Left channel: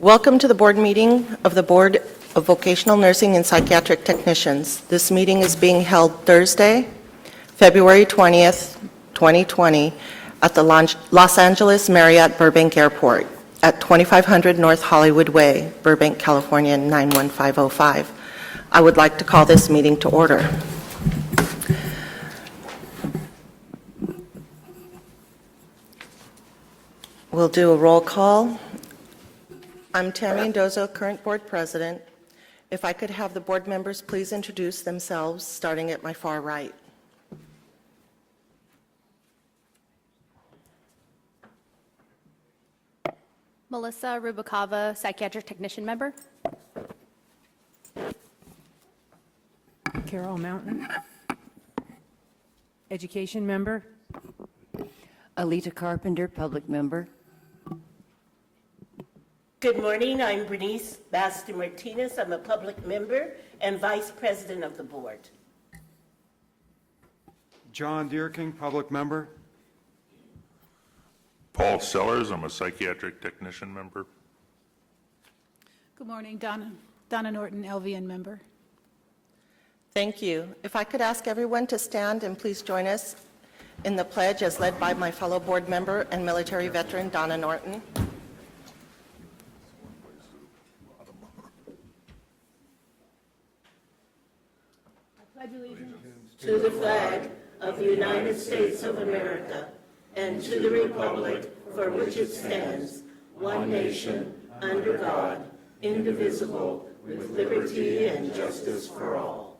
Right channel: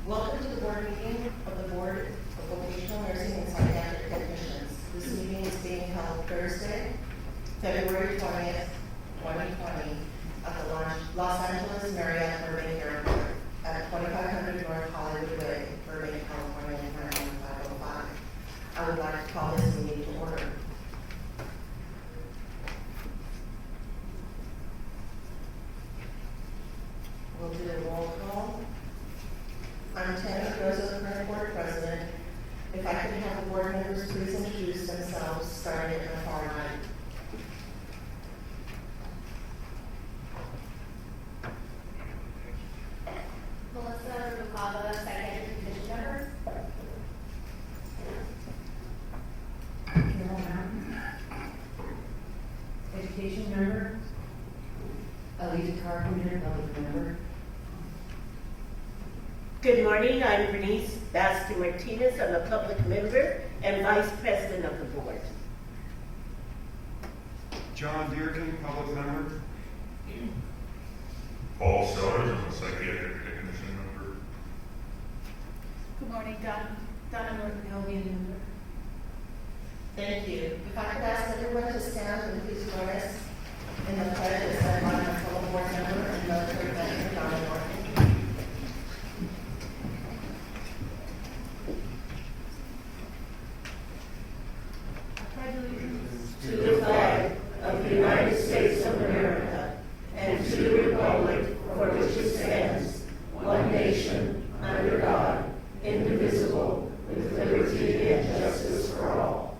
Welcome to the board meeting of the Board of Vocational Nursing and Psychiatric Technicians. This meeting is being held Thursday, February 20th, 2020, at the Los Angeles Marriott Burbank Airport at 2500 North Hollywood Way, Burbank, California, 91505. I would like to call this meeting to order. We'll do a roll call. I'm Tammy Ndozo, current board president. If I could have the board members please introduce themselves, starting at my far right. Melissa Rubicava, psychiatric technician member. Carol Mountain, education member. Alita Carpenter, public member. Good morning, I'm Bernice Baster Martinez, I'm a public member and vice president of the board. John Deerking, public member. Paul Sellers, I'm a psychiatric technician member. Good morning, Donna Norton, LVN member. Thank you. If I could ask everyone to stand and please join us in the pledge as led by my fellow board member and military veteran, Donna Norton. To the flag of the United States of America and to the republic for which it stands, one nation, under God, indivisible, with liberty and justice for all.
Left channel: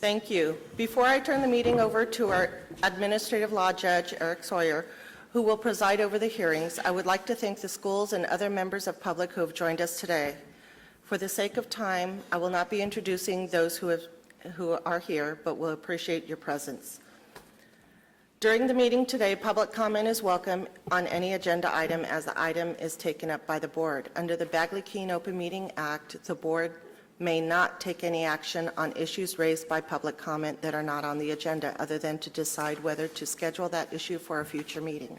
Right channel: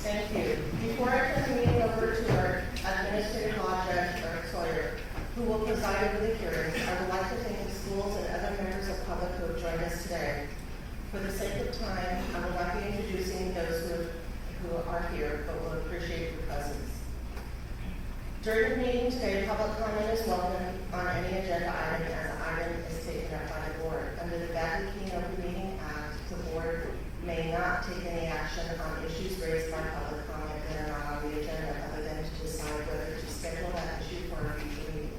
Thank you. Before I turn the meeting over to our Administrative Law Judge, Eric Sawyer, who will preside over the hearings, I would like to thank the schools and other members of public who have joined us today. For the sake of time, I will not be introducing those who are here, but will appreciate your presence. During the meeting today, public comment is welcome on any agenda item as the item is taken up by the board. Under the Bagley-Keene Open Meeting Act, the board may not take any action on issues raised by public comment that are not on the agenda other than to decide whether to schedule that issue for a future meeting.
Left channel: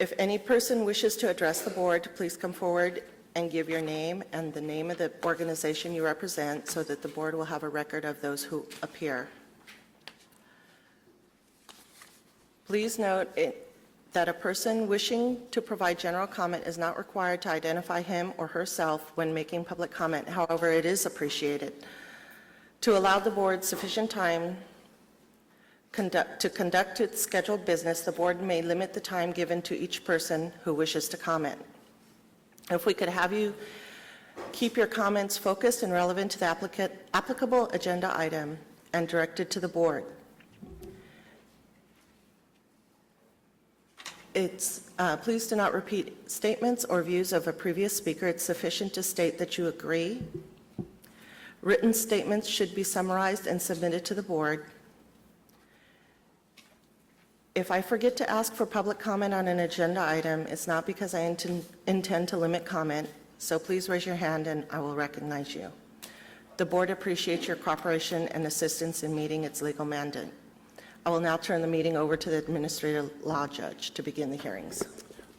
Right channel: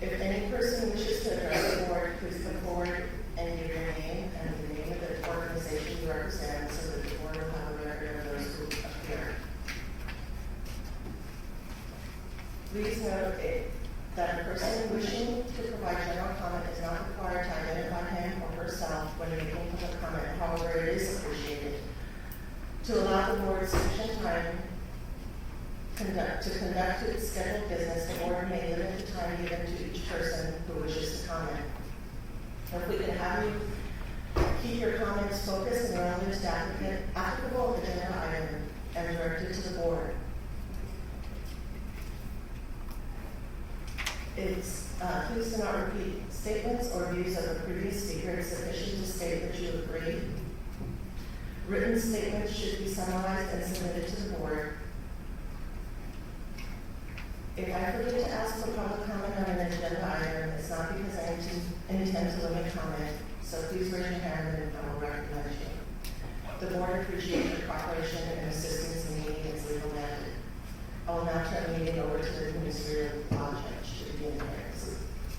If any person wishes to address the board, please come forward and give your name and the name of the organization you represent so that the board will have a record of those who appear. Please note that a person wishing to provide general comment is not required to identify him or herself when making public comment. However, it is appreciated. To allow the board sufficient time to conduct its scheduled business, the board may limit the time given to each person who wishes to comment. If we could have you keep your comments focused and relevant to the applicable agenda item and directed to the board. Please do not repeat statements or views of a previous speaker. It's sufficient to state that you agree. Written statements should be summarized and submitted to the board. If I forget to ask for public comment on an agenda item, it's not because I intend to limit comment, so please raise your hand and I will recognize you. The board appreciates your cooperation and assistance in meeting its legal mandate. I will now turn the meeting over to the Administrative Law Judge to begin the hearings.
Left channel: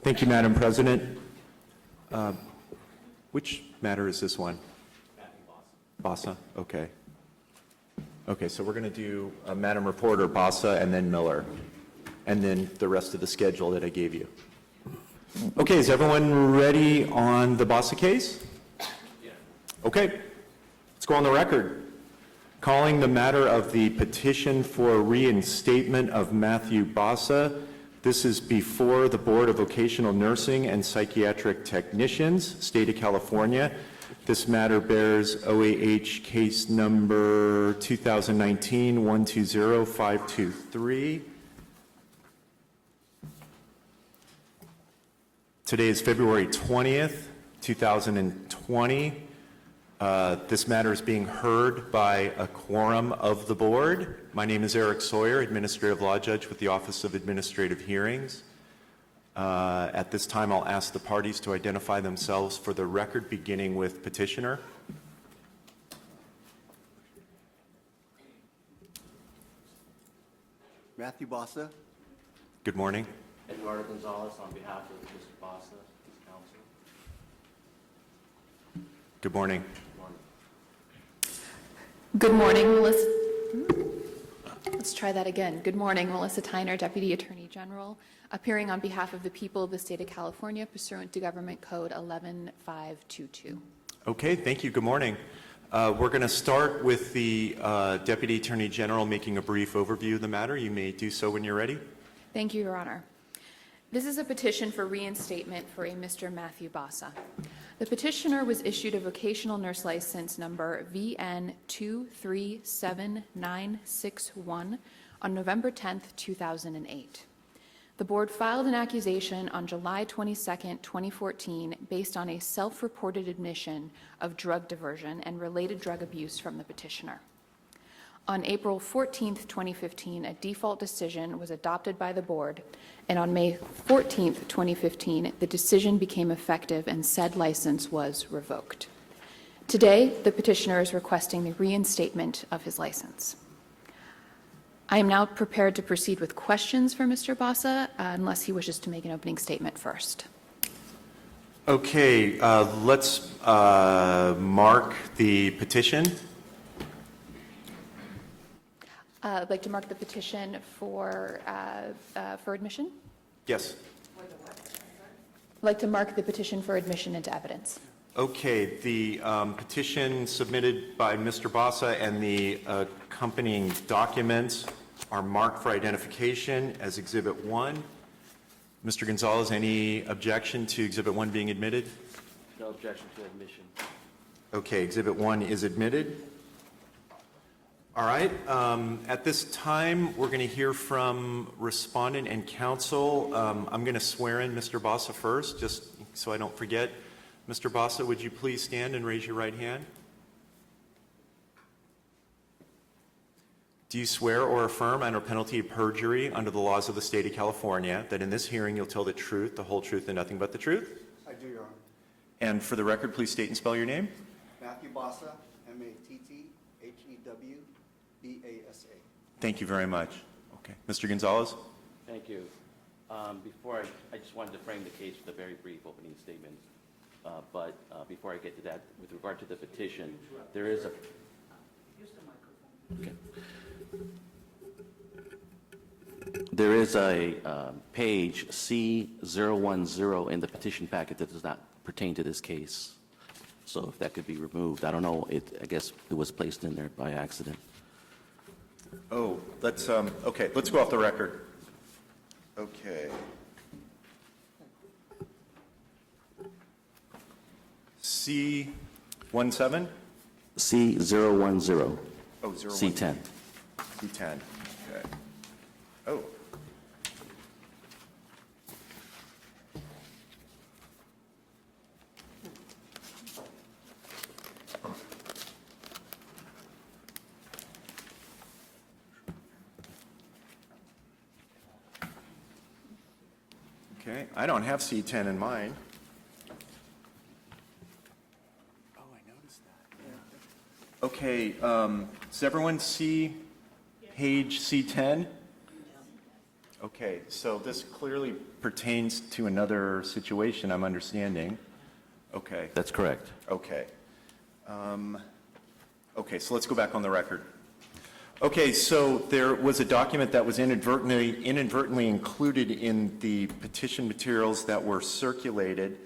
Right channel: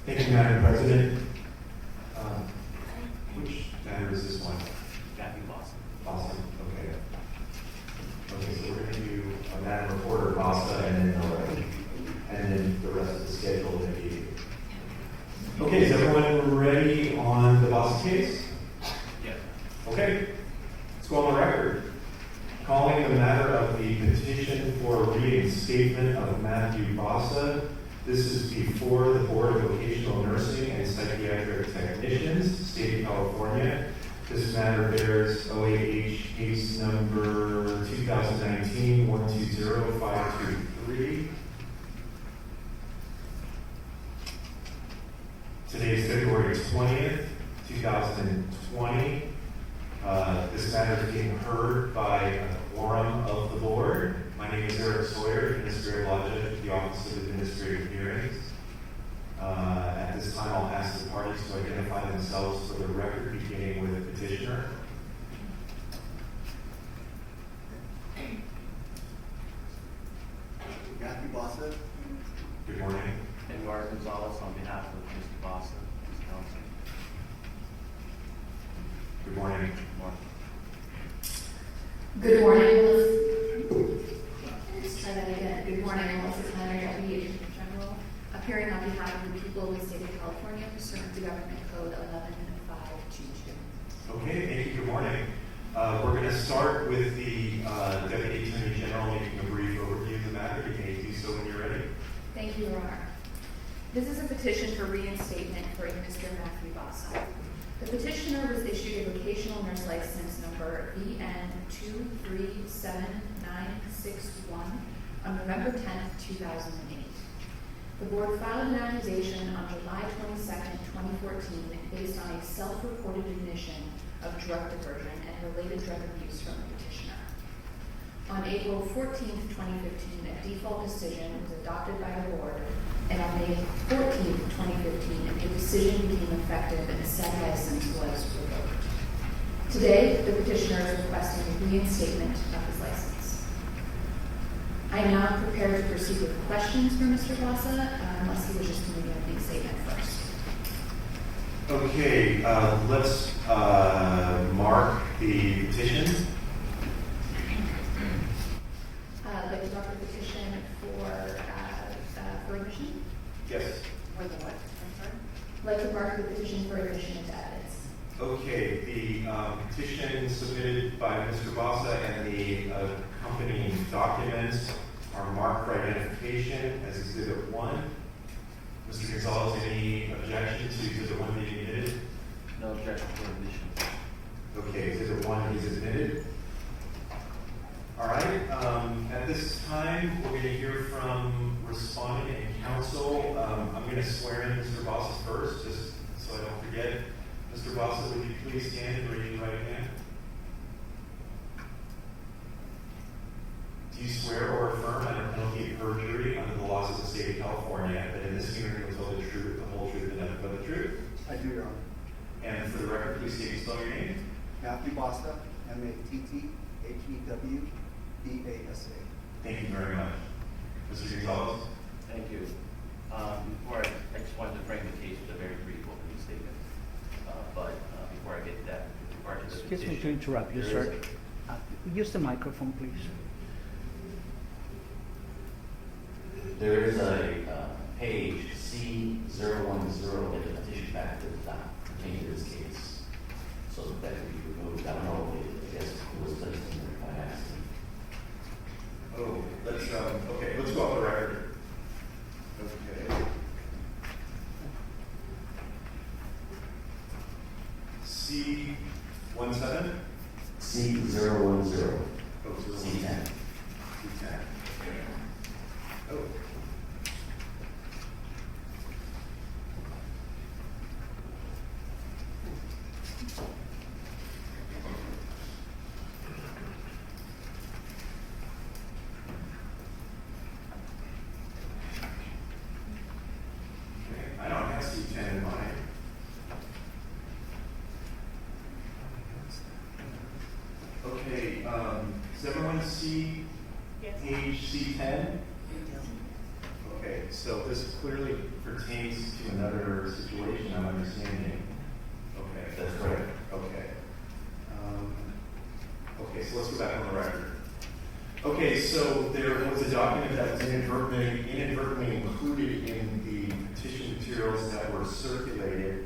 Thank you, Madam President. Which matter is this one? Bassa. Okay. Okay, so we're going to do Madam Reporter, Bassa, and then Miller, and then the rest of the schedule that I gave you. Okay, is everyone ready on the Bassa case? Yeah. Okay, let's go on the record. Calling the matter of the petition for reinstatement of Matthew Bassa. This is before the Board of Vocational Nursing and Psychiatric Technicians, State of California. This matter bears OAH case number 2019-120523. Today is February 20th, 2020. This matter is being heard by a quorum of the board. My name is Eric Sawyer, Administrative Law Judge with the Office of Administrative Hearings. At this time, I'll ask the parties to identify themselves for the record, beginning with petitioner. Matthew Bassa, Good morning. Eduardo Gonzalez on behalf of Mr. Bassa, his counsel. Good morning. Good Good morning. morning, Melissa. Let's try that again. Good morning, Melissa Tyner, Deputy Attorney General, appearing on behalf of the people of the state of California pursuant to Government Code 11522. Okay, thank you. Good morning. We're going to start with the Deputy Attorney General making a brief overview of the matter. You may do so when you're ready. Thank you, Your Honor. This is a petition for reinstatement for a Mr. Matthew Bassa. The petitioner was issued a vocational nurse license number VN237961 on November 10th, 2008. The board filed an accusation on July 22nd, 2014, based on a self-reported admission of drug diversion and related drug abuse from the petitioner. On April 14th, 2015, a default decision was adopted by the board, and on May 14th, 2015, the decision became effective and said license was revoked. Today, the petitioner is requesting the reinstatement of his license. I am now prepared to proceed with questions for Mr. Bassa, unless he wishes to make an opening statement first. Okay, let's mark the petition. I'd like to mark the petition for admission. Yes. I'd like to mark the petition for admission into evidence. Okay, the petition submitted by Mr. Bassa and the accompanying documents are marked for identification as Exhibit 1. Mr. Gonzalez, any objection to Exhibit 1 being admitted? No objection for admission. Okay, Exhibit 1 is admitted. All right, at this time, we're going to hear from respondent and counsel. I'm going to swear in Mr. Bassa first, just so I don't forget. Mr. Bassa, would you please stand and raise your right hand? Do you swear or affirm under penalty of perjury under the laws of the state of California that in this hearing you'll tell the truth, the whole truth, and nothing but the truth? I do, Your Honor. And for the record, please state and spell your name. Matthew Bassa, M-A-T-T-H-E-W-B-A-S-A. Thank you very much. Mr. Gonzalez? Thank you. Before I just wanted to frame the case with a very brief opening statement. But before I get to that, with regard to the petition. Excuse me to interrupt you, there sir. is Use the microphone, please. There is a page C010 in the petition packet that does not pertain to this case. So that could be removed. I don't know, I guess it was placed in there by accident. Oh, let's go off the record. Okay. C17? C010. Oh, 01. C10. C10. Oh. Okay, I don't have C10 in mine. Okay, does everyone see page C10? Okay, so this clearly pertains to another situation, I'm understanding. Okay. That's correct. Okay. Okay, so let's go back on the record. Okay, so there was a document that was inadvertently included in the petition materials that were circulated,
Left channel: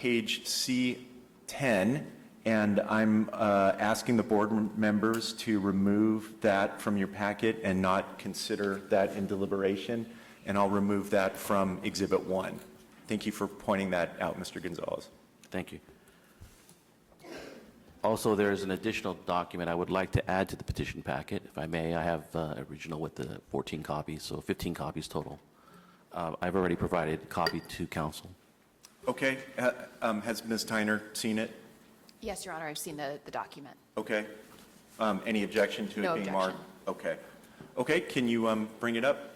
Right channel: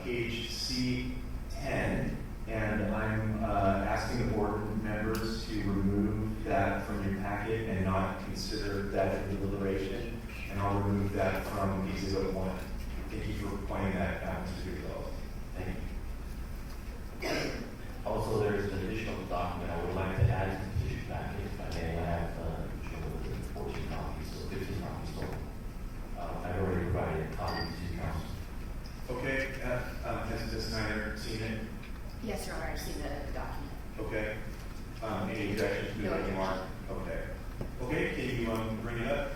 page C10, and I'm asking the board members to remove that from your packet and not consider that in deliberation, and I'll remove that from Exhibit 1. Thank you for pointing that out, Mr. Gonzalez. Thank you. Also, there's an additional document I would like to add to the petition packet. If I may, I have original with the 14 copies, so 15 copies total. I've already provided a copy to council. Okay, has Ms. Tyner seen it? Yes, Your Honor, I've seen the document. Okay. Any objection to No it being objection. marked? Okay. Okay, can you bring it up?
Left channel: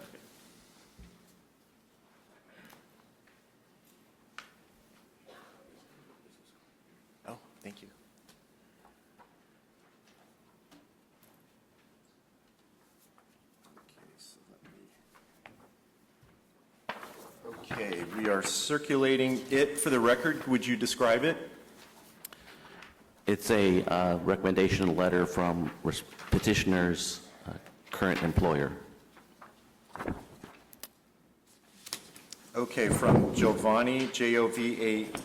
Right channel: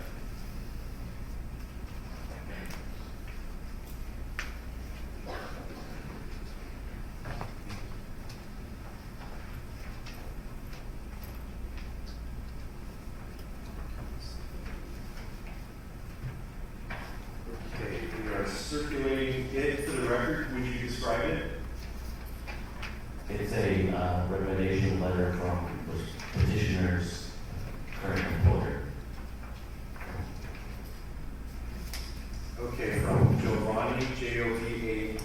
We are circulating it for the record. Would you describe it? It's a recommendation letter from petitioner's current employer. Okay, from Giovanni, Jovani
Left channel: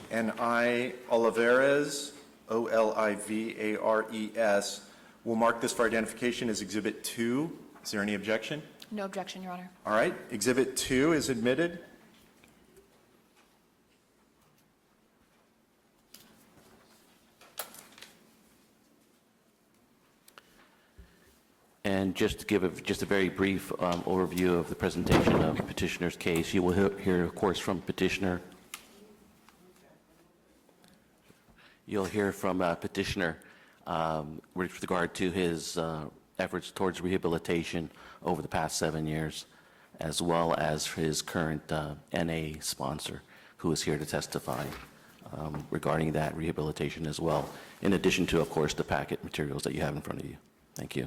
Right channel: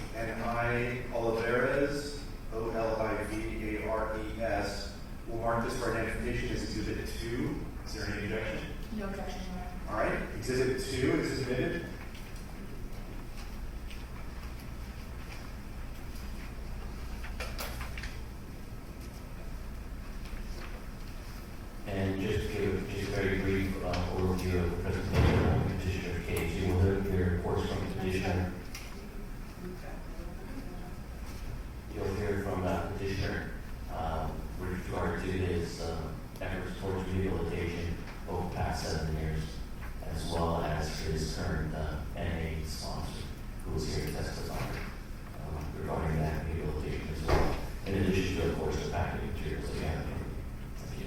Olivares, Olivares. We'll mark this for identification as Exhibit 2. Is there any objection? No objection, Your Honor. All right, Exhibit 2 is admitted. And just to give a very brief overview of the presentation of the petitioner's case, you will hear, of course, from petitioner. You'll hear from petitioner with regard to his efforts towards rehabilitation over the past 7 years, as well as his current NA sponsor, who is here to testify regarding that rehabilitation as well, in addition to, of course, the packet materials that you have in front of you. Thank you.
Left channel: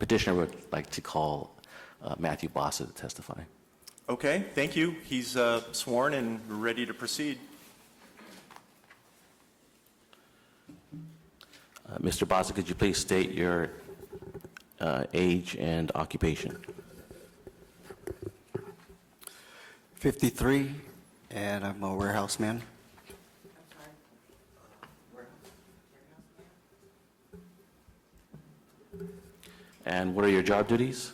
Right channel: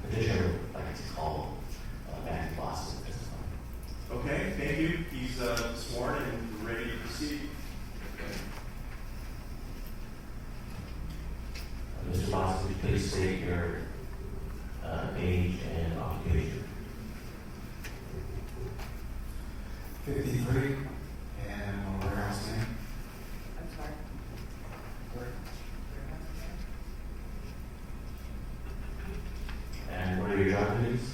Petitioner would like to call Matthew Bossa to testify. Okay, thank you. He's sworn and ready to proceed. Mr. Bossa, could you please state your age and occupation? 53, and I'm a warehouse man. And what are your job duties?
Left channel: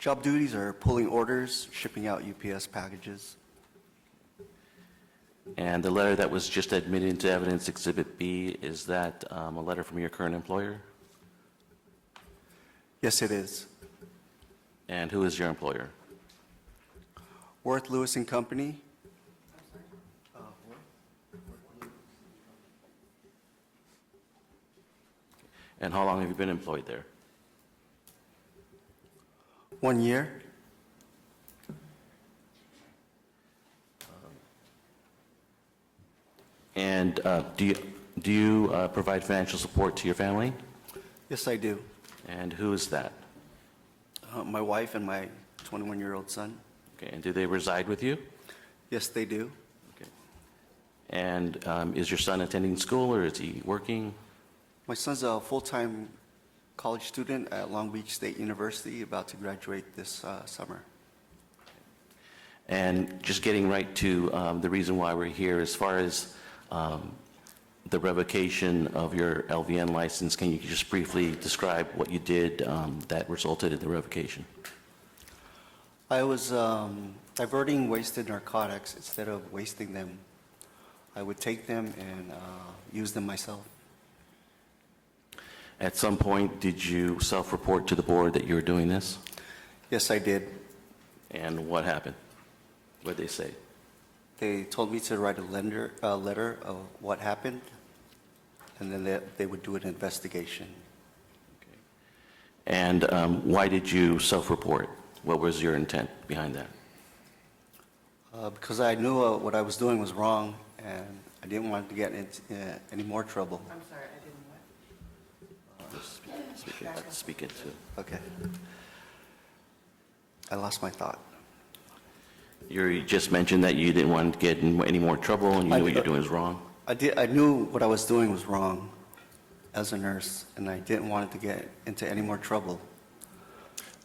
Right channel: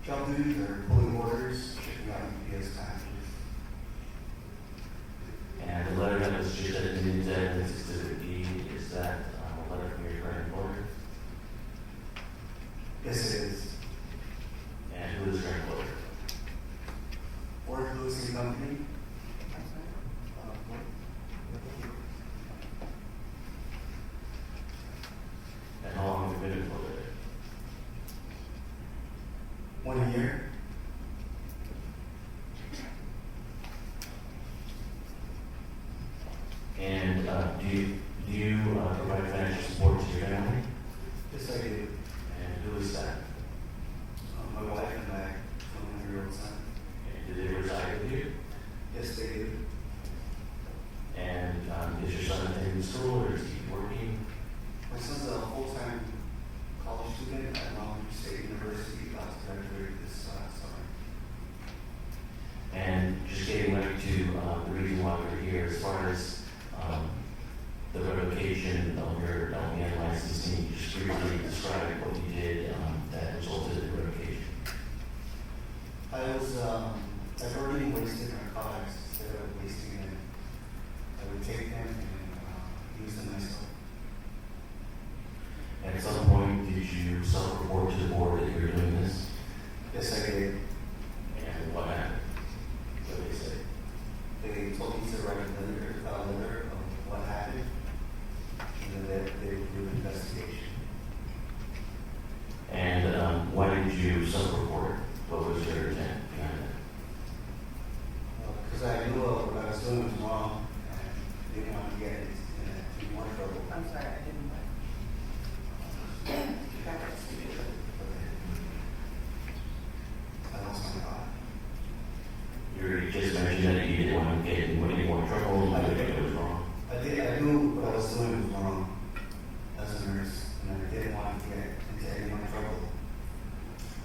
Job duties are pulling orders, shipping out UPS packages. And the letter that was just admitted into evidence, Exhibit B, is that a letter from your current employer? Yes, it is. And who is your employer? Worth Lewis and Company. And how long have you been employed there? 1 year. And do you provide financial support to your family? Yes, I do. And who is that? My wife and my 21-year-old son. Okay. And do they reside with you? Yes, they do. And is your son attending school, or is he working? My son's a full-time college student at Long Beach State University, about to graduate this summer. And just getting right to the reason why we're here, as far as the revocation of your LVN license, can you just briefly describe what you did that resulted in the revocation? I was diverting wasted narcotics instead of wasting them. I would take them and use them myself. At some point, did you self-report to the board that you were doing this? Yes, I did. And what happened? What did they say? They told me to write a letter of what happened, and then they would do an investigation. And why did you self-report? What was your intent behind that? Because I knew what I was doing was wrong, and I didn't want to get into any more trouble. I'm sorry, I didn't. Speak it. Okay. I lost my thought. You just mentioned that you didn't want to get in any more trouble, and you knew what you're doing was wrong. I knew what I was doing was wrong as a nurse, and I didn't want to get into any more trouble.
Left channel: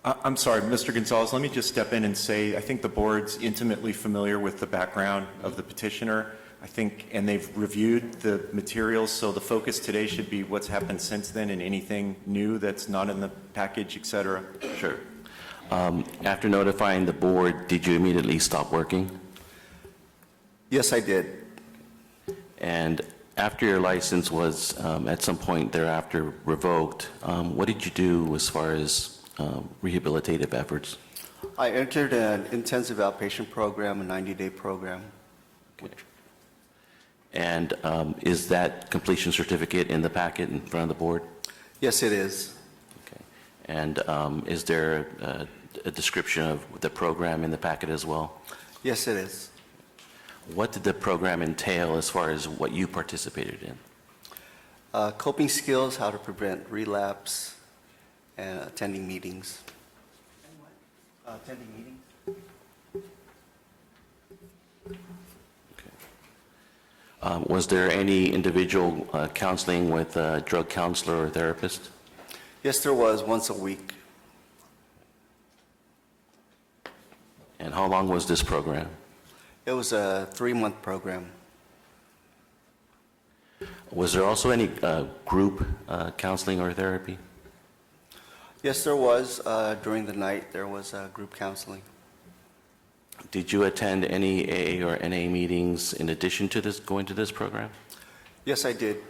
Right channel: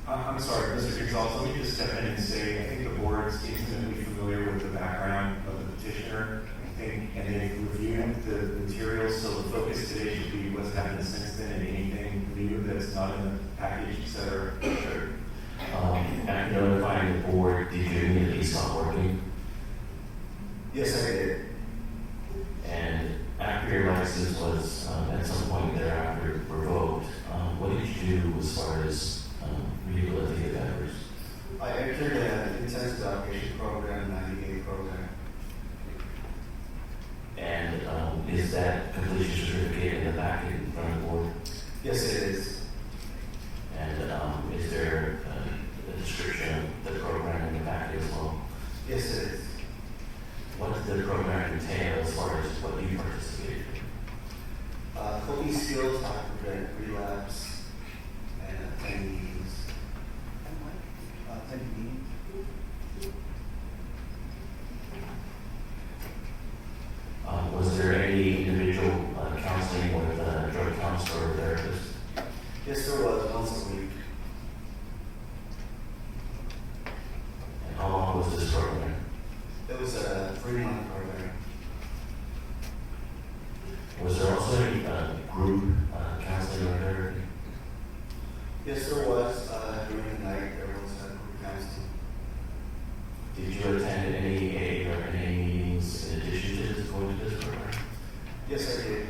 I'm sorry, Mr. Gonzalez, let me just step in and say, I think the board's intimately familiar with the background of the petitioner, and they've reviewed the materials, so the focus today should be what's happened since then and anything new that's not in the package, et cetera. Sure. After notifying the board, did you immediately stop working? Yes, I did. And after your license was at some point thereafter revoked, what did you do as far as rehabilitative efforts? I entered an intensive outpatient program, a 90-day program. Okay. And is that completion certificate in the packet in front of the board? Yes, it is. And is there a description of the program in the packet as well? Yes, it is. What did the program entail as far as what you participated in? Coping skills, how to prevent relapse, and attending meetings. Attending meetings? Was there any individual counseling with a drug counselor or therapist? Yes, there was, once a week. And how long was this program? It was a 3-month program. Was there also any group counseling or therapy? Yes, there was. During the night, there was group counseling. Did you attend any AA or NA meetings in addition to this, going to this program? Yes, I did.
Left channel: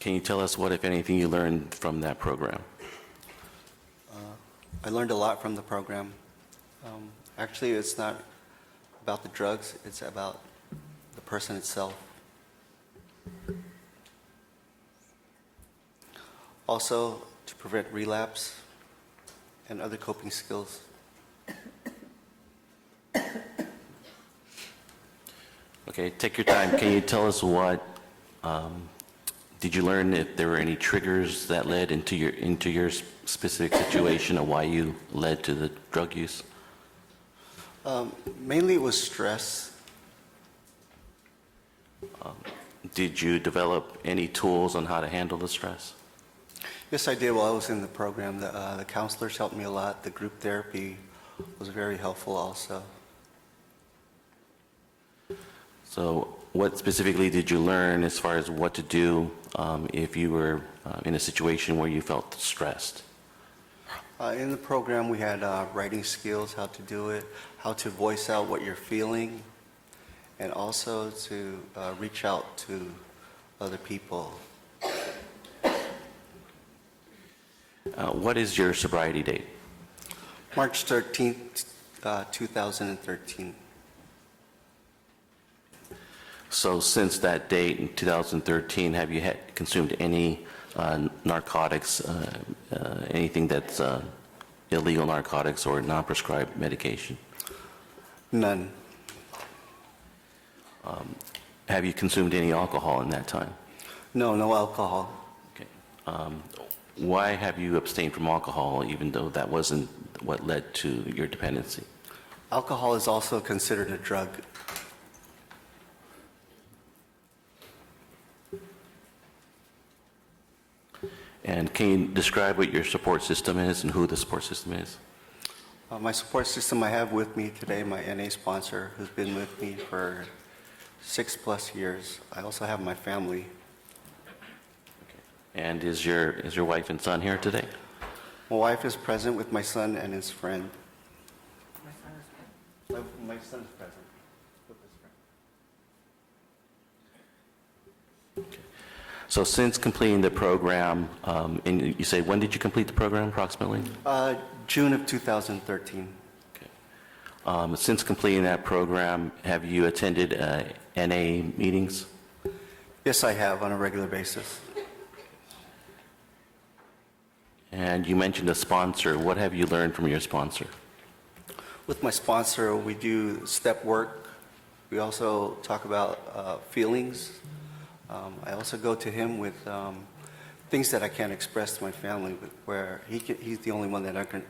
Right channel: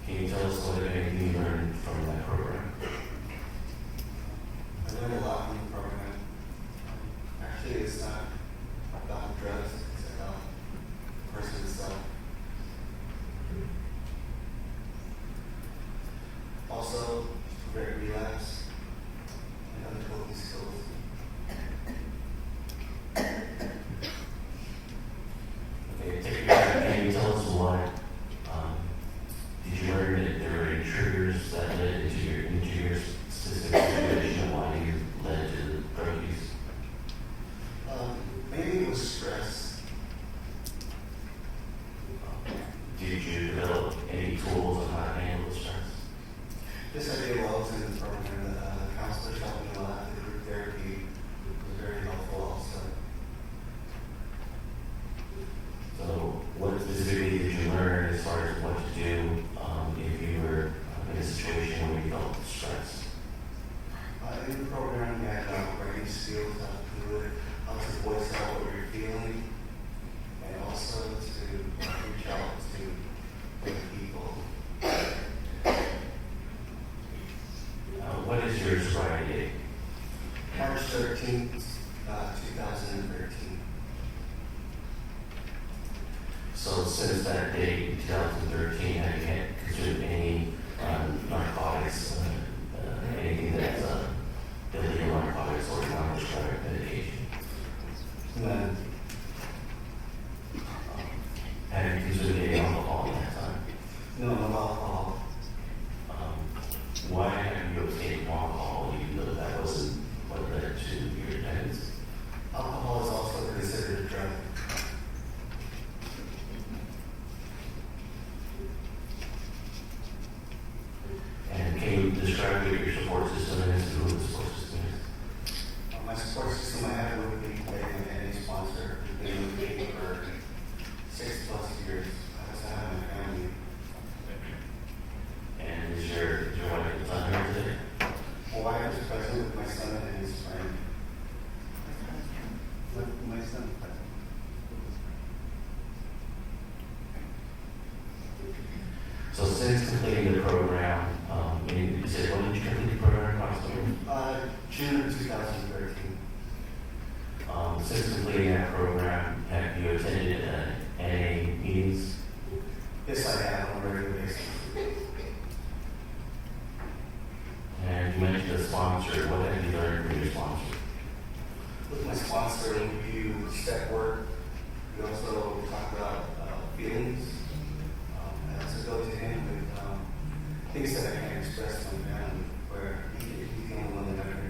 Can you tell us what, if anything, you learned from that program? I learned a lot from the program. Actually, it's not about the drugs, it's about the person itself. Also, to prevent relapse and other coping skills. Okay, take your time. Can you tell us what, did you learn that there were any triggers that led into your specific situation and why you led to the drug use? Mainly it was stress. Did you develop any tools on how to handle the stress? Yes, I did while I was in the program. The counselors helped me a lot. The group therapy was very helpful also. So what specifically did you learn as far as what to do if you were in a situation where you felt stressed? In the program, we had writing skills, how to do it, how to voice out what you're feeling, and also to reach out to other people. What is your sobriety date? March 13th, 2013. So since that date, 2013, have you consumed any narcotics, anything that's illegal narcotics or non-prescribed medication? None. Have you consumed any alcohol in that time? No, no alcohol. Why have you abstained from alcohol even though that wasn't what led to your dependency? Alcohol is also considered a drug. And can you describe what your support system is and who the support system is? My support system I have with me today, my NA sponsor, who's been with me for 6+ years. I also have my family. And is your wife and son here today? My wife is present with my son and his friend. My son is present. So since completing the program, and you say, when did you complete the program approximately? June of 2013. Since completing that program, have you attended NA meetings? Yes, I have on a regular basis. And you mentioned a sponsor. What have you learned from your sponsor? With my sponsor, we do step work. We also talk about feelings. I also go to him with things that I can't express to my family, where he's the only one that can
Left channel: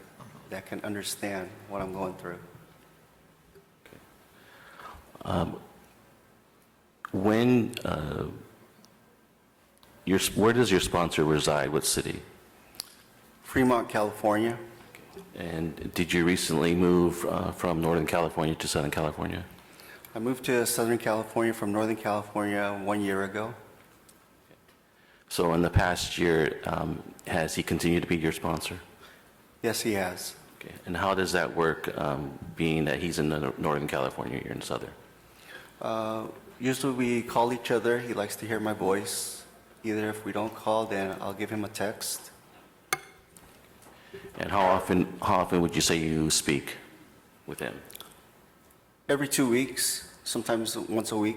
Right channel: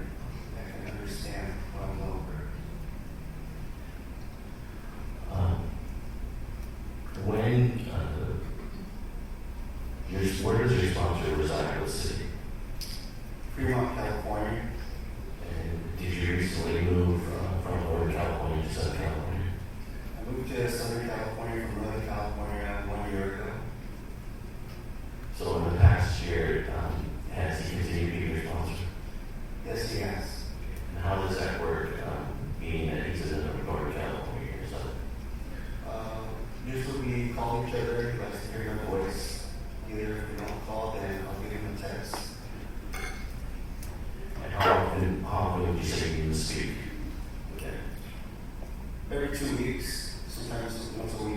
understand what I'm going through. Where does your sponsor reside? What city? Fremont, California. And did you recently move from Northern California to Southern California? I moved to Southern California from Northern California 1 year ago. So in the past year, has he continued to be your sponsor? Yes, he has. Okay. And how does that work, being that he's in Northern California, you're in Southern? Usually we call each other. He likes to hear my voice. Either if we don't call, then I'll give him a text. And how often would you say you speak with him? Every 2 weeks, sometimes once a week.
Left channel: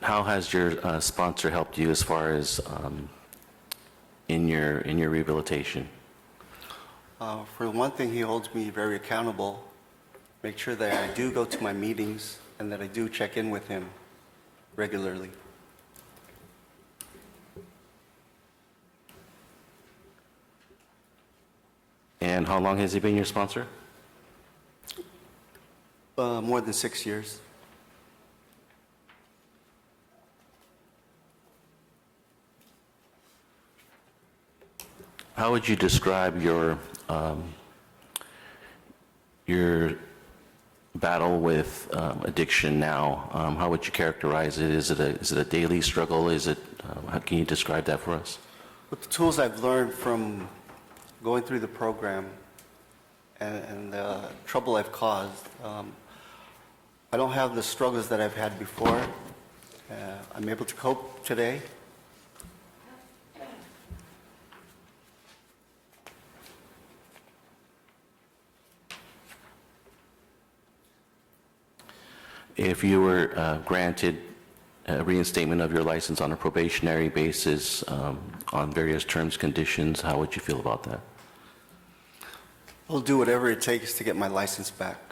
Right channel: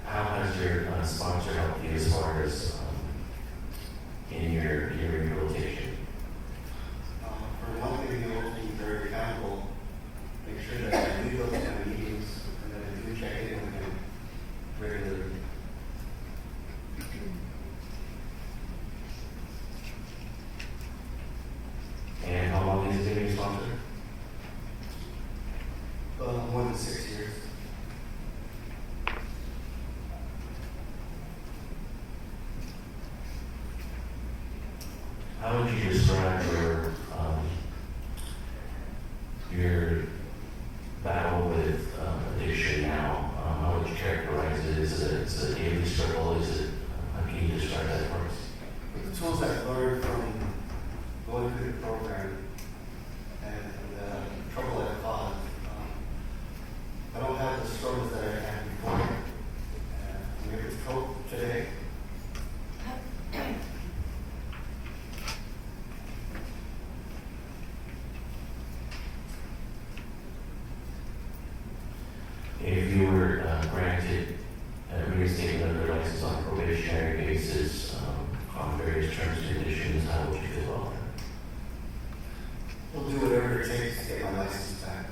How has your sponsor helped you as far as in your rehabilitation? For one thing, he holds me very accountable. Make sure that I do go to my meetings and that I do check in with him regularly. And how long has he been your sponsor? More than 6 years. How would you describe your battle with addiction now? How would you characterize it? Is it a daily struggle? How can you describe that for us? With the tools I've learned from going through the program and the trouble I've caused, I don't have the struggles that I've had before. I'm able to cope today. If you were granted a reinstatement of your license on a probationary basis on various terms, conditions, how would you feel about that? I'll do whatever it takes to get my license back.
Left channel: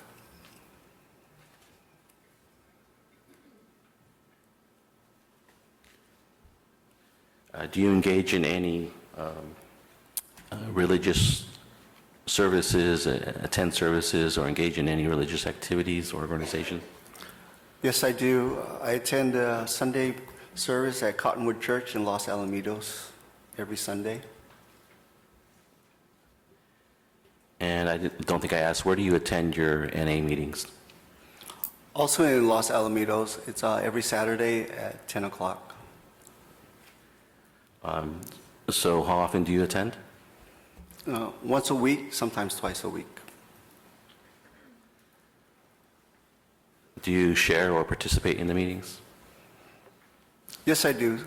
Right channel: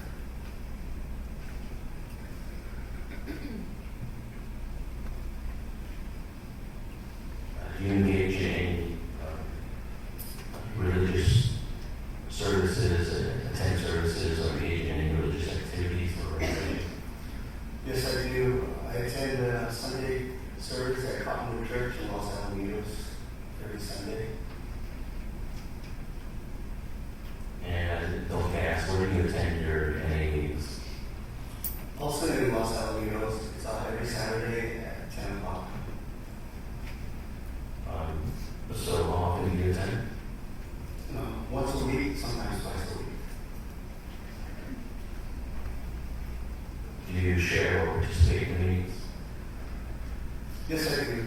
Do you engage in any religious services, attend services, or engage in any religious activities or organization? Yes, I do. I attend a Sunday service at Cottonwood Church in Los Alamitos every Sunday. And I don't think I asked, where do you attend your NA meetings? Also in Los Alamitos, it's every Saturday at 10 o'clock. So how often do you attend? Once a week, sometimes twice a week. Do you share or participate in the meetings? Yes, I do.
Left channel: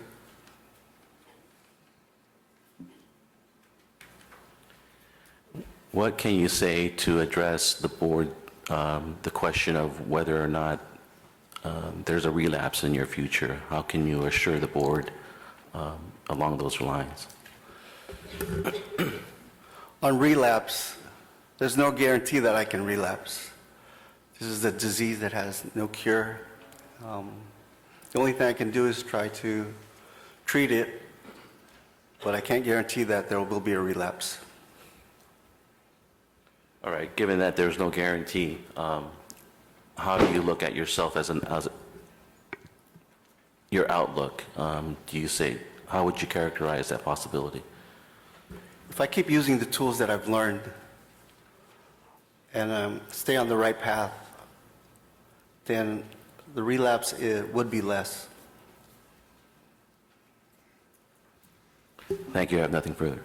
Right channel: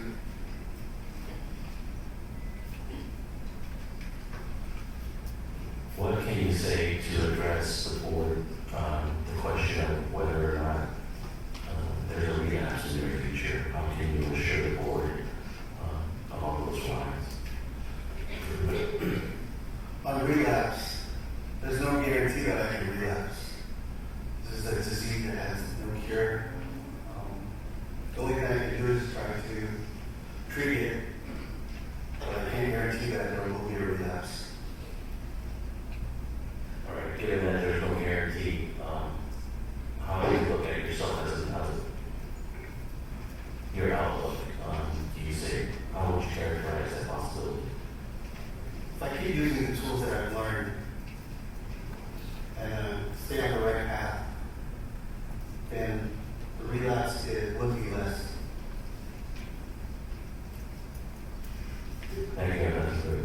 What can you say to address the board, the question of whether or not there's a relapse in your future? How can you assure the board along those lines? On relapse, there's no guarantee that I can relapse. This is a disease that has no cure. The only thing I can do is try to treat it, but I can't guarantee that there will be a relapse. All right, given that there's no guarantee, how do you look at yourself as your outlook? Do you say, how would you characterize that possibility? If I keep using the tools that I've learned and stay on the right path, then the relapse would be less. Thank you, I have nothing further.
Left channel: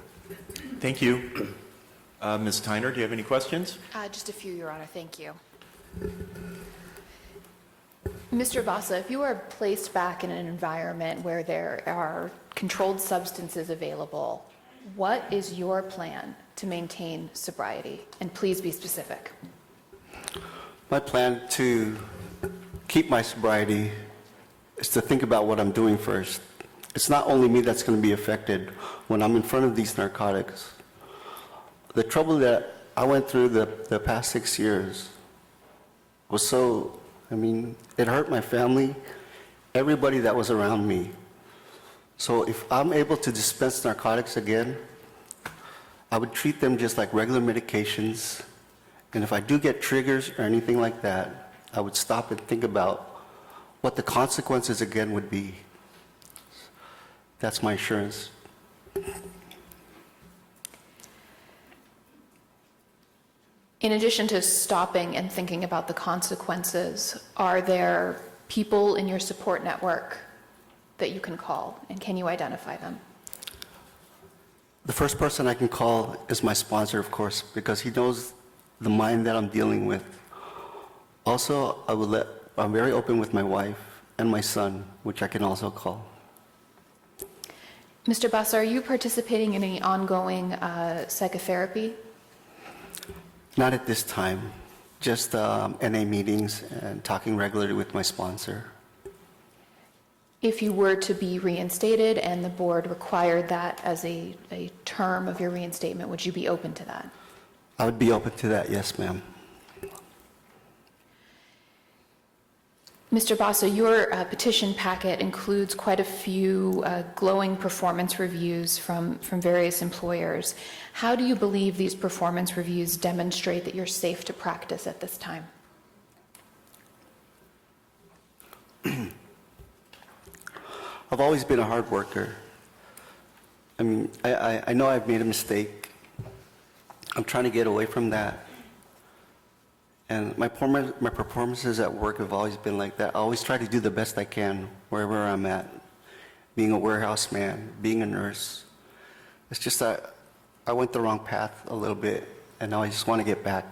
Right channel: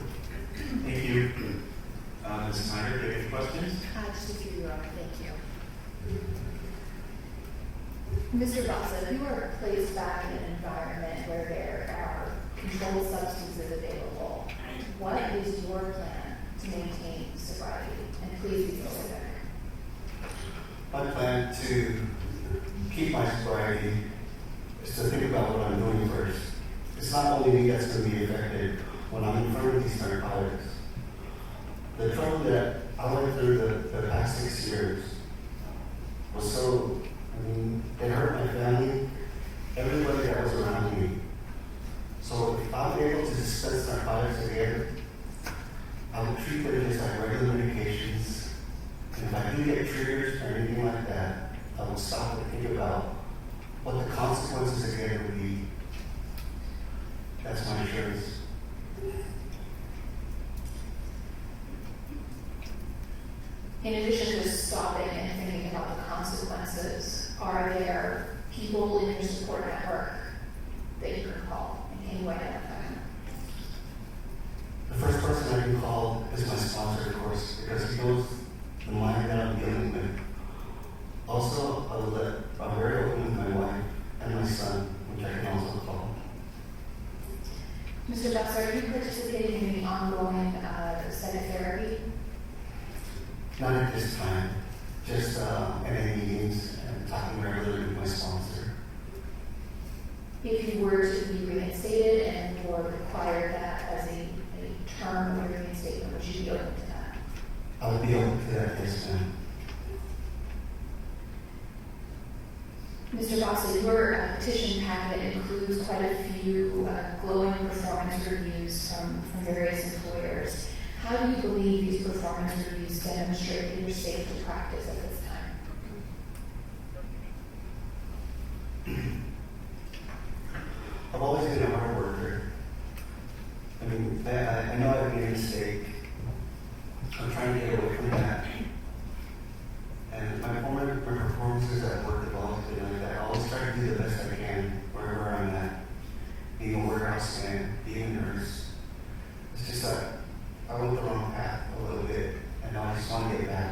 Thank you. Ms. Tyner, do you have any questions? Just a few, Your Honor. Thank you. Mr. Bassa, if you are placed back in an environment where there are controlled substances available, what is your plan to maintain sobriety? And please be specific. My plan to keep my sobriety is to think about what I'm doing first. It's not only me that's going to be affected when I'm in front of these narcotics. The trouble that I went through the past 6 years was so, it hurt my family, everybody that was around me. So if I'm able to dispense narcotics again, I would treat them just like regular medications. And if I do get triggers or anything like that, I would stop and think about what the consequences again would be. That's my assurance. In addition to stopping and thinking about the consequences, are there people in your support network that you can call, and can you identify them? The first person I can call is my sponsor, of course, because he knows the mind that I'm dealing with. Also, I'm very open with my wife and my son, which I can also call. Mr. Buss, are you participating in any ongoing psychotherapy? Not at this time, just NA meetings and talking regularly with my sponsor. If you were to be reinstated and the board required that as a term of your reinstatement, would you be open to that? I would be open to that, yes, ma'am. Mr. Basso, your petition packet includes quite a few glowing performance reviews from various employers. How do you believe these performance reviews demonstrate that you're safe to practice at this time? I've always been a hard worker. I mean, I know I've made a mistake. I'm trying to get away from that. And my performances at work have always been like that. I always try to do the best I can wherever I'm at. Being a warehouse man, being a nurse. It's just that I went the wrong path a little bit, and now I just want to get back.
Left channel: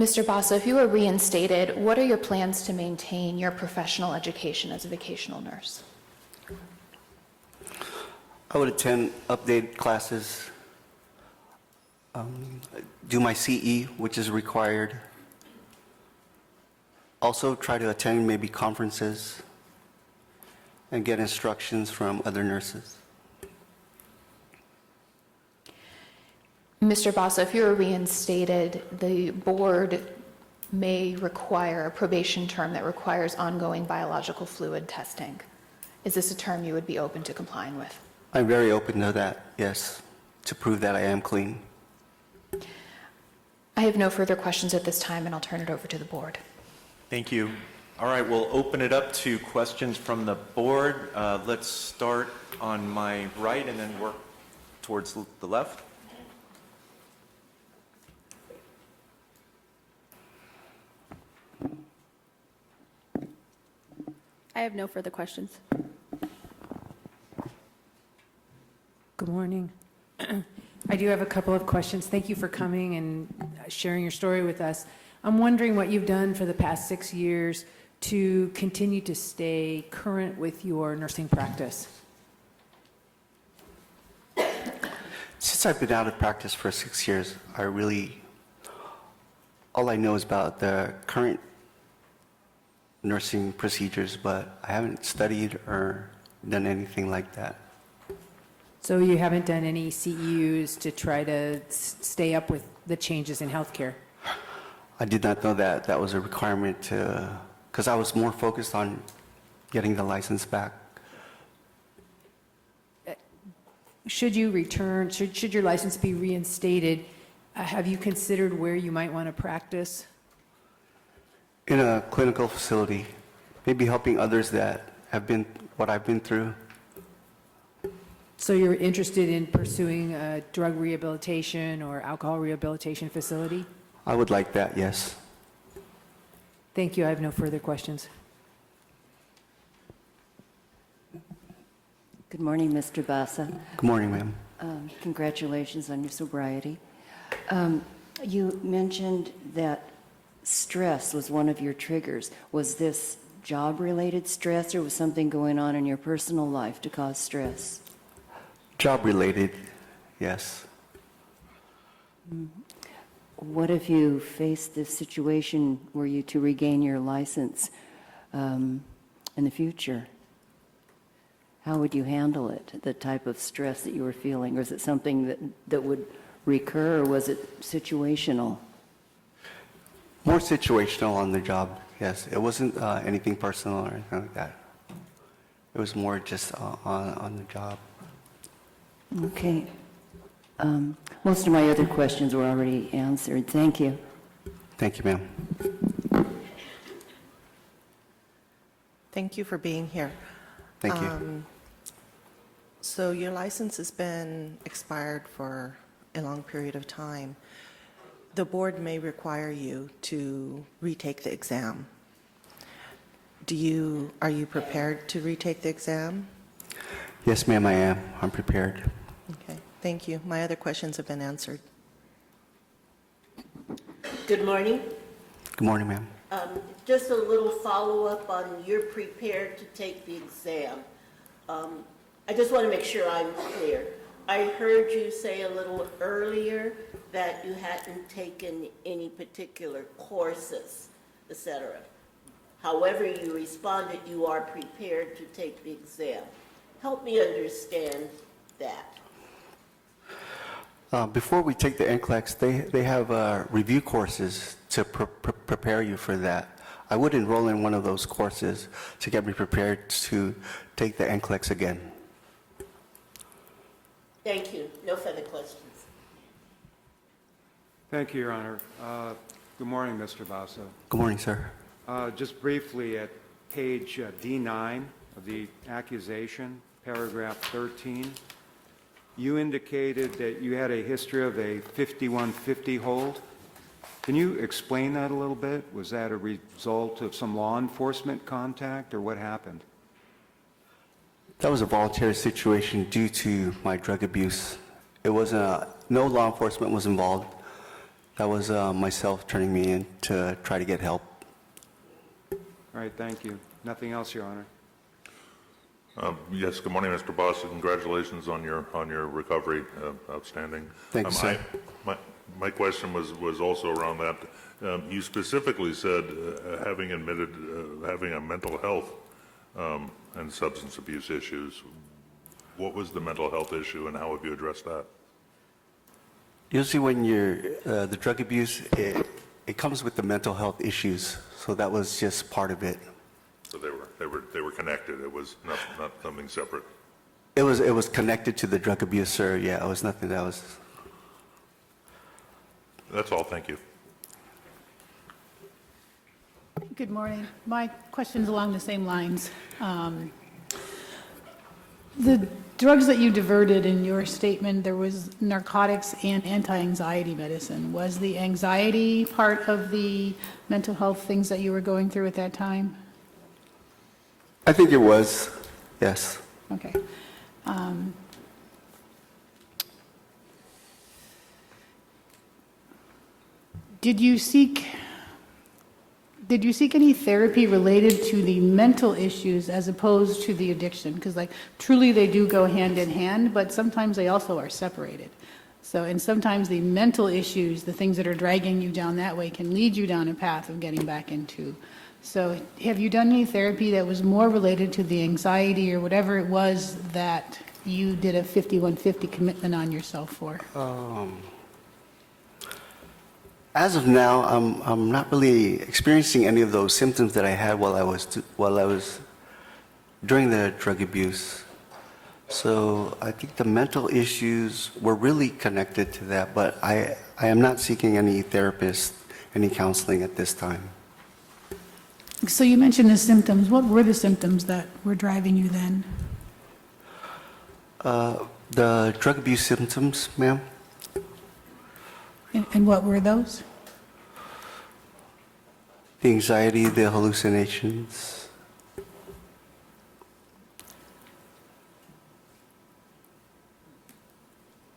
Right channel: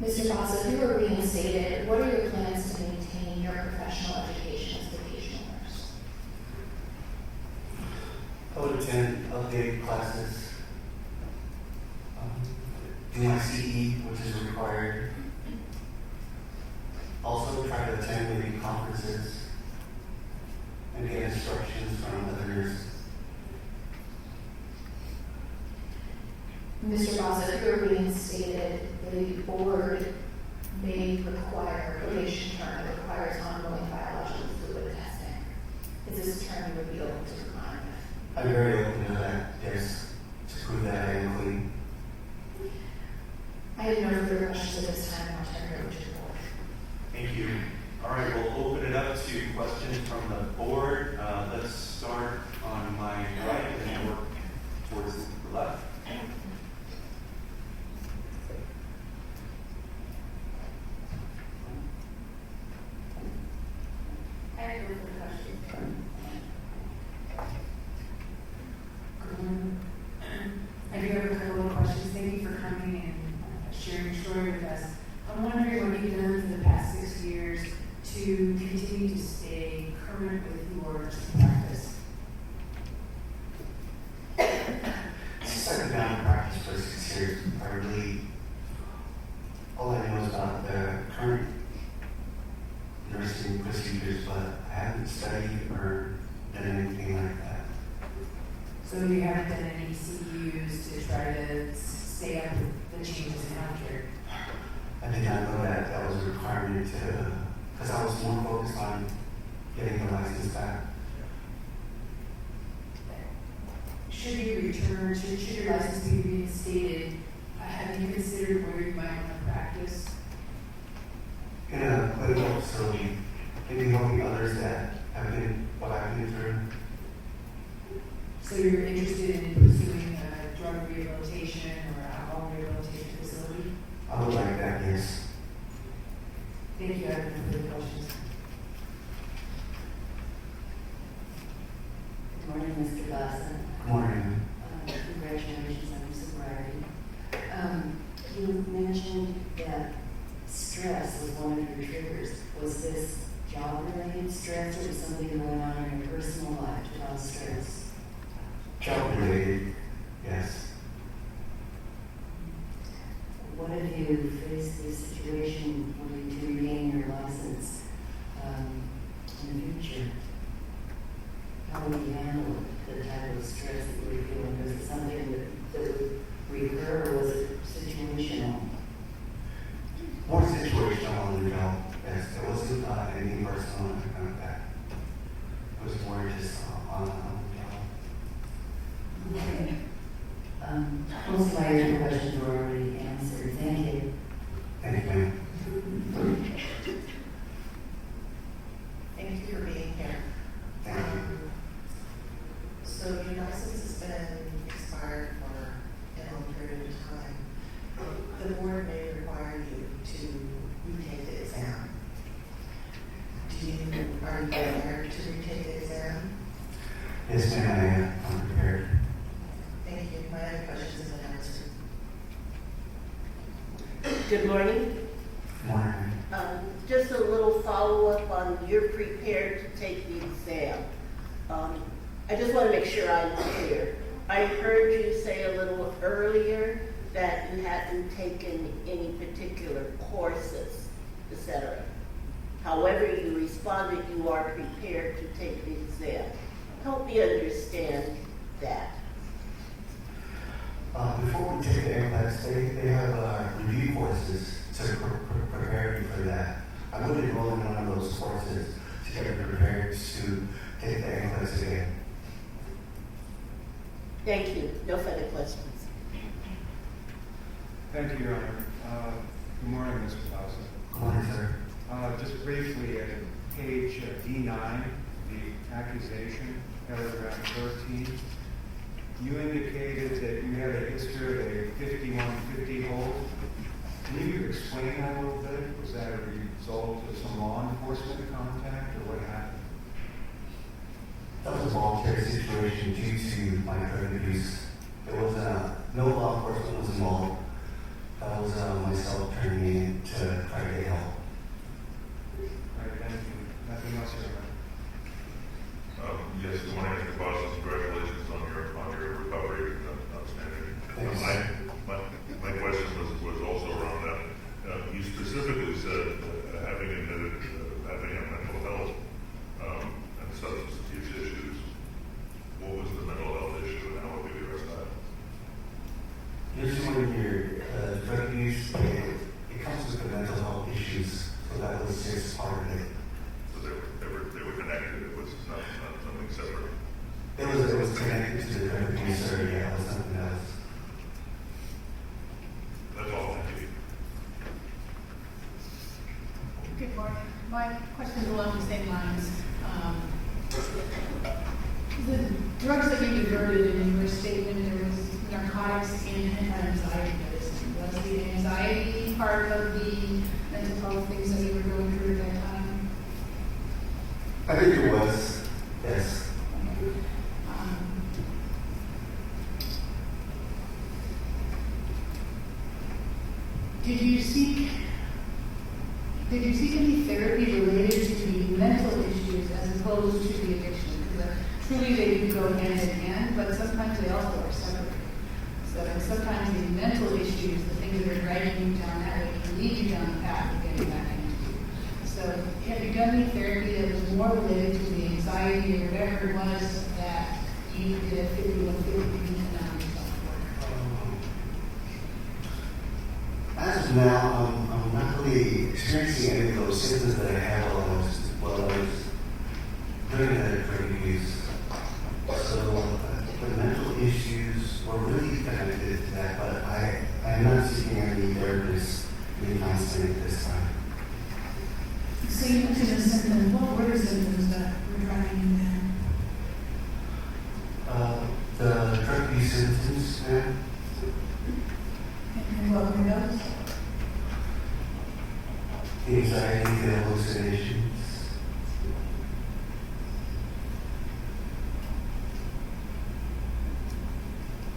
Mr. Bassa, if you were reinstated, what are your plans to maintain your professional education as a vocational nurse? I would attend updated classes, do my CE, which is required. Also try to attend maybe conferences and get instructions from other nurses. Mr. Bassa, if you were reinstated, the board may require a probation term that requires ongoing biological fluid testing. Is this a term you would be open to complying with? I'm very open to that, yes, to prove that I am clean. I have no further questions at this time, and I'll turn it over to the board. Thank you. All right, we'll open it up to questions from the board. Let's start on my right and then work towards the left. I have no further questions. Good morning. I do have a couple of questions. Thank you for coming and sharing your story with us. I'm wondering what you've done for the past 6 years to continue to stay current with your nursing practice. Since I've been out of practice for 6 years, all I know is about the current nursing procedures, but I haven't studied or done anything like that. So you haven't done any CEUs to try to stay up with the changes in healthcare? I did not know that that was a requirement because I was more focused on getting the license back. Should you return, should your license be reinstated, have you considered where you might want to practice? In a clinical facility, maybe helping others that have been what I've been through. So you're interested in pursuing a drug rehabilitation or alcohol rehabilitation facility? I would like that, yes. Thank you. I have no further questions. Good morning, Mr. Bassa. Good morning, ma'am. Congratulations on your sobriety. You mentioned that stress was one of your triggers. Was this job-related stress, or was something going on in your personal life to cause stress? Job-related, yes. What if you faced this situation were you to regain your license in the future? How would you handle it, the type of stress that you were feeling? Was it something that would recur, or was it situational? More situational on the job, yes. It wasn't anything personal or anything like that. It was more just on the job. Okay. Most of my other questions were already answered. Thank you. Thank you, ma'am. Thank you for being here. Thank you. So your license has been expired for a long period of time. The board may require you to retake the exam. Are you prepared to retake the exam? Yes, ma'am, I am. I'm prepared. Okay, thank you. My other questions have been answered. Good morning. Good morning, ma'am. Just a little follow-up on you're prepared to take the exam. I just want to make sure I'm clear. I heard you say a little earlier that you hadn't taken any particular courses, etc. However you responded, you are prepared to take the exam. Help me understand that. Before we take the NCLEX, they have review courses to prepare you for that. I would enroll in one of those courses to get me prepared to take the NCLEX again. Thank you. No further questions. Thank you, Your Honor. Good morning, Mr. Bassa. Good morning, sir. Just briefly, at page D9 of the accusation, paragraph 13, you indicated that you had a history of a 5150 hold. Can you explain that a little bit? Was that a result of some law enforcement contact, or what happened? That was a voluntary situation due to my drug abuse. It was no law enforcement was involved. That was myself turning me in to try to get help. All right, thank you. Nothing else, Your Honor. Yes, good morning, Mr. Boss. Congratulations on your recovery. Outstanding. Thanks, sir. My question was also around that. You specifically said having admitted having a mental health and substance abuse issues. What was the mental health issue, and how have you addressed that? Usually when you're, the drug abuse, it comes with the mental health issues, so that was just part of it. So they were connected. It was not something separate. It was connected to the drug abuse, sir. Yeah, it was nothing that was. That's all. Thank you. Good morning. My question's along the same lines. The drugs that you diverted in your statement, there was narcotics and anti-anxiety medicine. Was the anxiety part of the mental health things that you were going through at that time? I think it was, yes. Okay. Did you seek any therapy related to the mental issues as opposed to the addiction? Because truly they do go hand in hand, but sometimes they also are separated. So, and sometimes the mental issues, the things that are dragging you down that way, can lead you down a path of getting back into. So have you done any therapy that was more related to the anxiety or whatever it was that you did a 5150 commitment on yourself for? As of now, I'm not really experiencing any of those symptoms that I had while I was during the drug abuse. So I think the mental issues were really connected to that, but I am not seeking any therapist, any counseling at this time. So you mentioned the symptoms. What were the symptoms that were driving you then? The drug abuse symptoms, ma'am. And what were those? The anxiety, the hallucinations.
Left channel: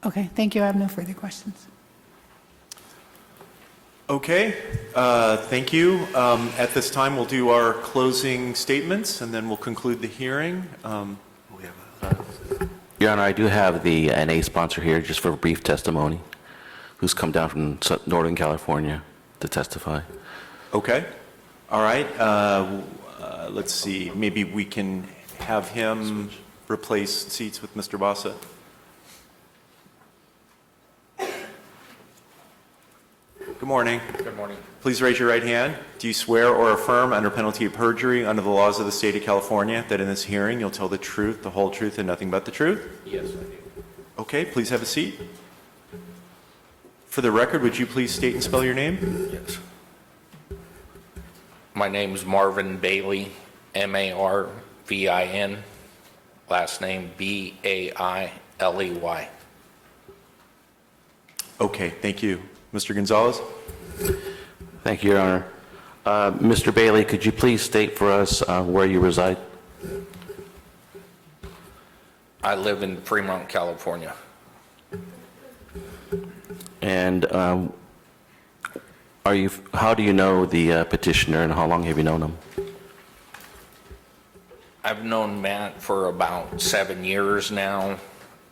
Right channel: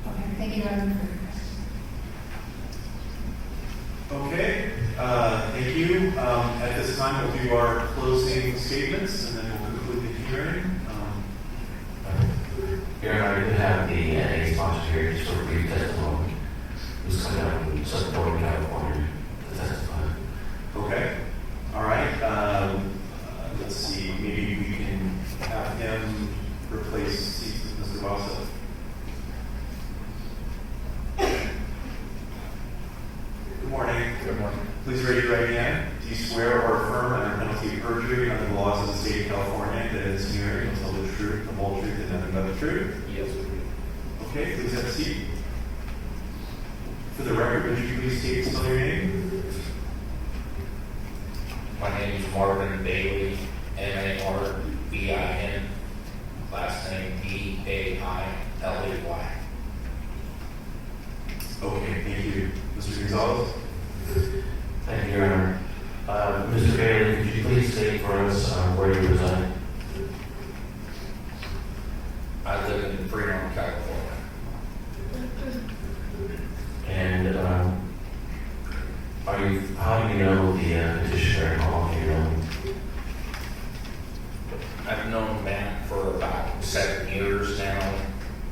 Okay, thank you. I have no further questions. Okay, thank you. At this time, we'll do our closing statements, and then we'll conclude the hearing. Your Honor, I do have the NA sponsor here just for a brief testimony, who's come down from Northern California to testify. Okay, all right. Let's see, maybe we can have him replace seats with Mr. Bassa. Good morning. Good morning. Please raise your right hand. Do you swear or affirm under penalty of perjury under the laws of the state of California that in this hearing you'll tell the truth, the whole truth, and nothing but the truth? Yes. Okay, please have a seat. For the record, would you please state and spell your name? Yes. My name is Marvin Bailey, M-A-R-V-I-N. Last name B-A-I-L-E-Y. Okay, thank you. Mr. Gonzalez? Thank you, Your Honor. Mr. Bailey, could you please state for us where you reside? I live in Fremont, California. And how do you know the petitioner, and how long have you known him? I've known Matt for about 7 years now.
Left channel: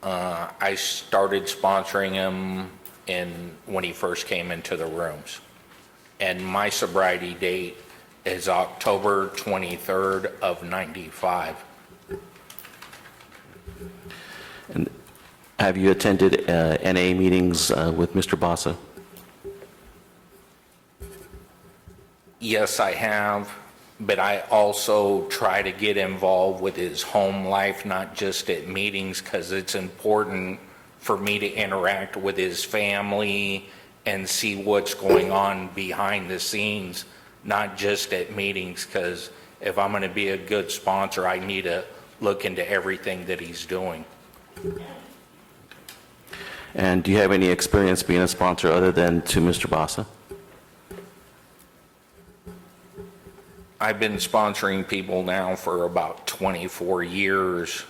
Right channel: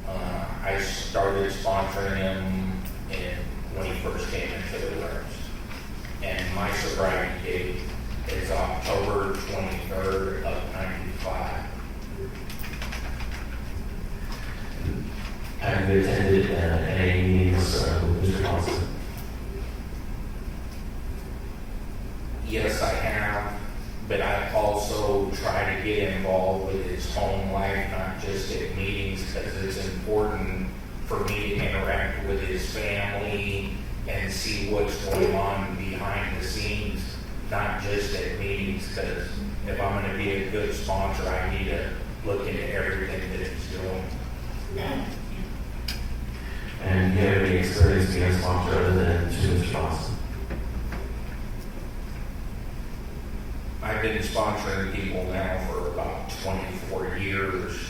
I started sponsoring him when he first came into the rooms. And my sobriety date is October 23rd of 95. And have you attended NA meetings with Mr. Bassa? Yes, I have, but I also try to get involved with his home life, not just at meetings, because it's important for me to interact with his family and see what's going on behind the scenes, not just at meetings, because if I'm going to be a good sponsor, I need to look into everything that he's doing. And do you have any experience being a sponsor other than to Mr. Bassa? I've been sponsoring people now for about 24 years,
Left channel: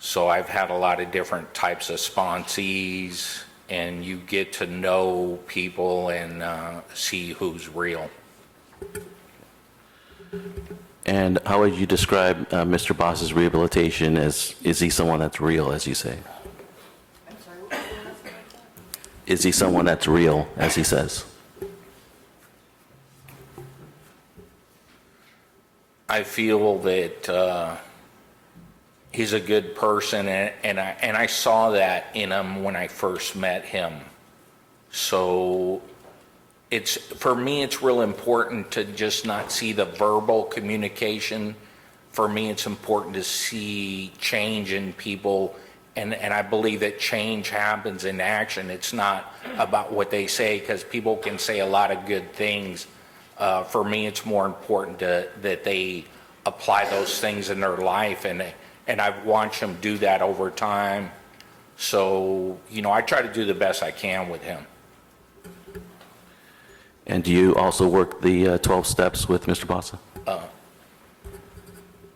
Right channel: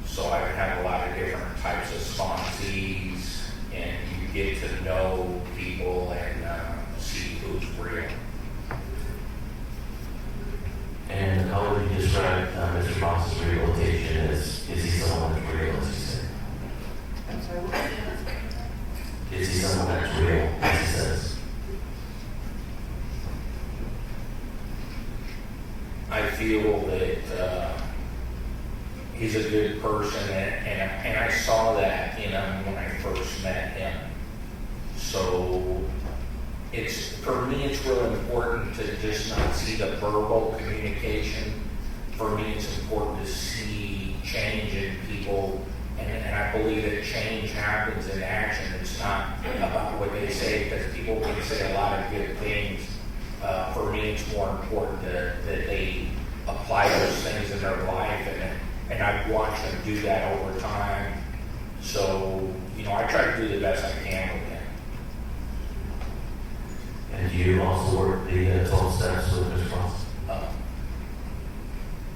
so I've had a lot of different types of sponsees, and you get to know people and see who's real. And how would you describe Mr. Bassa's rehabilitation as, is he someone that's real, as you say? I'm sorry, what was the last part? Is he someone that's real, as he says? I feel that he's a good person, and I saw that in him when I first met him. So for me, it's real important to just not see the verbal communication. For me, it's important to see change in people, and I believe that change happens in action. It's not about what they say, because people can say a lot of good things. For me, it's more important that they apply those things in their life, and I've watched them do that over time. So, I try to do the best I can with him. And do you also work the 12 steps with Mr. Bassa?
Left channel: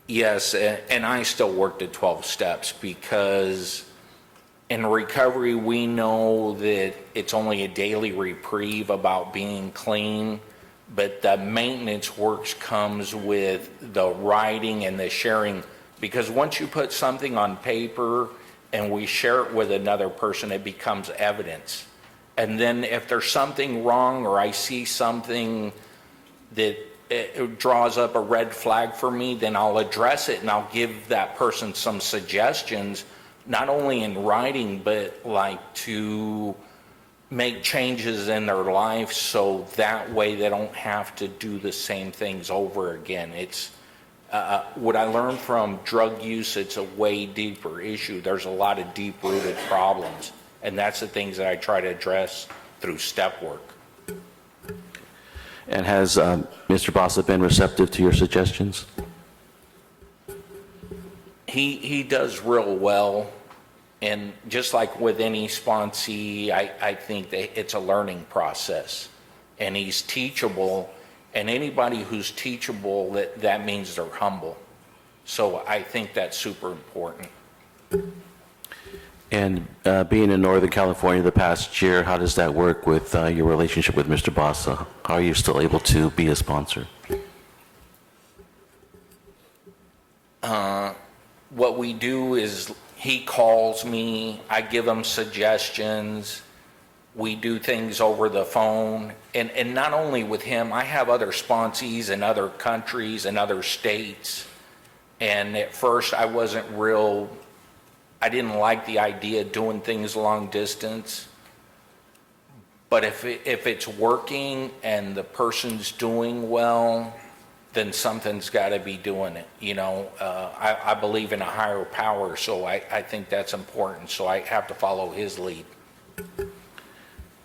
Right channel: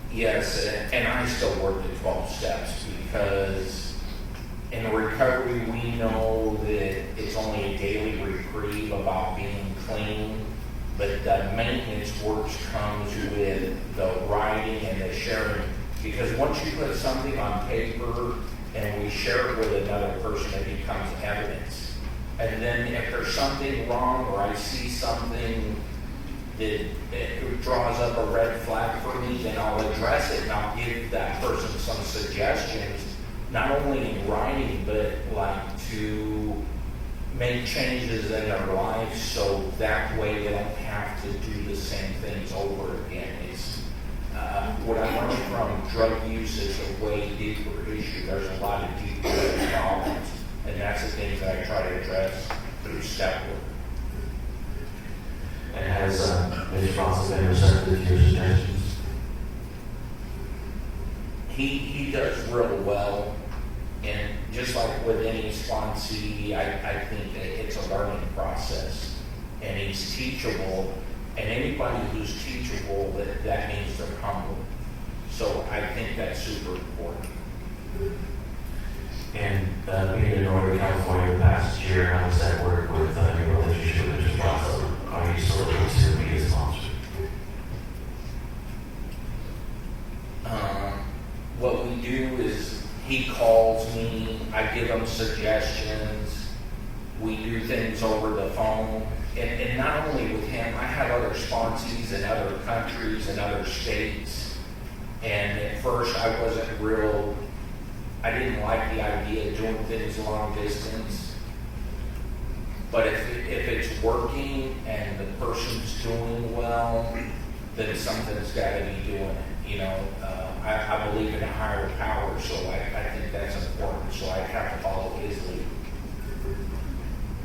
Yes, and I still work the 12 steps, because in recovery, we know that it's only a daily reprieve about being clean, but the maintenance works comes with the writing and the sharing, because once you put something on paper and we share it with another person, it becomes evidence. And then if there's something wrong, or I see something that it draws up a red flag for me, then I'll address it, and I'll give that person some suggestions, not only in writing, but like to make changes in their life, so that way they don't have to do the same things over again. It's what I learned from drug use, it's a way deeper issue. There's a lot of deep rooted problems, and that's the things that I try to address through step work. And has Mr. Bassa been receptive to your suggestions? He does real well, and just like with any sponsee, I think that it's a learning process, and he's teachable, and anybody who's teachable, that means they're humble. So I think that's super important. And being in Northern California the past year, how does that work with your relationship with Mr. Bassa? Are you still able to be a sponsor? What we do is he calls me, I give him suggestions, we do things over the phone, and not only with him, I have other sponsees in other countries and other states, and at first I didn't like the idea of doing things long distance, but if it's working and the person's doing well, then something's got to be doing it. I believe in a higher power, so I think that's important, so I have to follow his lead.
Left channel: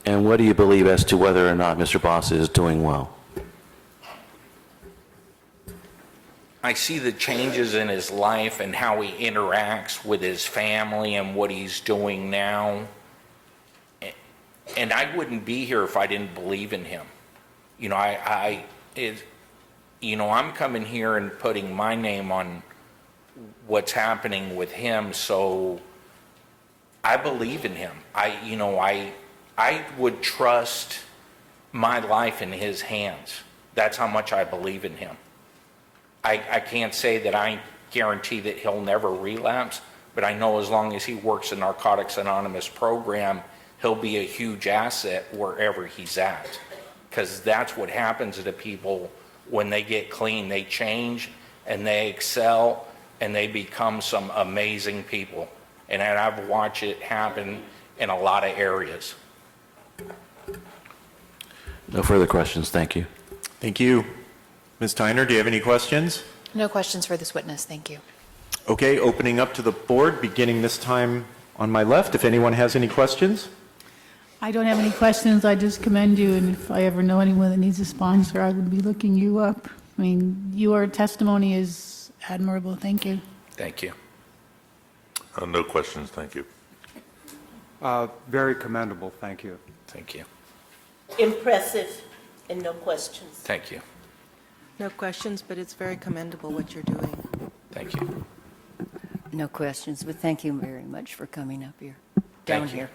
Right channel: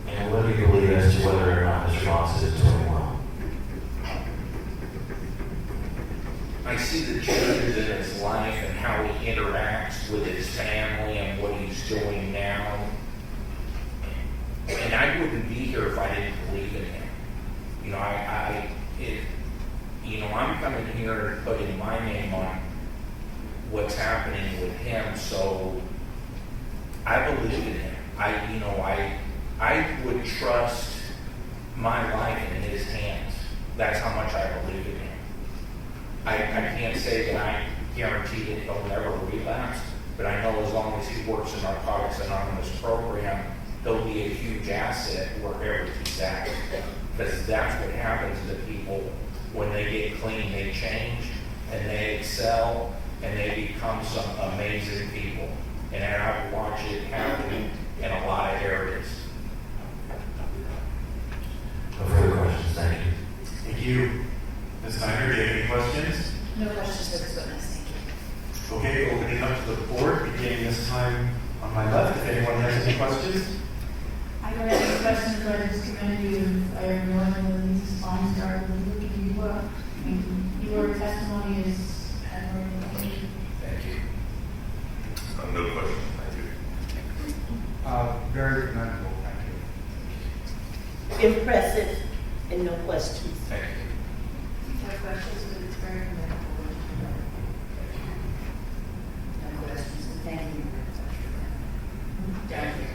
And what do you believe as to whether or not Mr. Bassa is doing well? I see the changes in his life and how he interacts with his family and what he's doing now. And I wouldn't be here if I didn't believe in him. I'm coming here and putting my name on what's happening with him, so I believe in him. I would trust my life in his hands. That's how much I believe in him. I can't say that I guarantee that he'll never relapse, but I know as long as he works in Narcotics Anonymous program, he'll be a huge asset wherever he's at. Because that's what happens to people when they get clean. They change and they excel and they become some amazing people. And I've watched it happen in a lot of areas. No further questions. Thank you. Thank you. Ms. Tyner, do you have any questions? No questions for this witness, thank you. Okay, opening up to the board, beginning this time on my left, if anyone has any questions. I don't have any questions. I just commend you, and if I ever know anyone that needs a sponsor, I will be looking you up. I mean, your testimony is admirable. Thank you. Thank you. No questions, thank you. Very commendable, thank you. Thank you. Impressive and no questions. Thank you. No questions, but it's very commendable what you're doing. Thank you. No questions, but thank you very much for coming up here, down Thank you. here.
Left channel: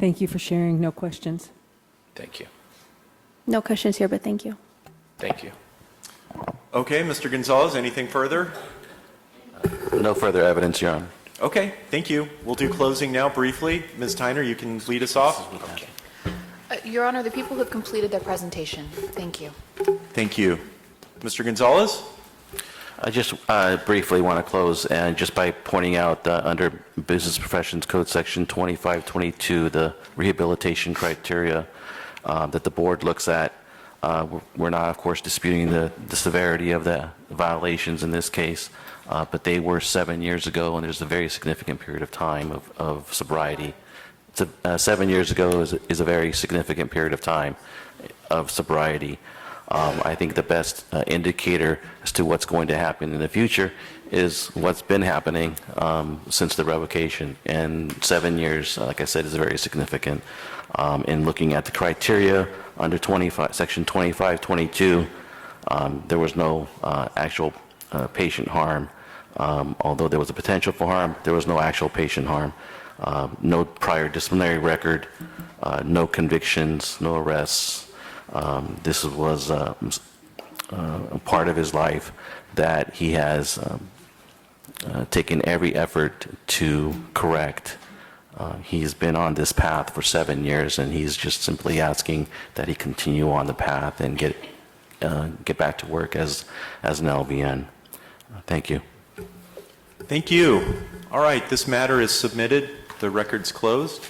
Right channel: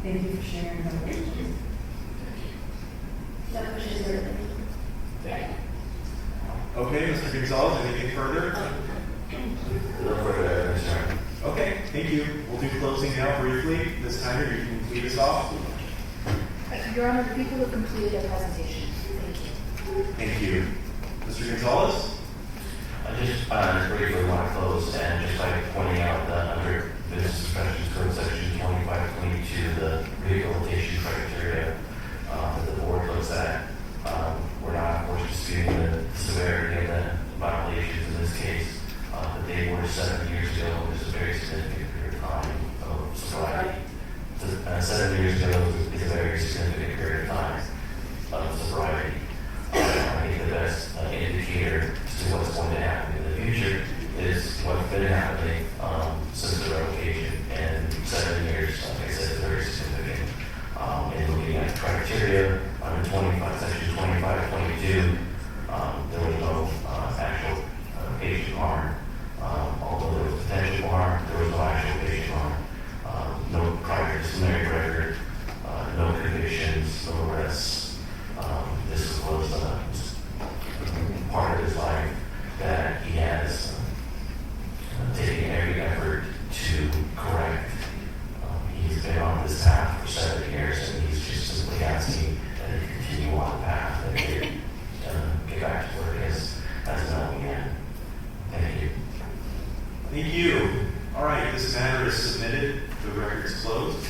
Thank you for sharing. No questions. Thank you. No questions here, but thank you. Thank you. Okay, Mr. Gonzalez, anything further? No further evidence, Your Honor. Okay, thank you. We'll do closing now briefly. Ms. Tyner, you can lead us off. Your Honor, the people have completed their presentation. Thank you. Thank you. Mr. Gonzalez? I just briefly want to close and just by pointing out under Business Professions Code Section 2522, the rehabilitation criteria that the board looks at. We're not, of course, disputing the severity of the violations in this case, but they were 7 years ago, and there's a very significant period of time of sobriety. 7 years ago is a very significant period of time of sobriety. I think the best indicator as to what's going to happen in the future is what's been happening since the revocation. And 7 years, like I said, is very significant. In looking at the criteria under Section 2522, there was no actual patient harm. Although there was a potential for harm, there was no actual patient harm. No prior disciplinary record, no convictions, no arrests. This was a part of his life that he has taken every effort to correct. He's been on this path for 7 years, and he's just simply asking that he continue on the path and get back to work as an LVN. Thank you. Thank you. All right, this matter is submitted. The record's closed.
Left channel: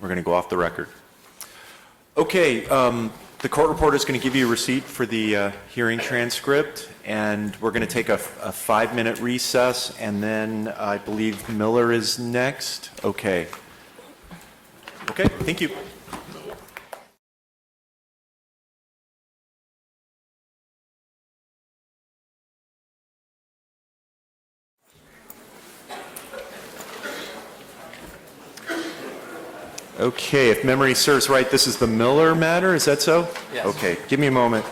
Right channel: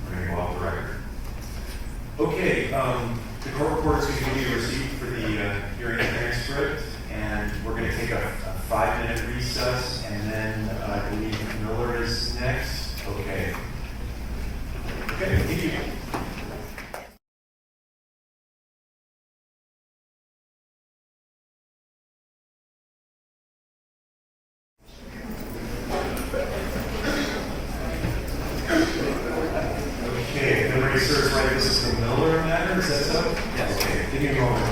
We're going to go off the record. Okay, the court reporter is going to give you a receipt for the hearing transcript, and we're going to take a 5-minute recess, and then I believe Miller is next. Okay. Okay, thank you. Okay, if memory serves right, this is the Miller matter, is that so? Yes. Okay, give me a moment.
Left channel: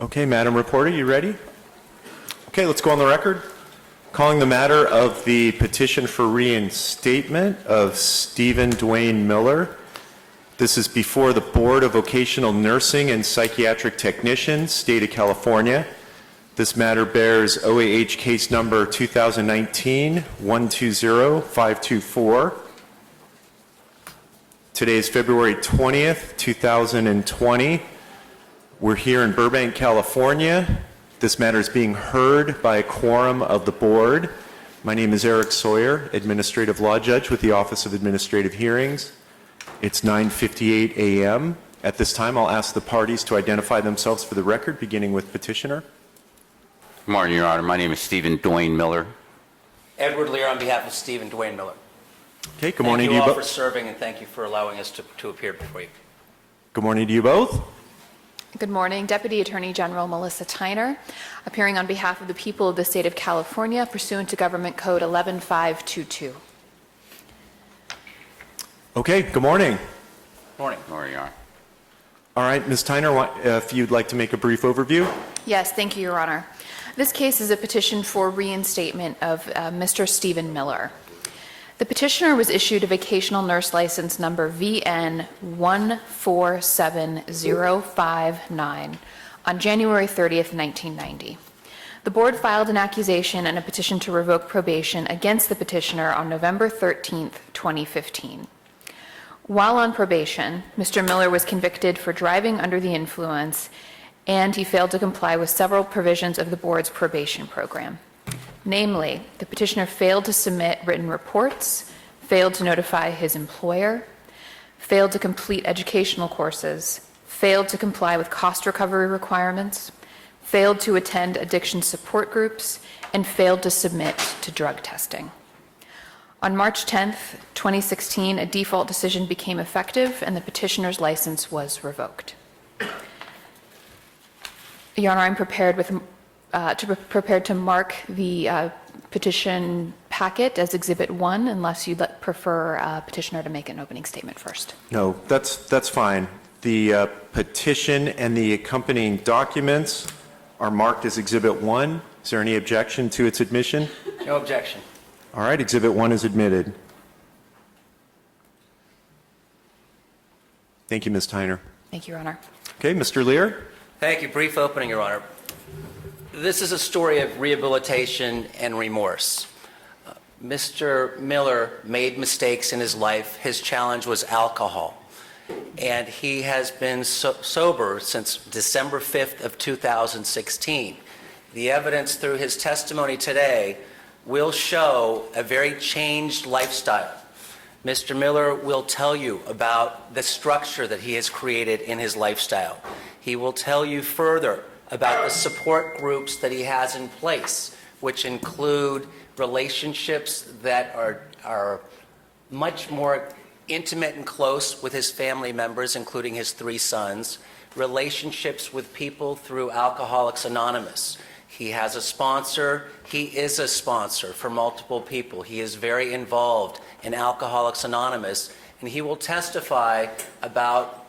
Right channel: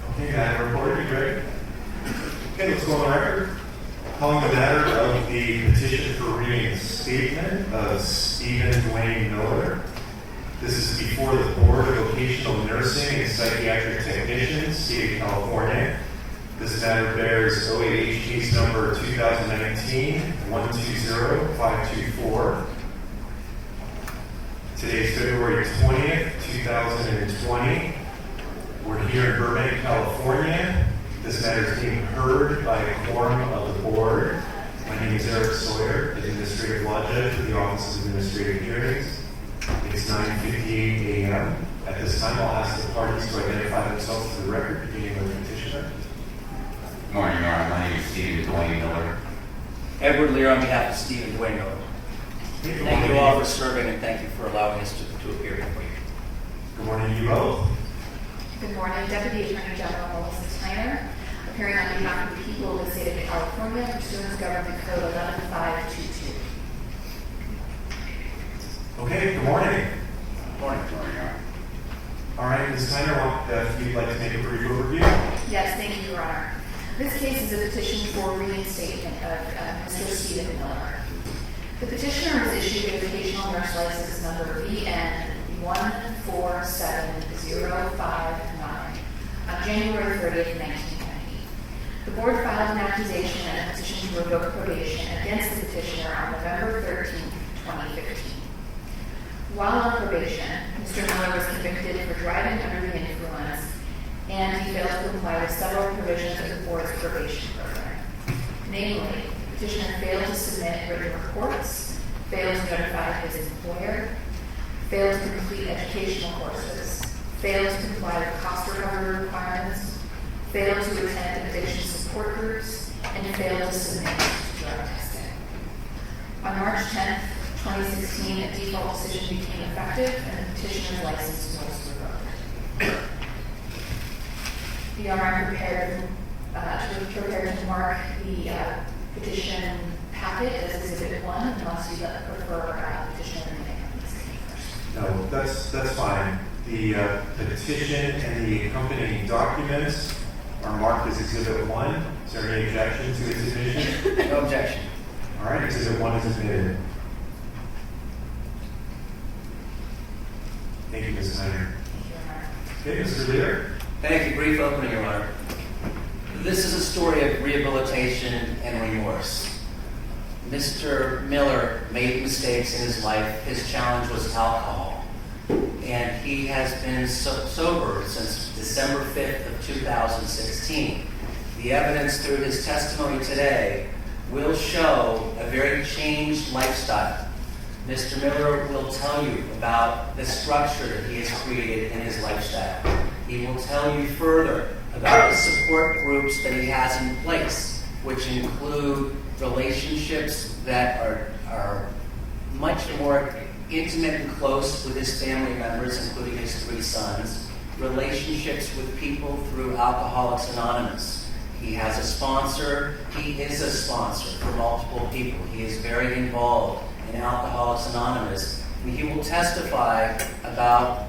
Okay, Madam Reporter, you ready? Okay, let's go on the record. Calling the matter of the petition for reinstatement of Stephen Dwayne Miller. This is before the Board of Vocational Nursing and Psychiatric Technicians, State of California. This matter bears OAH case number 2019-120524. Today is February 20th, 2020. We're here in Burbank, California. This matter is being heard by a quorum of the board. My name is Eric Sawyer, Administrative Law Judge with the Office of Administrative Hearings. It's 9:58 a.m. At this time, I'll ask the parties to identify themselves for the record, beginning with petitioner. Good morning, Your Honor. My name is Stephen Dwayne Miller. Edward Lear on behalf of Stephen Dwayne Miller. Okay, good morning Thank you to you all for both. serving, and thank you for allowing us to appear before you. Good morning to you both. Good morning, Deputy Attorney General Melissa Tyner, appearing on behalf of the people of the state of California pursuant to Government Code 11522. Okay, good morning. Morning. Good morning, Your Honor. All right, Ms. Tyner, if you'd like to make a brief overview. Yes, thank you, Your Honor. This case is a petition for reinstatement of Mr. Stephen Miller. The petitioner was issued a vocational nurse license number VN 147059 on January 30th, 1990. The board filed an accusation and a petition to revoke probation against the petitioner on November 13th, 2015. While on probation, Mr. Miller was convicted for driving under the influence, and he failed to comply with several provisions of the board's probation program. Namely, the petitioner failed to submit written reports, failed to notify his employer, failed to complete educational courses, failed to comply with cost recovery requirements, failed to attend addiction support groups, and failed to submit to drug testing. On March 10th, 2016, a default decision became effective and the petitioner's license was revoked. Your Honor, I'm prepared to mark the petition packet as Exhibit 1 unless you'd prefer petitioner to make an opening statement first. No, that's fine. The petition and the accompanying documents are marked as Exhibit 1. Is there any objection to its admission? No objection. All right, Exhibit 1 is admitted. Thank you, Ms. Tyner. Thank you, Your Honor. Okay, Mr. Lear. Thank you. Brief opening, Your Honor. This is a story of rehabilitation and remorse. Mr. Miller made mistakes in his life. His challenge was alcohol. And he has been sober since December 5th of 2016. The evidence through his testimony today will show a very changed lifestyle. Mr. Miller will tell you about the structure that he has created in his lifestyle. He will tell you further about the support groups that he has in place, which include relationships that are much more intimate and close with his family members, including his 3 sons, relationships with people through Alcoholics Anonymous. He has a sponsor. He is a sponsor for multiple people. He is very involved in Alcoholics Anonymous, and he will testify about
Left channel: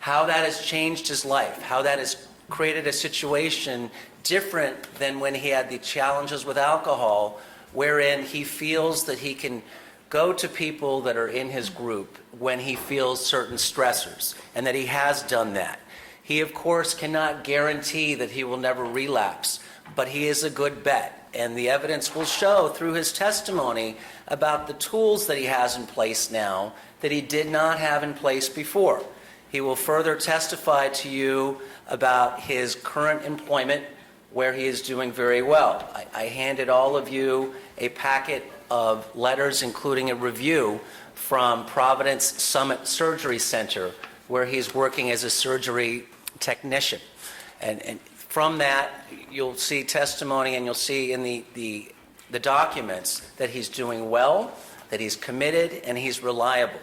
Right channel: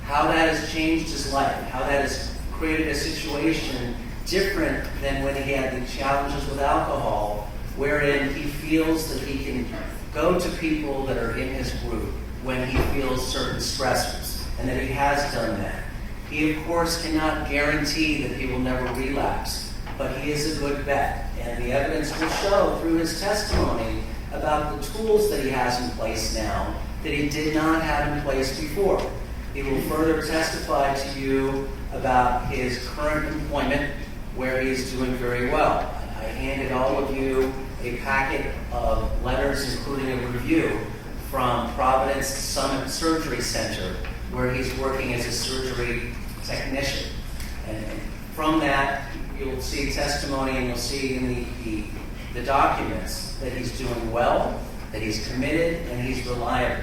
how that has changed his life, how that has created a situation different than when he had the challenges with alcohol, wherein he feels that he can go to people that are in his group when he feels certain stressors, and that he has done that. He, of course, cannot guarantee that he will never relapse, but he is a good bet, and the evidence will show through his testimony about the tools that he has in place now that he did not have in place before. He will further testify to you about his current employment, where he is doing very well. I handed all of you a packet of letters, including a review from Providence Summit Surgery Center, where he's working as a surgery technician. And from that, you'll see testimony, and you'll see in the documents that he's doing well, that he's committed, and he's reliable.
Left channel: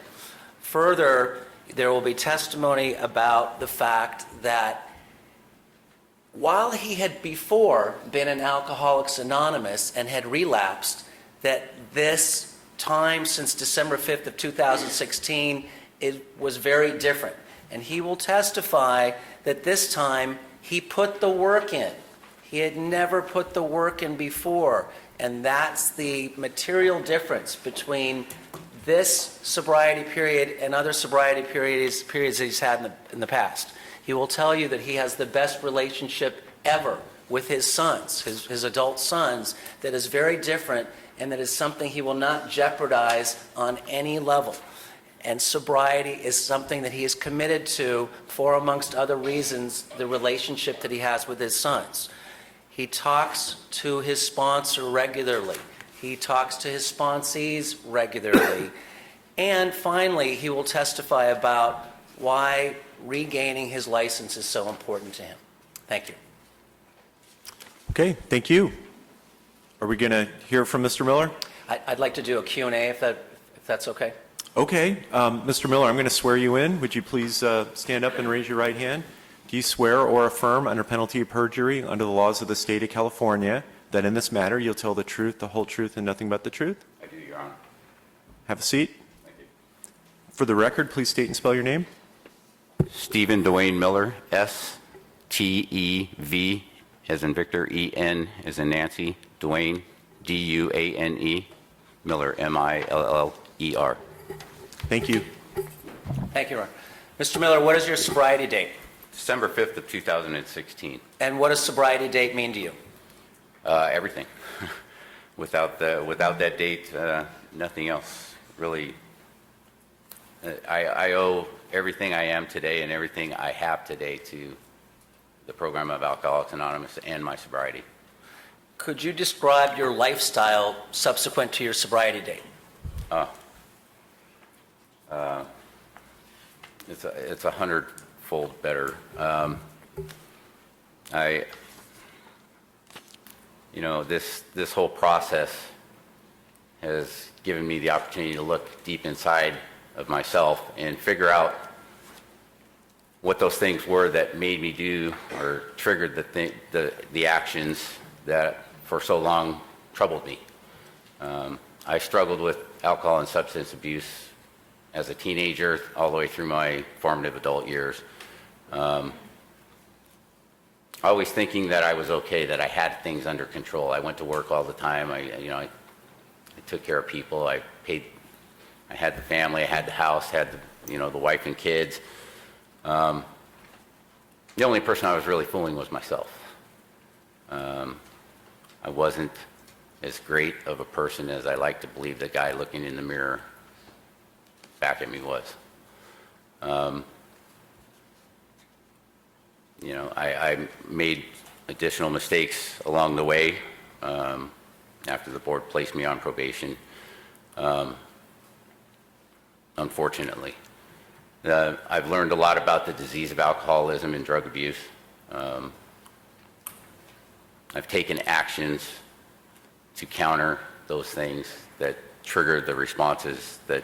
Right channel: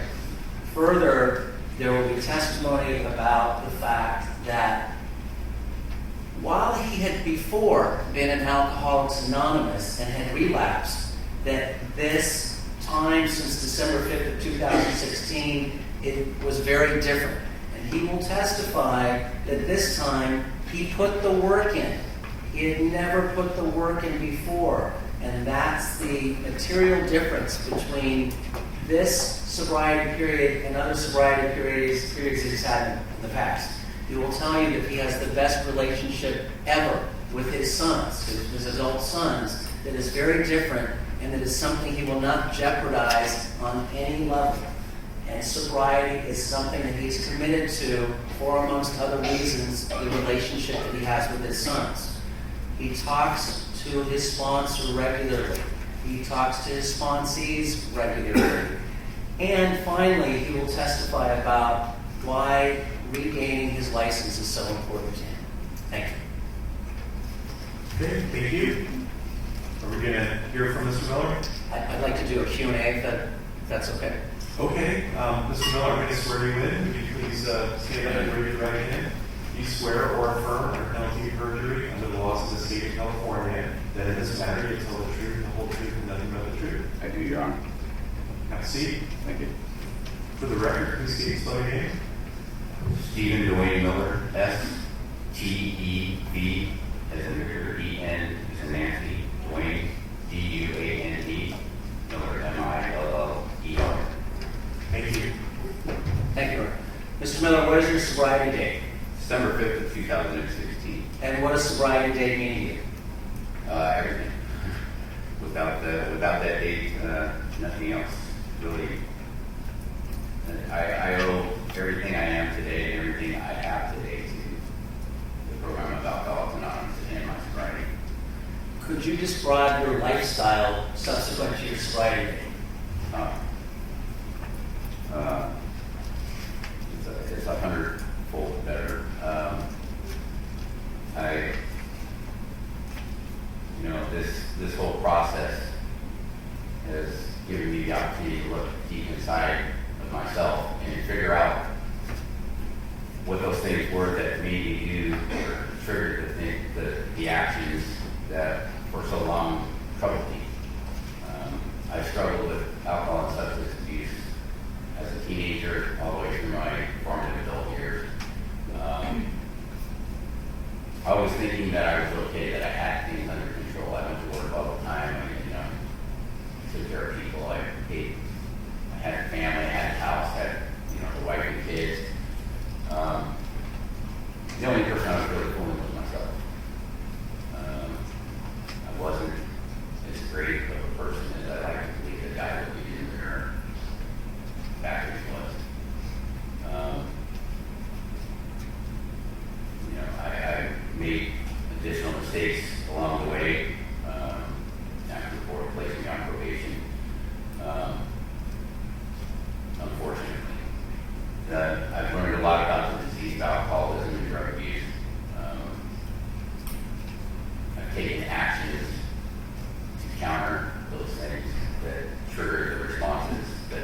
Further, there will be testimony about the fact that while he had before been in Alcoholics Anonymous and had relapsed, that this time since December 5th of 2016, it was very different. And he will testify that this time he put the work in. He had never put the work in before. And that's the material difference between this sobriety period and other sobriety periods that he's had in the past. He will tell you that he has the best relationship ever with his sons, his adult sons, that is very different, and that is something he will not jeopardize on any level. And sobriety is something that he is committed to for, amongst other reasons, the relationship that he has with his sons. He talks to his sponsor regularly. He talks to his sponsees regularly. And finally, he will testify about why regaining his license is so important to him. Thank you. Okay, thank you. Are we going to hear from Mr. Miller? I'd like to do a Q&A if that's okay. Okay, Mr. Miller, I'm going to swear you in. Would you please stand up and raise your right hand? Do you swear or affirm under penalty of perjury under the laws of the state of California that in this matter you'll tell the truth, the whole truth, and nothing but the truth? I do, Your Honor. Have a seat. Thank you. For the record, please state and spell your name. Stephen Dwayne Miller, S-T-E-V, as in Victor, E-N, as in Nancy, Dwayne, D-U-A-N-E, Miller, M-I-L-L-E-R. Thank you. Thank you, Your Honor. Mr. Miller, what is your sobriety date? December 5th of 2016. And what does sobriety date mean to you? Everything. Without that date, nothing else really. I owe everything I am today and everything I have today to the program of Alcoholics Anonymous and my sobriety. Could you describe your lifestyle subsequent to your sobriety date? It's 100-fold better. This whole process has given me the opportunity to look deep inside of myself and figure out what those things were that made me do or triggered the actions that for so long troubled me. I struggled with alcohol and substance abuse as a teenager all the way through my formative adult years. Always thinking that I was okay, that I had things under control. I went to work all the time. I took care of people. I had the family. I had the house. Had the wife and kids. The only person I was really fooling was myself. I wasn't as great of a person as I like to believe the guy looking in the mirror back at me was. I made additional mistakes along the way after the board placed me on probation, unfortunately. I've learned a lot about the disease of alcoholism and drug abuse. I've taken actions to counter those things that triggered the responses that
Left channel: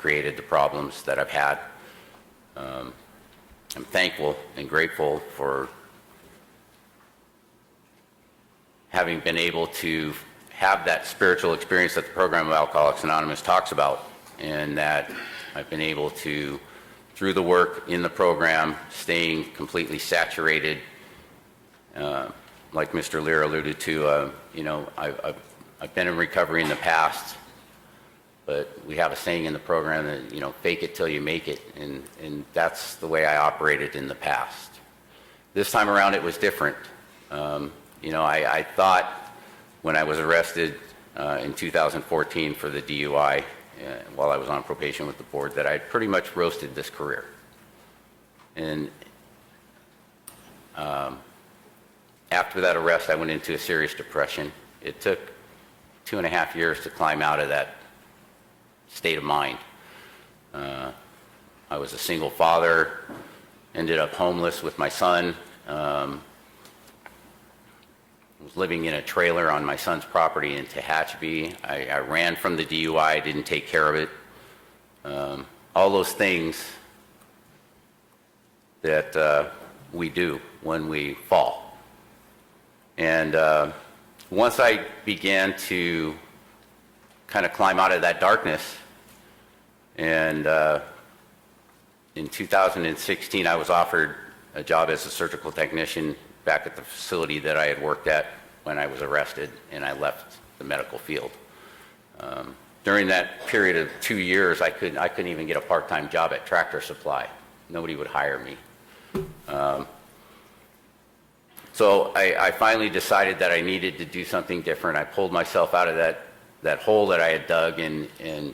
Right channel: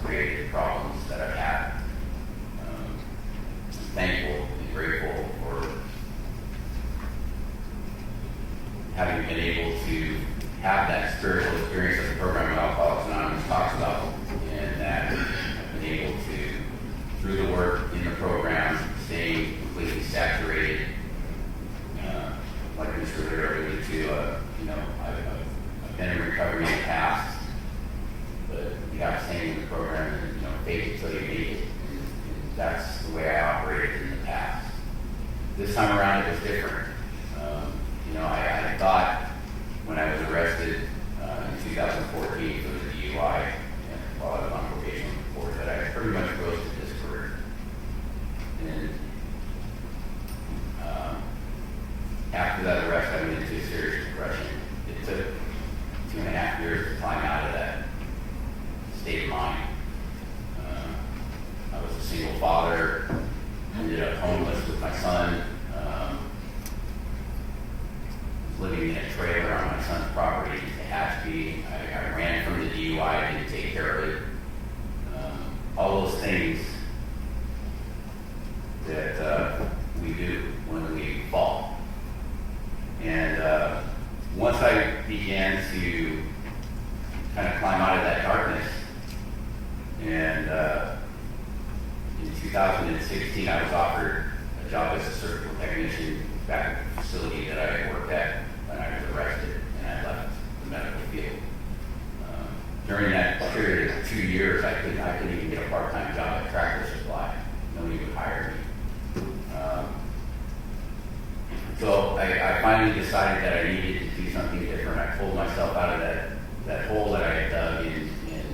created the problems that I've had. I'm thankful and grateful for having been able to have that spiritual experience that the program of Alcoholics Anonymous talks about, and that I've been able to, through the work in the program, staying completely saturated. Like Mr. Lear alluded to, I've been in recovery in the past, but we have a saying in the program that, fake it till you make it, and that's the way I operated in the past. This time around it was different. I thought when I was arrested in 2014 for the DUI, while I was on probation with the board, that I pretty much roasted this career. And after that arrest, I went into a serious depression. It took 2.5 years to climb out of that state of mind. I was a single father, ended up homeless with my son, was living in a trailer on my son's property in Tehachapi. I ran from the DUI, didn't take care of it. All those things that we do when we fall. And once I began to kind of climb out of that darkness, and in 2016 I was offered a job as a surgical technician back at the facility that I had worked at when I was arrested, and I left the medical field. During that period of 2 years, I couldn't even get a part-time job at Tractor Supply. Nobody would hire me. So I finally decided that I needed to do something different. I pulled myself out of that hole that I had dug and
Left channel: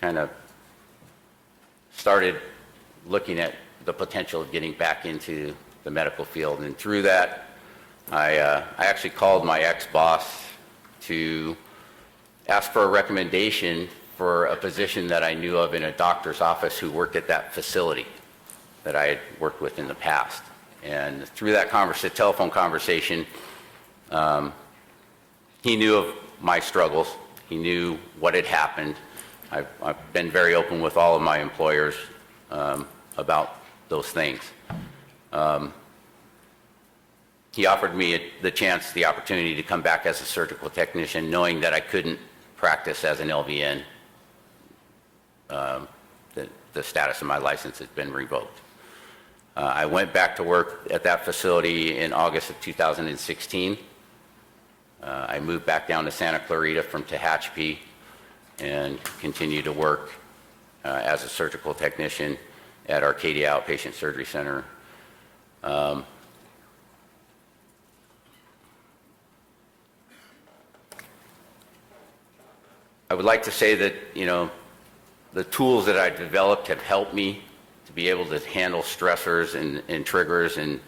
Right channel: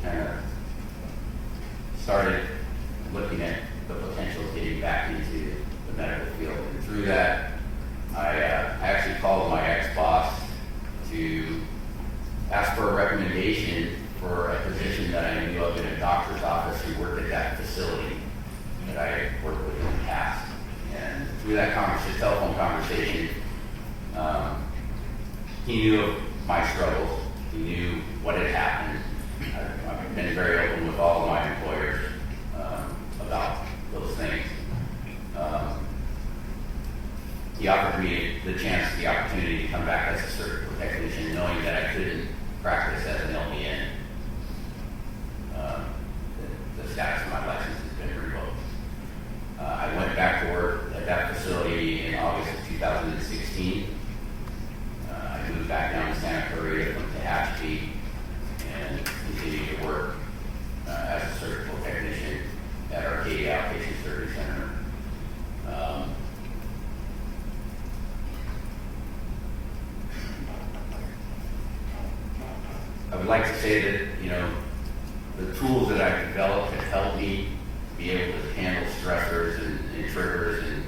kind of started looking at the potential of getting back into the medical field. And through that, I actually called my ex-boss to ask for a recommendation for a position that I knew of in a doctor's office who worked at that facility that I had worked with in the past. And through that telephone conversation, he knew of my struggles. He knew what had happened. I've been very open with all of my employers about those things. He offered me the opportunity to come back as a surgical technician, knowing that I couldn't practice as an LVN the status of my license has been revoked. I went back to work at that facility in August of 2016. I moved back down to Santa Clarita from Tehachapi and continued to work as a surgical technician at Arcadia Outpatient Surgery Center. I would like to say that, you know, the tools that I've developed have helped me to be able to handle stressors and triggers and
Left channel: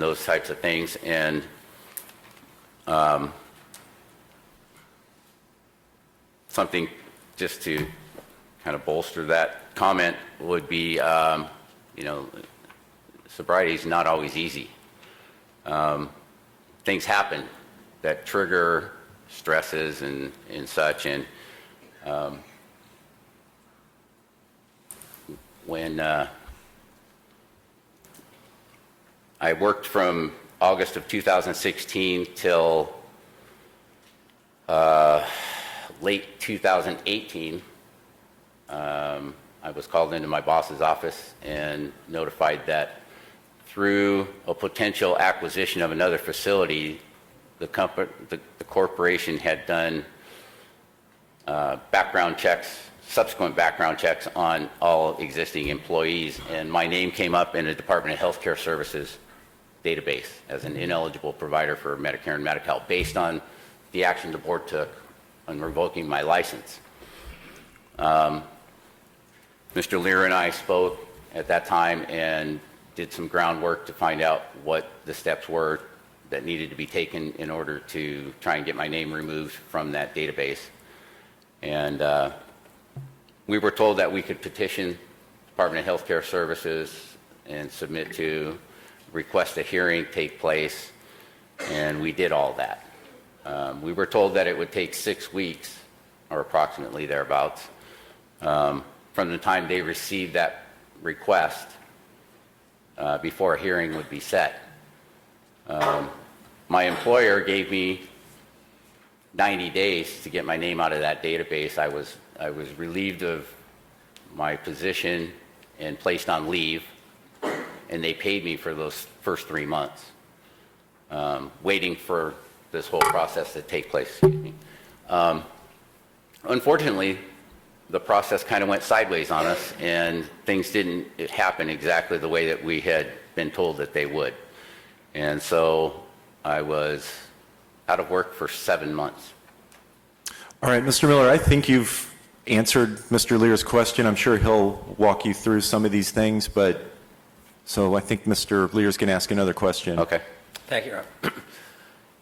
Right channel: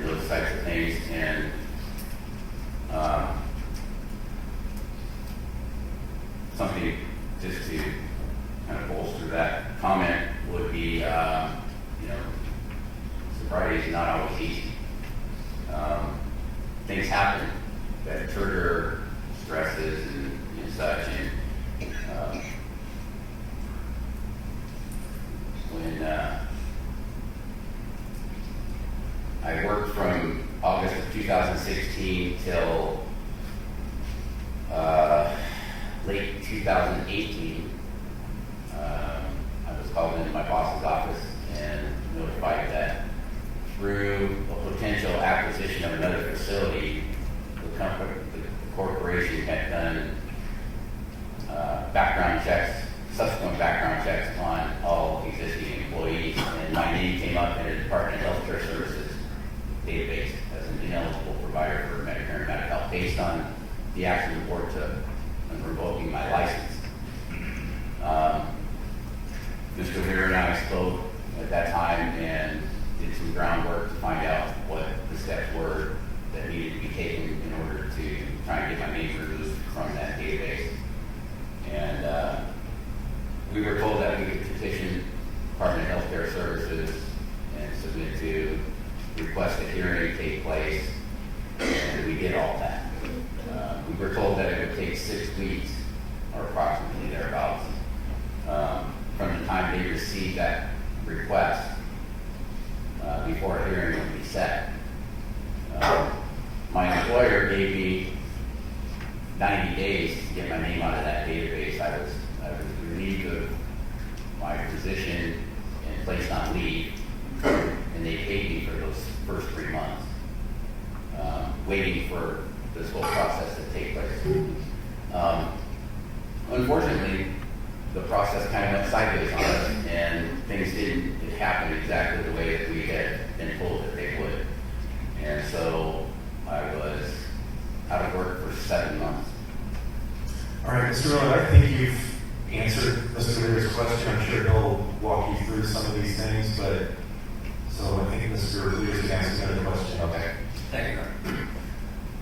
those types of things. And something just to kind of bolster that comment would be, you know, sobriety is not always easy. Things happen that trigger stresses and such, and when I worked from August of 2016 till late 2018, I was called into my boss's office and notified that through a potential acquisition of another facility, the corporation had done background checks, subsequent background checks on all existing employees, and my name came up in a Department of Healthcare Services database as an ineligible provider for Medicare and Medi-Cal based on the action the board took on revoking my license. Mr. Lear and I spoke at that time and did some groundwork to find out what the steps were that needed to be taken in order to try and get my name removed from that database. And we were told that we could petition Department of Healthcare Services and submit to request a hearing take place, and we did all that. We were told that it would take 6 weeks, or approximately thereabouts, from the time they received that request before a hearing would be set. My employer gave me 90 days to get my name out of that database. I was relieved of my position and placed on leave, and they paid me for those first 3 months, waiting for this whole process to take place. Unfortunately, the process kind of went sideways on us, and things didn't happen exactly the way that we had been told that they would. And so I was out of work for 7 months. All right, Mr. Miller, I think you've answered Mr. Lear's question. I'm sure he'll walk you through some of these things, but so I think Mr. Lear's going to ask another question. Okay. Thank you, Ron.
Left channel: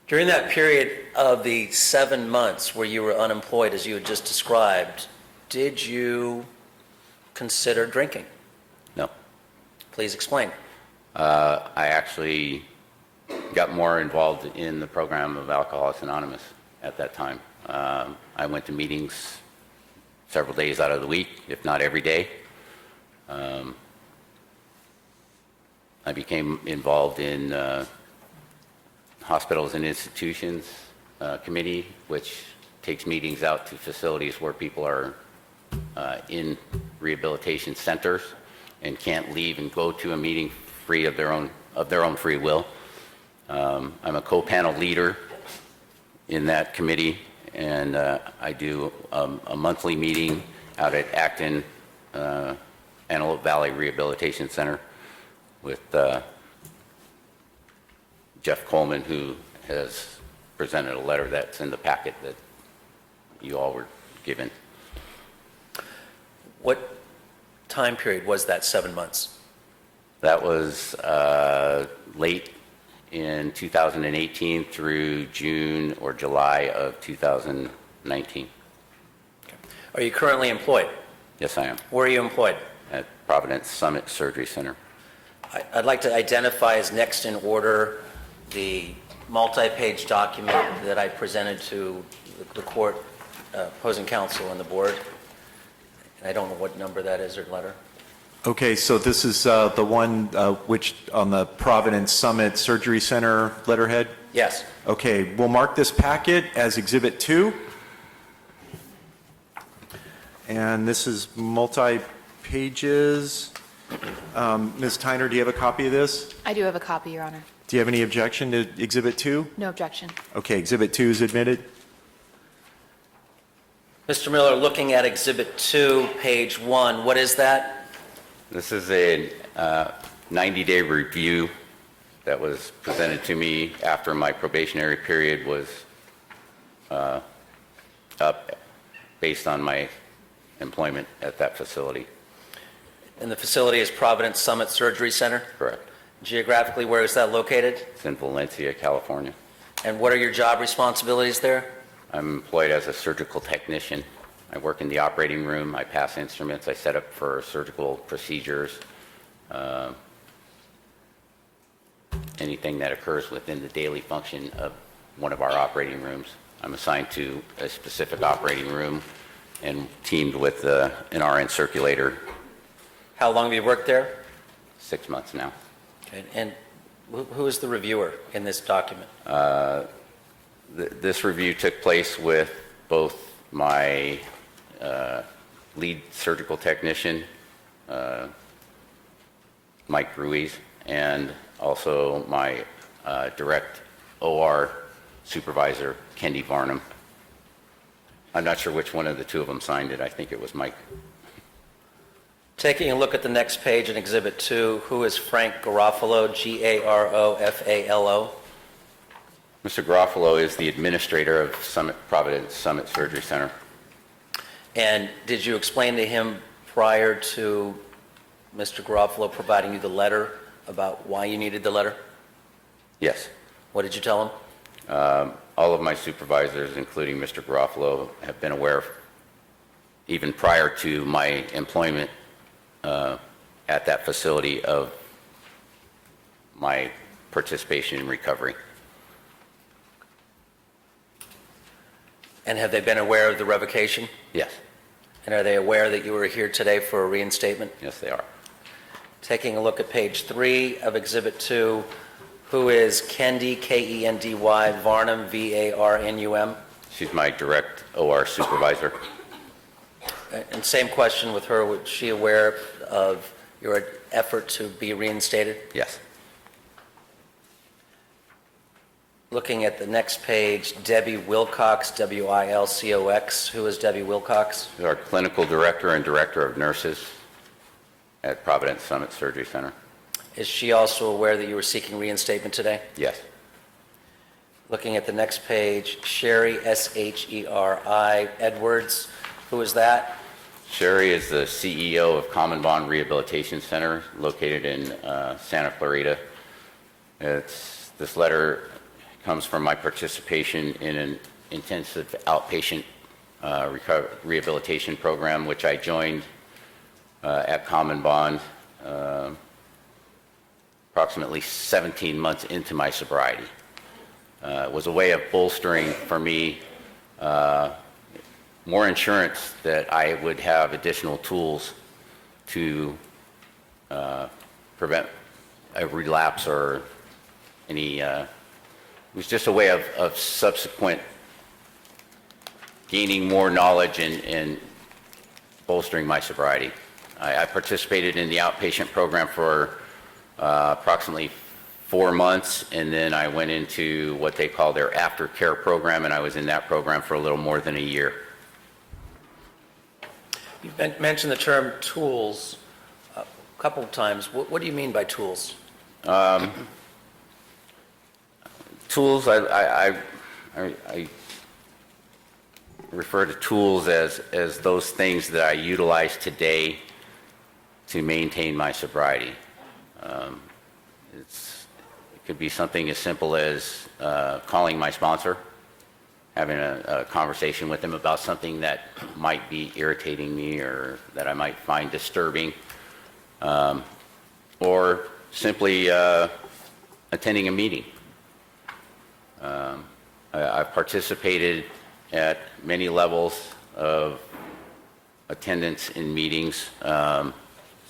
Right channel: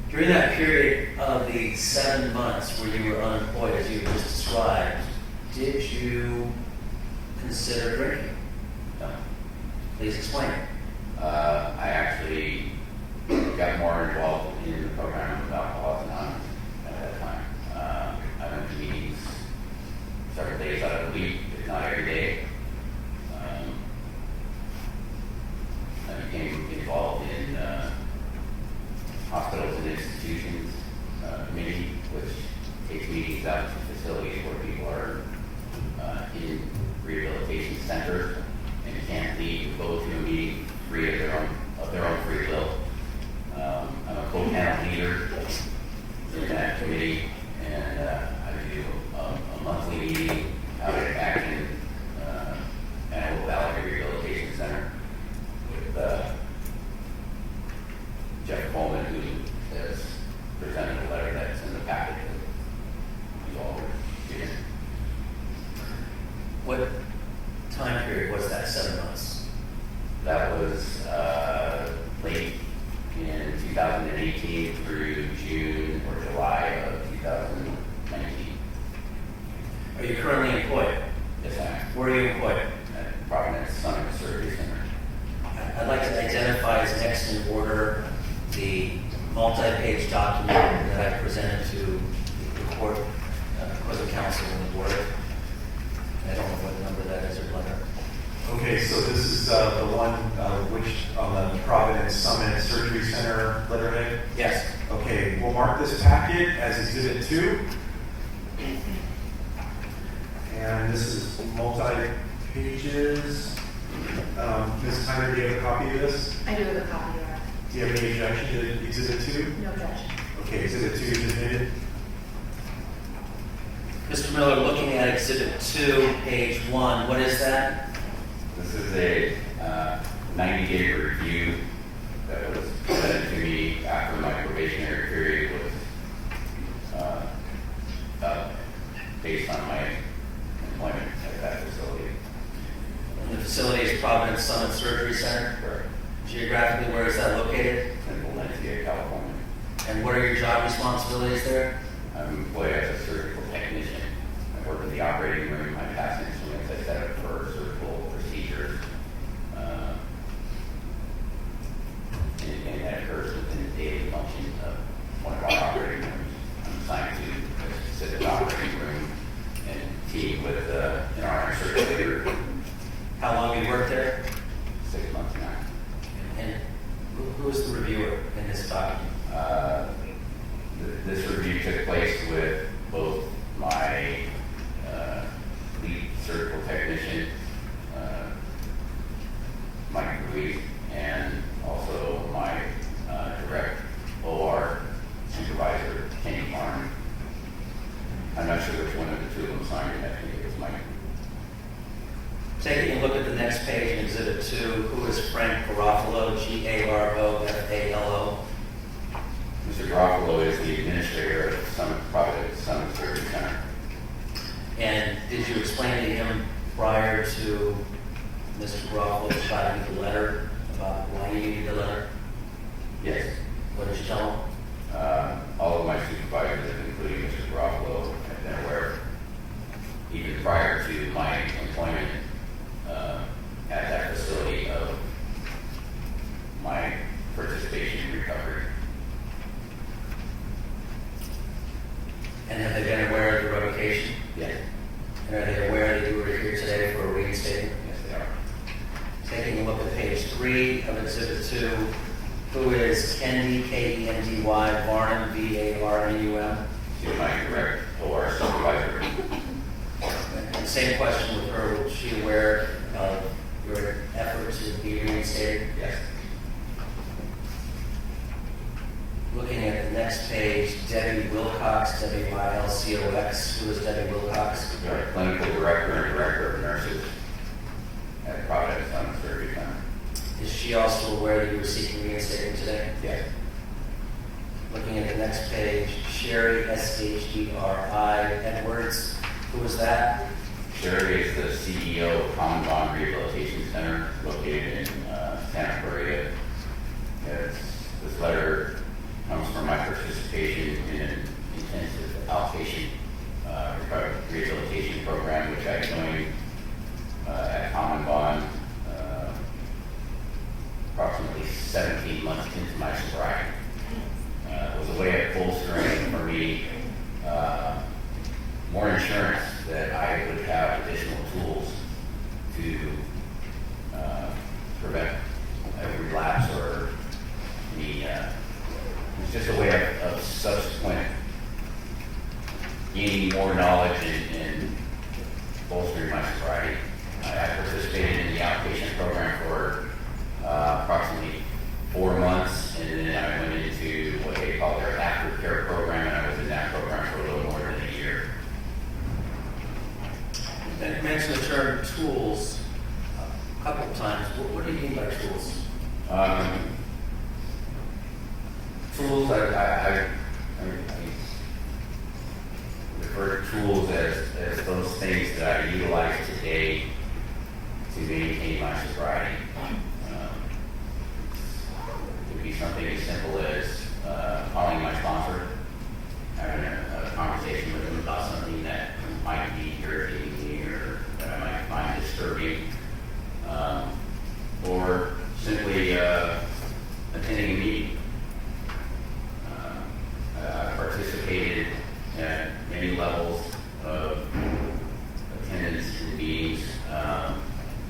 During that period of the 7 months where you were unemployed, as you had just described, did you consider drinking? No. Please explain. I actually got more involved in the program of Alcoholics Anonymous at that time. I went to meetings several days out of the week, if not every day. I became involved in Hospitals and Institutions Committee, which takes meetings out to facilities where people are in rehabilitation centers and can't leave and go to a meeting free of their own free will. I'm a co-panel leader in that committee, and I do a monthly meeting out at Acton Antelope Valley Rehabilitation Center with Jeff Coleman, who has presented a letter that's in the packet that you all were given. What time period was that 7 months? That was late in 2018 through June or July of 2019. Are you currently employed? Yes, I am. Where are you employed? At Providence Summit Surgery Center. I'd like to identify as next in order the multi-page document that I presented to the court, opposing counsel and the board. I don't know what number that is or letter. Okay, so this is the one which on the Providence Summit Surgery Center letterhead? Yes. Okay, we'll mark this packet as Exhibit 2. And this is multi-page pages. Ms. Tyner, do you have a copy of this? I do have a copy, Your Honor. Do you have any objection to Exhibit 2? No objection. Okay, Exhibit 2 is admitted. Mr. Miller, looking at Exhibit 2, page 1, what is that? This is a 90-day review that was presented to me after my probationary period was up based on my employment at that facility. And the facility is Providence Summit Surgery Center? Correct. Geographically, where is that located? It's in Valencia, California. And what are your job responsibilities there? I'm employed as a surgical technician. I work in the operating room. I pass instruments. I set up for surgical procedures. Anything that occurs within the daily function of one of our operating rooms. I'm assigned to a specific operating room and teamed with an RN circulator. How long have you worked there? 6 months now. And who is the reviewer in this document? This review took place with both my lead surgical technician, Mike Ruiz, and also my direct OR supervisor, Kendi Varnum. I'm not sure which one of the two of them signed it. I think it was Mike. Taking a look at the next page in Exhibit 2, who is Frank Garofalo, Garofalo? Mr. Garofalo is the administrator of Providence Summit Surgery Center. And did you explain to him prior to Mr. Garofalo providing you the letter about why you needed the letter? Yes. What did you tell him? All of my supervisors, including Mr. Garofalo, have been aware, even prior to my employment at that facility, of my participation in recovery. And have they been aware of the revocation? Yes. And are they aware that you were here today for a reinstatement? Yes, they are. Taking a look at page 3 of Exhibit 2, who is Kendi, K-E-N-D-Y, Varnum, V-A-R-N-U-M? She's my direct OR supervisor. And same question with her. Was she aware of your effort to be reinstated? Yes. Looking at the next page, Debbie Wilcox, W-I-L-C-O-X. Who is Debbie Wilcox? She's our clinical director and director of nurses at Providence Summit Surgery Center. Is she also aware that you were seeking reinstatement today? Yes. Looking at the next page, Sherry, S-H-E-R-I, Edwards. Who is that? Sherry is the CEO of Common Bond Rehabilitation Center, located in Santa Clarita. This letter comes from my participation in an intensive outpatient rehabilitation program, which I joined at Common Bond approximately 17 months into my sobriety. It was a way of bolstering for me more insurance, that I would have additional tools to prevent a relapse or any, it was just a way of subsequent gaining more knowledge and bolstering my sobriety. I participated in the outpatient program for approximately 4 months, and then I went into what they call their aftercare program, and I was in that program for a little more than a year. You mentioned the term tools a couple of times. What do you mean by tools? Tools, I refer to tools as those things that I utilize today to maintain my sobriety. It could be something as simple as calling my sponsor, having a conversation with them about something that might be irritating me or that I might find disturbing, or simply attending a meeting. I've participated at many levels of attendance in meetings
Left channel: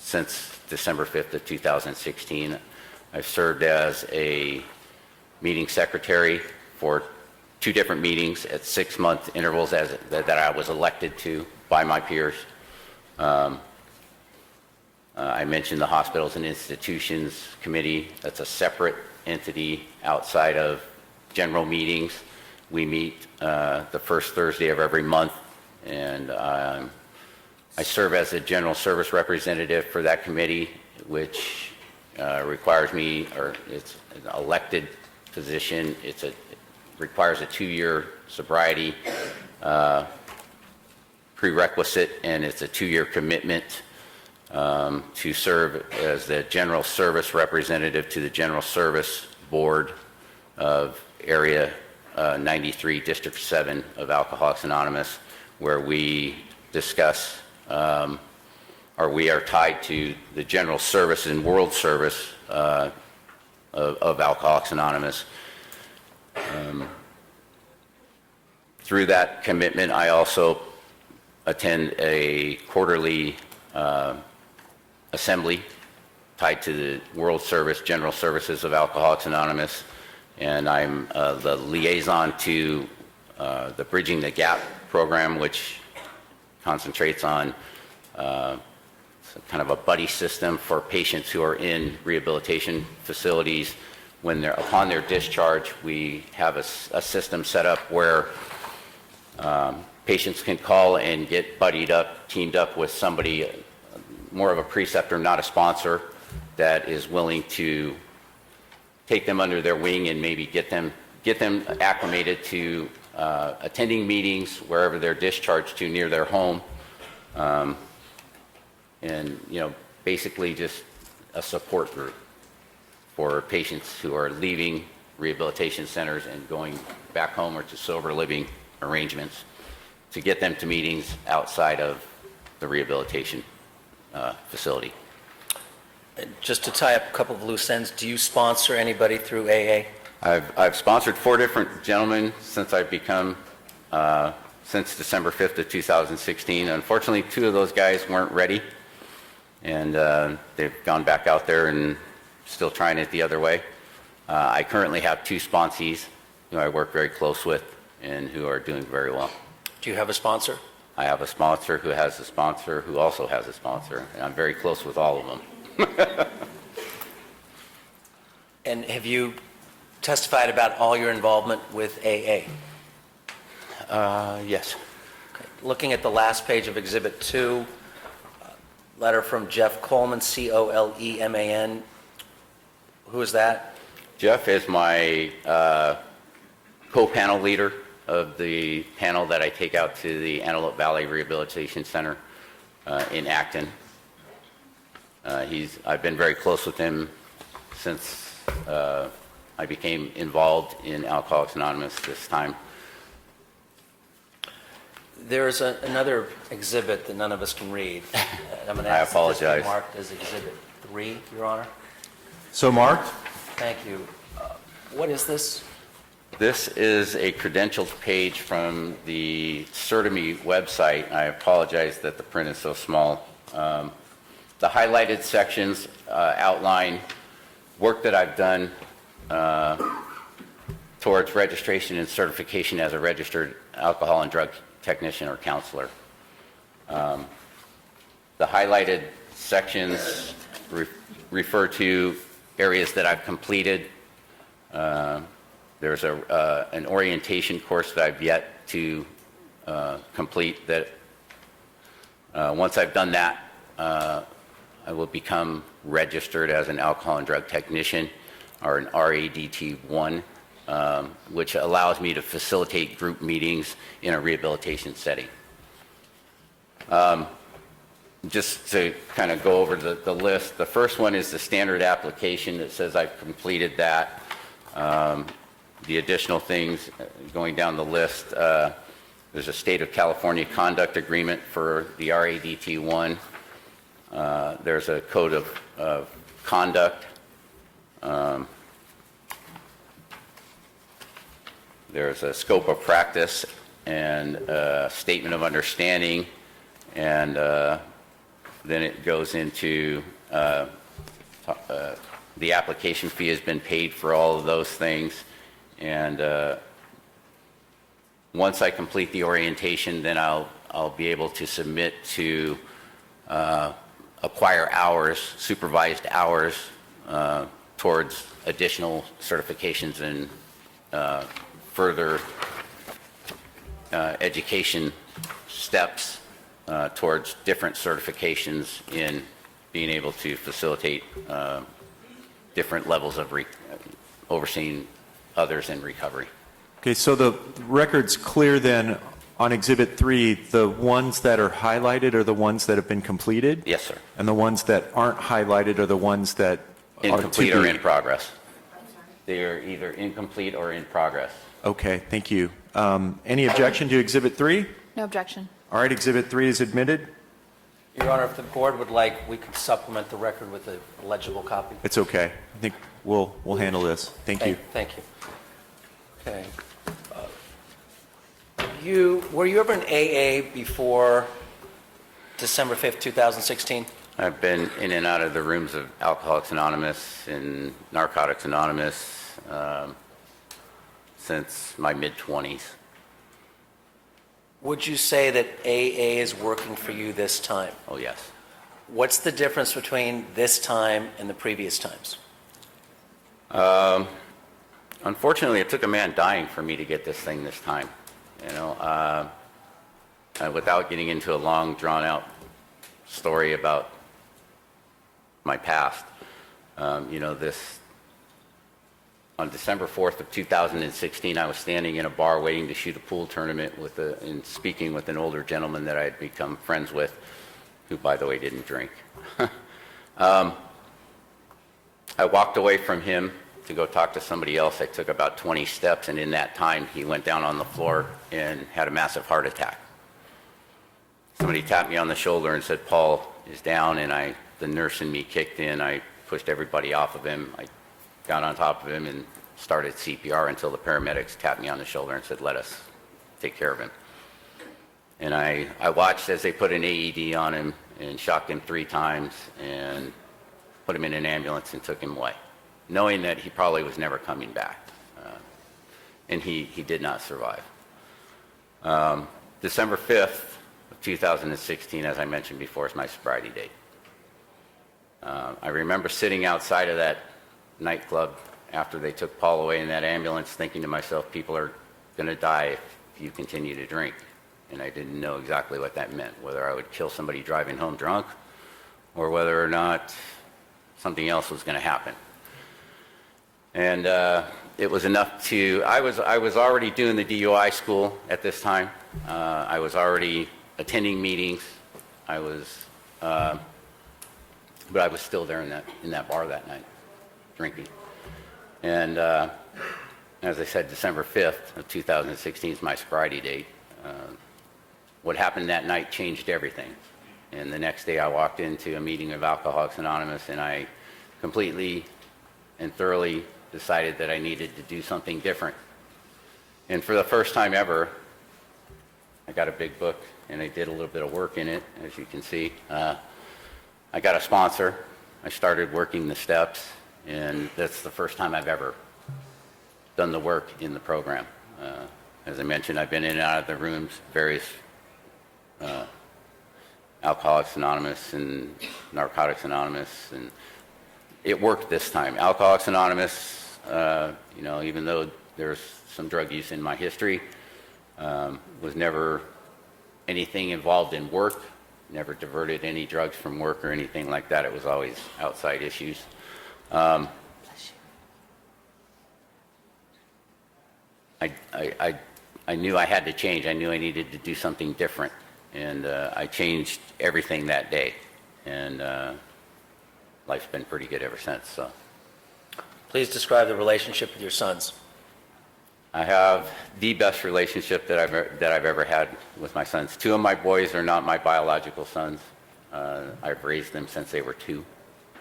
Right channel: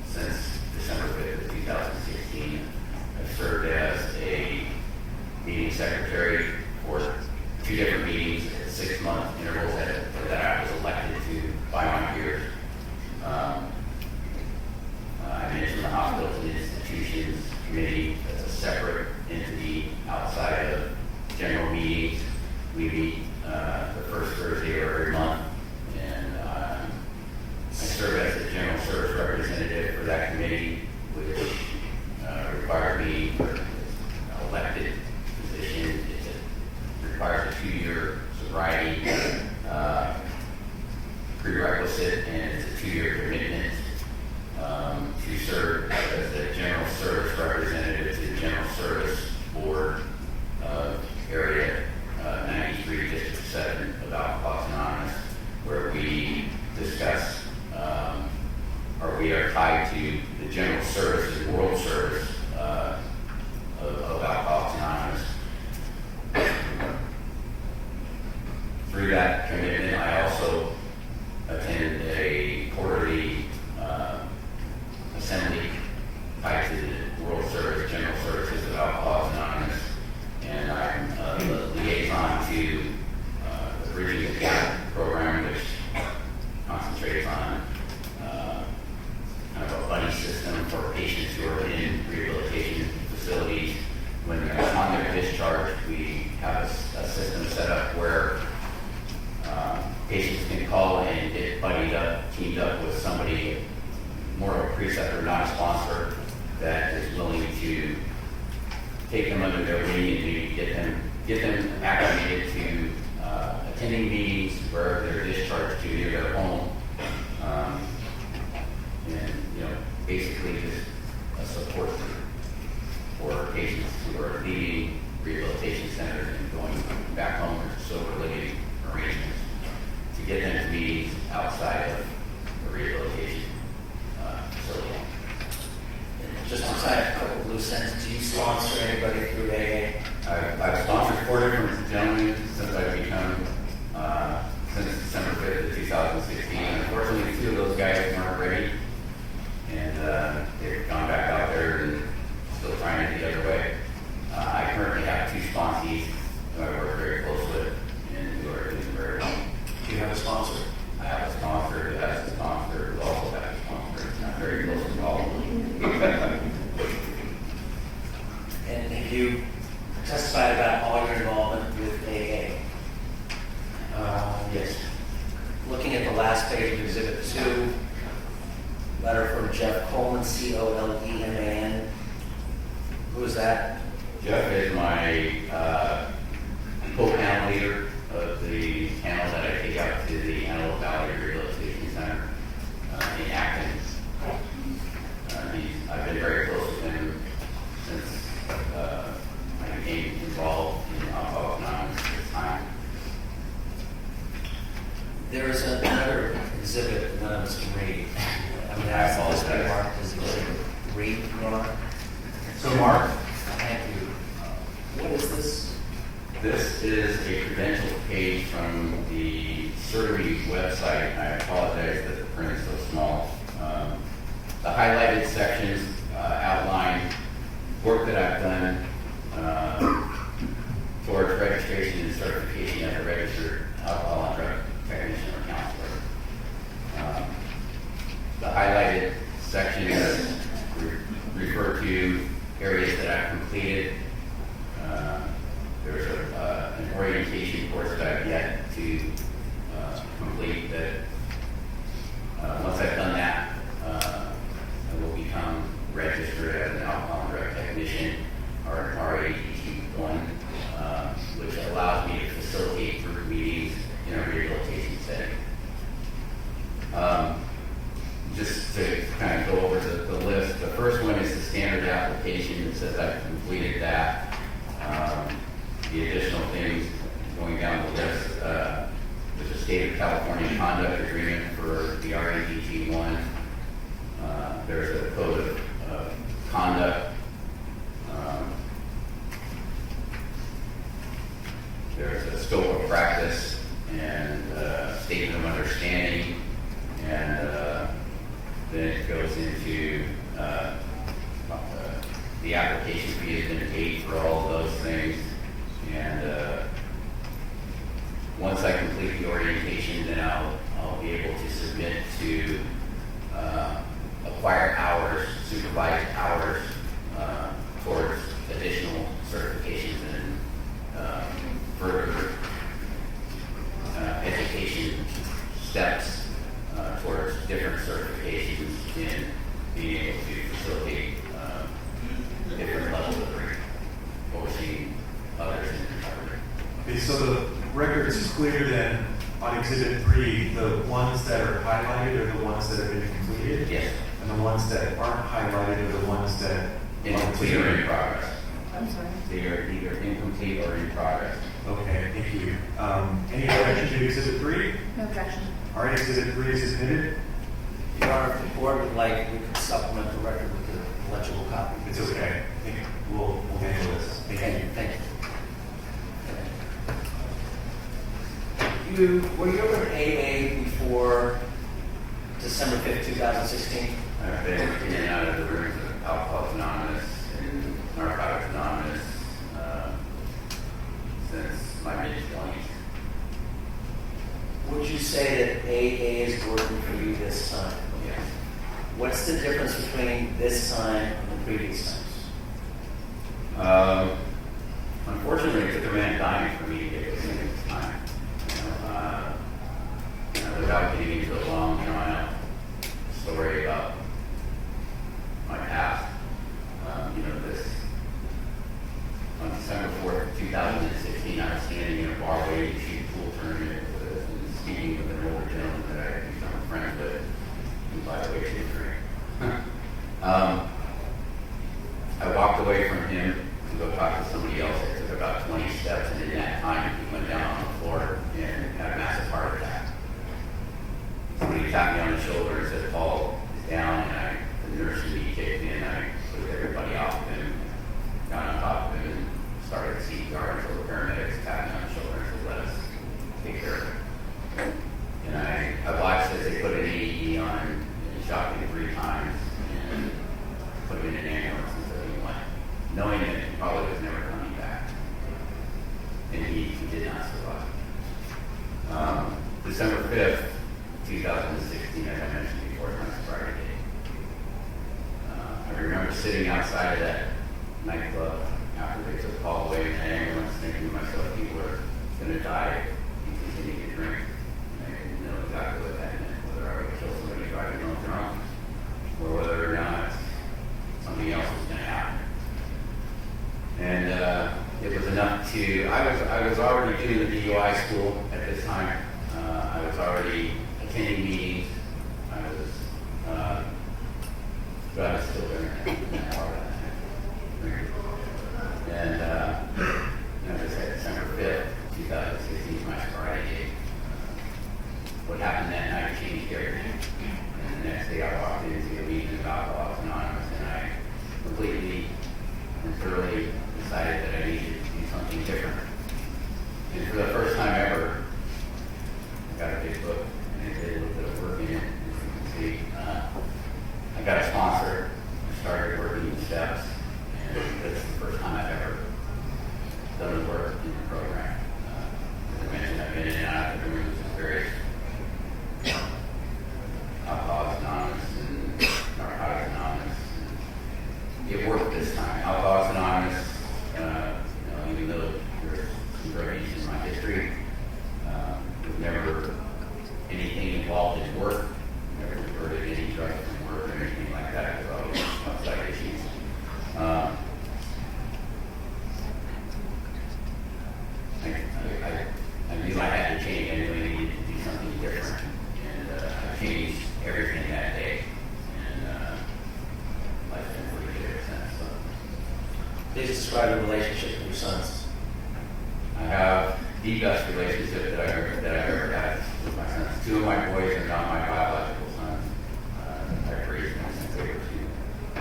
since December 5th of 2016. I've served as a meeting secretary for 2 different meetings at 6-month intervals that I was elected to by my peers. I mentioned the Hospitals and Institutions Committee. That's a separate entity outside of general meetings. We meet the first Thursday of every month, and I serve as the general service representative for that committee, which requires me, or it's an elected position. Requires a 2-year sobriety prerequisite, and it's a 2-year commitment to serve as the general service representative to the General Service Board of Area 93, District 7 of Alcoholics Anonymous, where we discuss, or we are tied to the general service and world service of Alcoholics Anonymous. Through that commitment, I also attend a quarterly assembly tied to the World Service, General Services of Alcoholics Anonymous, and I'm the liaison to the Bridging the Gap program, which concentrates on kind of a buddy system for patients who are in rehabilitation facilities. When they're upon their discharge, we have a system set up where patients can call and get buddied up, teamed up with somebody, more of a preceptor, not a sponsor, that is willing to take them under their wing and maybe get them acclimated to attending meetings wherever they're discharged to near their home, and basically just a support group for patients who are leaving rehabilitation centers and going back home or to sober living arrangements, to get them to meetings outside of the rehabilitation facility. Just to tie up a couple of loose ends, do you sponsor anybody through AA? I've sponsored 4 different gentlemen since I've become, since December 5th of 2016. Unfortunately, 2 of those guys weren't ready, and they've gone back out there and still trying it the other way. I currently have 2 sponsees who I work very close with and who are doing very well. Do you have a sponsor? I have a sponsor who has a sponsor who also has a sponsor, and I'm very close with all of them. And have you testified about all your involvement with AA? Yes. Looking at the last page of Exhibit 2, letter from Jeff Coleman, Coleman. Who is that? Jeff is my co-panel leader of the panel that I take out to the Antelope Valley Rehabilitation Center in Acton. I've been very close with him since I became involved in Alcoholics Anonymous this time. There is another exhibit that none of us can read. I'm going to ask apologize. this to be marked as exhibit read, Your Honor. So marked. Thank you. What is this? This is a credentials page from the CertiMe website. I apologize that the print is so small. The highlighted sections outline work that I've done towards registration and certification as a registered alcohol and drug technician or counselor. The highlighted sections refer to areas that I've completed. There's an orientation course that I've yet to complete that once I've done that, I will become registered as an alcohol and drug technician, or an RADT1, which allows me to facilitate group meetings in a rehabilitation setting. Just to kind of go over the list, the first one is the standard application that says I've completed that. The additional things, going down the list, there's a State of California conduct agreement for the RADT1. There's a code of conduct. There's a scope of practice and a statement of understanding, and then it goes into the application fee has been paid for all of those things, and once I complete the orientation, then I'll be able to submit to acquire hours, supervised hours, towards additional certifications and further education steps towards different certifications in being able to facilitate different levels of overseeing others in recovery. Okay, so the record's clear then on Exhibit 3, the ones that are highlighted are the ones that have been completed? Yes, sir. And the ones that aren't highlighted are the ones that are Incomplete or in progress. I'm sorry. They are either incomplete or in progress. Okay, thank you. Any objection to Exhibit 3? No objection. All right, Exhibit 3 is admitted. Your Honor, if the board would like, we could supplement the record with a legible copy. It's okay. I think we'll handle this. Thank you. Thank you. Okay. Were you ever in AA before December 5th, 2016? I've been in and out of the rooms of Alcoholics Anonymous and Narcotics Anonymous since my mid-20s. Would you say that AA is working for you this time? Oh, yes. What's the difference between this time and the previous times? Unfortunately, it took a man dying for me to get this thing this time. You know, without getting into a long, drawn-out story about my past, you know, on December 4th of 2016, I was standing in a bar waiting to shoot a pool tournament and speaking with an older gentleman that I had become friends with, who, by the way, didn't drink. I walked away from him to go talk to somebody else. I took about 20 steps, and in that time, he went down on the floor and had a massive heart attack. Somebody tapped me on the shoulder and said, "Paul is down," and the nurse in me kicked in. I pushed everybody off of him. I got on top of him and started CPR until the paramedics tapped me on the shoulder and said, "Let us take care of him." And I watched as they put an AED on him and shocked him 3 times and put him in an ambulance and took him away, knowing that he probably was never coming back. And he did not survive. December 5th, 2016, as I mentioned before, is my sobriety date. I remember sitting outside of that nightclub after they took Paul away in that ambulance, thinking to myself, people are going to die if you continue to drink. And I didn't know exactly what that meant, whether I would kill somebody driving home drunk or whether or not something else was going to happen. And it was enough to, I was already doing the DUI school at this time. I was already attending meetings. But I was still there in that bar that night, drinking. And as I said, December 5th of 2016 is my sobriety date. What happened that night changed everything. And the next day I walked into a meeting of Alcoholics Anonymous, and I completely and thoroughly decided that I needed to do something different. And for the first time ever, I got a big book, and I did a little bit of work in it, as you can see. I got a sponsor. I started working the steps, and that's the first time I've ever done the work in the program. As I mentioned, I've been in and out of the rooms of various Alcoholics Anonymous and Narcotics Anonymous, and it worked this time. Alcoholics Anonymous, you know, even though there's some drug use in my history, was never anything involved in work, never diverted any drugs from work or anything like that. It was always outside issues. I knew I had to change. I knew I needed to do something different. And I changed everything that day. And life's been pretty good ever since. So. Please describe your relationship with your sons. I have the best relationship that I've ever had with my sons. 2 of my boys are not my biological sons. I've raised them since they were 2.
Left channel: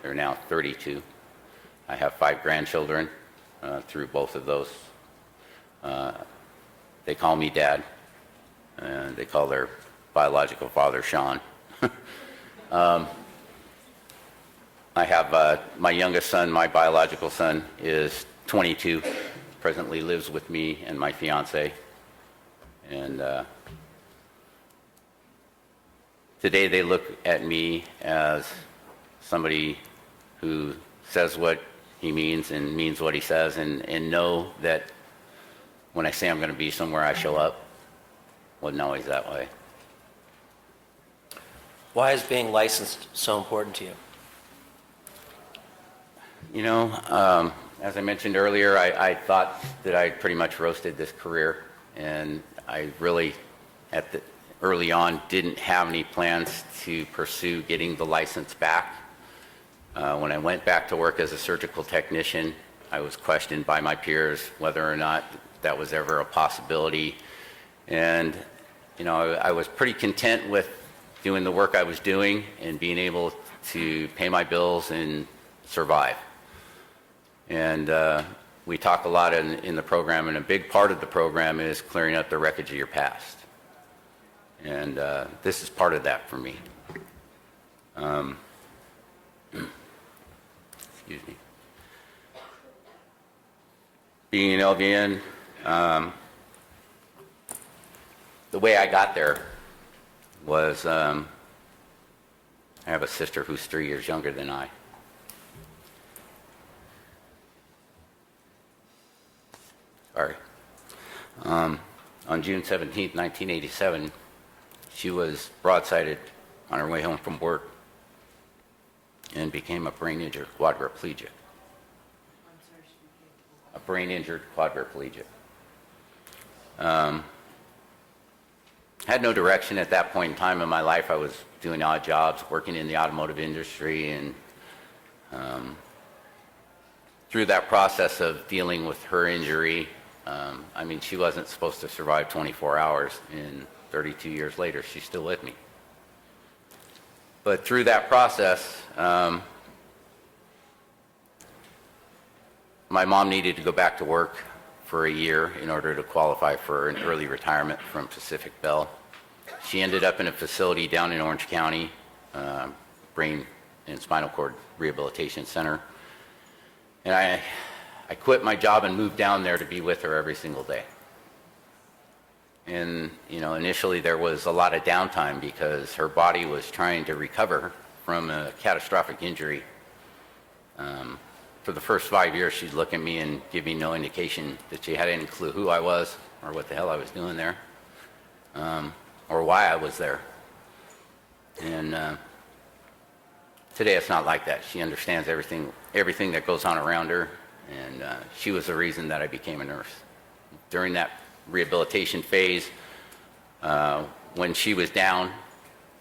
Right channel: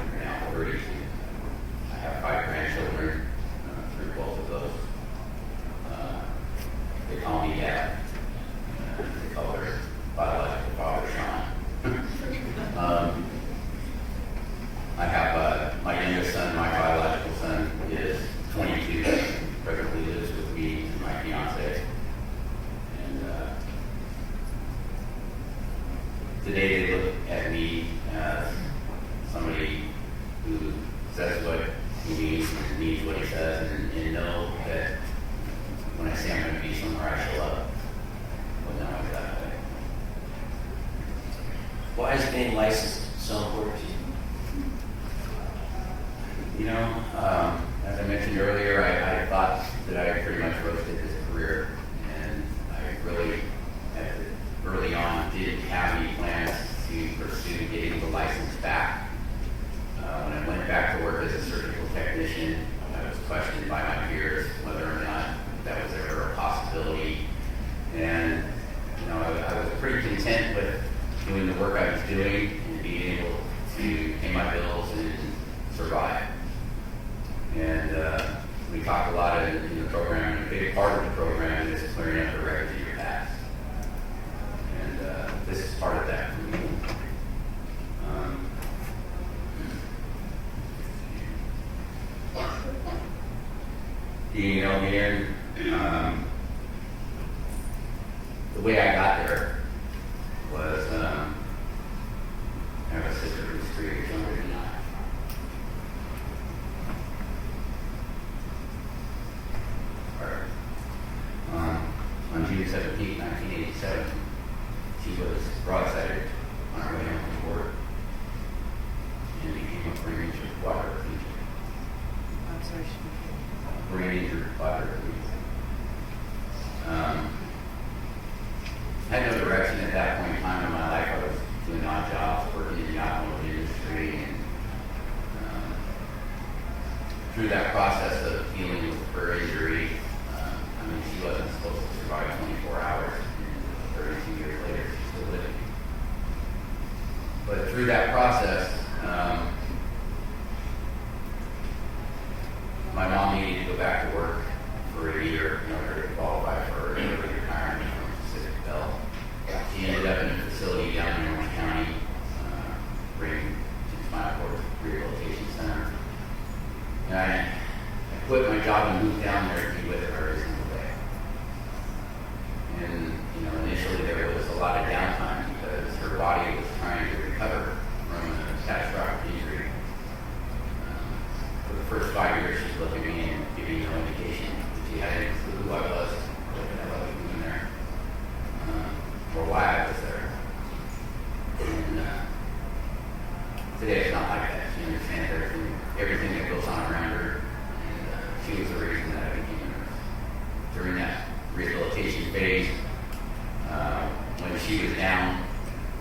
They're now 32. I have 5 grandchildren through both of those. They call me Dad. They call their biological father Sean. I have my youngest son, my biological son, is 22. Presently lives with me and my fiance. And today they look at me as somebody who says what he means and means what he says, and know that when I say I'm going to be somewhere, I show up. Wasn't always that way. Why is being licensed so important to you? You know, as I mentioned earlier, I thought that I pretty much roasted this career, and I really, early on, didn't have any plans to pursue getting the license back. When I went back to work as a surgical technician, I was questioned by my peers whether or not that was ever a possibility. And, you know, I was pretty content with doing the work I was doing and being able to pay my bills and survive. And we talk a lot in the program, and a big part of the program is clearing up the wreckage of your past. And this is part of that for me. Excuse me. Being an LVN, the way I got there was I have a sister who's 3 years younger than I. Sorry. On June 17, 1987, she was broadsided on her way home from work and became a brain injured quadriplegic. I'm sorry. A brain injured quadriplegic. Had no direction at that point in time in my life. I was doing odd jobs, working in the automotive industry, and through that process of dealing with her injury, I mean, she wasn't supposed to survive 24 hours, and 32 years later, she's still with me. But through that process, my mom needed to go back to work for a year in order to qualify for an early retirement from Pacific Bell. She ended up in a facility down in Orange County, Brain and Spinal Cord Rehabilitation Center. And I quit my job and moved down there to be with her every single day. And, you know, initially there was a lot of downtime because her body was trying to recover from a catastrophic injury. For the first 5 years, she'd look at me and give me no indication that she had any clue who I was or what the hell I was doing there, or why I was there. And today it's not like that. She understands everything that goes on around her, and she was the reason that I became a nurse. During that rehabilitation phase, when she was down,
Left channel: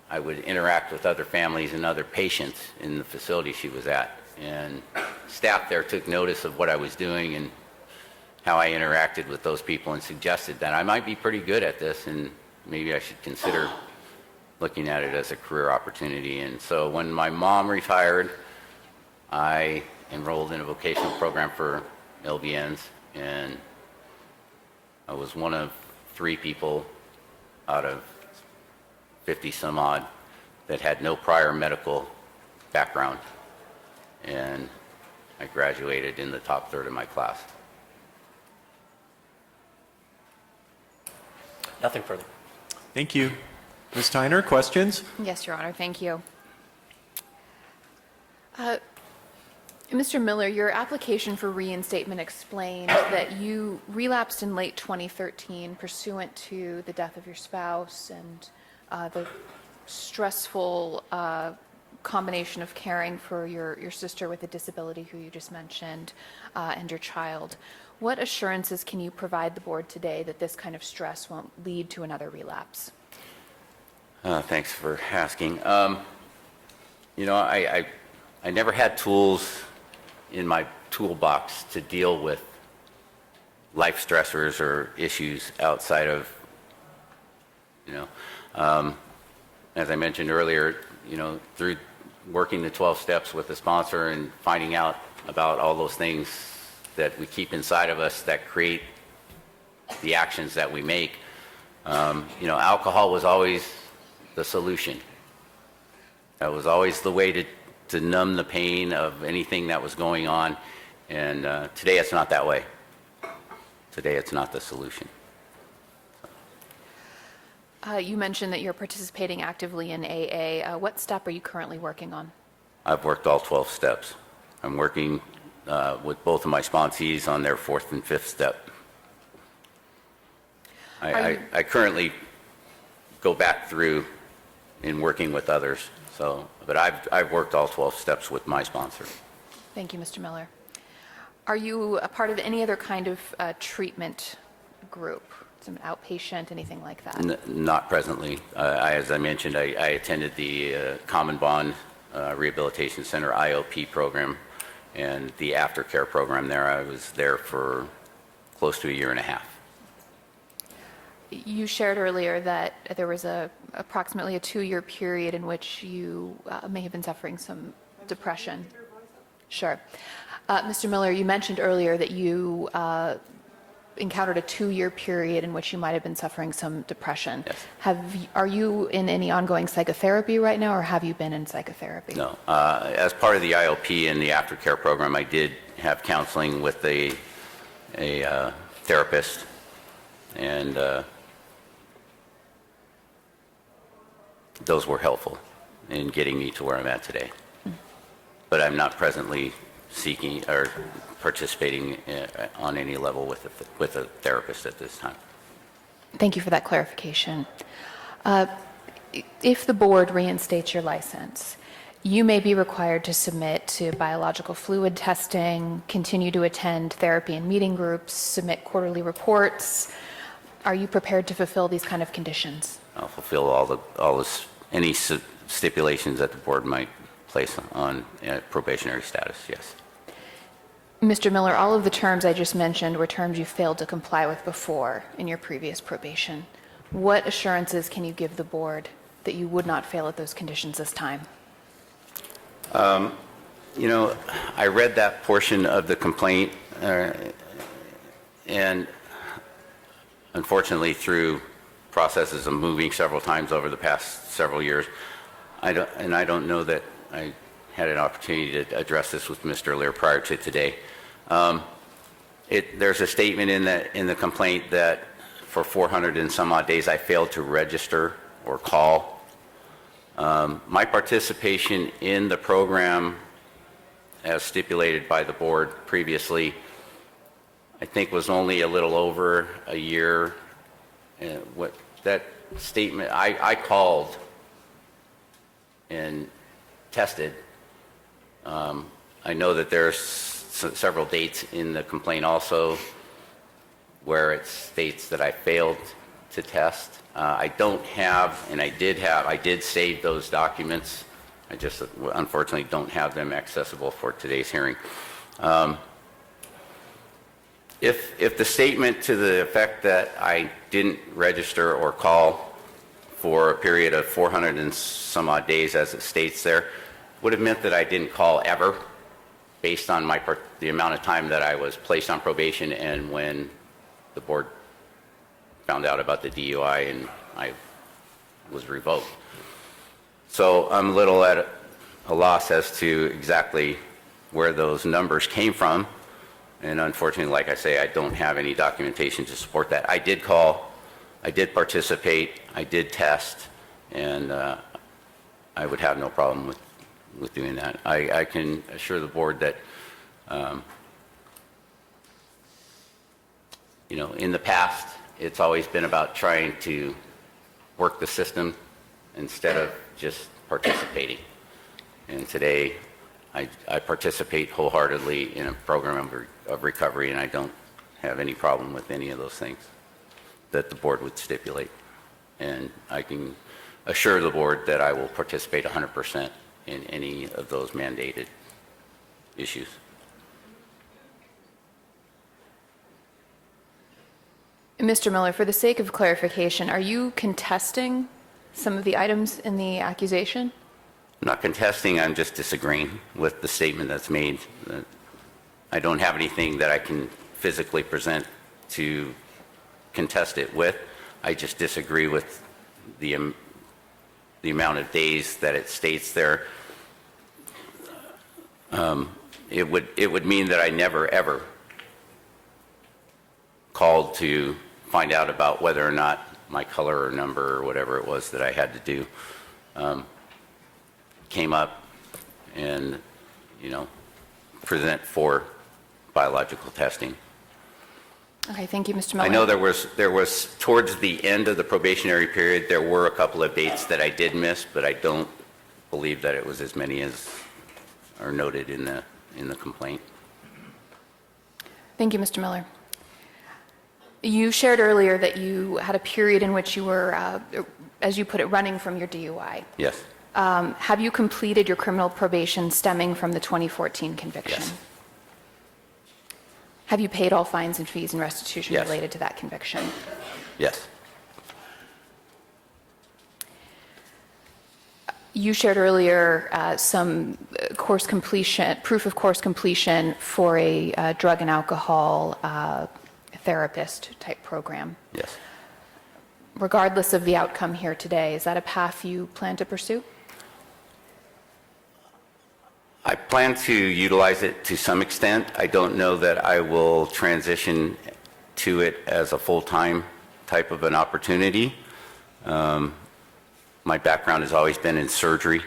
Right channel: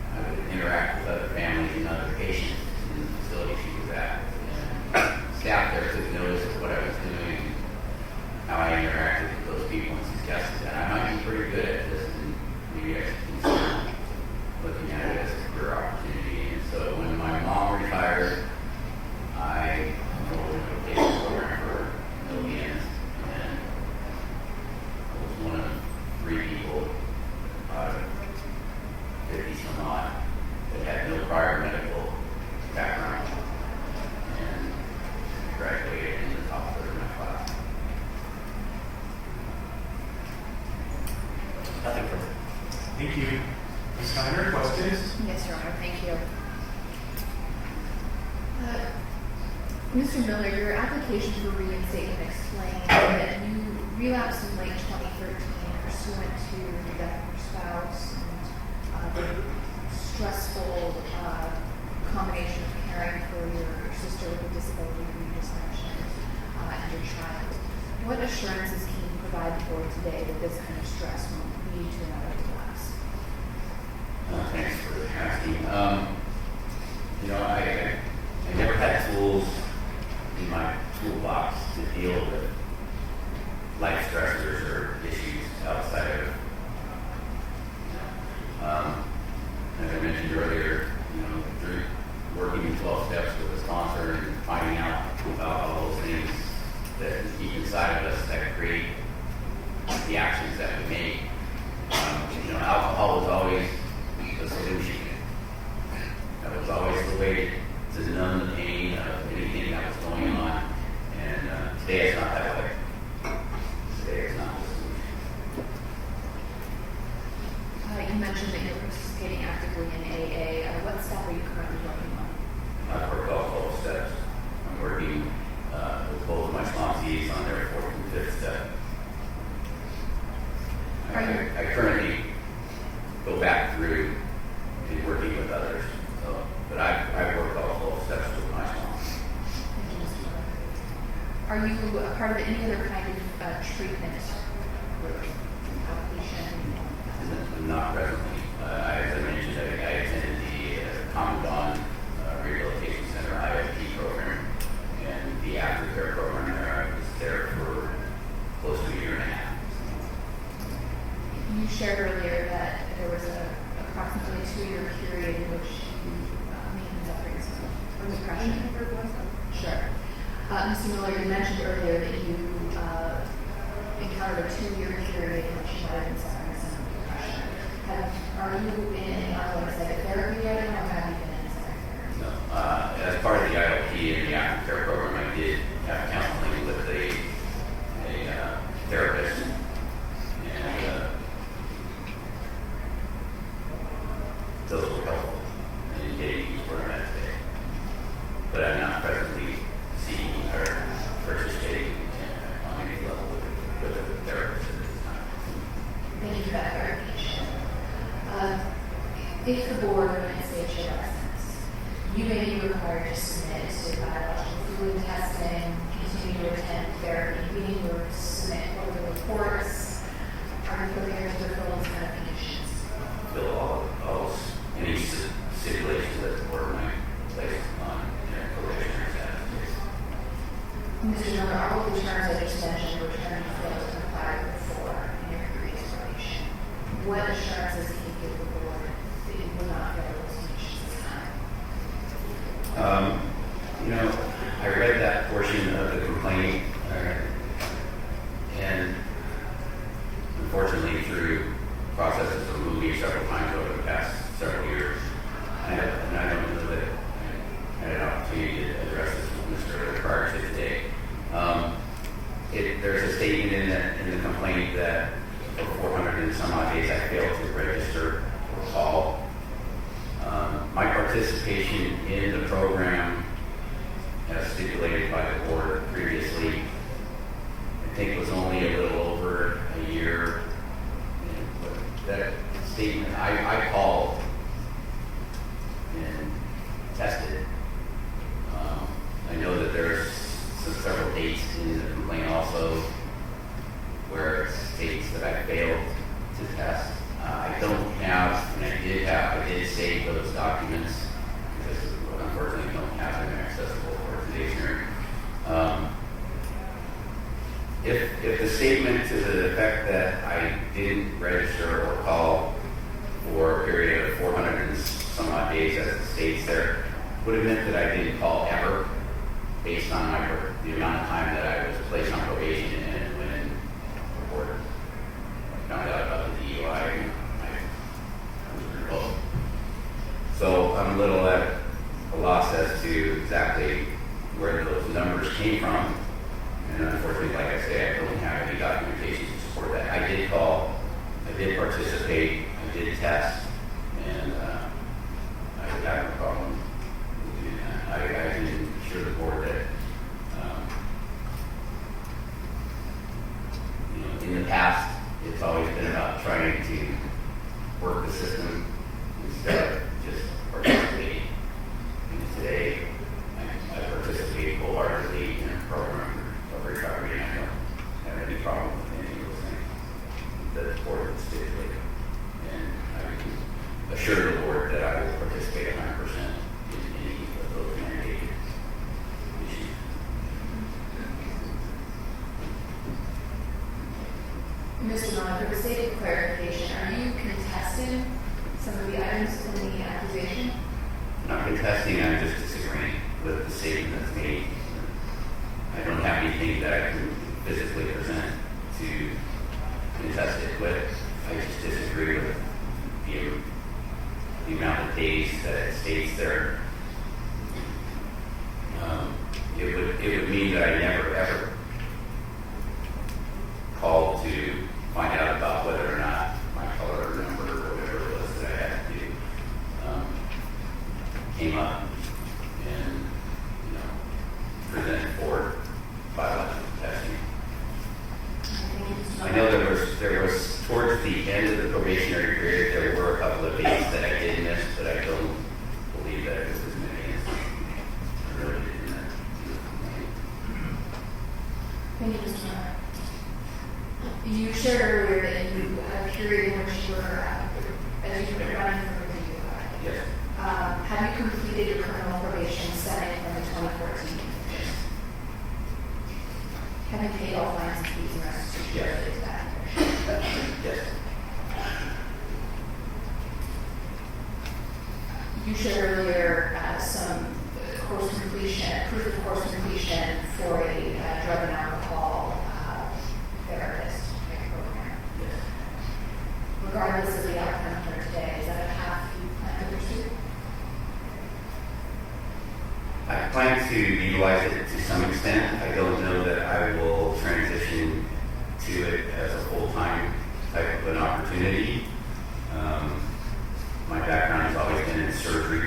I would interact with other families and other patients in the facility she was at. And staff there took notice of what I was doing and how I interacted with those people and suggested that I might be pretty good at this and maybe I should consider looking at it as a career opportunity. And so when my mom retired, I enrolled in a vocational program for LVNs, and I was one of 3 people out of 50 some odd that had no prior medical background. And I graduated in the top third of my class. Nothing further. Thank you. Ms. Tyner, questions? Yes, Your Honor, thank you. Mr. Miller, your application for reinstatement explained that you relapsed in late 2013 pursuant to the death of your spouse and the stressful combination of caring for your sister with a disability who you just mentioned and your child. What assurances can you provide the board today that this kind of stress won't lead to another relapse? Thanks for asking. You know, I never had tools in my toolbox to deal with life stressors or issues outside of, you know, as I mentioned earlier, you know, through working the 12 steps with the sponsor and finding out about all those things that we keep inside of us that create the actions that we make. You know, alcohol was always the solution. That was always the way to numb the pain of anything that was going on. And today it's not that way. Today it's not the solution. You mentioned that you're participating actively in AA. What step are you currently working on? I've worked all 12 steps. I'm working with both of my sponsees on their 4th and 5th step. I currently go back through in working with others, but I've worked all 12 steps with my sponsor. Thank you, Mr. Miller. Are you a part of any other kind of treatment group, some outpatient, anything like that? Not presently. As I mentioned, I attended the Common Bond Rehabilitation Center IOP program and the aftercare program there. I was there for close to a year and a half. You shared earlier that there was approximately a 2-year period in which you may have been suffering some depression. Sure. Mr. Miller, you mentioned earlier that you encountered a 2-year period in which you might have been suffering some depression. Yes. Are you in any ongoing psychotherapy right now, or have you been in psychotherapy? No. As part of the IOP and the aftercare program, I did have counseling with a therapist, and those were helpful in getting me to where I'm at today. But I'm not presently seeking or participating on any level with a therapist at this time. Thank you for that clarification. If the board reinstates your license, you may be required to submit to biological fluid testing, continue to attend therapy and meeting groups, submit quarterly reports. Are you prepared to fulfill these kind of conditions? I'll fulfill any stipulations that the board might place on probationary status, yes. Mr. Miller, all of the terms I just mentioned were terms you failed to comply with before in your previous probation. What assurances can you give the board that you would not fail at those conditions this time? I read that portion of the complaint, and unfortunately through processes of moving several times over the past several years, I don't know that I had an opportunity to address this with Mr. Lear prior to today. There's a statement in the complaint that for 400 and some odd days I failed to register or call. My participation in the program, as stipulated by the board previously, I think was only a little over a year. And what that statement, I called and tested. I know that there's several dates in the complaint also where it states that I failed to test. I don't have, and I did save those documents. I just unfortunately don't have them accessible for today's hearing. If the statement to the effect that I didn't register or call for a period of 400 and some odd days, as it states there, would have meant that I didn't call ever, based on the amount of time that I was placed on probation and when the board found out about the DUI and I was revoked. So I'm a little at a loss as to exactly where those numbers came from. And unfortunately, like I say, I don't have any documentation to support that. I did call, I did participate, I did test, and I would have no problem with doing that. I can assure the board that, in the past, it's always been about trying to work the system instead of just participating. And today, I participate wholeheartedly in a program of recovery, and I don't have any problem with any of those things that the board would stipulate. And I can assure the board that I will participate 100% in any of those mandated issues. Mr. Miller, for the sake of clarification, are you contesting some of the items in the accusation? I'm not contesting, I'm just disagreeing with the statement that's made. I don't have anything that I can physically present to contest it with. I just disagree with the amount of days that it states there. It would mean that I never ever called to find out about whether or not my color or number or whatever it was that I had to do came up and, present for biological testing. Okay, thank you, Mr. Miller. I know there was towards the end of the probationary period, there were a couple of dates that I did miss, but I don't believe that it was as many as are noted in the complaint. Thank you, Mr. Miller. You shared earlier that you had a period in which you were, as you put it, running from your DUI. Yes. Have you completed your criminal probation stemming from the 2014 conviction? Yes. Have you paid all fines and fees and restitution Yes. related to that conviction? Yes. You shared earlier some course completion, proof of course completion for a drug and alcohol therapist type program. Yes. Regardless of the outcome here today, is that a path you plan to pursue? I plan to utilize it to some extent. I don't know that I will transition to it as a full-time type of an opportunity. My background has always been in surgery,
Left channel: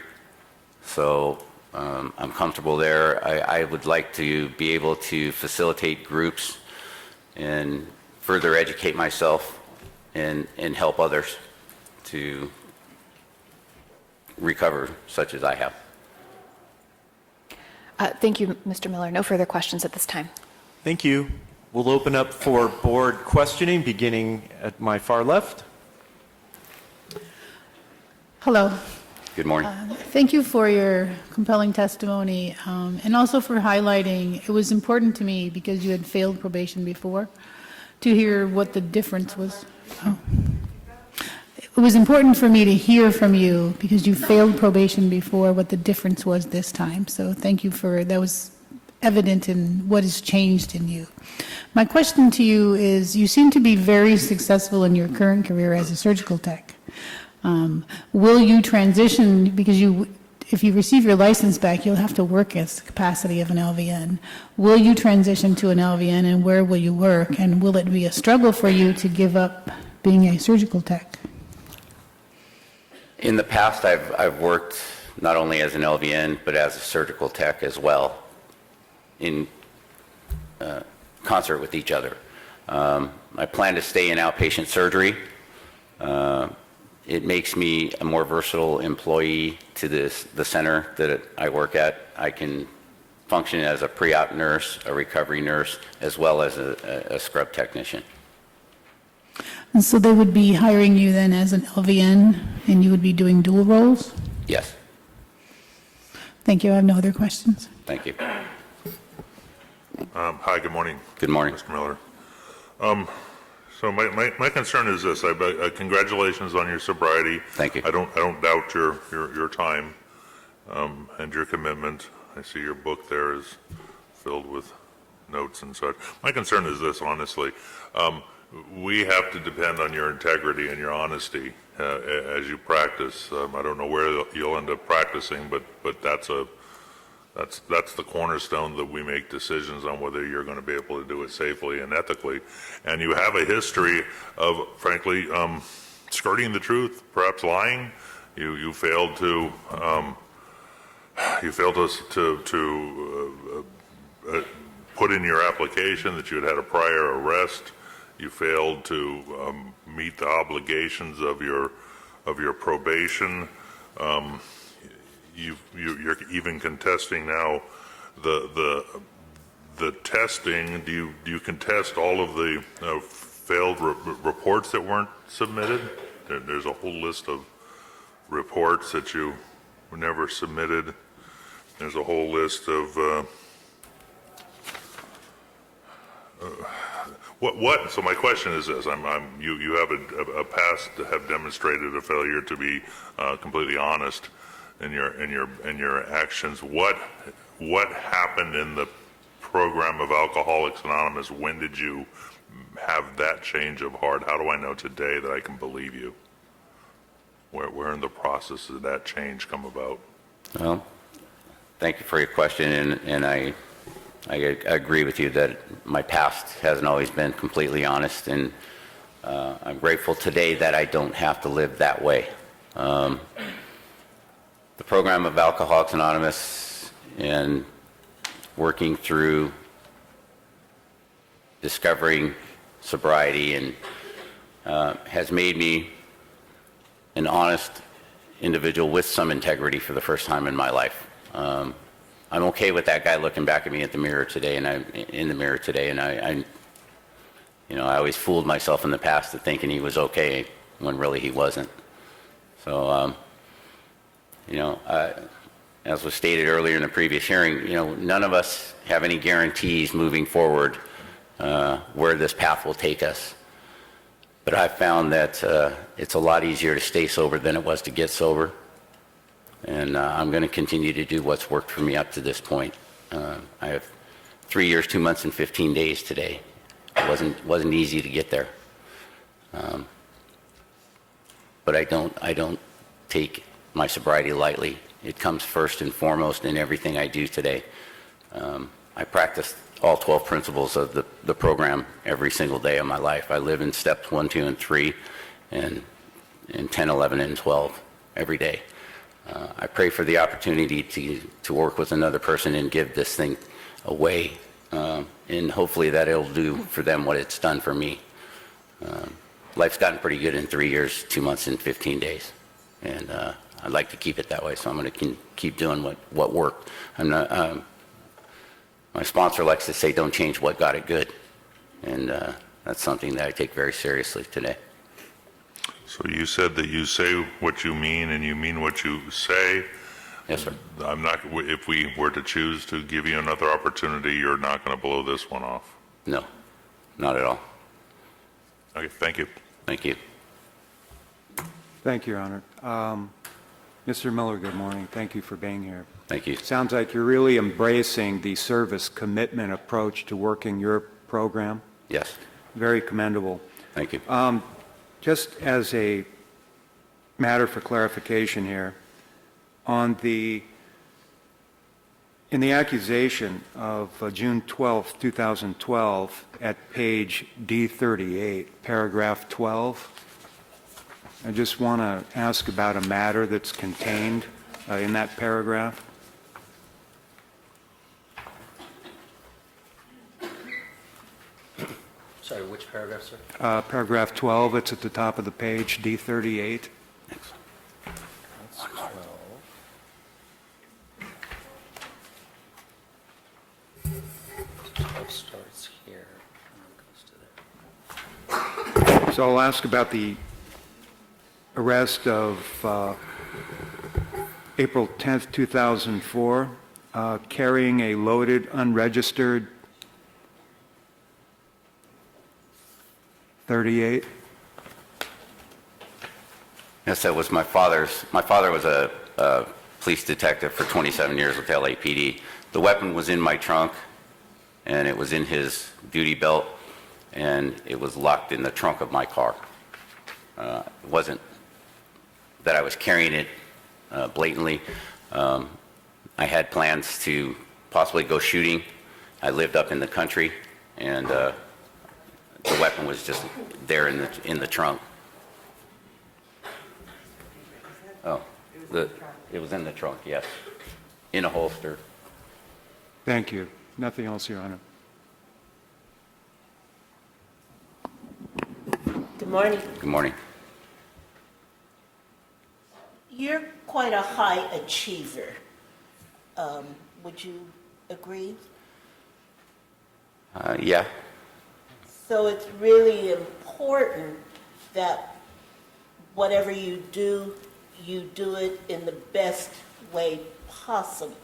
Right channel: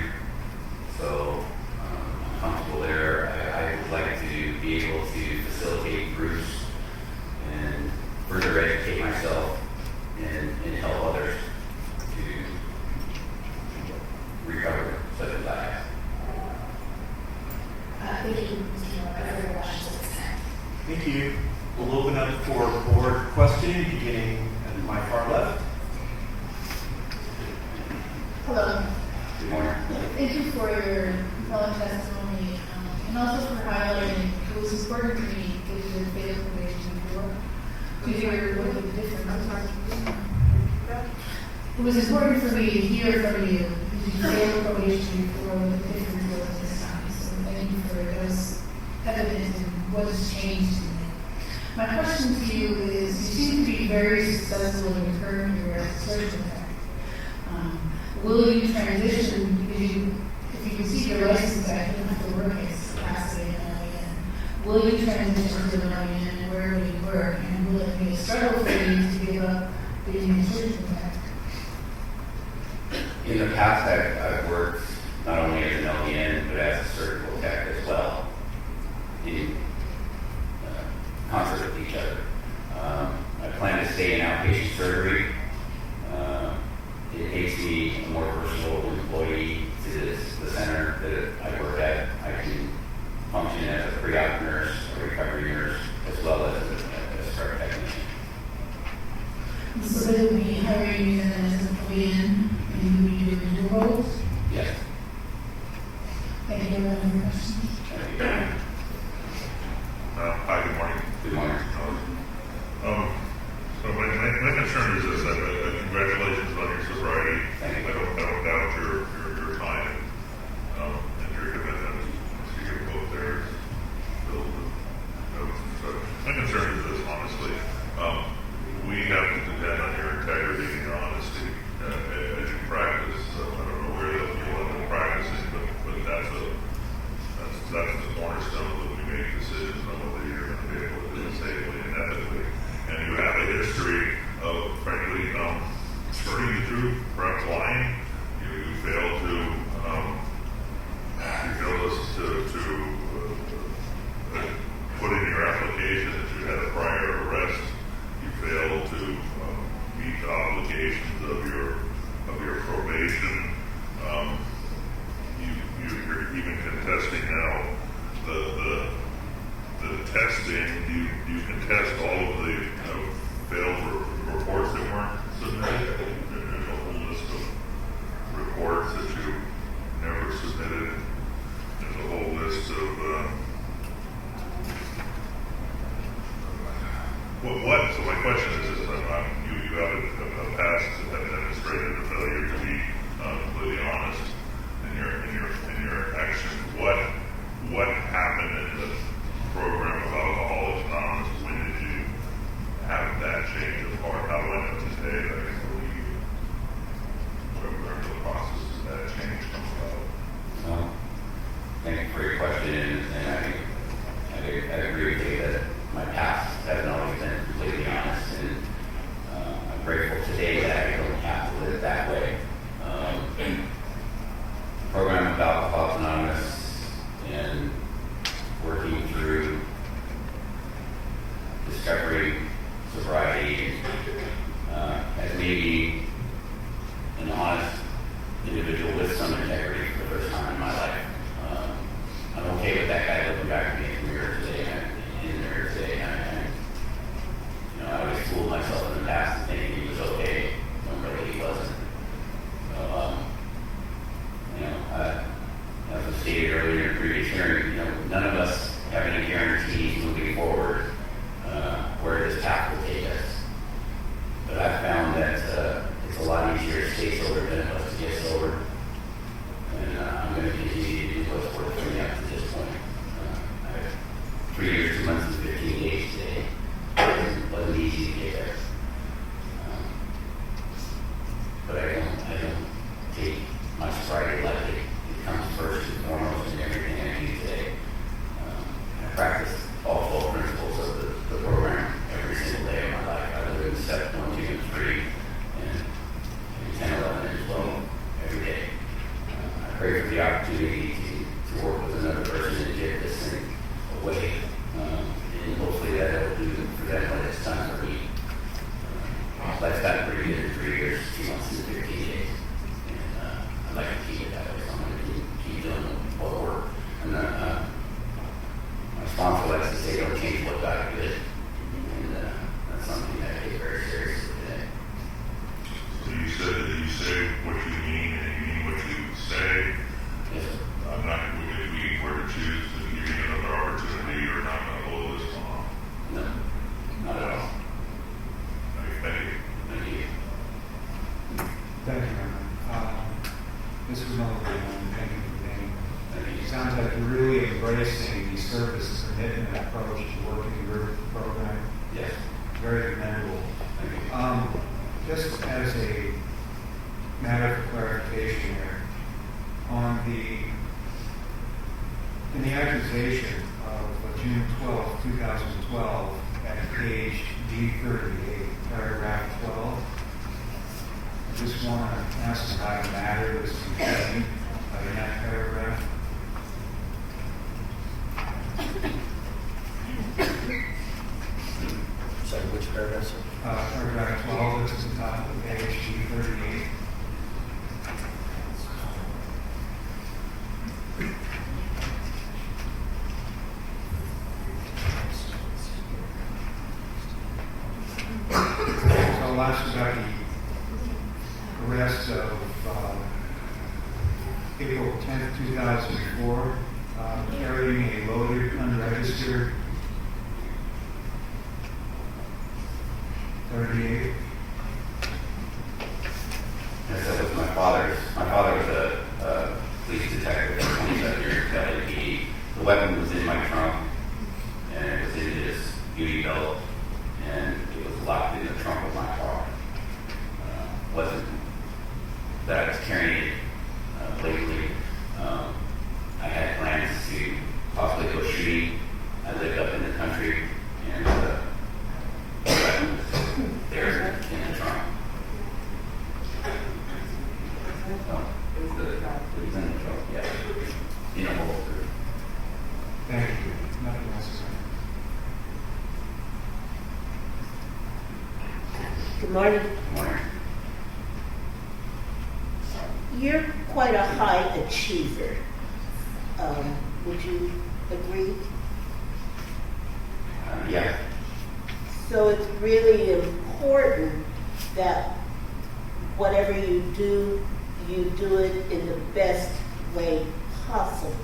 so I'm comfortable there. I would like to be able to facilitate groups and further educate myself and help others to recover such as I have. Thank you, Mr. Miller. No further questions at this time. Thank you. We'll open up for board questioning, beginning at my far left. Hello. Good morning. Thank you for your compelling testimony, and also for highlighting, it was important to me because you had failed probation before, to hear what the difference was. It was important for me to hear from you because you failed probation before, what the difference was this time. So thank you for, that was evident in what has changed in you. My question to you is, you seem to be very successful in your current career as a surgical tech. Will you transition, because if you receive your license back, you'll have to work at the capacity of an LVN. Will you transition to an LVN, and where will you work? And will it be a struggle for you to give up being a surgical tech? In the past, I've worked not only as an LVN, but as a surgical tech as well, in concert with each other. I plan to stay in outpatient surgery. It makes me a more versatile employee to the center that I work at. I can function as a pre-op nurse, a recovery nurse, as well as a scrub technician. And so they would be hiring you then as an LVN, and you would be doing dual roles? Yes. Thank you. I have no other questions. Thank you. Hi, good morning. Good morning. Mr. Miller. So my concern is this. Congratulations on your sobriety. Thank you. I don't doubt your time and your commitment. I see your book there is filled with notes and such. My concern is this, honestly. We have to depend on your integrity and your honesty as you practice. I don't know where you'll end up practicing, but that's the cornerstone that we make decisions on whether you're going to be able to do it safely and ethically. And you have a history of, frankly, skirting the truth, perhaps lying. You failed to put in your application that you had a prior arrest. You failed to meet the obligations of your probation. You're even contesting now the testing. Do you contest all of the failed reports that weren't submitted? There's a whole list of reports that you never submitted. There's a whole list of what? So my question is this: you have a past that have demonstrated a failure to be completely honest in your actions. What happened in the program of Alcoholics Anonymous? When did you have that change of heart? How do I know today that I can believe you? Where in the process did that change come about? Well, thank you for your question, and I agree with you that my past hasn't always been completely honest, and I'm grateful today that I don't have to live that way. The program of Alcoholics Anonymous and working through discovering sobriety and has made me an honest individual with some integrity for the first time in my life. I'm okay with that guy looking back at me at the mirror today, and in the mirror today, and I always fooled myself in the past to thinking he was okay when really he wasn't. So, as was stated earlier in the previous hearing, none of us have any guarantees moving forward where this path will take us. But I've found that it's a lot easier to stay sober than it was to get sober. And I'm going to continue to do what's worked for me up to this point. I have 3 years, 2 months, and 15 days today. It wasn't easy to get there. But I don't take my sobriety lightly. It comes first and foremost in everything I do today. I practice all 12 principles of the program every single day of my life. I live in steps 1, 2, and 3, and 10, 11, and 12 every day. I pray for the opportunity to work with another person and give this thing away, and hopefully that it'll do for them what it's done for me. Life's gotten pretty good in 3 years, 2 months, and 15 days, and I'd like to keep it that way, so I'm going to keep doing what worked. My sponsor likes to say, don't change what got it good, and that's something that I take very seriously today. So you said that you say what you mean and you mean what you say. Yes, sir. If we were to choose to give you another opportunity, you're not going to blow this one off. No, not at all. Okay, thank you. Thank you. Thank you, Your Honor. Mr. Miller, good morning. Thank you for being here. Thank you. Sounds like you're really embracing the service commitment approach to working your program. Yes. Very commendable. Thank you. Just as a matter for clarification here, in the accusation of June 12, 2012, at page D38, paragraph 12, I just want to ask about a matter that's contained in that paragraph. Sorry, which paragraph, sir? Paragraph 12, it's at the top of the page, D38. So I'll ask about the arrest of April 10th, 2004, carrying a loaded, unregistered .38. Yes, that was my father's. My father was a police detective for 27 years with LAPD. The weapon was in my trunk, and it was in his duty belt, and it was locked in the trunk of my car. Wasn't that I was carrying it blatantly. I had plans to possibly go shooting. I lived up in the country, and the weapon was just there in the trunk. Oh, it was in the trunk, yes, in a holster. Thank you. Nothing else, Your Honor. Good morning. Good morning. You're quite a high achiever. Would you agree? Yeah. So it's really important that whatever you do it in the best way possible.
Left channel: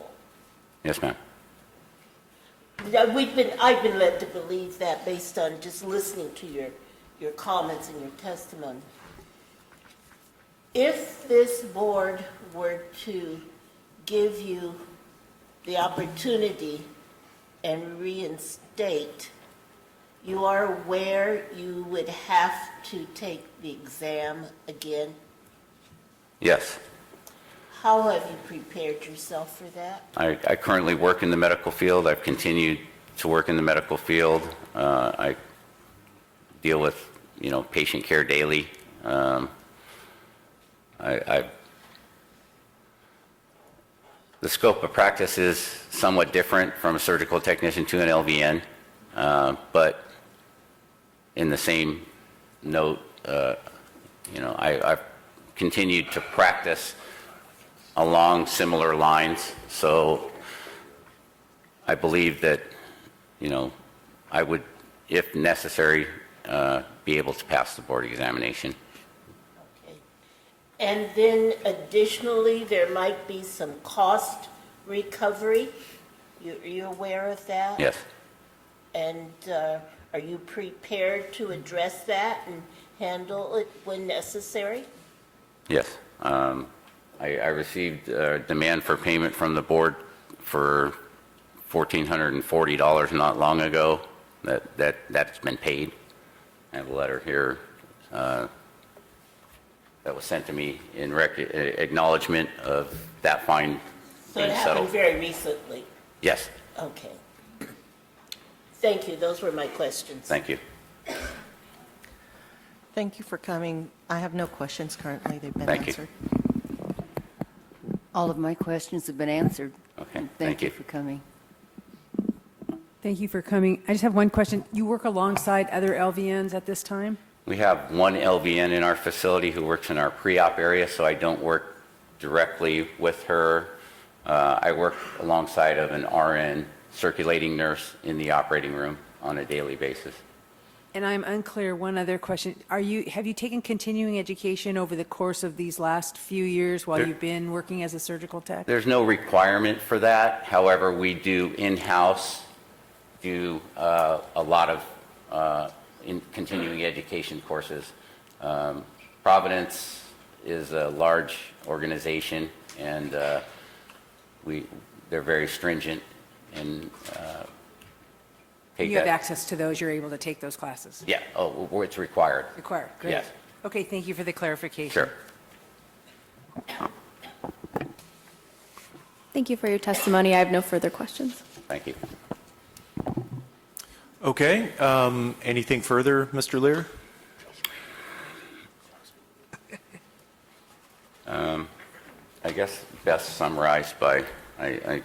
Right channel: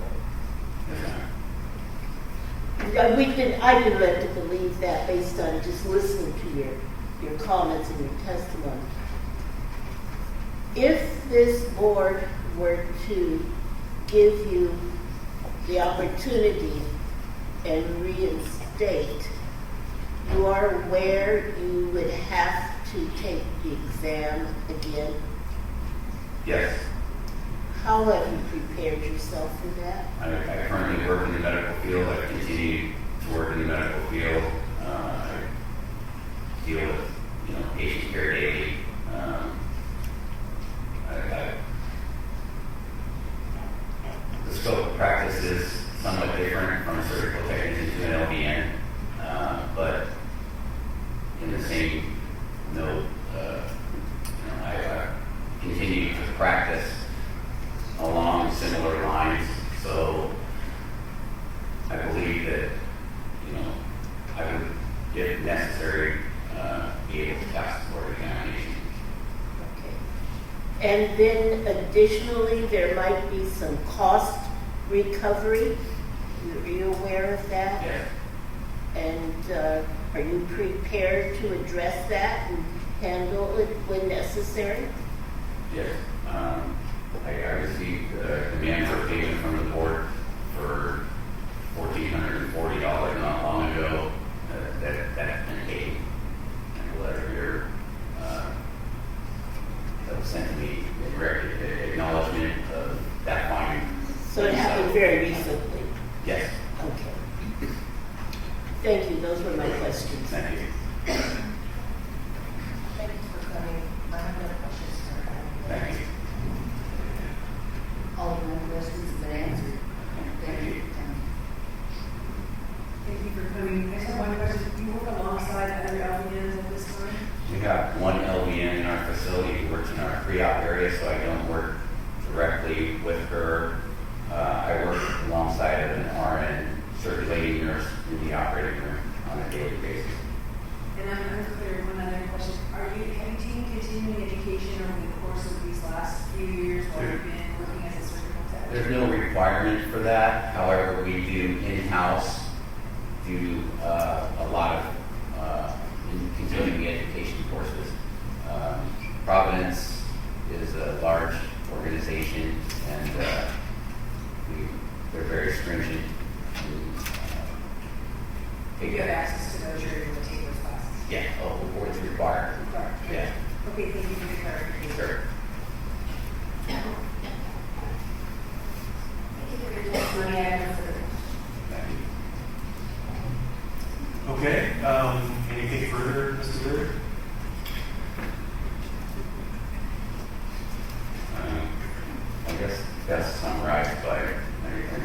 Yes, ma'am. I've been led to believe that based on just listening to your comments and your testimony. If this board were to give you the opportunity and reinstate, you are aware you would have to take the exam again? Yes. How have you prepared yourself for that? I currently work in the medical field. I've continued to work in the medical field. I deal with, patient care daily. The scope of practice is somewhat different from a surgical technician to an LVN, but in the same note, I've continued to practice along similar lines, so I believe that, I would, if necessary, be able to pass the board examination. And then additionally, there might be some cost recovery. Are you aware of that? Yes. And are you prepared to address that and handle it when necessary? Yes. I received a demand for payment from the board for $1,440 not long ago. That has been paid. I have a letter here that was sent to me in acknowledgement of that fine. So it happened very recently? Yes. Okay. Thank you. Those were my questions. Thank you. Thank you for coming. I have no questions currently. They've been Thank you. answered. All of my questions have been answered. Okay. Thank you for coming. Thank you for coming. I just have one question. You work alongside other LVNs at this time? We have one LVN in our facility who works in our pre-op area, so I don't work directly with her. I work alongside of an RN circulating nurse in the operating room on a daily basis. And I'm unclear, one other question. Have you taken continuing education over the course of these last few years while you've been working as a surgical tech? There's no requirement for that. However, we do in-house do a lot of in continuing education courses. Providence is a large organization, and they're very stringent and you have access to those, you're able to take those classes? Yeah, it's required. Required, good. Yes. Okay, thank you for the clarification. Sure. Thank you for your testimony. I have no further questions. Thank you. Okay, anything further, Mr. Lear? I guess best summarized by, I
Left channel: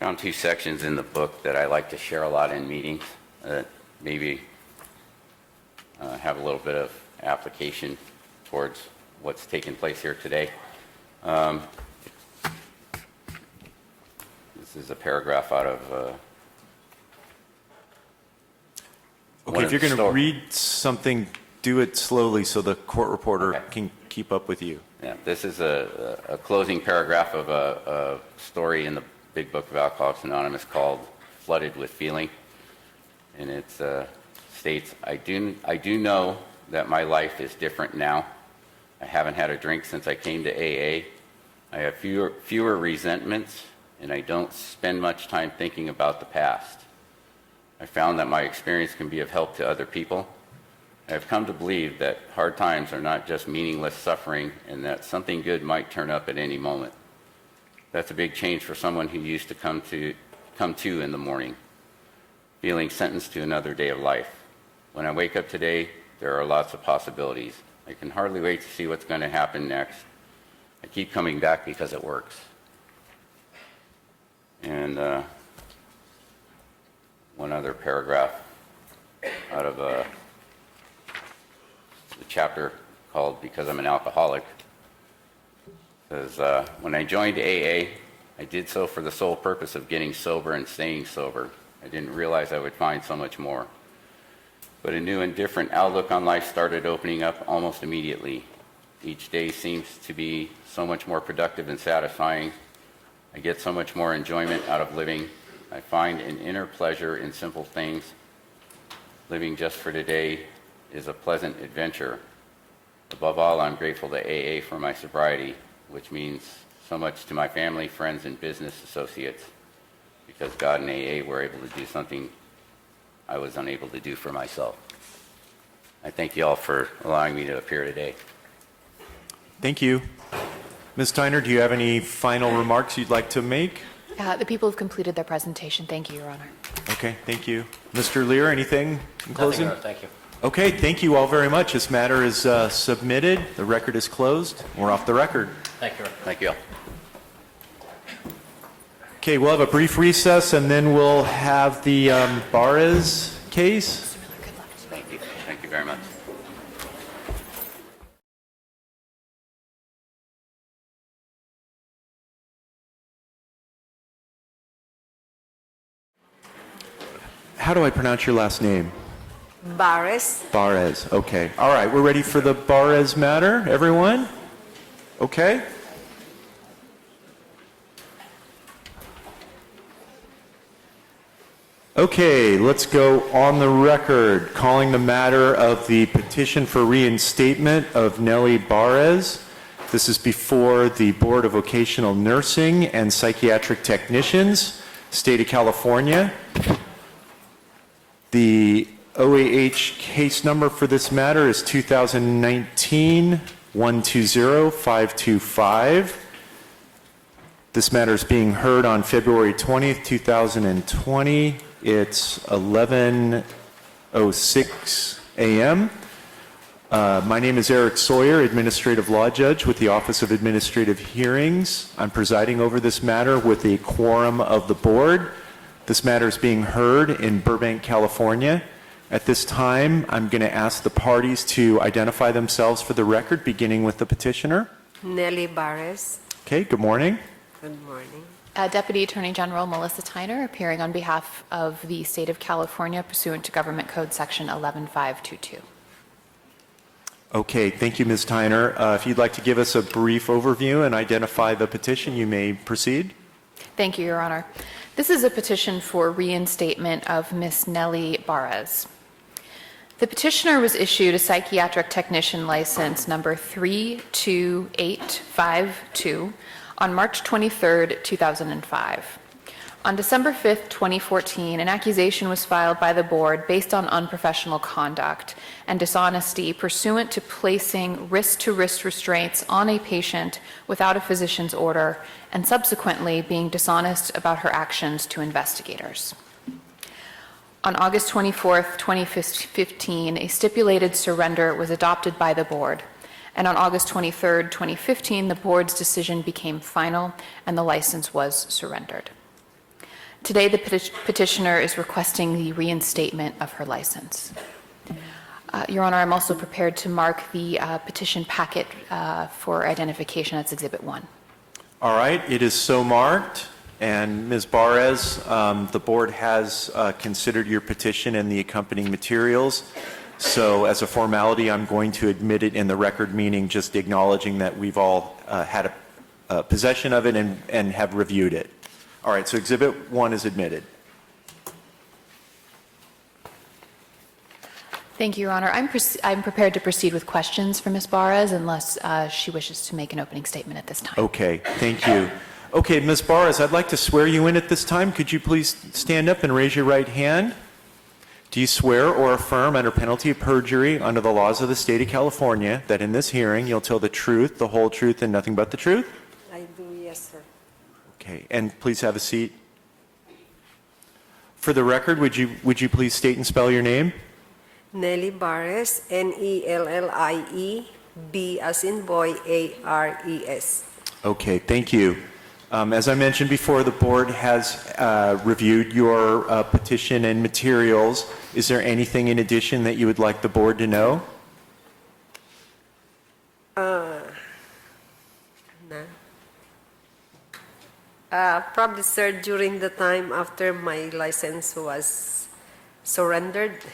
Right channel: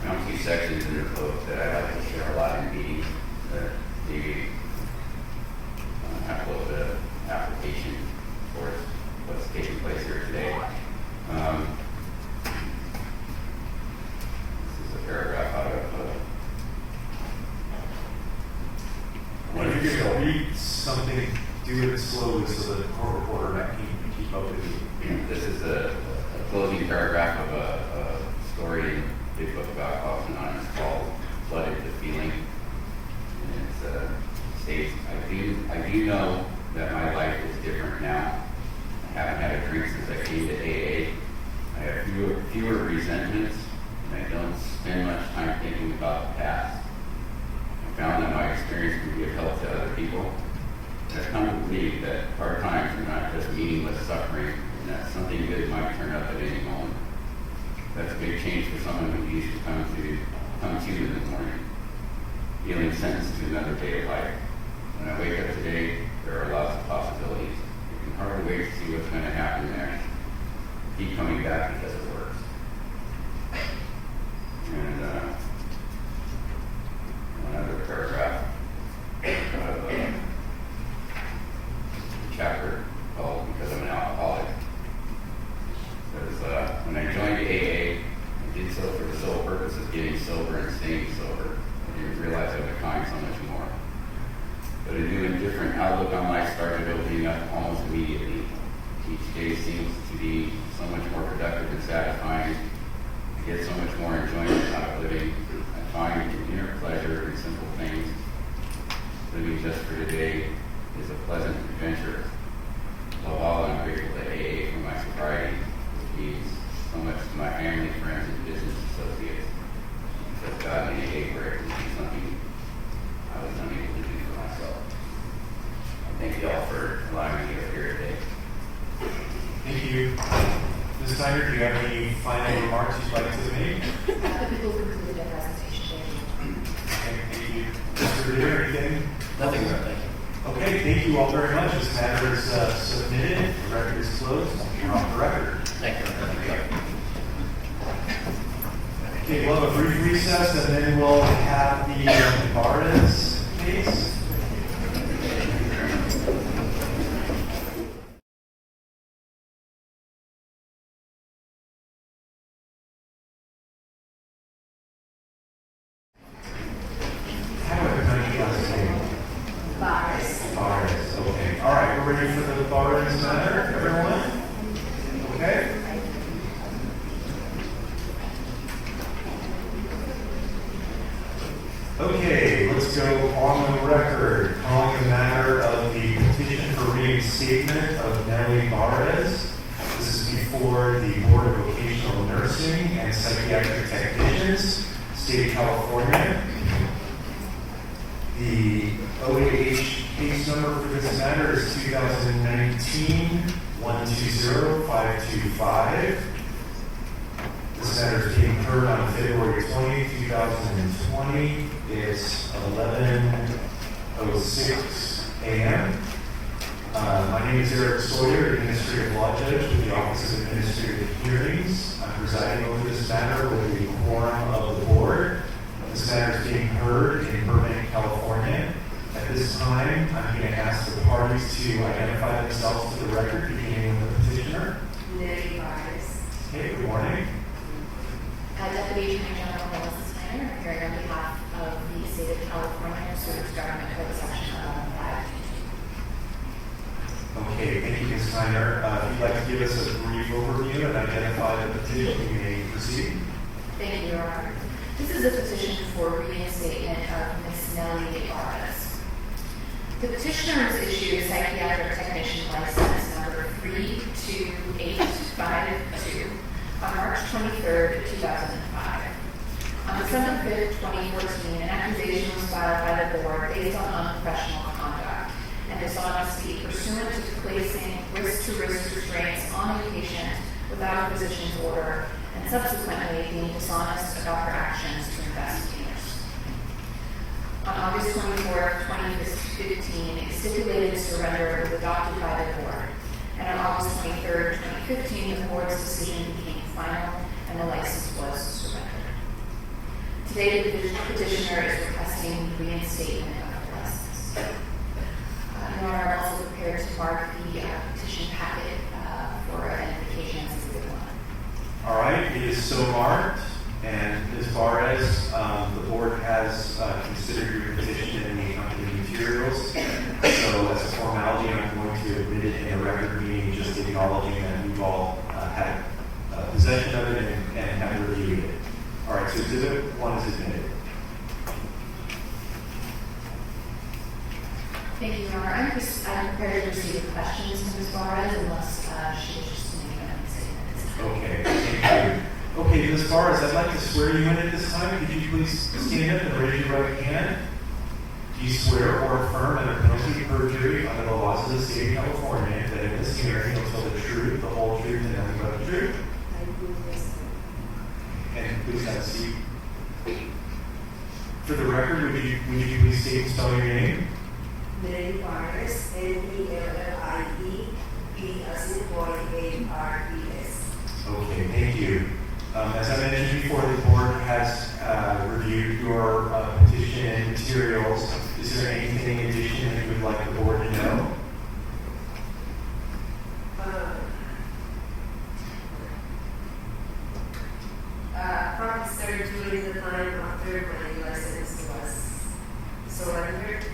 found two sections in the book that I like to share a lot in meetings, maybe have a little bit of application towards what's taking place here today. This is a paragraph out of Okay, if you're going to read something, do it slowly so the court reporter can keep up with you. And this is a closing paragraph of a story in the big book of Alcoholics Anonymous called Flooded with Feeling. And it states, I do know that my life is different now. I haven't had a drink since I came to AA. I have fewer resentments, and I don't spend much time thinking about the past. I found that my experience can be of help to other people. I've come to believe that hard times are not just meaningless suffering, and that something good might turn up at any moment. That's a big change for someone who used to come to in the morning, feeling sentenced to another day of life. When I wake up today, there are lots of possibilities. I can hardly wait to see what's going to happen next. I keep coming back because it works. And one other paragraph out of a chapter called Because I'm an Alcoholic. It says, when I joined AA, I did so for the sole purpose of getting sober and staying sober. I didn't realize I would find so much more. But a new and different outlook on life started opening up almost immediately. Each day seems to be so much more productive and satisfying. I get so much more enjoyment out of living. I find an inner pleasure in simple things. Living just for today is a pleasant adventure. Above all, I'm grateful to AA for my sobriety, which means so much to my family, friends, and business associates, because God and AA were able to do something I was unable to do for myself. I thank you all for allowing me to appear today. Thank you. Ms. Tyner, do you have any final remarks you'd like to make? The people have completed their presentation. Thank you, Your Honor. Okay, thank you. Mr. Lear, anything in closing? Nothing, thank you. Okay, thank you all very much. This matter is submitted. The record is closed. We're off the record. Thank you. Thank you. Okay, we'll have a brief recess and then we'll have the Barres case. Thank you very much. How do I pronounce your last name? Barres. Barres, okay. All right, we're ready for the Barres matter, everyone? Okay? Okay, let's go on the record, calling the matter of the petition for reinstatement of Nellie Barres. This is before the Board of Vocational Nursing and Psychiatric Technicians, State of California. The OAH case number for this matter is 2019-120-525. This matter is being heard on February 20th, 2020. It's 11:06 a.m. My name is Eric Sawyer, Administrative Law Judge with the Office of Administrative Hearings. I'm presiding over this matter with a quorum of the board. This matter is being heard in Burbank, California. At this time, I'm going to ask the parties to identify themselves for the record, beginning with the petitioner. Nellie Barres. Okay, good morning. Deputy Attorney General Melissa Tyner, appearing on behalf of the State of California pursuant to Government Code Section 11522. Okay, thank you, Ms. Tyner. If you'd like to give us a brief overview and identify the petition, you may proceed. Thank you, Your Honor. This is a petition for reinstatement of Miss Nellie Barres. The petitioner was issued a psychiatric technician license number 32852 on March 23, 2005. On December 5, 2014, an accusation was filed by the board based on unprofessional conduct and dishonesty pursuant to placing wrist-to-wrist restraints on a patient without a physician's order and subsequently being dishonest about her actions to investigators. On August 24, 2015, a stipulated surrender was adopted by the board. And on August 23, 2015, the board's decision became final and the license was surrendered. Today, the petitioner is requesting the reinstatement of her license. Your Honor, I'm also prepared to mark the petition packet for identification as Exhibit 1. All right, it is so marked. And Ms. Barres, the board has considered your petition and the accompanying materials. So as a formality, I'm going to admit it in the record, meaning just acknowledging that we've all had possession of it and have reviewed it. All right, so Exhibit 1 is admitted. Thank you, Your Honor. I'm prepared to proceed with questions for Ms. Barres unless she wishes to make an opening statement at this time. Okay, thank you. Okay, Ms. Barres, I'd like to swear you in at this time. Could you please stand up and raise your right hand? Do you swear or affirm under penalty of perjury under the laws of the State of California that in this hearing you'll tell the truth, the whole truth, and nothing but the truth? I do, yes, sir. Okay, and please have a seat. For the record, would you please state and spell your name? Nellie Barres, Nellie, B as in boy, Ares. Okay, thank you. As I mentioned before, the board has reviewed your petition and materials. Is there anything in addition that you would like the board to know? Probably, sir, during the time after my license was surrendered,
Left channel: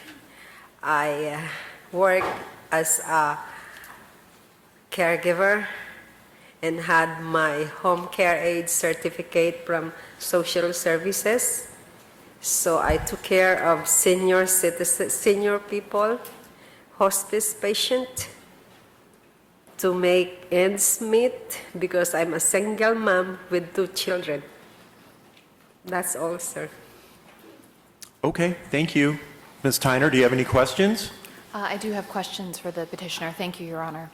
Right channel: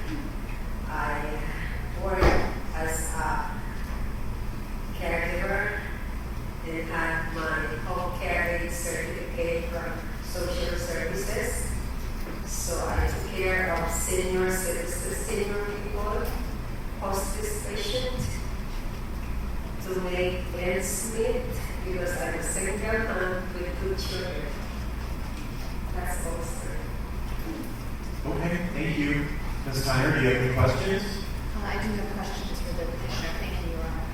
I worked as a caregiver and had my home care aid certificate from social services. So I took care of senior citizens, senior people, hospice patient, to make ends meet because I'm a single mom with 2 children. That's all, sir. Okay, thank you. Ms. Tyner, do you have any questions? I do have questions for the petitioner. Thank you, Your Honor.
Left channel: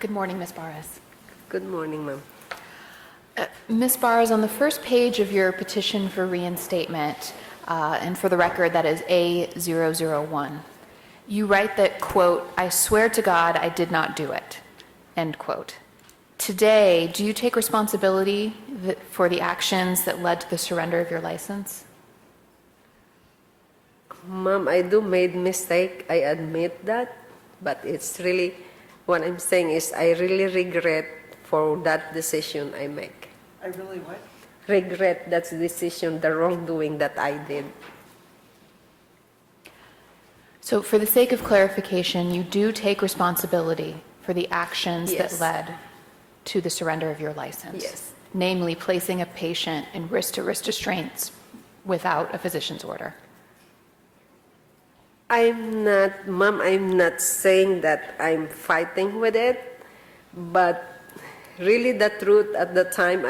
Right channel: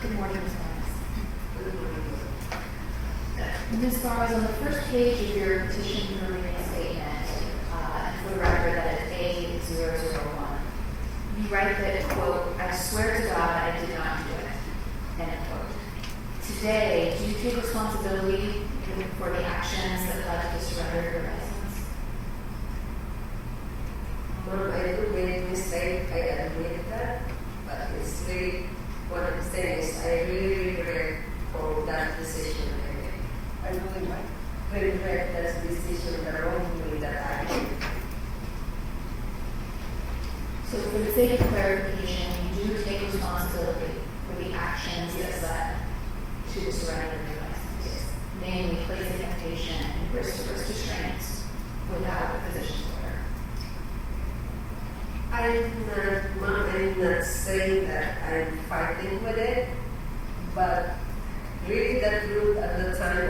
Good morning, Ms. Barres. Good morning, ma'am. Ms. Barres, on the first page of your petition for reinstatement, and for the record, that is A001, you write that, quote, "I swear to God I did not do it," end quote. Today, do you take responsibility for the actions that led to the surrender of your license? Mom, I do made mistake. I admit that, but it's really what I'm saying is I really regret for that decision I make. I really what? Regret that decision, the wrongdoing that I did. So for the sake of clarification, you do take responsibility for the actions Yes. that led to the surrender of your license? Yes. Namely, placing a patient in wrist-to-wrist restraints without a physician's order. Mom, I'm not saying that I'm fighting with it, but really the truth at the time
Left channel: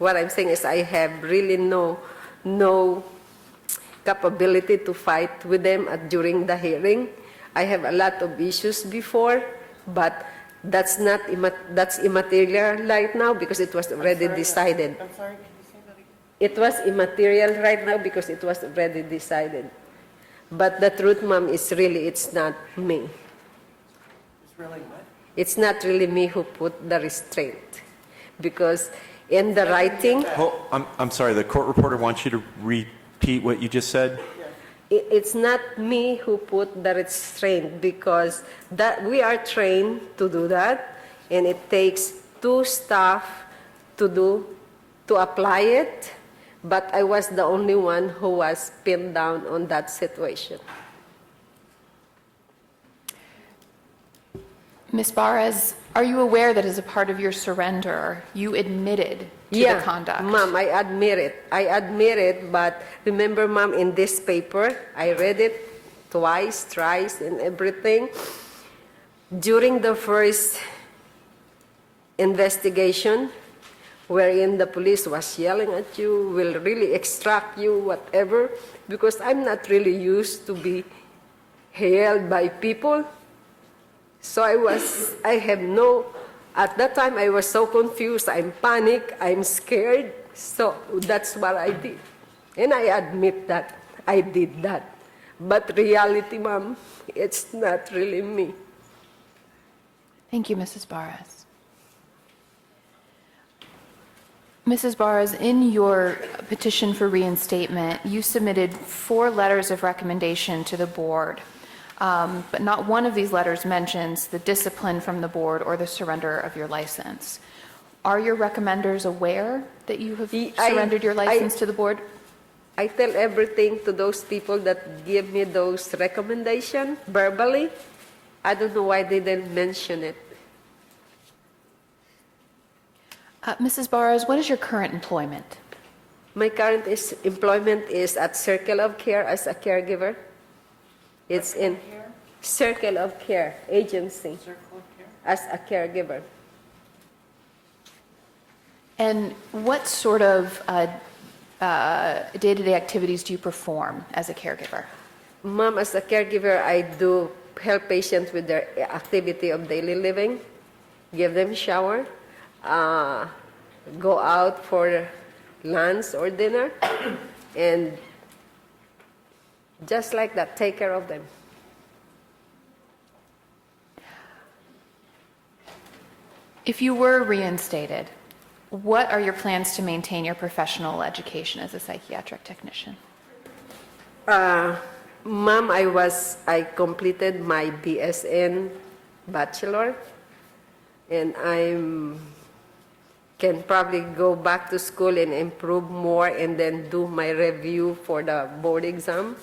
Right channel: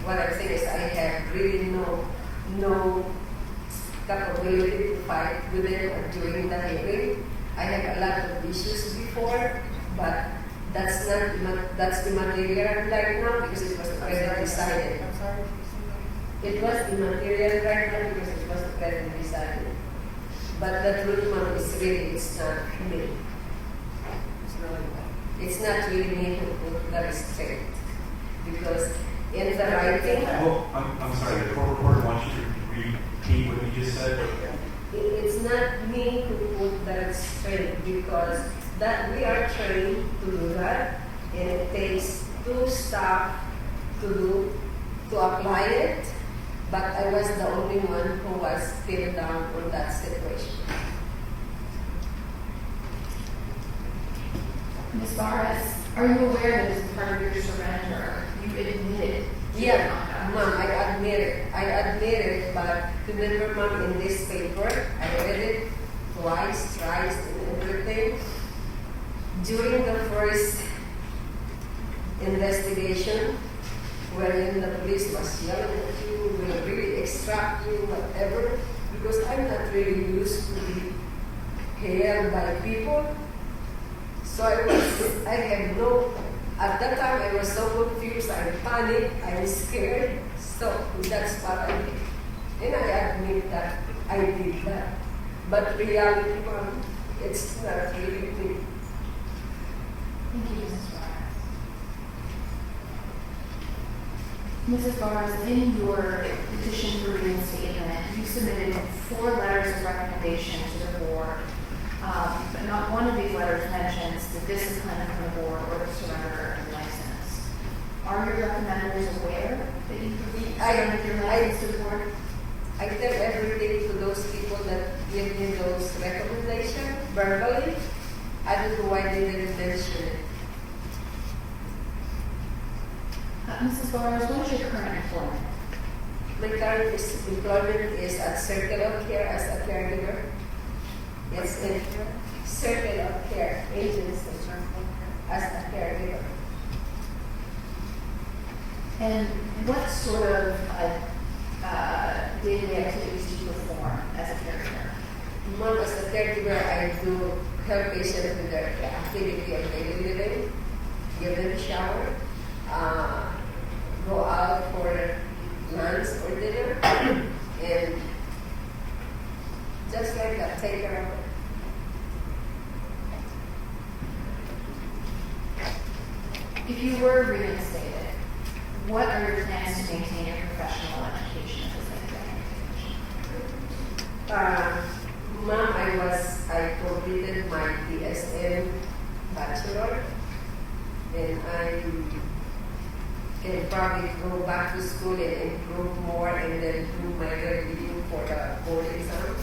what I'm saying is I have really no capability to fight with them during the hearing. I have a lot of issues before, but that's immaterial right now because it was already decided. I'm sorry. It was immaterial right now because it was already decided. But the truth, Mom, is really it's not me. It's really what? It's not really me who put the restraint because in the writing, Oh, I'm sorry, the court reporter wants you to repeat what you just said. it's not me who put the restraint because that we are trained to do that, and it takes two staff to apply it. But I was the only one who was pinned down on that situation. Ms. Barres, are you aware that as a part of your surrender, you admitted to your conduct? Mom, I admit it, but remember, Mom, in this paper, I read it twice, thrice, and everything. During the first investigation, wherein the police was yelling at you, will really extract you, whatever, because I'm not really used to be held by people. So at that time I was so confused, I'm panicked, I'm scared, so that's what I did. And I admit that I did that. But reality, Mom, it's not really me. Thank you, Mrs. Barres. Mrs. Barres, in your petition for reinstatement, you submitted 4 letters of recommendation to the board, but not one of these letters mentions the discipline from the board or the surrender of your license. Are your recommenders aware that you have surrendered your license to the board? I tell everything to those people that give me those recommendations verbally. I don't know why they didn't mention it. Mrs. Barres, what is your current employment? My current employment is at Circle of Care as a caregiver. It's in Circle of Care agency as a caregiver. And what sort of day-to-day activities do you perform as a caregiver? Mom, as a caregiver, I do help patients with their activity of daily living, give them shower, go out for lunch or dinner, and just like that, take care of them. If you were reinstated, what are your plans to maintain your professional education as a psychiatric technician? Mom, I completed my PSN bachelor, and I can probably go back to school and improve more and then do my review for the board exam.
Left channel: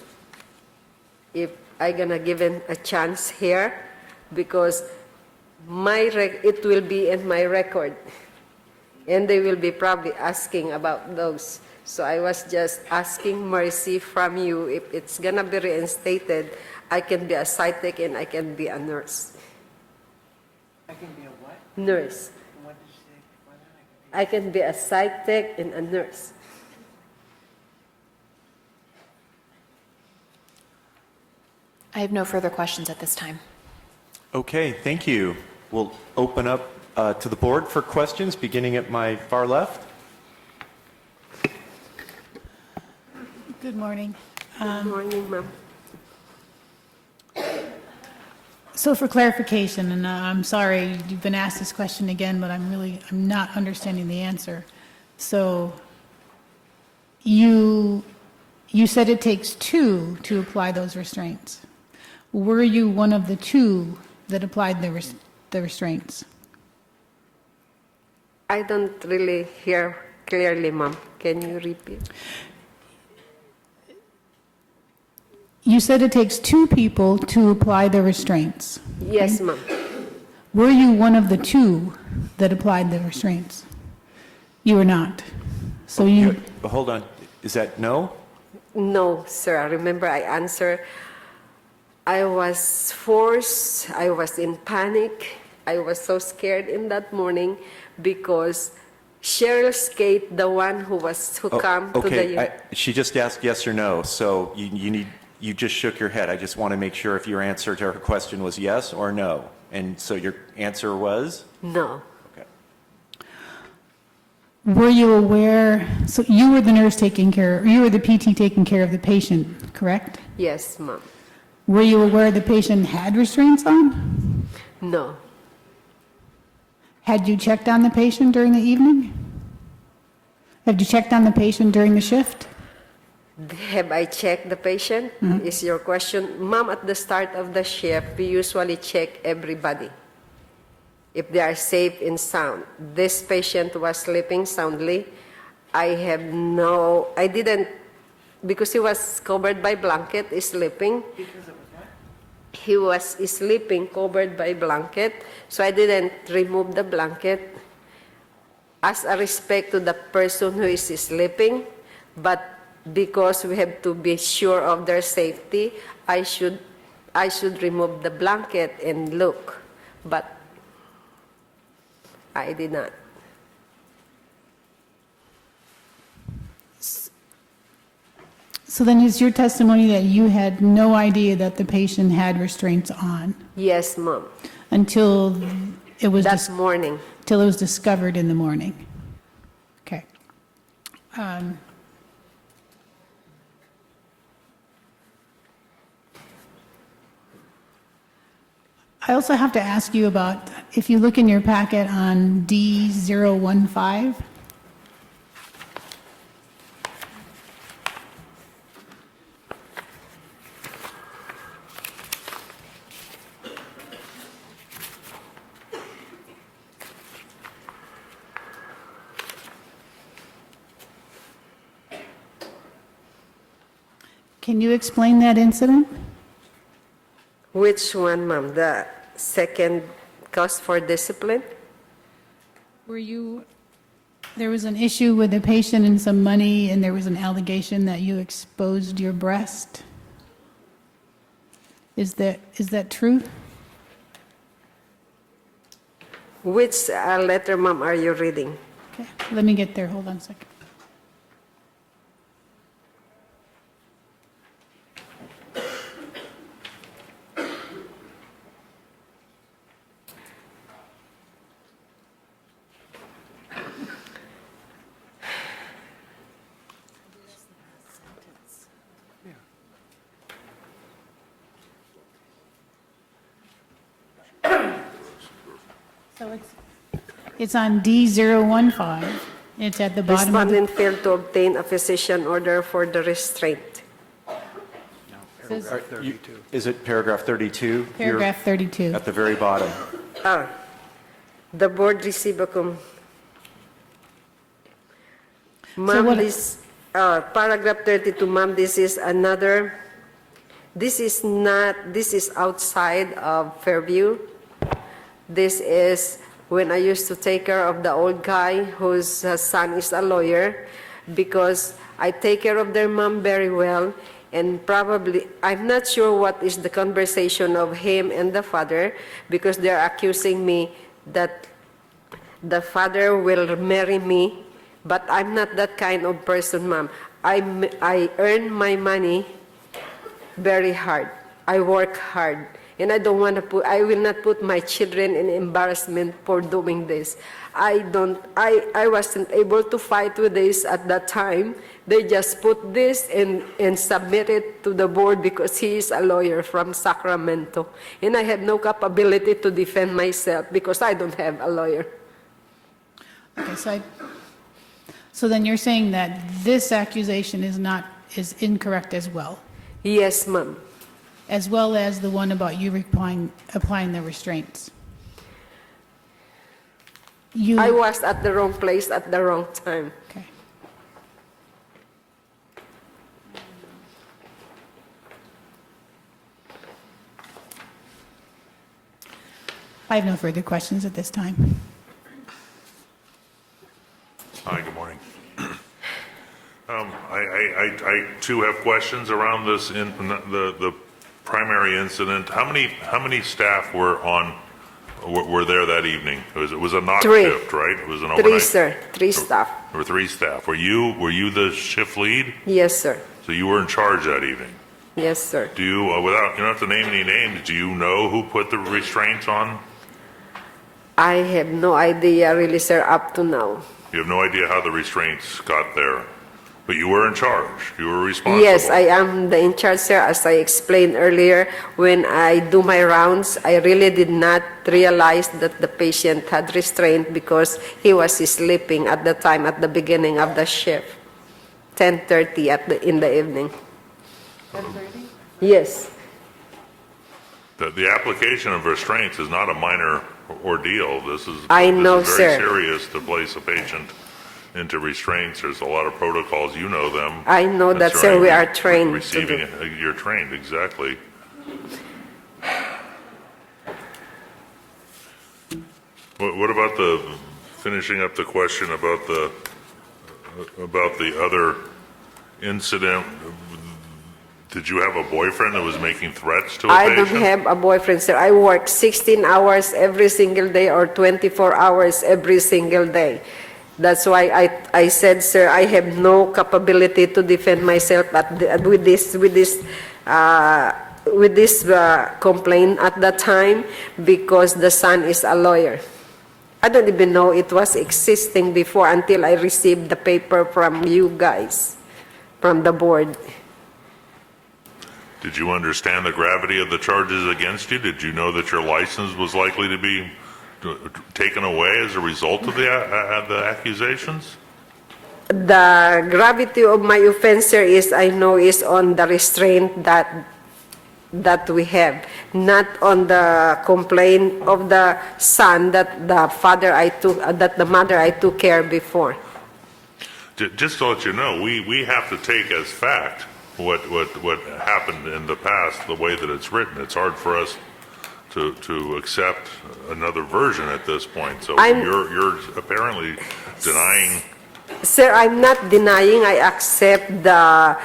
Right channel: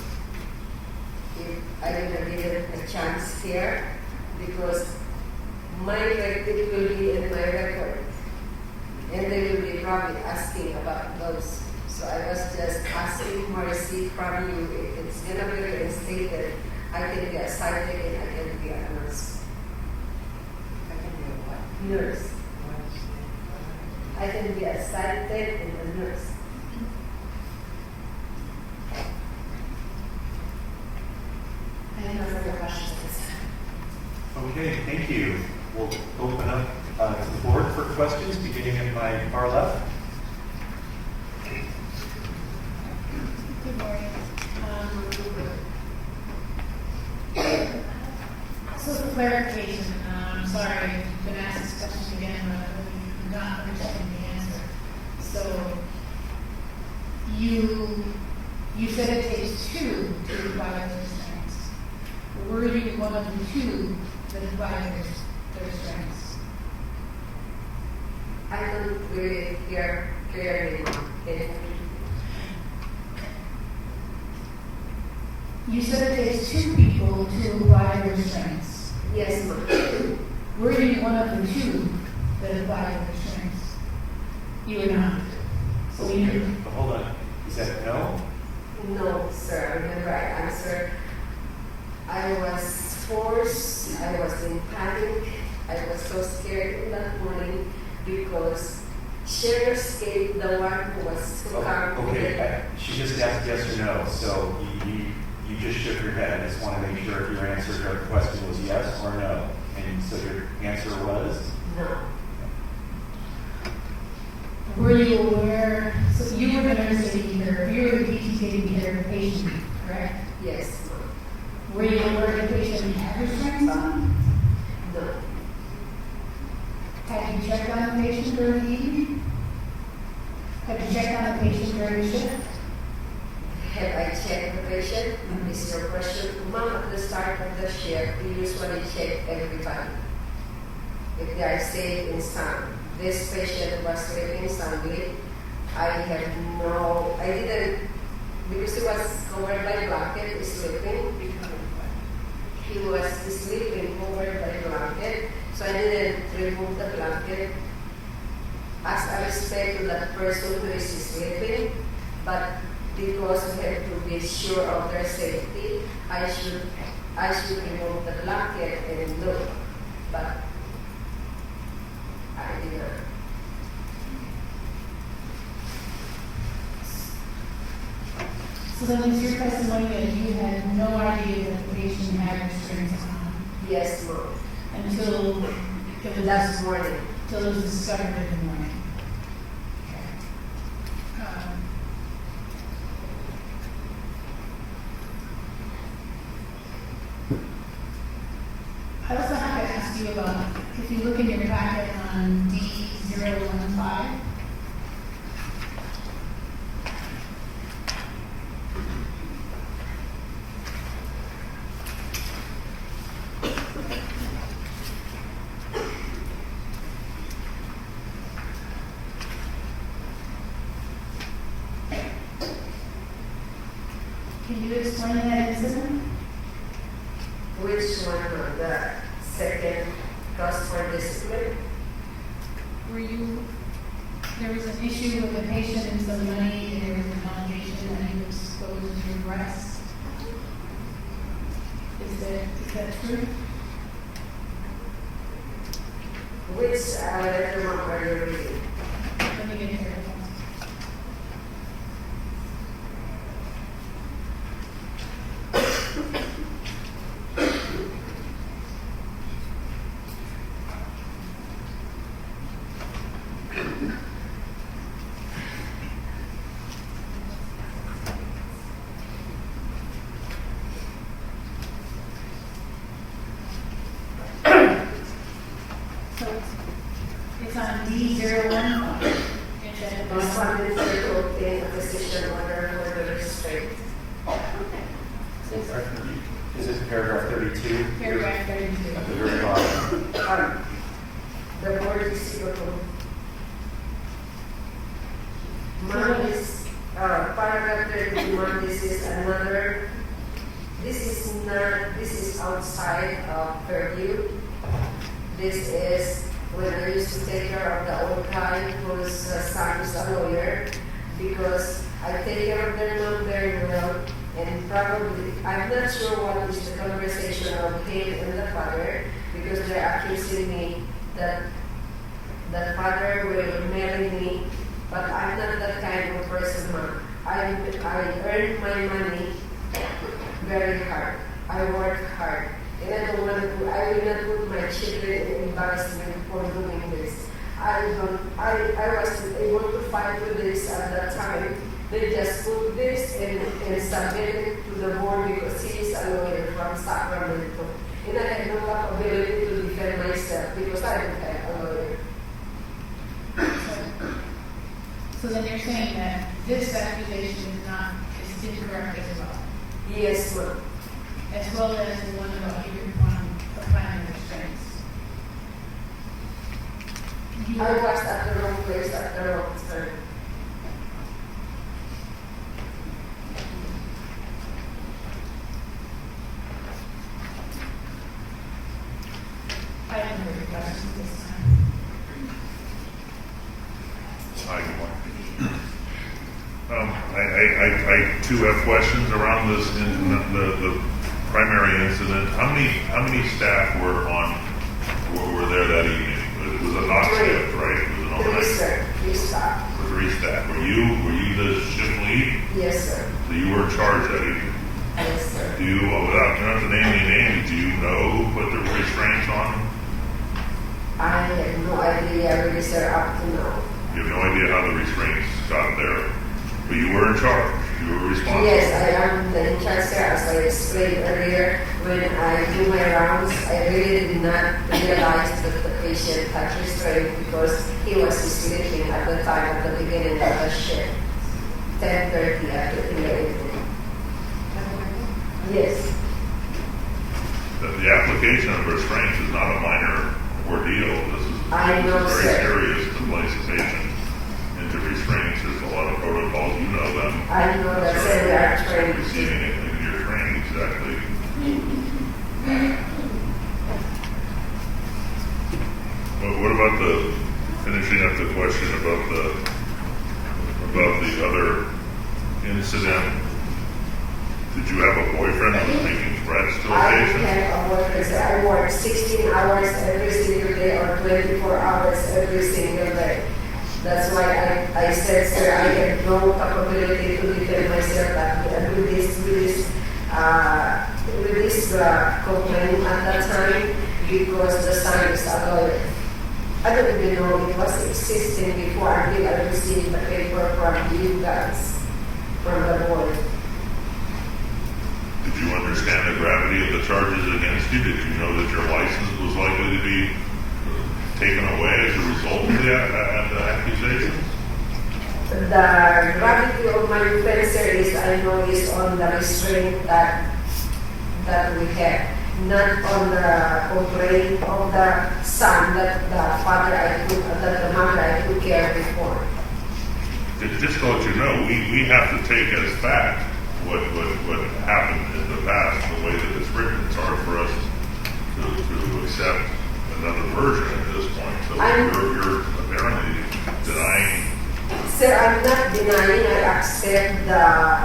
If I'm gonna give him a chance here, because it will be in my record, and they will be probably asking about those. So I was just asking mercy from you. If it's gonna be reinstated, I can be a psychiatric and I can be a nurse. Nurse. I can be a psychiatric and a nurse. I have no further questions at this time. Okay, thank you. We'll open up to the board for questions, beginning at my far left. Good morning. Good morning, Ma'am. So for clarification, and I'm sorry you've been asked this question again, but I'm not understanding the answer. So you said it takes two to apply those restraints. Were you one of the two that applied the restraints? I don't really hear clearly, ma'am. Can you repeat? You said it takes two people to apply the restraints. Yes, ma'am. Were you one of the two that applied the restraints? You were not. So you... Hold on. Is that no? No, sir. Remember, I answered. I was forced. I was in panic. I was so scared in that morning because Sheriff Skate, the one who came to the... She just asked yes or no, so you just shook your head. I just want to make sure if your answer to her question was yes or no. And so your answer was? No. Were you aware, so you were the nurse you were the PT taking care of the patient, correct? Yes, ma'am. Were you aware the patient had restraints on? No. Had you checked on the patient during the evening? Had you checked on the patient during the shift? Have I checked the patient? Mm-hmm. Is your question? Ma'am, at the start of the shift, we usually check everybody if they are safe and sound. This patient was sleeping soundly. I didn't, because he was covered by blanket, sleeping. He was sleeping covered by blanket, so I didn't remove the blanket as a respect to the person who is sleeping, but because we have to be sure of their safety, I should remove the blanket and look, but I did not. So then is your testimony that you had no idea that the patient had restraints on? Yes, ma'am. Until it was that morning. Till it was discovered in the morning. Okay. I also have to ask you about, if you look in your packet on D015, can you explain that incident? Which one, ma'am? The second cause for discipline? There was an issue with the patient and some money, and there was an allegation that you exposed your breast. Is that true? Which letter, ma'am, are you reading? Okay. Let me get there. Hold on a second. It's on D015. It's at the bottom. Respondent failed to obtain a physician order for the restraint. Is it paragraph 32? Paragraph 32. At the very bottom. The board received a ma'am, this paragraph 32, ma'am, this is outside of Fairview. This is when I used to take care of the old guy whose son is a lawyer, because I take care of their mom very well, and probably, I'm not sure what is the conversation of him and the father, because they're accusing me that the father will marry me, but I'm not that kind of person, ma'am. I earn my money very hard. I work hard. And I will not put my children in embarrassment for doing this. I wasn't able to fight with this at that time They just put this and submit it to the board because he is a lawyer from Sacramento. And I had no capability to defend myself because I don't have a lawyer. So then you're saying that this accusation is incorrect as well? Yes, ma'am. As well as the one about you applying the restraints? I was at the wrong place at the wrong time. I have no further questions at this time. Hi, good morning. I too have questions around this in the primary incident. How many staff were there that evening? It was a knock shift, right? It was an overnight. 3, sir. 3 staff. There were 3 staff. Were you the shift lead? Yes, sir. So you were in charge that evening. Yes, sir. Do you, without you don't have to name any names, do you know who put the restraints on? I have no idea really, sir, up to now. You have no idea how the restraints got there, but you were in charge. You were responsible. Yes, I am the in charge, sir. As I explained earlier, when I do my rounds, I really did not realize that the patient had restraint because he was sleeping at the time at the beginning of the shift, 10:30 in the evening. Yes. The application of restraints is not a minor ordeal. This is I know, this is very sir. serious to place a patient into restraints. There's a lot of protocols. You know them. I know that, That's sir. right. We are trained. Receiving it. You're trained, exactly. What about finishing up the question about the other incident? Did you have a boyfriend that was making threats to a I patient? don't have a boyfriend, sir. I work 16 hours every single day or 24 hours every single day. That's why I said, sir, I have no capability to defend myself with this complaint at the time because the son is a lawyer. I don't even know it was existing before until I received the paper from you guys, from the board. Did you understand the gravity of the charges against you? Did you know that your license was likely to be taken away as a result of the accusations? The gravity of my offense, sir, is I know is on the restraint that we have, not on the complaint of the son that the mother I took care before. Just to let you know, we have to take as fact what happened in the past, the way that it's written. It's hard for us to accept another version at this point. So you're apparently denying. Sir, I'm not denying. I accept the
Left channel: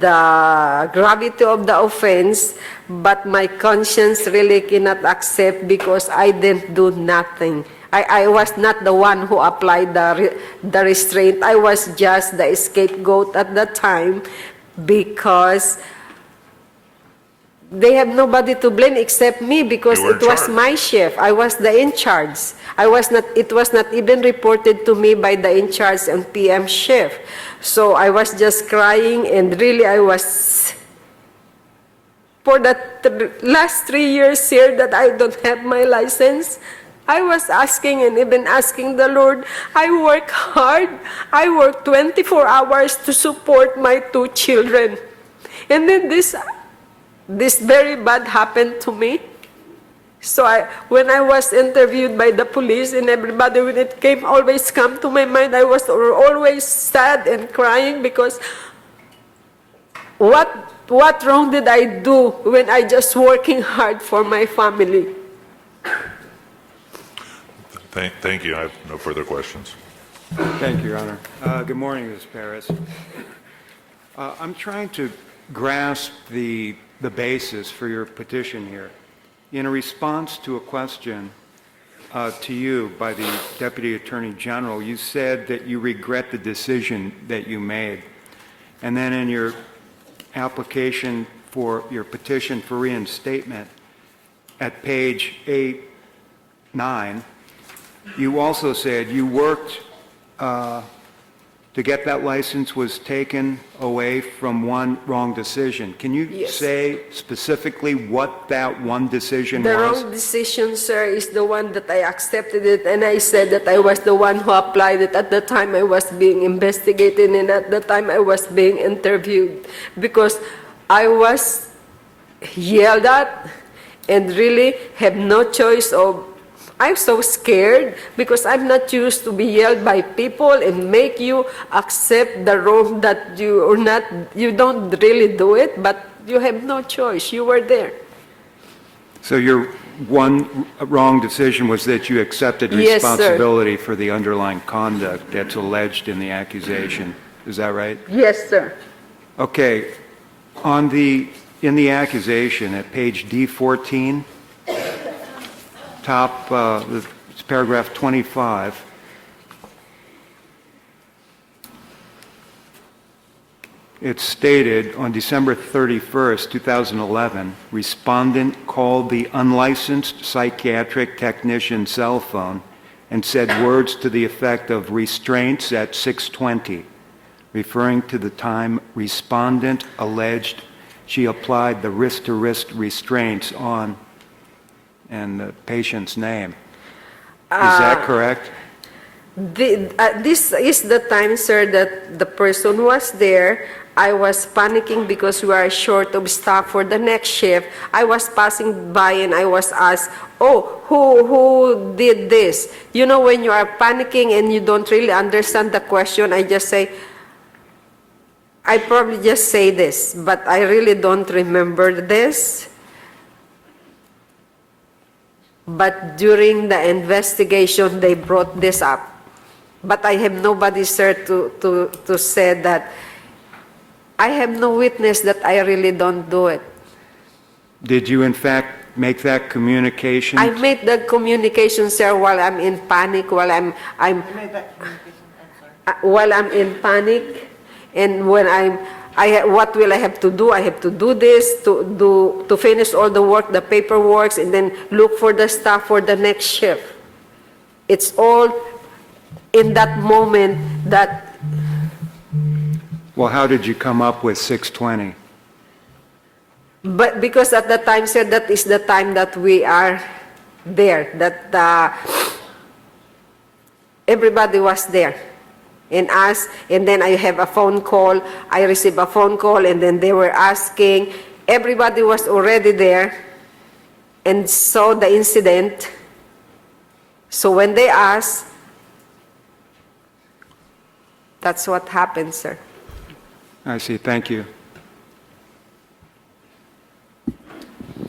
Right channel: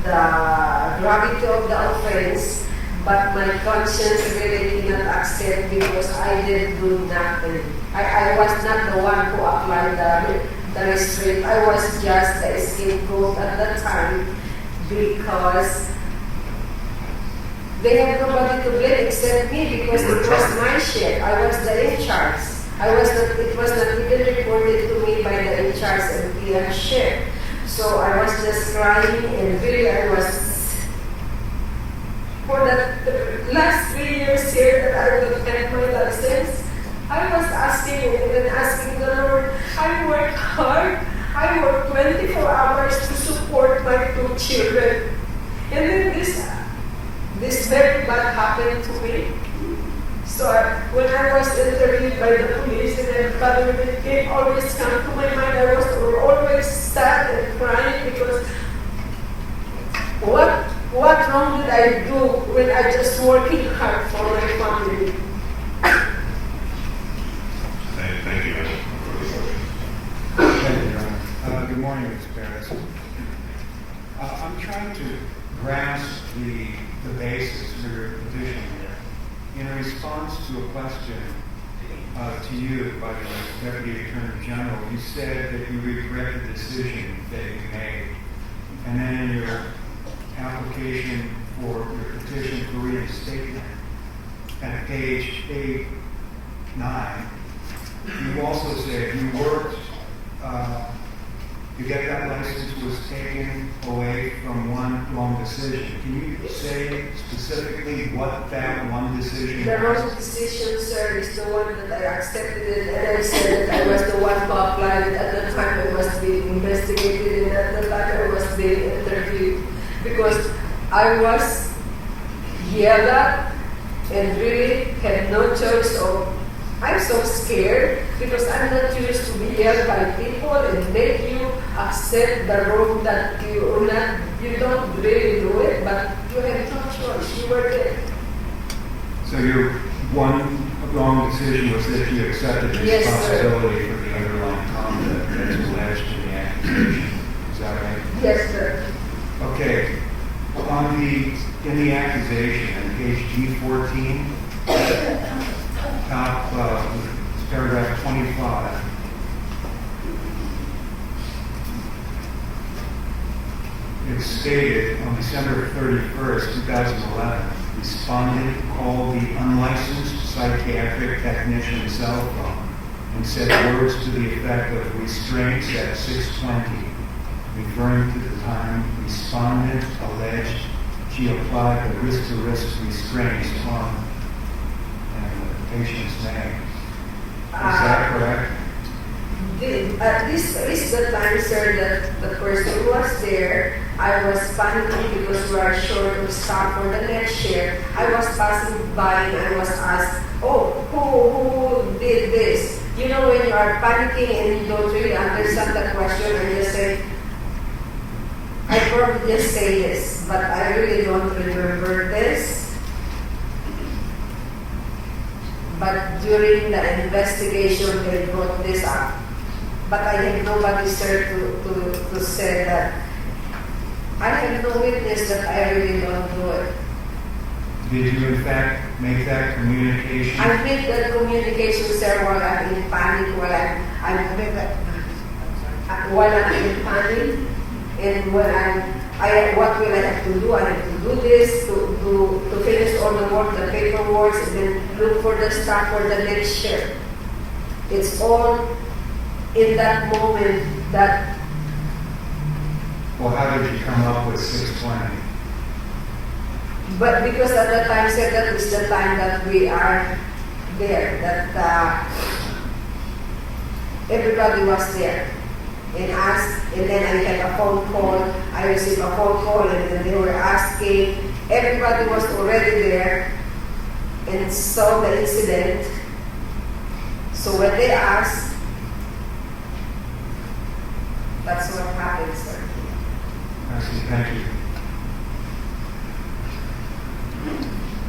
gravity of the offense, but my conscience really cannot accept because I didn't do nothing. I was not the one who applied the restraint. I was just the scapegoat at the time because they have nobody to blame except me because it was my shift. I was the in charge. It was not even reported to me by the in charge and PM shift. So I was just crying and really I was, for the last 3 years here that I don't have my license, I was asking and even asking the Lord, I work hard. I work 24 hours to support my 2 children. And then this very bad happened to me. So when I was interviewed by the police and everybody, when it came, always come to my mind, I was always sad and crying because what wrong did I do when I just working hard for my family? Thank you. I have no further questions. Thank you, Your Honor. Good morning, Ms. Perez. I'm trying to grasp the basis for your petition here. In a response to a question to you by the Deputy Attorney General, you said that you regret the decision that you made. And then in your application for your petition for reinstatement at page 8-9, you also said you worked to get that license was taken away from one wrong decision. Can you Yes. say specifically what that one decision The was? wrong decision, sir, is the one that I accepted it, and I said that I was the one who applied it. At the time I was being investigated, and at the time I was being interviewed, because I was yelled at and really had no choice of. I'm so scared because I'm not used to be yelled by people and make you accept the role that you don't really do it, but you have no choice. You were there. So your one wrong decision was that you accepted Yes, sir. responsibility for the underlying conduct that's alleged in the accusation. Is that right? Yes, sir. Okay. In the accusation at page D14, top, it's paragraph 25. It's stated on December 31st, 2011, respondent called the unlicensed psychiatric technician cell phone and said words to the effect of restraints at 6:20, referring to the time respondent alleged she applied the wrist-to-wrist restraints on and the patient's name. Is that correct? This is the time, sir, that the person was there. I was panicking because we are short of staff for the next shift. I was passing by and I was asked, "Oh, who did this?" You know, when you are panicking and you don't really understand the question, I probably just say this, but I really don't remember this. But during the investigation, they brought this up. But I have nobody, sir, to say that. I have no witness that I really don't do it. Did you in fact make that communication? I made that communication, sir, while I'm in panic, while I'm in panic, and when what will I have to do? I have to do this to finish all the work, the paperwork, and then look for the staff for the next shift. It's all in that moment that. Well, how did you come up with 6:20? But because at the time, sir, that is the time that we are there, that everybody was there. And asked, and then I have a phone call. I received a phone call, and then they were asking. Everybody was already there and saw the incident. So when they asked, that's what happened, sir. I see. Thank you.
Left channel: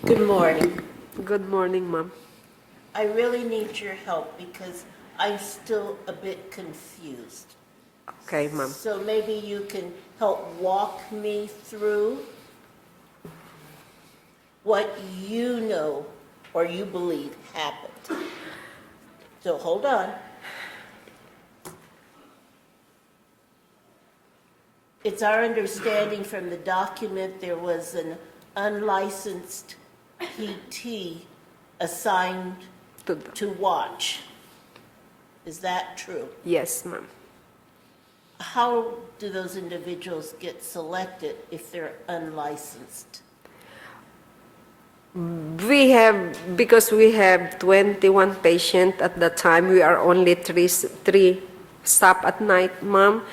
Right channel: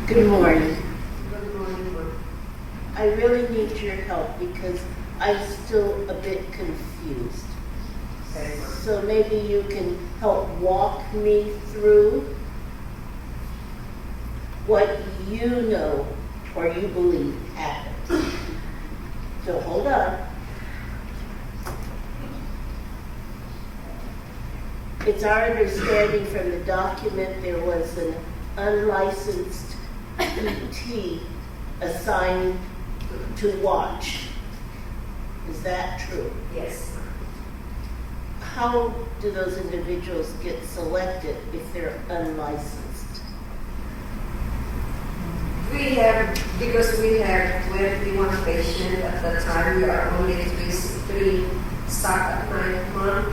Good morning. Good morning, Mom. I really need your help because I'm still a bit confused. Okay, Mom. So maybe you can help walk me through what you know or you believe happened. So hold on. It's our understanding from the document there was an unlicensed PT assigned to watch. Is that true? Yes, Ma'am. How do those individuals get selected if they're unlicensed? Because we have 21 patients at the time, we are only three staff at night, Mom.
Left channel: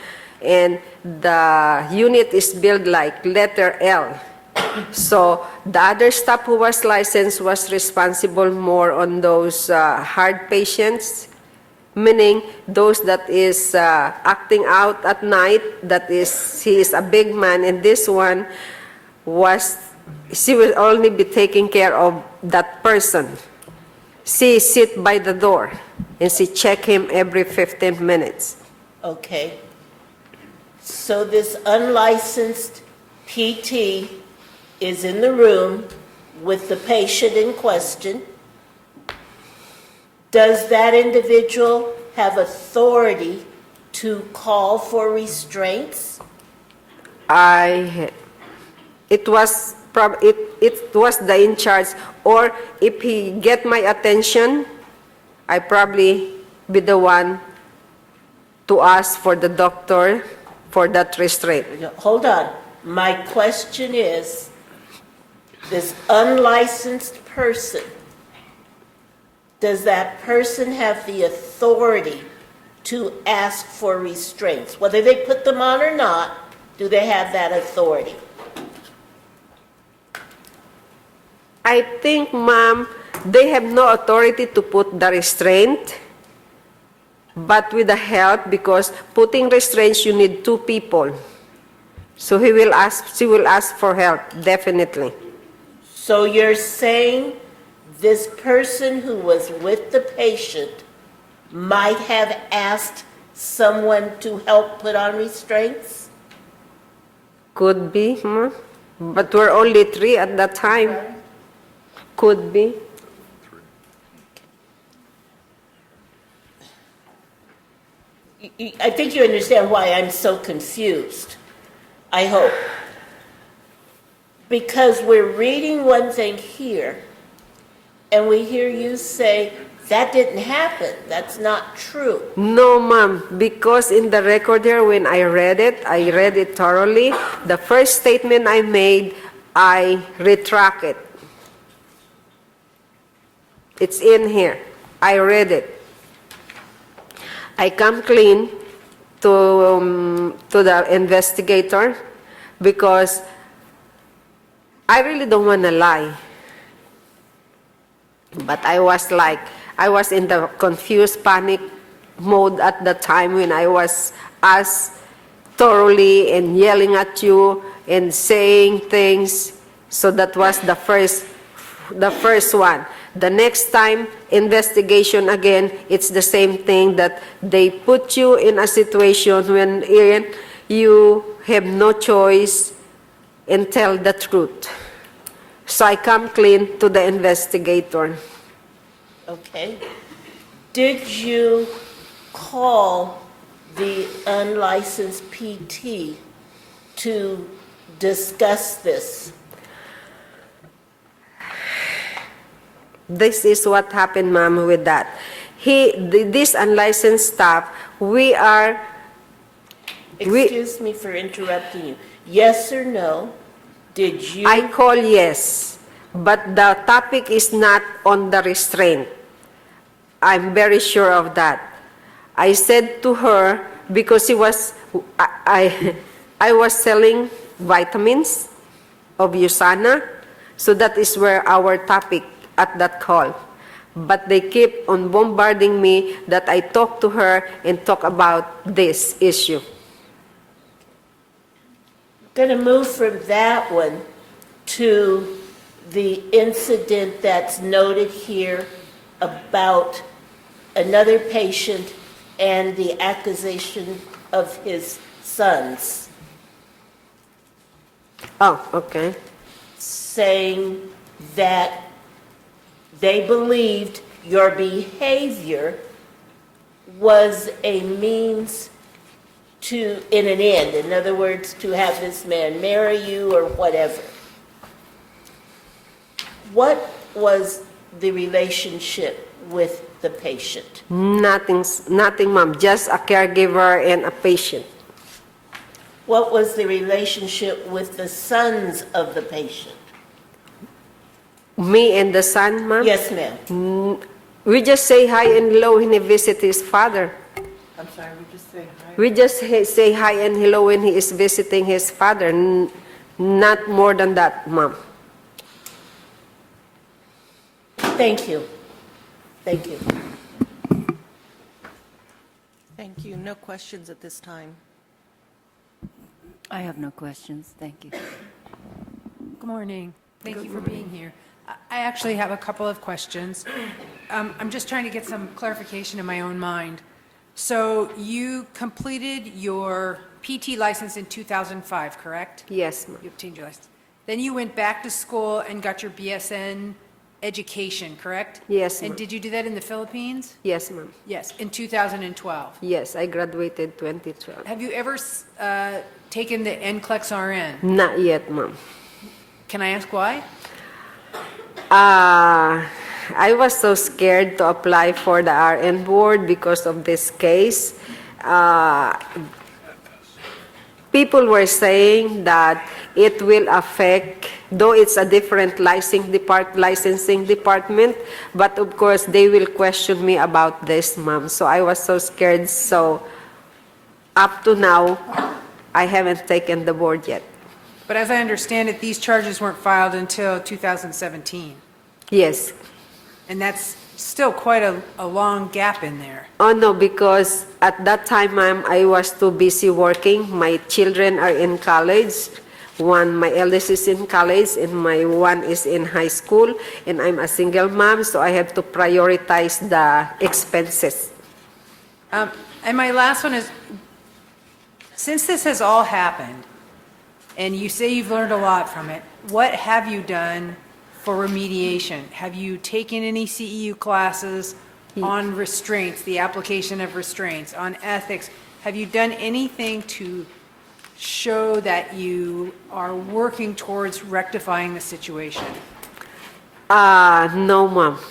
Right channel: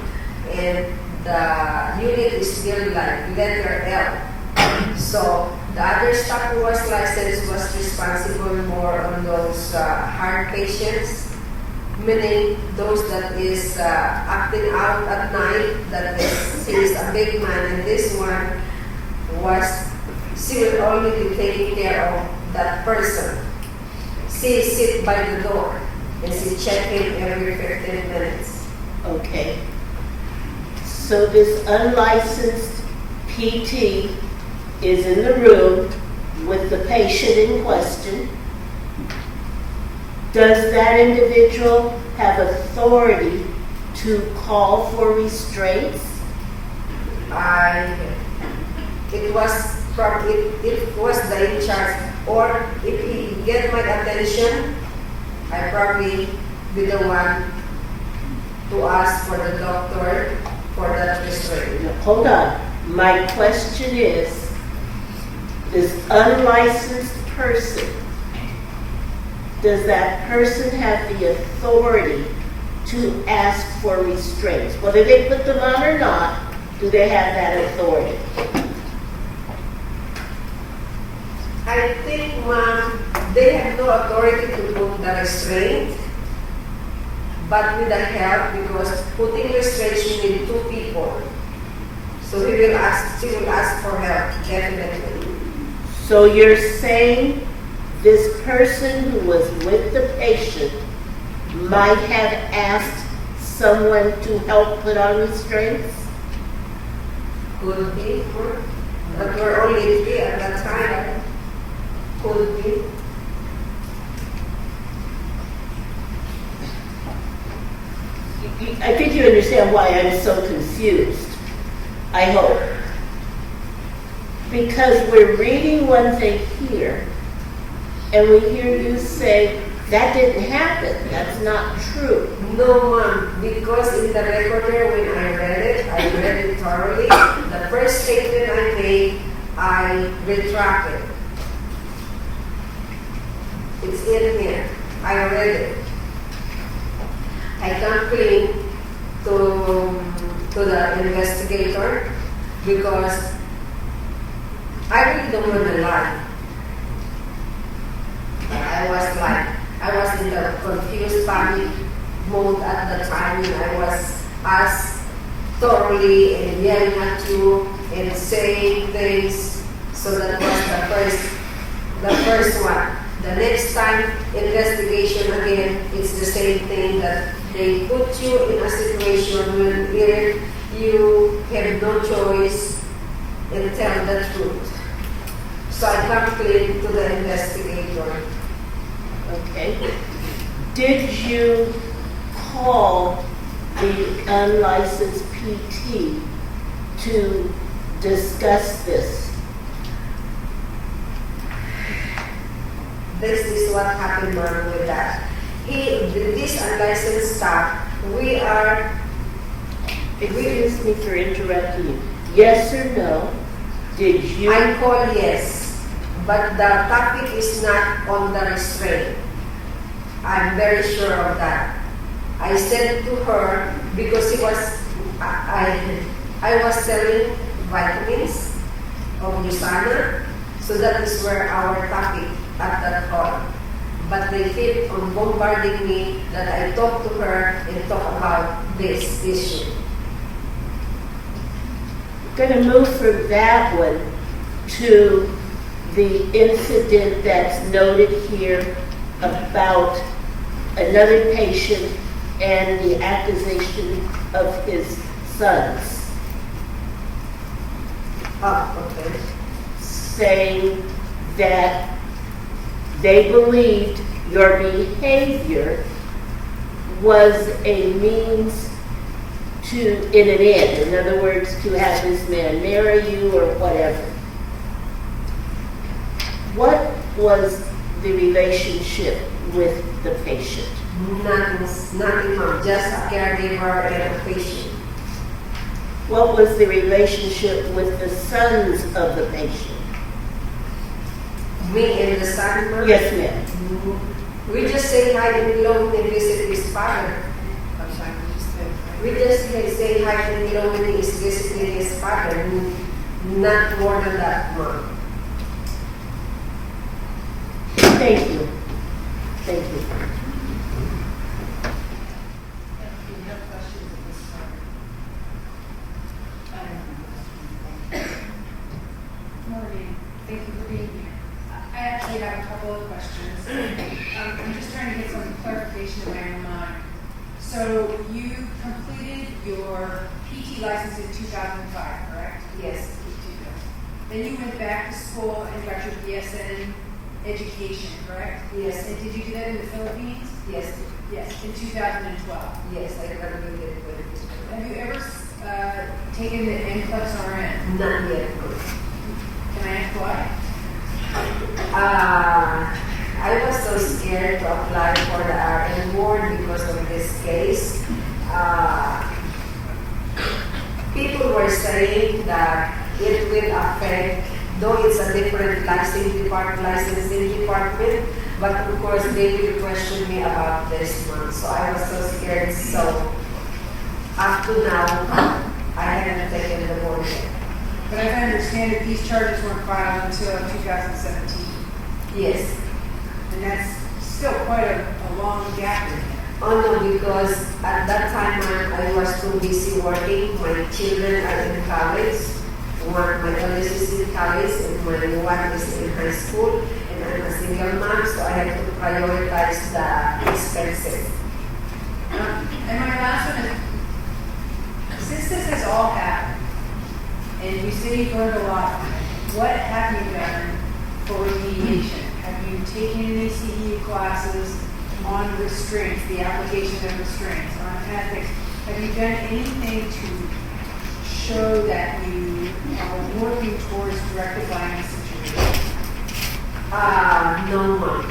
And the unit is built like letter L. So the other staff who was licensed was responsible more on those hard patients, meaning those that is acting out at night, he is a big man, and this one she will only be taking care of that person. She sit by the door and she check him every 15 minutes. Okay. So this unlicensed PT is in the room with the patient in question. Does that individual have authority to call for restraints? It was the in charge, or if he get my attention, I probably be the one to ask for the doctor for that restraint. No, hold on. My question is, this unlicensed person, does that person have the authority to ask for restraints? Whether they put them on or not, do they have that authority? I think, ma'am, they have no authority to put the restraint, but with the help, because putting restraints, you need two people. So she will ask for help, definitely. So you're saying this person who was with the patient might have asked someone to help put on restraints? Could be, but we're only 3 at that time. Could be. I think you understand why I'm so confused. I hope. Because we're reading one thing here, and we hear you say, that didn't happen. That's not true. No, ma'am, because in the record here, when I read it thoroughly. The first statement I made, I retracted. It's in here. I read it. I come clean to the investigator because I really don't want to lie. But I was in the confused panic mode at the time when I was asked thoroughly and yelling at you and saying things. So that was the first one. The next time, investigation again, it's the same thing, that they put you in a situation when you have no choice and tell the truth. So I come clean to the investigator. Okay. Did you call the unlicensed PT to discuss this? This is what happened, ma'am, with that. This unlicensed staff, Excuse me for interrupting you. Yes or no? Did you? I call yes, but the topic is not on the restraint. I'm very sure of that. I said to her, because I was selling vitamins of USANA, so that is where our topic at that call. But they keep on bombarding me that I talk to her and talk about this issue. I'm going to move from that one to the incident that's noted here about another patient and the accusation of his sons. Oh, okay. Saying that they believed your behavior was a means to, in an end, in other words, to have this man marry you or whatever. What was the relationship with the patient? Nothing, ma'am. Just a caregiver and a patient. What was the relationship with the sons of the patient? Me and the son, ma'am? Yes, ma'am. We just say hi and hello when he visits his father. I'm sorry, We just say hi and hello when he is visiting his father. Not more than that, ma'am. Thank you. Thank you. Thank you. No questions at this time. I have no questions, thank you. Good morning. Thank you for being here. I actually have a couple of questions. I'm just trying to get some clarification in my own mind. So you completed your PT license in 2005, correct? Yes. PT license. Then you went back to school and got your BSN education, correct? Yes. And did you do that in the Philippines? Yes, ma'am. Yes, in 2012. Yes, I graduated 2012. Have you ever taken the NCLEX RN? Not yet, ma'am. Can I ask why? I was so scared to apply for the RN board because of this case. people were saying that it will affect, though it's a different licensing department, but of course they will question me about this, ma'am. So I was so scared. So up to now, I haven't taken the board yet. But as I understand it, these charges weren't filed until 2017. Yes. And that's still quite a long gap in there. Oh no, because at that time, ma'am, I was too busy working. My children are in college. My eldest is in college and my one is in high school, and I'm a single mom, so I have to prioritize the expenses. And my last one is, since this has all happened, and you say you've learned a lot from it, what have you done for remediation? Have you taken any CEU classes on restraints, the application of restraints, on ethics? Have you done anything to show that you are working towards rectifying the situation? No, ma'am.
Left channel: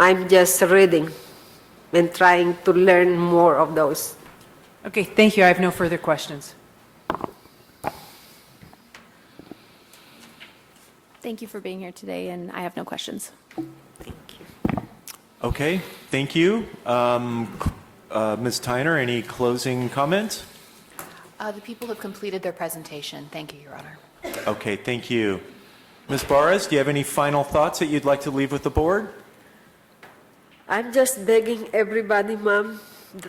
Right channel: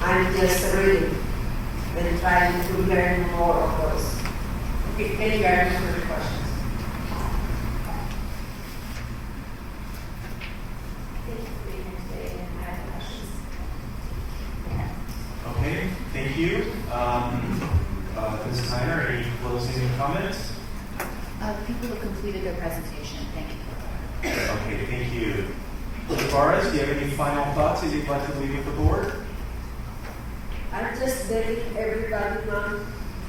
I'm just reading and trying to learn more of those. Okay, thank you. I have no further questions. Thank you for being here today, and I have no questions. Okay, thank you. Ms. Tyner, any closing comments? The people have completed their presentation. Thank you, Your Honor. Okay, thank you. Ms. Barras, do you have any final thoughts that you'd like to leave with the board? I'm just begging everybody, ma'am,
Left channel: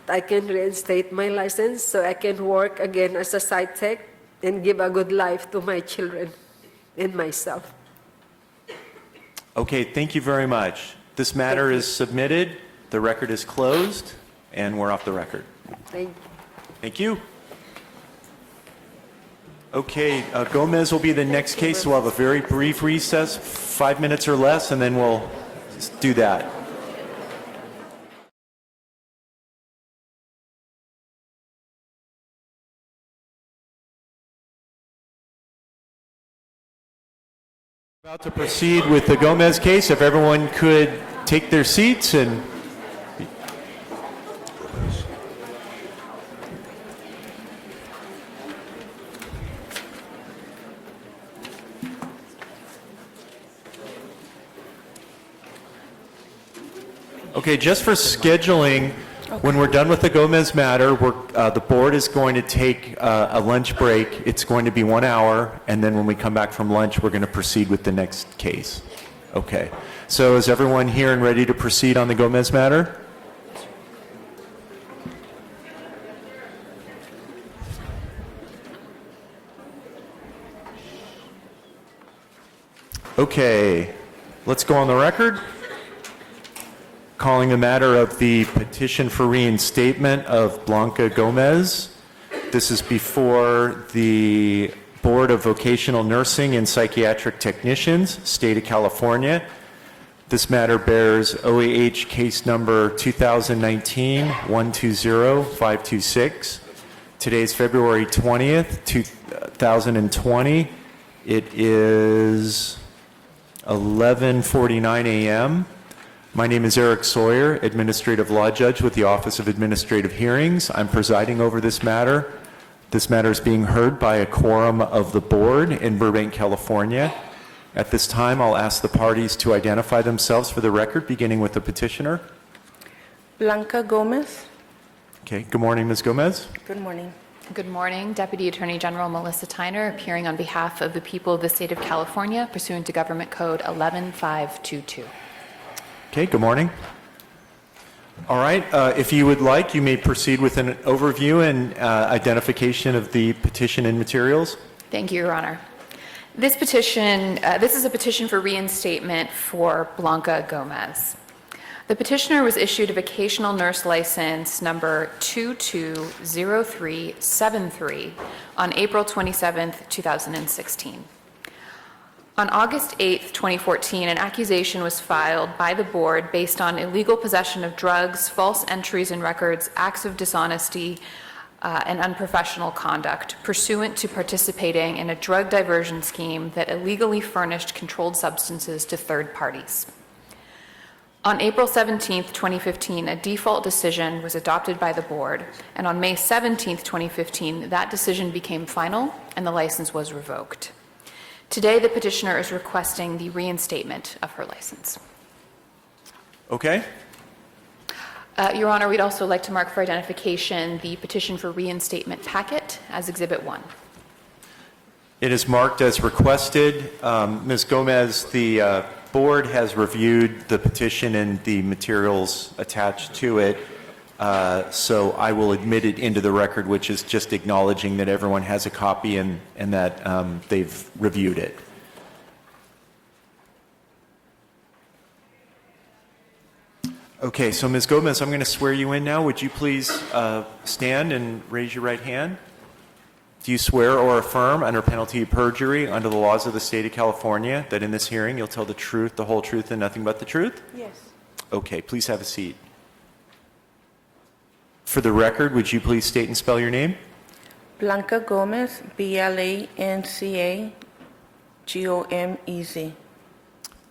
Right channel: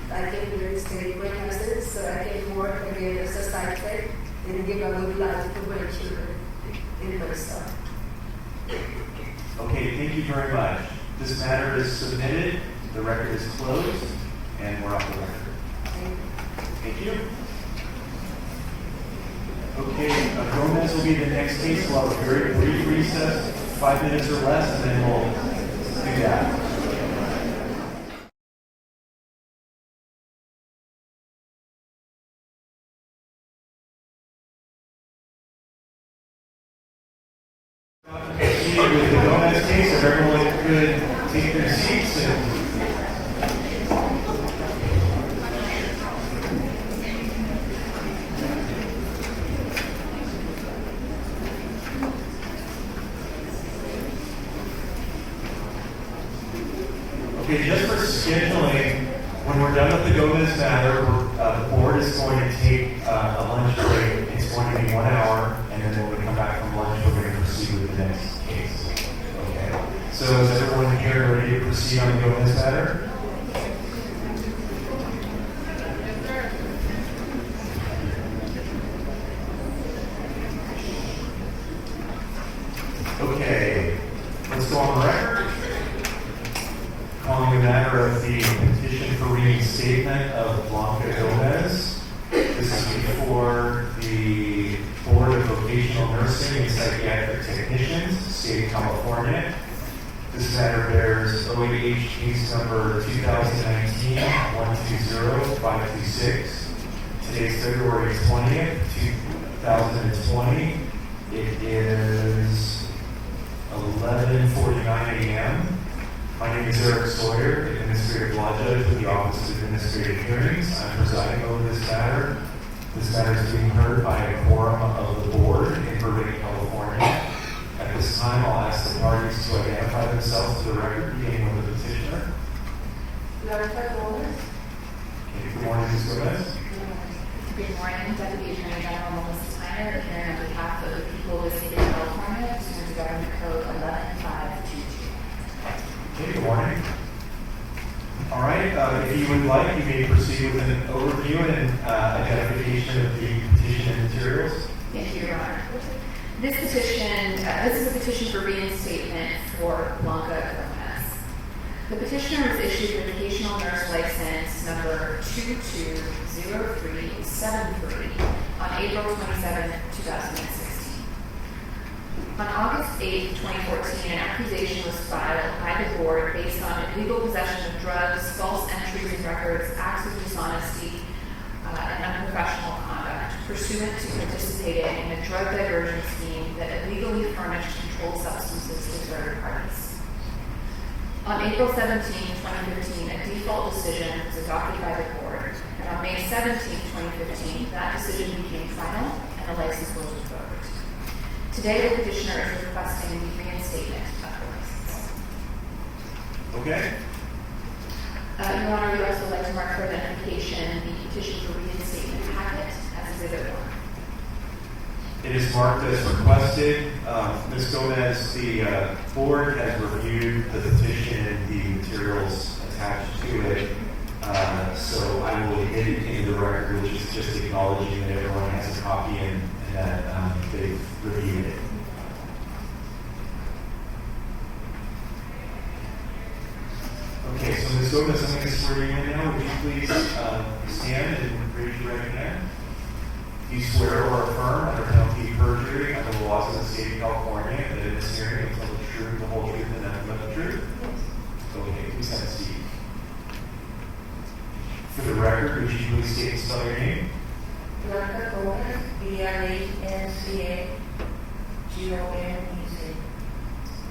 that I can reinstate my license so I can work again as a psych tech and give a good life to my children and myself. Okay, thank you very much. This matter is submitted, the record is closed, and we're off the record. Thank you. Okay, Gomez will be the next case. We'll have a very brief recess, 5 minutes or less, and then we'll do that. About to proceed with the Gomez case. If everyone could take their seats and okay, just for scheduling, when we're done with the Gomez matter, the board is going to take a lunch break. It's going to be 1 hour, and then when we come back from lunch, we're going to proceed with the next case. Okay, so is everyone here and ready to proceed on the Gomez matter? Okay, let's go on the record. Calling the matter of the petition for reinstatement of Blanca Gomez. This is before the Board of Vocational Nursing and Psychiatric Technicians, State of California. This matter bears OAH case number 2019-120-526. Today's February 20th, 2020. It is 11:49 a.m. My name is Eric Sawyer, Administrative Law Judge with the Office of Administrative Hearings. I'm presiding over this matter. This matter is being heard by a quorum of the board in Burbank, California. At this time, I'll ask the parties to identify themselves for the record, beginning with the petitioner. Blanca Gomez. Okay, good morning, Ms. Gomez. Good morning. Good morning. Deputy Attorney General Melissa Tyner, appearing on behalf of the people of the State of California pursuant to Government Code 11522. Okay, good morning. All right, if you would like, you may proceed with an overview and identification of the petition and materials. Thank you, Your Honor. This petition, this is a petition for reinstatement for Blanca Gomez. The petitioner was issued a vocational nurse license number 220373 on April 27, 2016. On August 8, 2014, an accusation was filed by the board based on illegal possession of drugs, false entries in records, acts of dishonesty, and unprofessional conduct pursuant to participating in a drug diversion scheme that illegally furnished controlled substances to third parties. On April 17th, 2015, a default decision was adopted by the board, and on May 17th, 2015, that decision became final and the license was revoked. Today, the petitioner is requesting the reinstatement of her license. Okay? Your Honor, we'd also like to mark for identification the petition for reinstatement packet as Exhibit 1. It is marked as requested. Ms. Gomez, the board has reviewed the petition and the materials attached to it, so I will admit it into the record, which is just acknowledging that everyone has a copy and that they've reviewed it. Okay, so Ms. Gomez, I'm going to swear you in now. Would you please stand and raise your right hand? Do you swear or affirm under penalty of perjury under the laws of the state of California that in this hearing you'll tell the truth, the whole truth, and nothing but the truth? Yes. Okay, please have a seat. For the record, would you please state and spell your name? Blanca Gomez, BlancaGomez.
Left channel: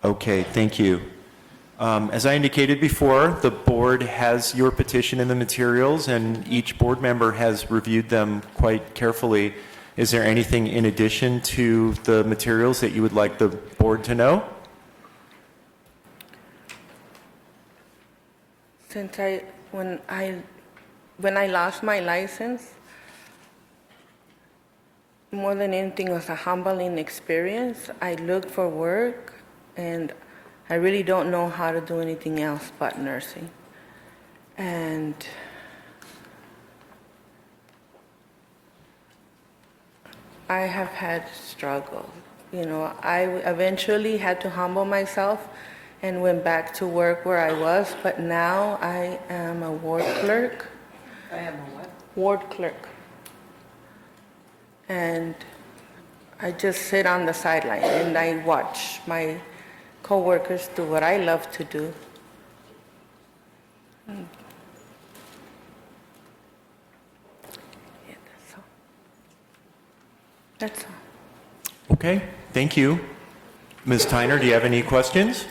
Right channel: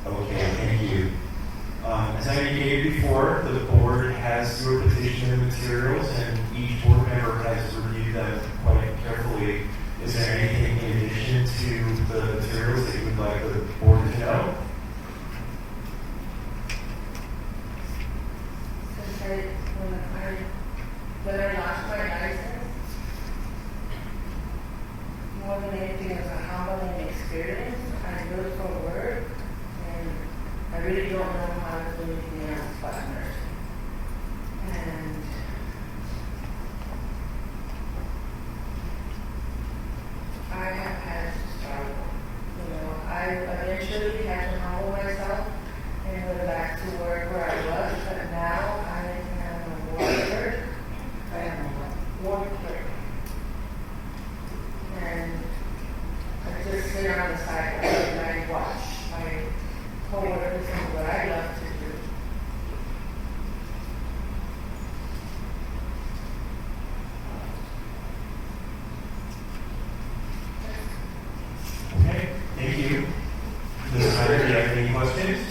Okay, thank you. As I indicated before, the board has your petition in the materials, and each board member has reviewed them quite carefully. Is there anything in addition to the materials that you would like the board to know? Since when I lost my license, more than anything, it was a humbling experience. I looked for work, and I really don't know how to do anything else but nursing. And I have had struggle. You know, I eventually had to humble myself and went back to work where I was, but now I am a ward clerk. Ward clerk. And I just sit on the sideline and I watch my co-workers do what I love to do. That's Okay, thank you. Ms. Tyner, do you have any questions?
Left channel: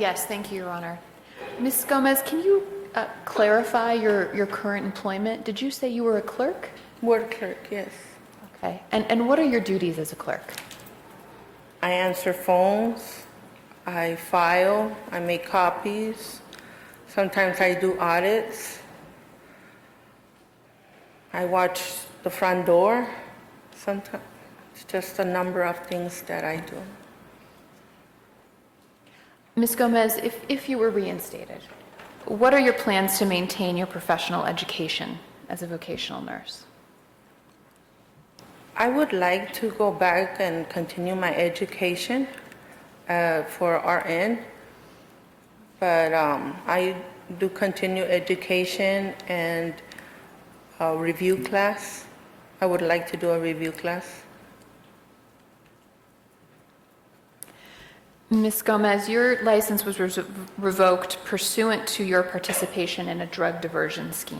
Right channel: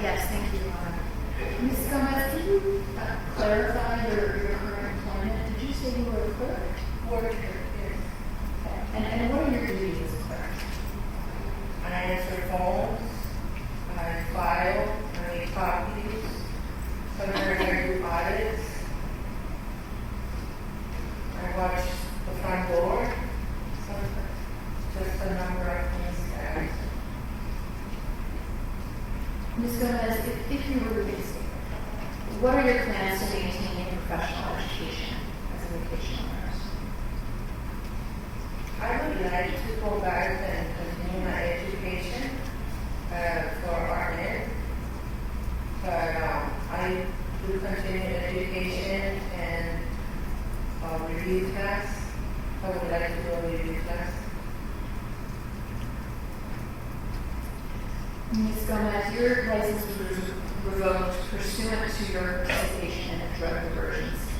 Yes, thank you, Your Honor. Ms. Gomez, can you clarify your current employment? Did you say you were a clerk? ward clerk, yes. Okay. And what are your duties as a clerk? I answer phones, I file, I make copies, sometimes I do audits, I watch the front door, sometimes it's just a number of things that I do. Ms. Gomez, if you were reinstated, what are your plans to maintain your professional education as a vocational nurse? I would like to go back and continue my education for RN, but I do continue education and a review class. I would like to do a review class. Ms. Gomez, your license was revoked pursuant to your participation in a drug diversion scheme.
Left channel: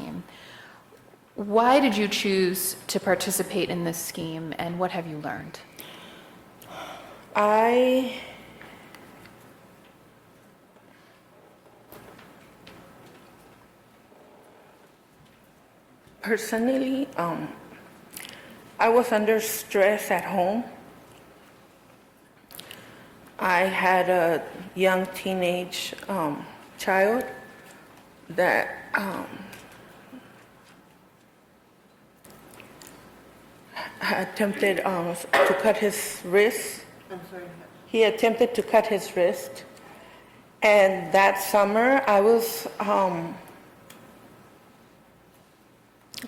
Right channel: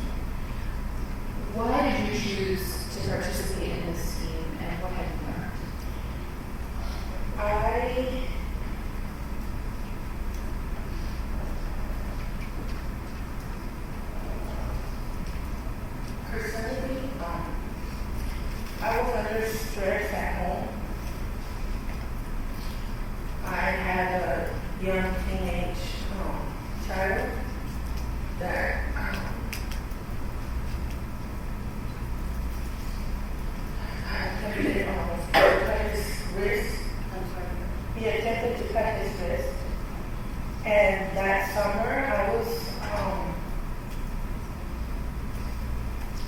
Why did you choose to participate in this scheme, and what have you learned? I personally, I was under stress at home. I had a young teenage child that attempted to cut his wrist. He attempted to cut his wrist. And that summer, I was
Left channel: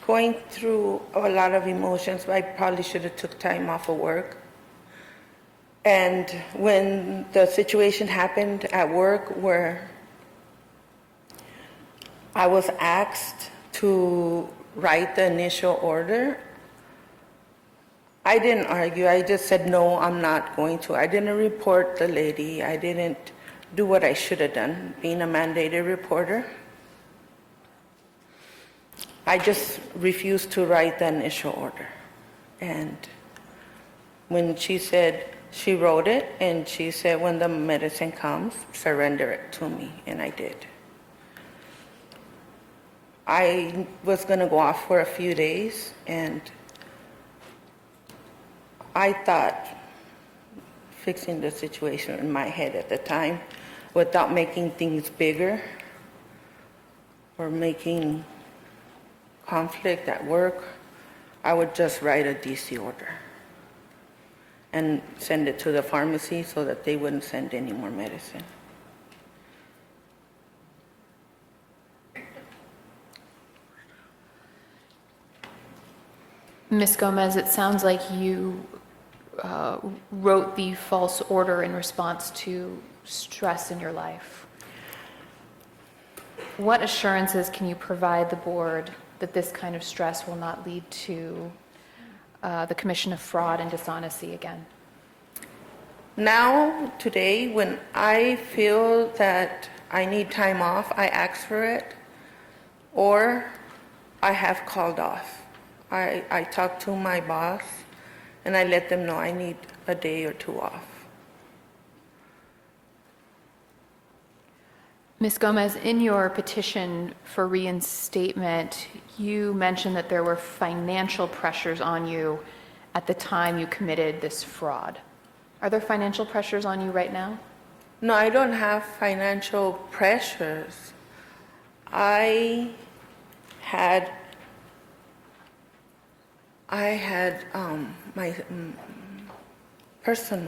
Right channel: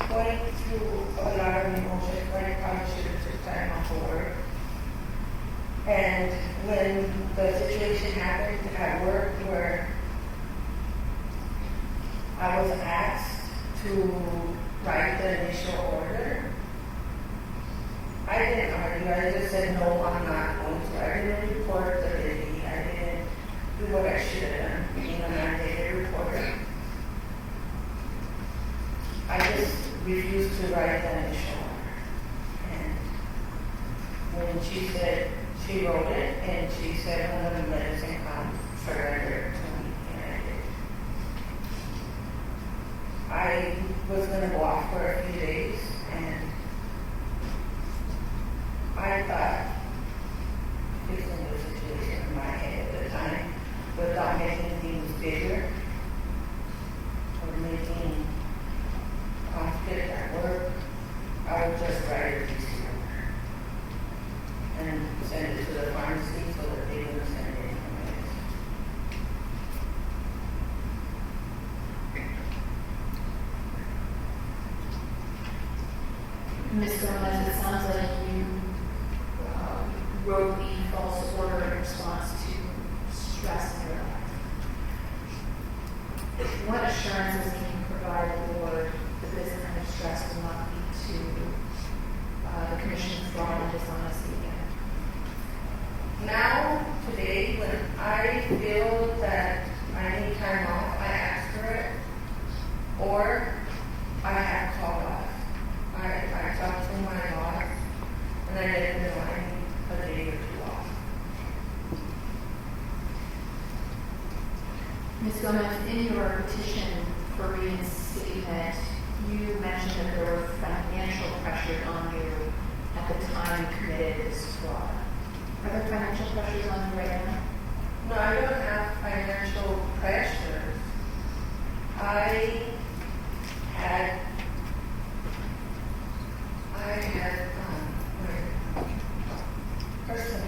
going through a lot of emotions. I probably should have took time off of work. And when the situation happened at work where I was asked to write the initial order, I didn't argue. I just said, no, I'm not going to. I didn't report the lady. I didn't do what I should have done, being a mandated reporter. I just refused to write the initial order. And when she said, she wrote it, and she said, when the medicine comes, surrender it to me, and I did. I was gonna go off for a few days, and I thought fixing the situation in my head at the time without making things bigger or making conflict at work, I would just write a DC order and send it to the pharmacy so that they wouldn't send any more medicine. Ms. Gomez, it sounds like you wrote the false order in response to stress in your life. What assurances can you provide the board that this kind of stress will not lead to the commission of fraud and dishonesty again? Now, today, when I feel that I need time off, I ask for it, or I have called off. I talk to my boss, and I let them know I need a day or two off. Ms. Gomez, in your petition for reinstatement, you mentioned that there were financial pressures on you at the time you committed this fraud. Are there financial pressures on you right now? No, I don't have financial pressures. I had my personal,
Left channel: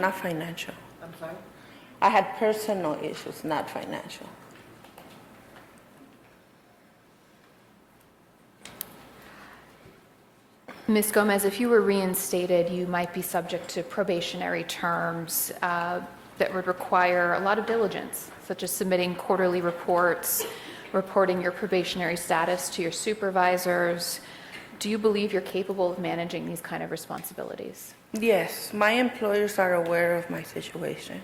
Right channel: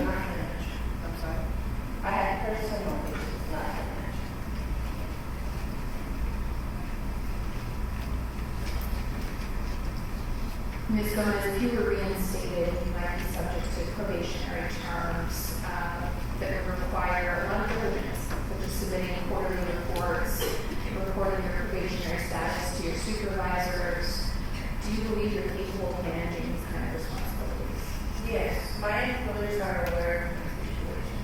not financial. I'm sorry? I had personal issues, not financial. Ms. Gomez, if you were reinstated, you might be subject to probationary terms that would require a lot of diligence, such as submitting quarterly reports, reporting your probationary status to your supervisors. Do you believe you're capable of managing these kind of responsibilities? Yes, my employers are aware of my situation.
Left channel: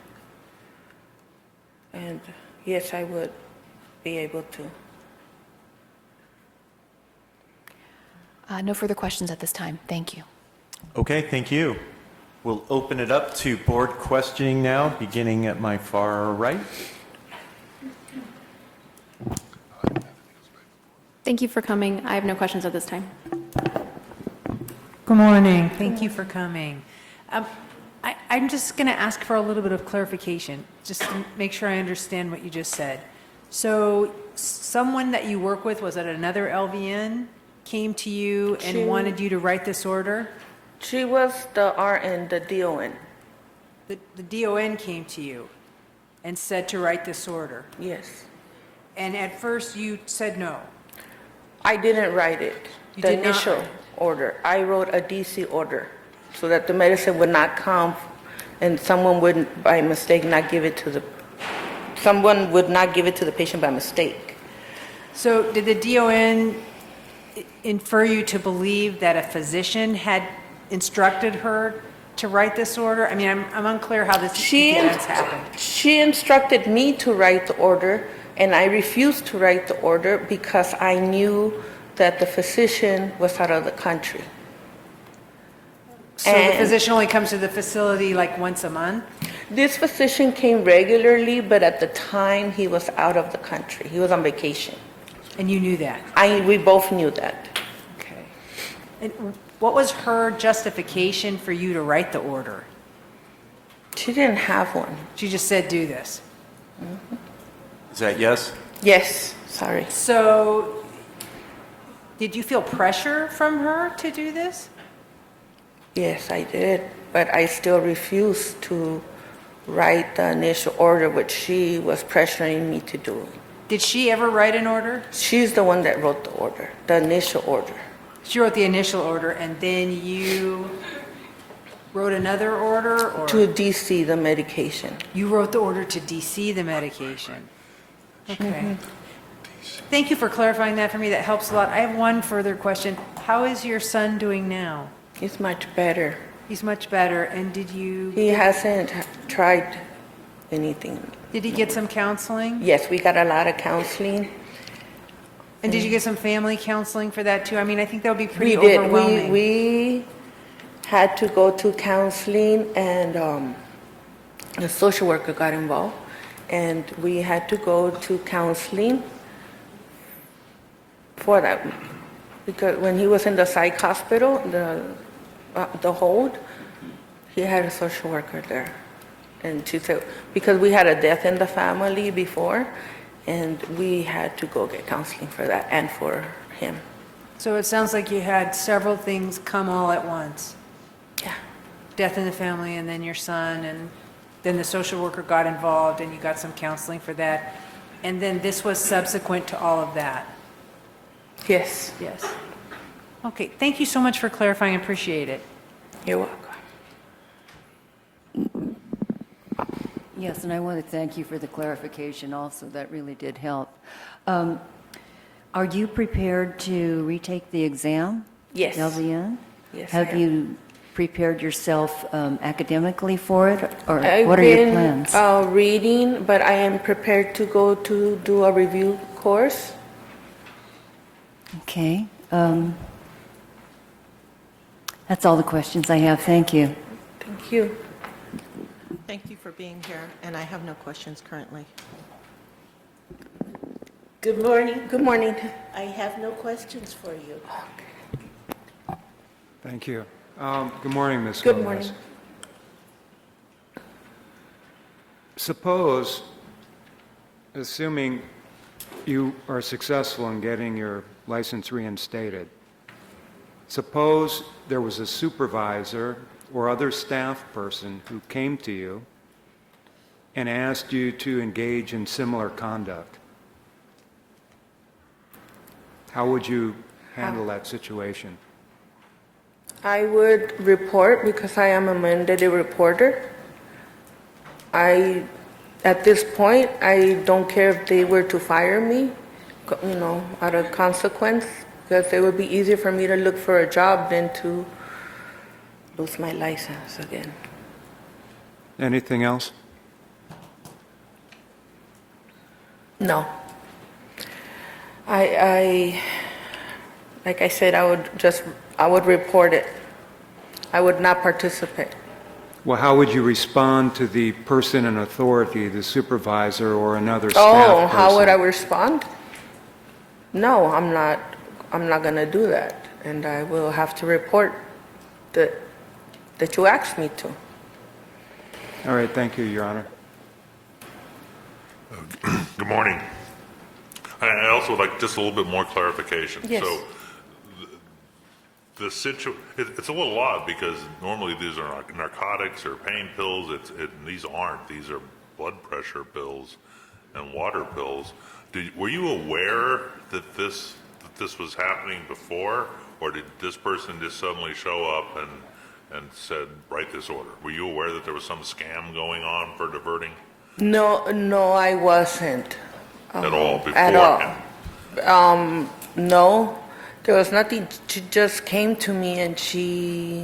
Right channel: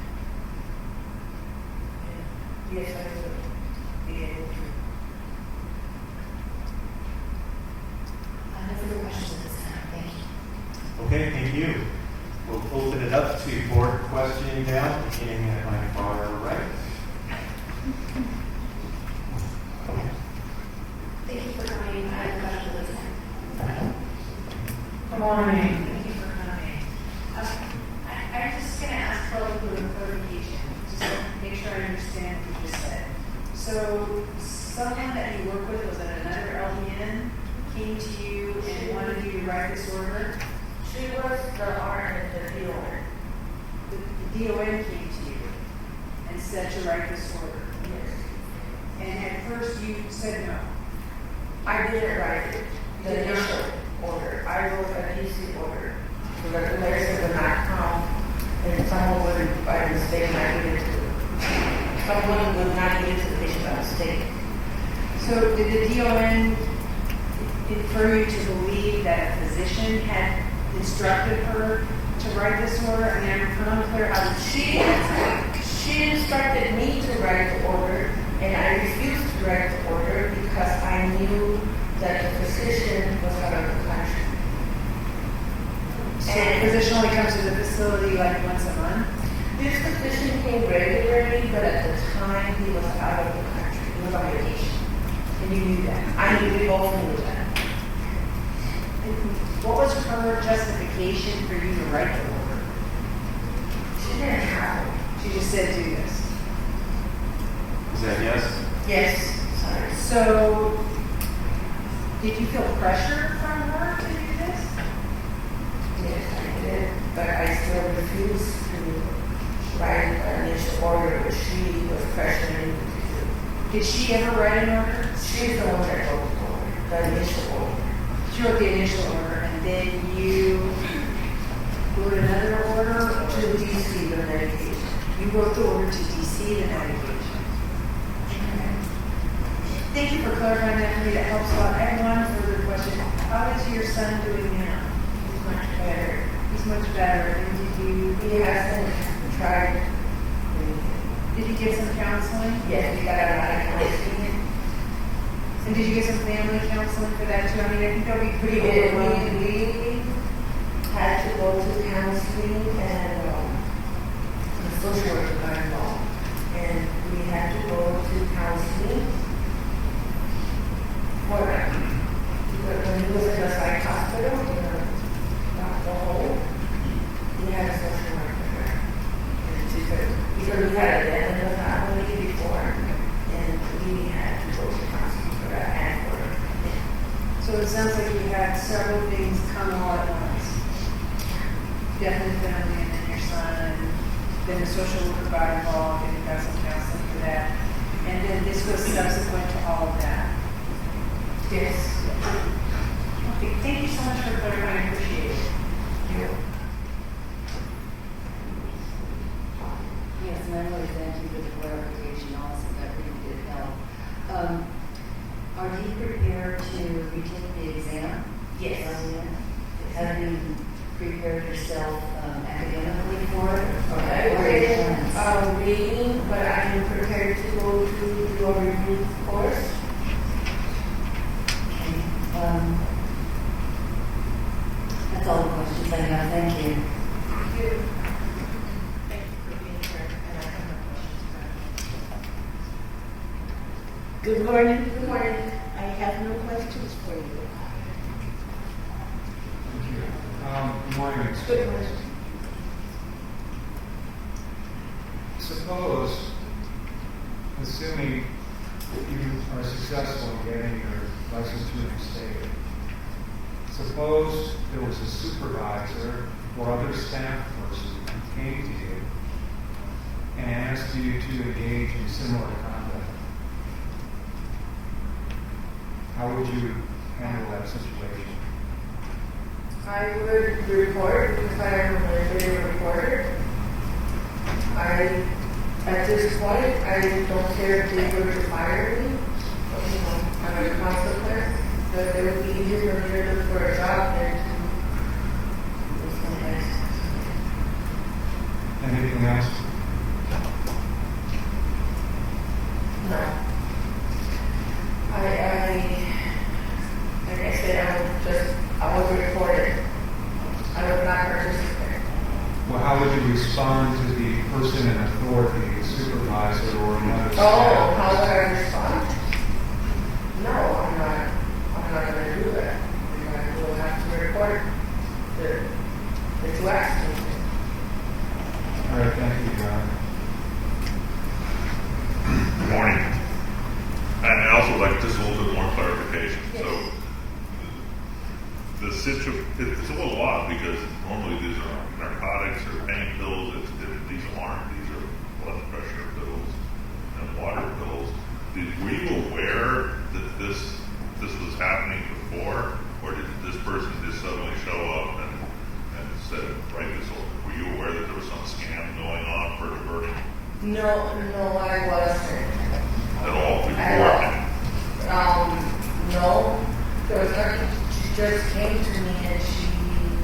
And yes, I would be able to. No further questions at this time. Thank you. Okay, thank you. We'll open it up to board questioning now, beginning at my far right. Thank you for coming. I have no questions at this time. Good morning. Thank you for coming. I'm just going to ask for a little bit of clarification, just to make sure I understand what you just said. So someone that you work with, was it another LVN, came to you and wanted you to write this order? She was the RN, the DON. The DON came to you and said to write this order? Yes. And at first you said no? I didn't write it, You the did not? initial order. I wrote a DC order so that the medicine would not come and someone would, by mistake, not give it to the, someone would not give it to the patient by mistake. So did the DON infer you to believe that a physician had instructed her to write this order? I mean, I'm unclear how this happened. She instructed me to write the order, and I refused to write the order because I knew that the physician was out of the country. So the physician only comes to the facility like once a month? This physician came regularly, but at the time he was out of the country. He was on vacation. And you knew that? We both knew that. And what was her justification for you to write the order? She didn't have one. She just said, do this. Is that yes? Yes, sorry. So, did you feel pressure from her to do this? Yes, I did, but I still refused to write the initial order, which she was pressuring me to do. Did she ever write an order? She's the one that wrote the order, the initial order. She wrote the initial order, and then you wrote another order? Or? To DC the medication. You wrote the order to DC the medication. Okay. Thank you for clarifying that for me. That helps a lot. I have one further question. How is your son doing now? He's much better. He's much better. And did you... He hasn't tried anything. Did he get some counseling? Yes, we got a lot of counseling. And did you get some family counseling for that too? I mean, I think that would be pretty We did. overwhelming. We had to go to counseling, and the social worker got involved, and we had to go to counseling for that. Because when he was in the psych hospital, the hold, he had a social worker there. And she said, because we had a death in the family before, and we had to go to counseling for that and for him. So it sounds like you had several things come all at once. Death in the family, and then your son, and then the social worker got involved, and you got some counseling for that. And then this was subsequent to all of that. Yes. Yes. Okay, thank you so much for clarifying. I appreciate it. You're welcome. Yes, and I want to thank you for the clarification also. That really did help. Are you prepared to retake the exam? Yes. LVN? Yes. Have you prepared yourself academically for it? Or I've what are your been plans? reading, but I am prepared to go to do a review course. Okay. That's all the questions I have. Thank you. Thank you. Thank you for being here, and I have no questions currently. Good morning. Good morning. I have no questions for you. Thank you. Good morning, Ms. Good Lopez. morning. Suppose, assuming you are successful in getting your license reinstated, suppose there was a supervisor or other staff person who came to you and asked you to engage in similar conduct. How would you handle that situation? I would report because I am a mandated reporter. At this point, I don't care if they were to fire me, out of consequence, because it would be easier for me to look for a job than to lose my license again. Anything else? No. Like I said, I would report it. I would not participate. Well, how would you respond to the person in authority, the supervisor or another staff Oh, how person? would I respond? No, I'm not gonna do that. And I will have to report that you asked me to. All right, thank you, Your Honor. Good morning. I also like just a little bit more clarification. Yes. So, it's a little odd because normally these are narcotics or pain pills. These aren't. These are blood pressure pills and water pills. Were you aware that this was happening before, or did this person just suddenly show up and said, write this order? Were you aware that there was some scam going on for diverting No, I wasn't. at all before? At all. No, there was nothing. She just came to me and she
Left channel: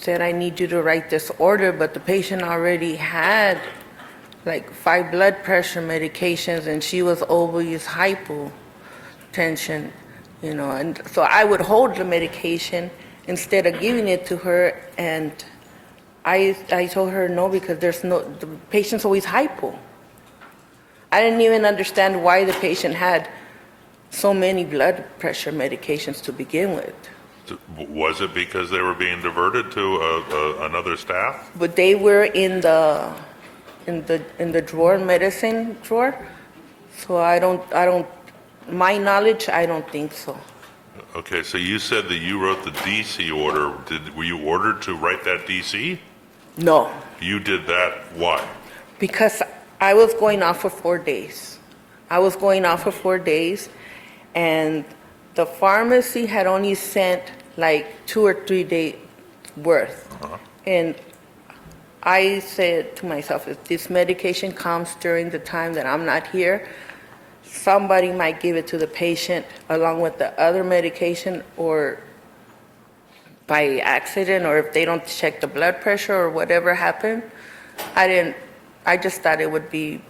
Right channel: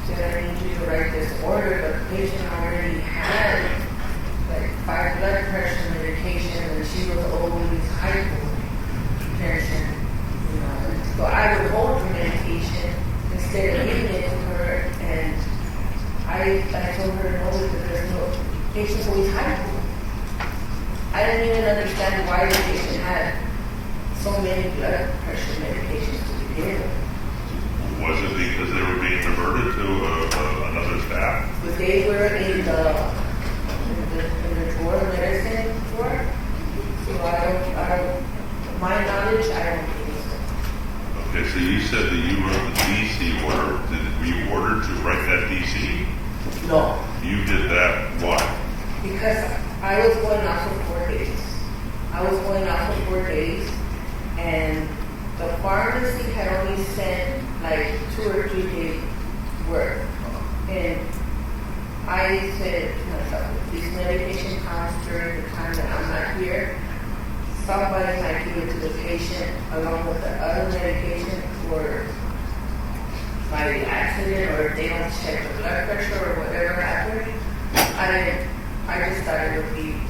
said, I need you to write this order, but the patient already had like 5 blood pressure medications and she was always hypotension, and so I would hold the medication instead of giving it to her, and I told her no, because the patient's always hypo. I didn't even understand why the patient had so many blood pressure medications to begin with. Was it because they were being diverted to another staff? But they were in the drawer, medicine drawer. So I don't, my knowledge, I don't think so. Okay, so you said that you wrote the DC order. Were you ordered to write that DC? No. You did that, why? Because I was going off for 4 days. And the pharmacy had only sent like 2 or 3 days worth. And I said to myself, if this medication comes during the time that I'm not here, somebody might give it to the patient along with the other medication, or by accident, or if they don't check the blood pressure or whatever happened. I just thought it would be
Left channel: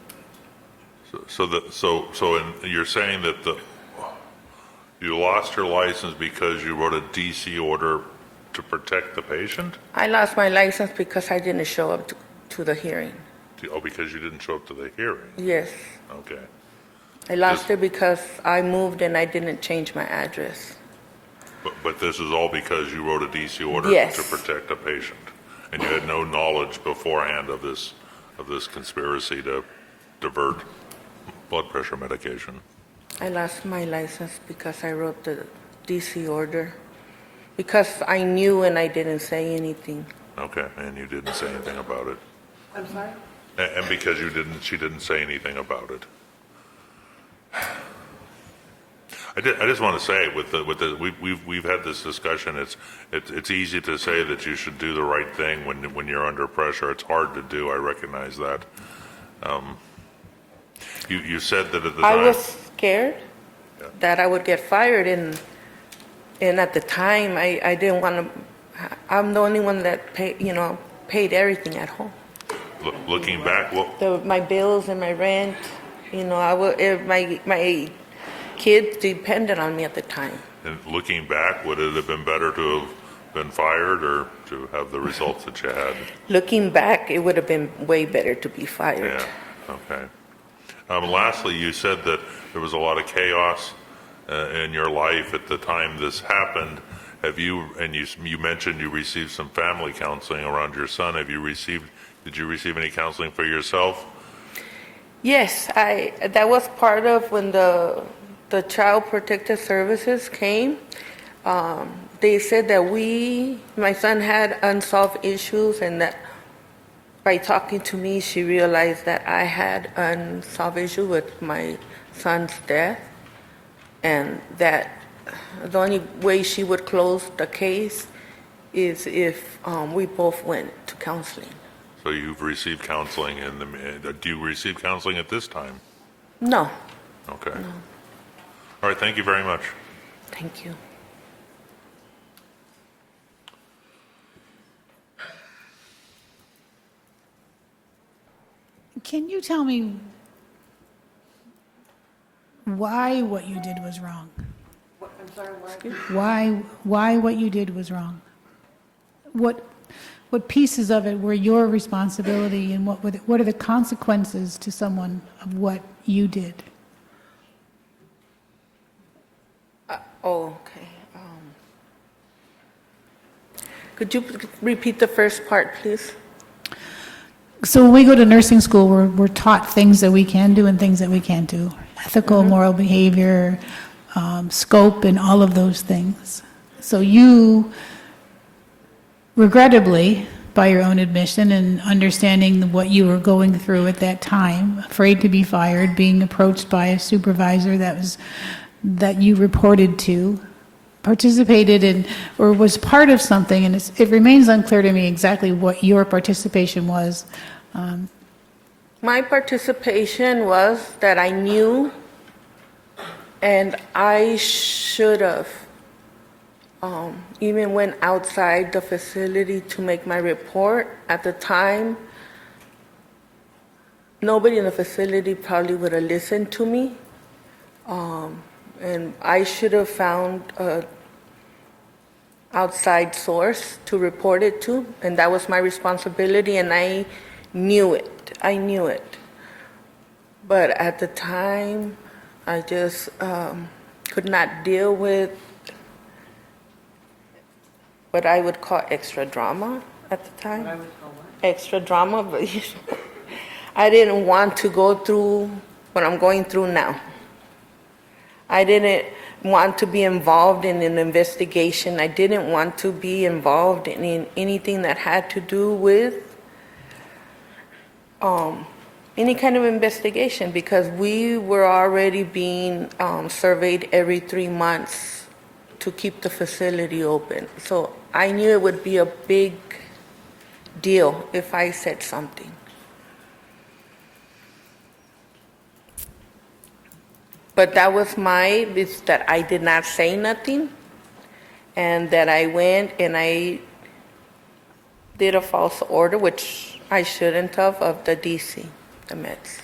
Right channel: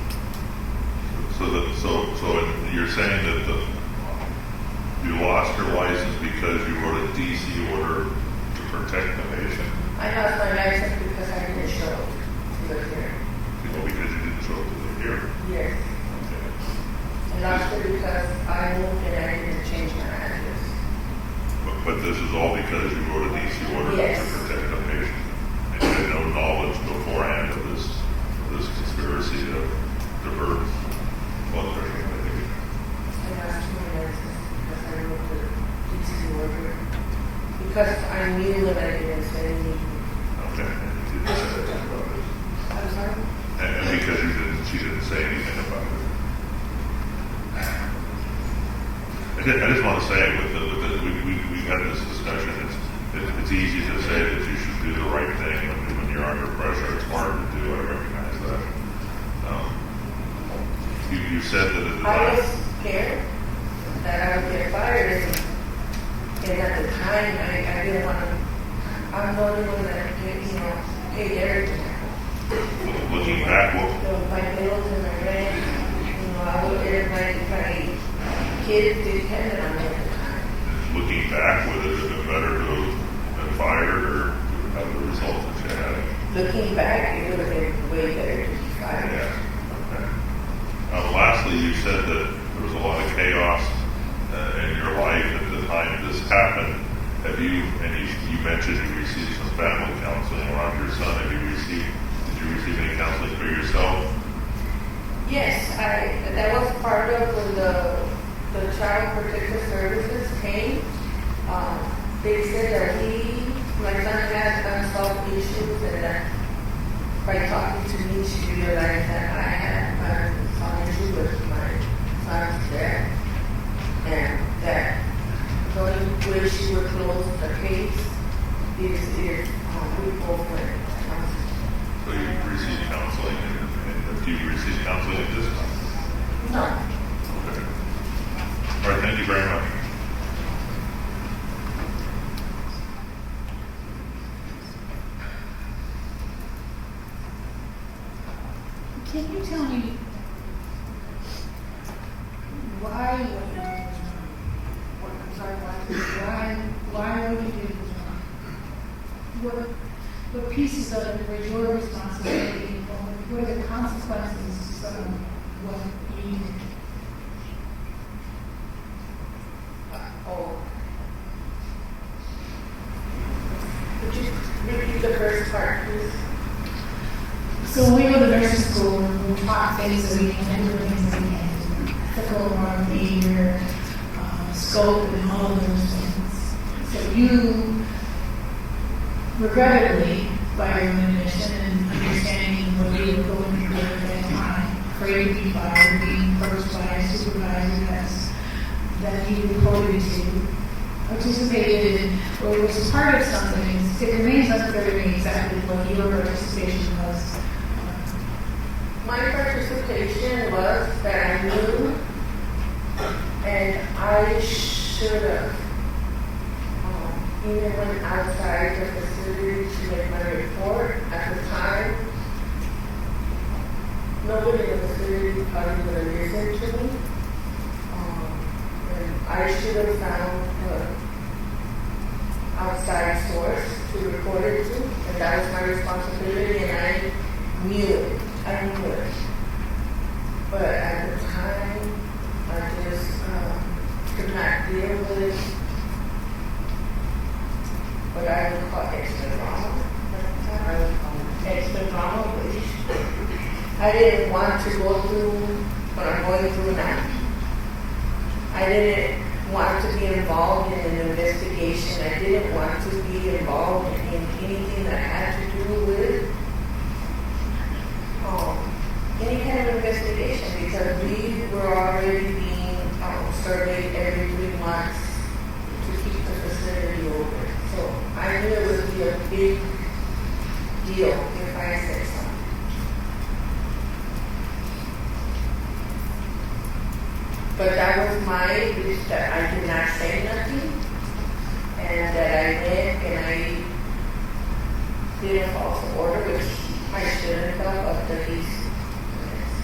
you're saying that you lost your license because you wrote a DC order to protect the patient? I lost my license because I didn't show up to the hearing. Oh, because you didn't show up to the hearing? Yes. Okay. I lost it because I moved and I didn't change my address. But this is all because you wrote a DC order Yes. to protect a patient, and you had no knowledge beforehand of this conspiracy to divert blood pressure medication. I lost my license because I wrote the DC order. Because I knew and I didn't say anything. Okay, and you didn't say anything about it. I'm sorry? And because she didn't say anything about it. I just want to say, we've had this discussion. It's easy to say that you should do the right thing when you're under pressure. It's hard to do. I recognize that. You said that at the time. I was scared that I would get fired, and at the time I didn't want to. I'm the only one that paid everything at home. Looking back, My bills and my rent. My kids depended on me at the time. and looking back, would it have been better to have been fired or to have the results that you had? Looking back, it would have been way better to be fired. Yeah. Okay. Lastly, you said that there was a lot of chaos in your life at the time this happened. Have you? And you mentioned you received some family counseling around your son. Did you receive any counseling for yourself? Yes, that was part of when the Child Protective Services came. They said that my son had unsolved issues, and that by talking to me, she realized that I had unsolved issue with my son's death, and that the only way she would close the case is if we both went to counseling. So you've received counseling, and do you receive counseling at this time? No. Okay. All right, thank you very much. Can you tell me why what you did was wrong? Why what you did was wrong? What pieces of it were your responsibility, and what are the consequences to someone of what you did? Okay. Could you repeat the first part, please? So when we go to nursing school, we're taught things that we can do and things that we can't do. Ethical, moral behavior, scope, and all of those things. So you, regrettably, by your own admission and understanding what you were going through at that time, afraid to be fired, being approached by a supervisor that you reported to, participated in, or was part of something, and it remains unclear to me exactly what your participation was. My participation was that I knew, and I should have even went outside the facility to make my report. At the time, nobody in the facility probably would have listened to me, and I should have found an outside source to report it to, and that was my responsibility, and I knew it. But at the time, I just could not deal with what I would call extra drama at the time. Extra drama, but I didn't want to go through what I'm going through now. I didn't want to be involved in an investigation. I didn't want to be involved in anything that had to do with any kind of investigation, because we were already being surveyed every 3 months to keep the facility open. So I knew it would be a big deal if I said something. But that was that I did not say nothing, and that I went and I did a false order, which I shouldn't have, of the DC, the meds.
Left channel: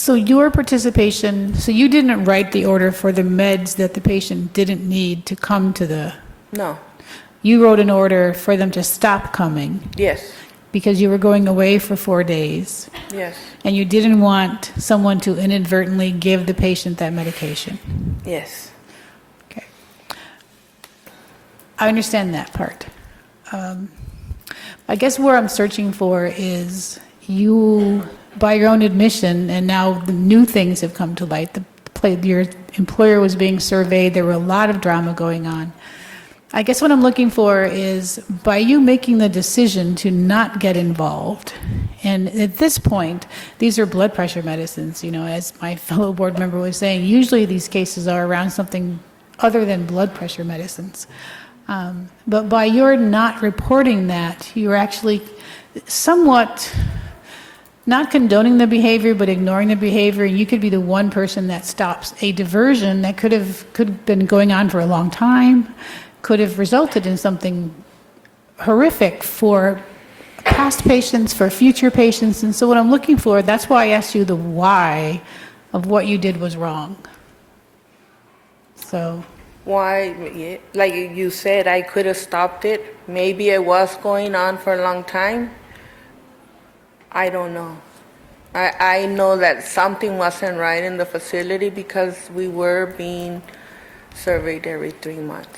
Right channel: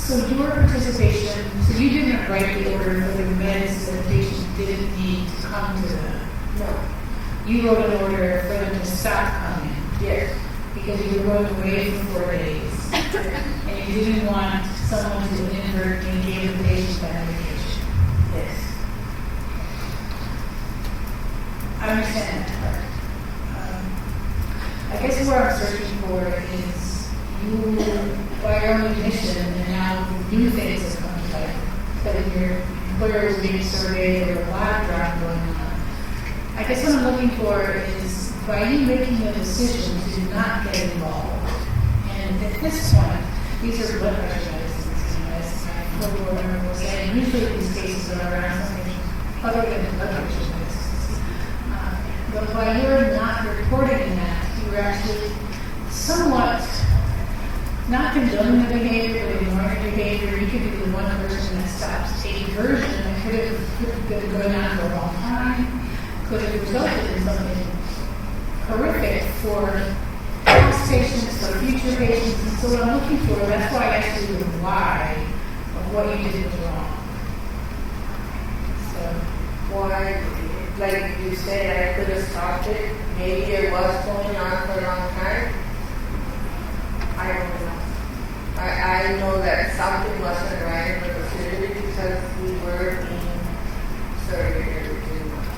So your participation, so you didn't write the order for the meds that the patient didn't need to come to the, No. you wrote an order for them to stop coming Yes. because you were going away for 4 days Yes. and you didn't want someone to inadvertently give the patient that medication. Yes. I understand that part. I guess where I'm searching for is you, by your own admission, and now new things have come to light. Your employer was being surveyed. There were a lot of drama going on. I guess what I'm looking for is by you making the decision to not get involved, and at this point, these are blood pressure medicines, you know, as my fellow board member was saying, usually these cases are around something other than blood pressure medicines. But by your not reporting that, you're actually somewhat not condoning the behavior, but ignoring the behavior. You could be the one person that stops a diversion that could have been going on for a long time, could have resulted in something horrific for past patients, for future patients. And so what I'm looking for, that's why I asked you the why of what you did was wrong. So Why, like you said, I could have stopped it. Maybe it was going on for a long time. I don't know. I know that something wasn't right in the facility because we were being surveyed every 3 months.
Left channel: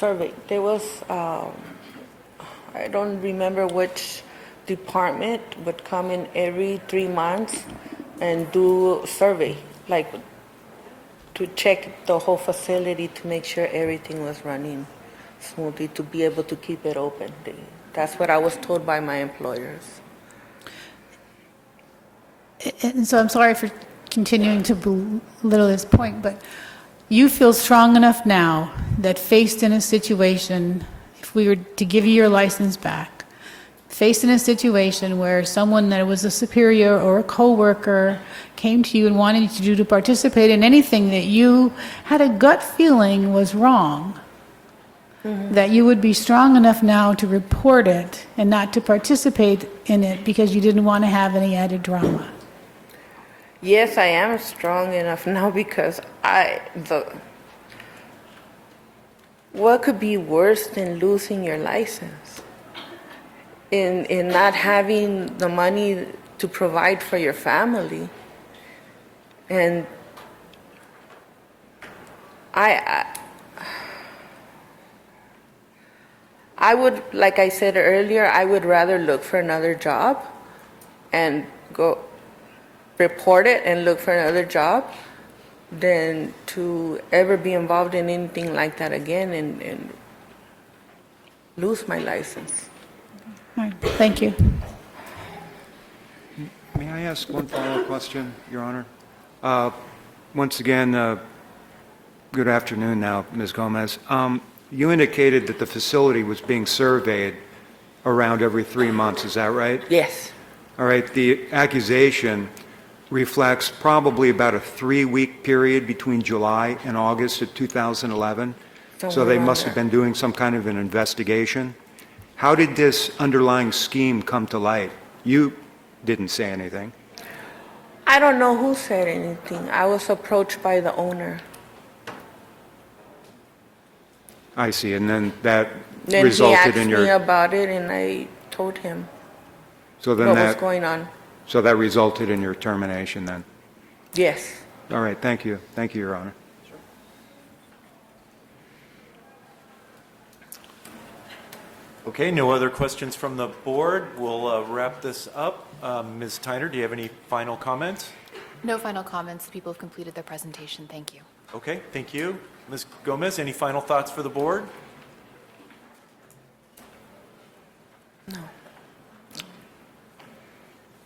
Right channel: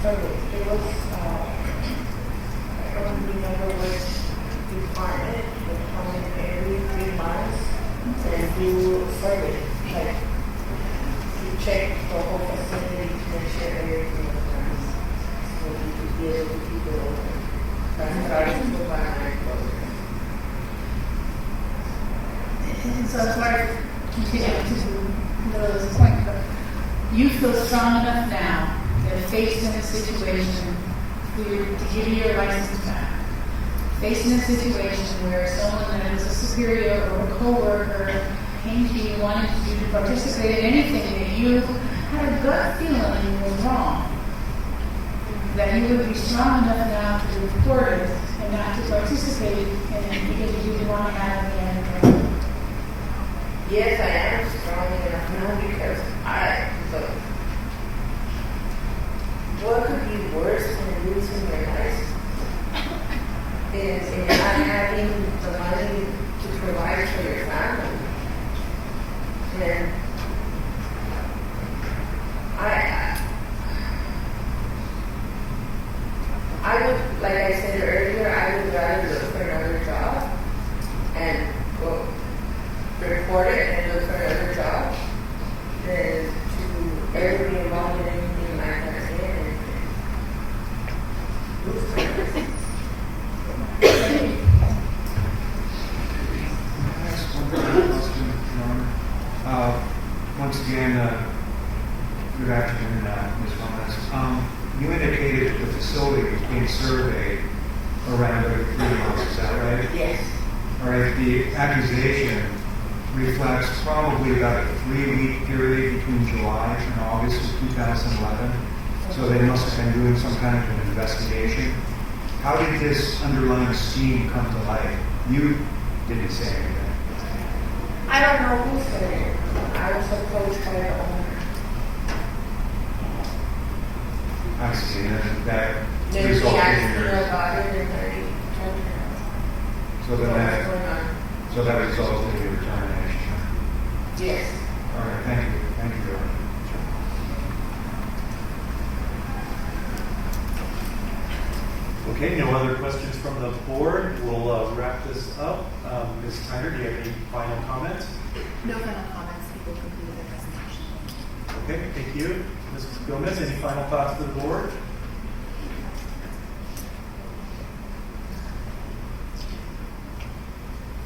Surveyed. There was, I don't remember which department would come in every 3 months and do survey, like to check the whole facility to make sure everything was running smoothly, to be able to keep it open. That's what I was told by my employers. and so I'm sorry for continuing to belittle this point, but you feel strong enough now that faced in a situation, if we were to give you your license back, faced in a situation where someone that was a superior or a coworker came to you and wanted you to participate in anything that you had a gut feeling was wrong, that you would be strong enough now to report it and not to participate in it because you didn't want to have any added drama. Yes, I am strong enough now because what could be worse than losing your license? In not having the money to provide for your family. And I would, like I said earlier, I would rather look for another job and go report it and look for another job than to ever be involved in anything like that again and lose my license. Thank you. Can I ask one final question, Your Honor? Once again, good afternoon now, Ms. Gomez. You indicated that the facility was being surveyed around every 3 months, is that right? Yes. All right, the accusation reflects probably about a 3-week period between July and August of 2011. So they must have been doing some kind of an investigation. How did this underlying scheme come to light? You didn't say anything. I don't know who said anything. I was approached by the owner. I see, and then that Then resulted he asked in your... me about it and I told him So then what that, was going on. So that resulted in your termination then? Yes. All right, thank you. Thank you, Your Honor. Okay, no other questions from the board. We'll wrap this up. Ms. Tyner, do you have any final comments? No final comments. People have completed their presentation. Thank you. Okay, thank you. Ms. Gomez, any final thoughts for the board?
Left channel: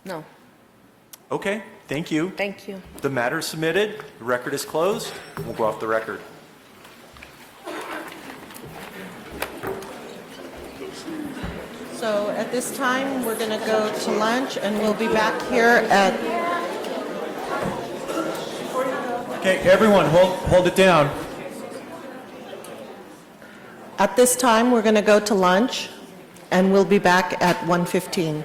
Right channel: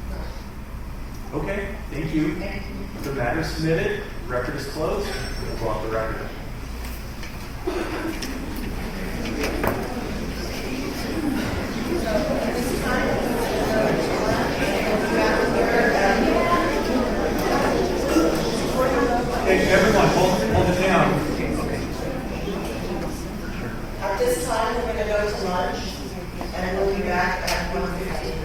No. Okay, thank you. Thank you. The matter is submitted. The record is closed. We'll go off the record. So at this time, we're going to go to lunch and we'll be back here at... Okay, everyone, hold it down. At this time, we're going to go to lunch and we'll be back at 1:15.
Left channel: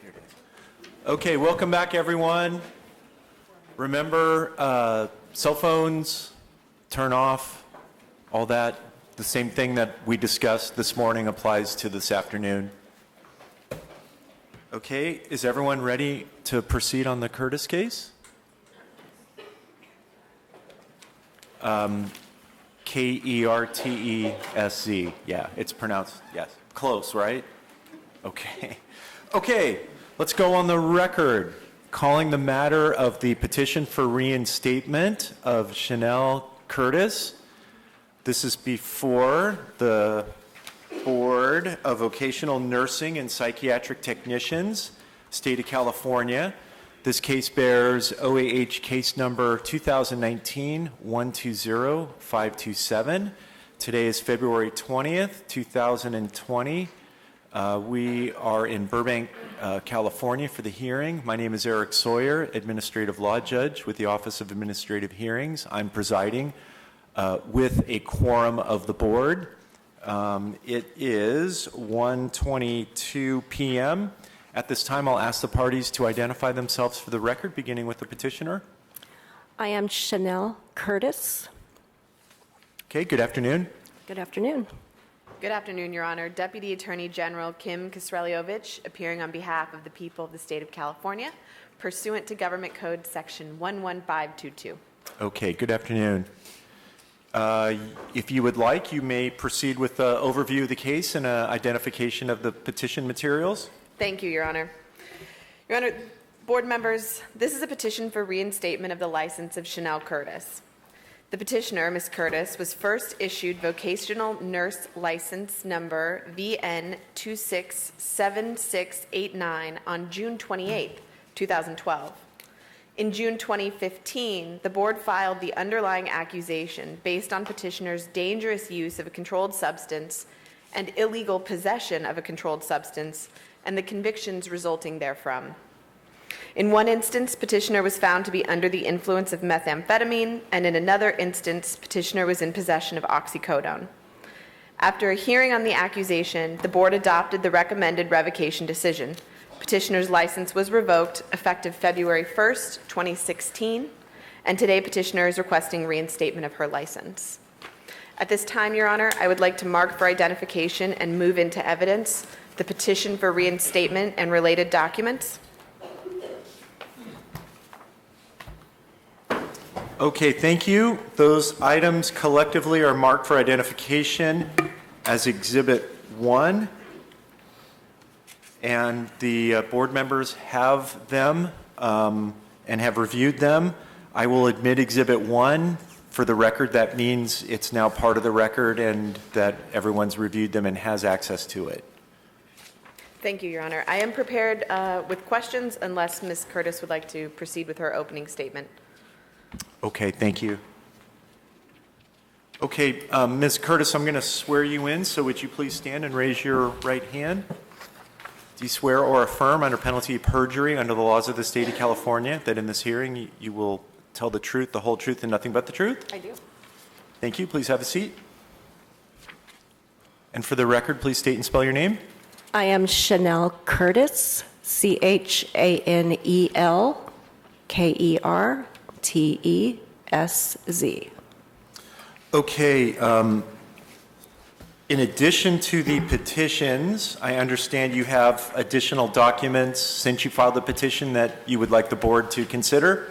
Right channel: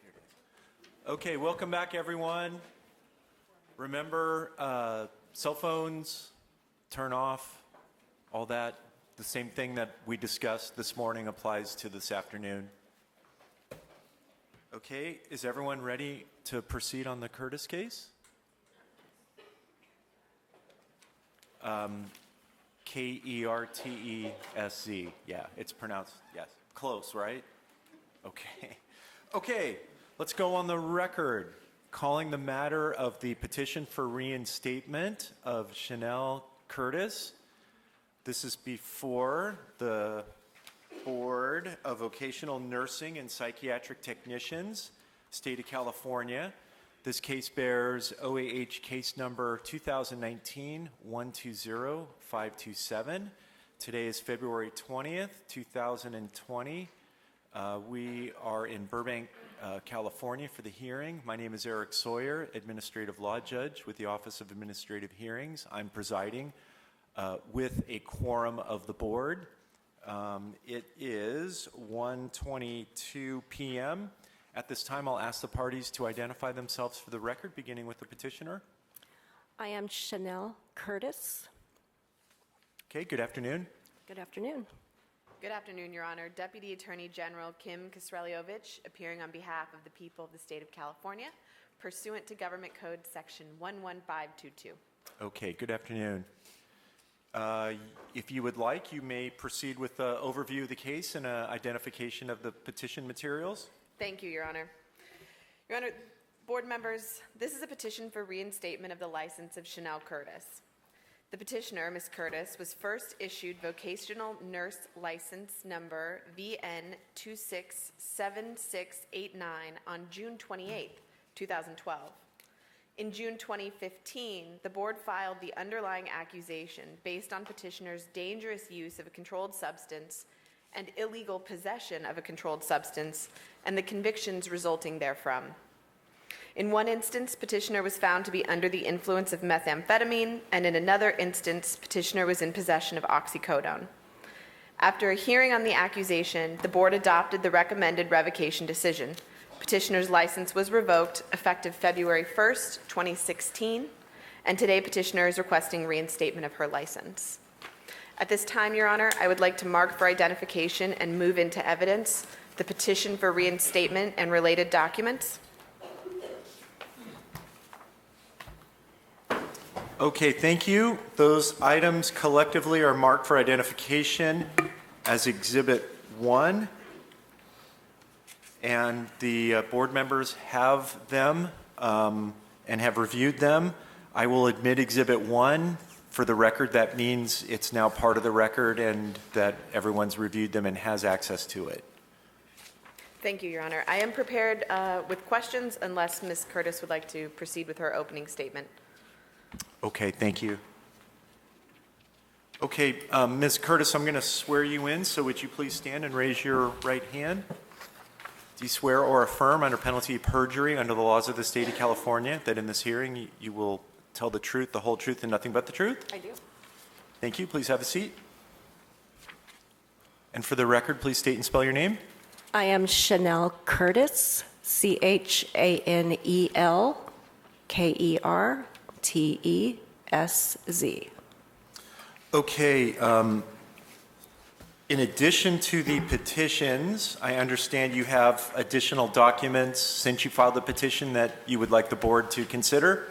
Here it is. Okay, welcome back, everyone. Remember, cell phones, turn off, all that. The same thing that we discussed this morning applies to this afternoon. Okay, is everyone ready to proceed on the Curtis case? Kertesz. Yeah, it's pronounced, yes. Close, right? Okay. Okay, let's go on the record. Calling the matter of the petition for reinstatement of Chanelle Curtis. This is before the Board of Vocational Nursing and Psychiatric Technicians, State of California. This case bears OAH case number 2019-120527. Today is February 20th, 2020. We are in Burbank, California for the hearing. My name is Eric Sawyer, Administrative Law Judge with the Office of Administrative Hearings. I'm presiding with a quorum of the board. It is 1:22 p.m. At this time, I'll ask the parties to identify themselves for the record, beginning with the petitioner. I am Chanelle Curtis. Okay, good afternoon. Good afternoon. Good afternoon, Your Honor. Deputy Attorney General Kim Kisreliovich, appearing on behalf of the people of the state of California, pursuant to Government Code Section 11522. Okay, good afternoon. If you would like, you may proceed with the overview of the case and identification of the petition materials. Thank you, Your Honor. Your Honor, board members, this is a petition for reinstatement of the license of Chanelle Curtis. The petitioner, Ms. Curtis, was first issued vocational nurse license number VN 267689 on June 28, 2012. In June 2015, the board filed the underlying accusation based on petitioner's dangerous use of a controlled substance and illegal possession of a controlled substance and the convictions resulting therefrom. In one instance, petitioner was found to be under the influence of methamphetamine, and in another instance, petitioner was in possession of oxycodone. After a hearing on the accusation, the board adopted the recommended revocation decision. Petitioner's license was revoked effective February 1st, 2016, and today petitioner is requesting reinstatement of her license. At this time, Your Honor, I would like to mark for identification and move into evidence the petition for reinstatement and related documents. Okay, thank you. Those items collectively are marked for identification as Exhibit 1. And the board members have them and have reviewed them. I will admit Exhibit 1. For the record, that means it's now part of the record and that everyone's reviewed them and has access to it. Thank you, Your Honor. I am prepared with questions unless Ms. Curtis would like to proceed with her opening statement. Okay, thank you. Okay, Ms. Curtis, I'm going to swear you in, so would you please stand and raise your right hand? Do you swear or affirm under penalty of perjury under the laws of the state of California that in this hearing you will tell the truth, the whole truth, and nothing but the truth? I do. Thank you. Please have a seat. And for the record, please state and spell your name. I am Chanelle Curtis, ChanelKertesz. Okay. In addition to the petitions, I understand you have additional documents since you filed the petition that you would like the board to consider?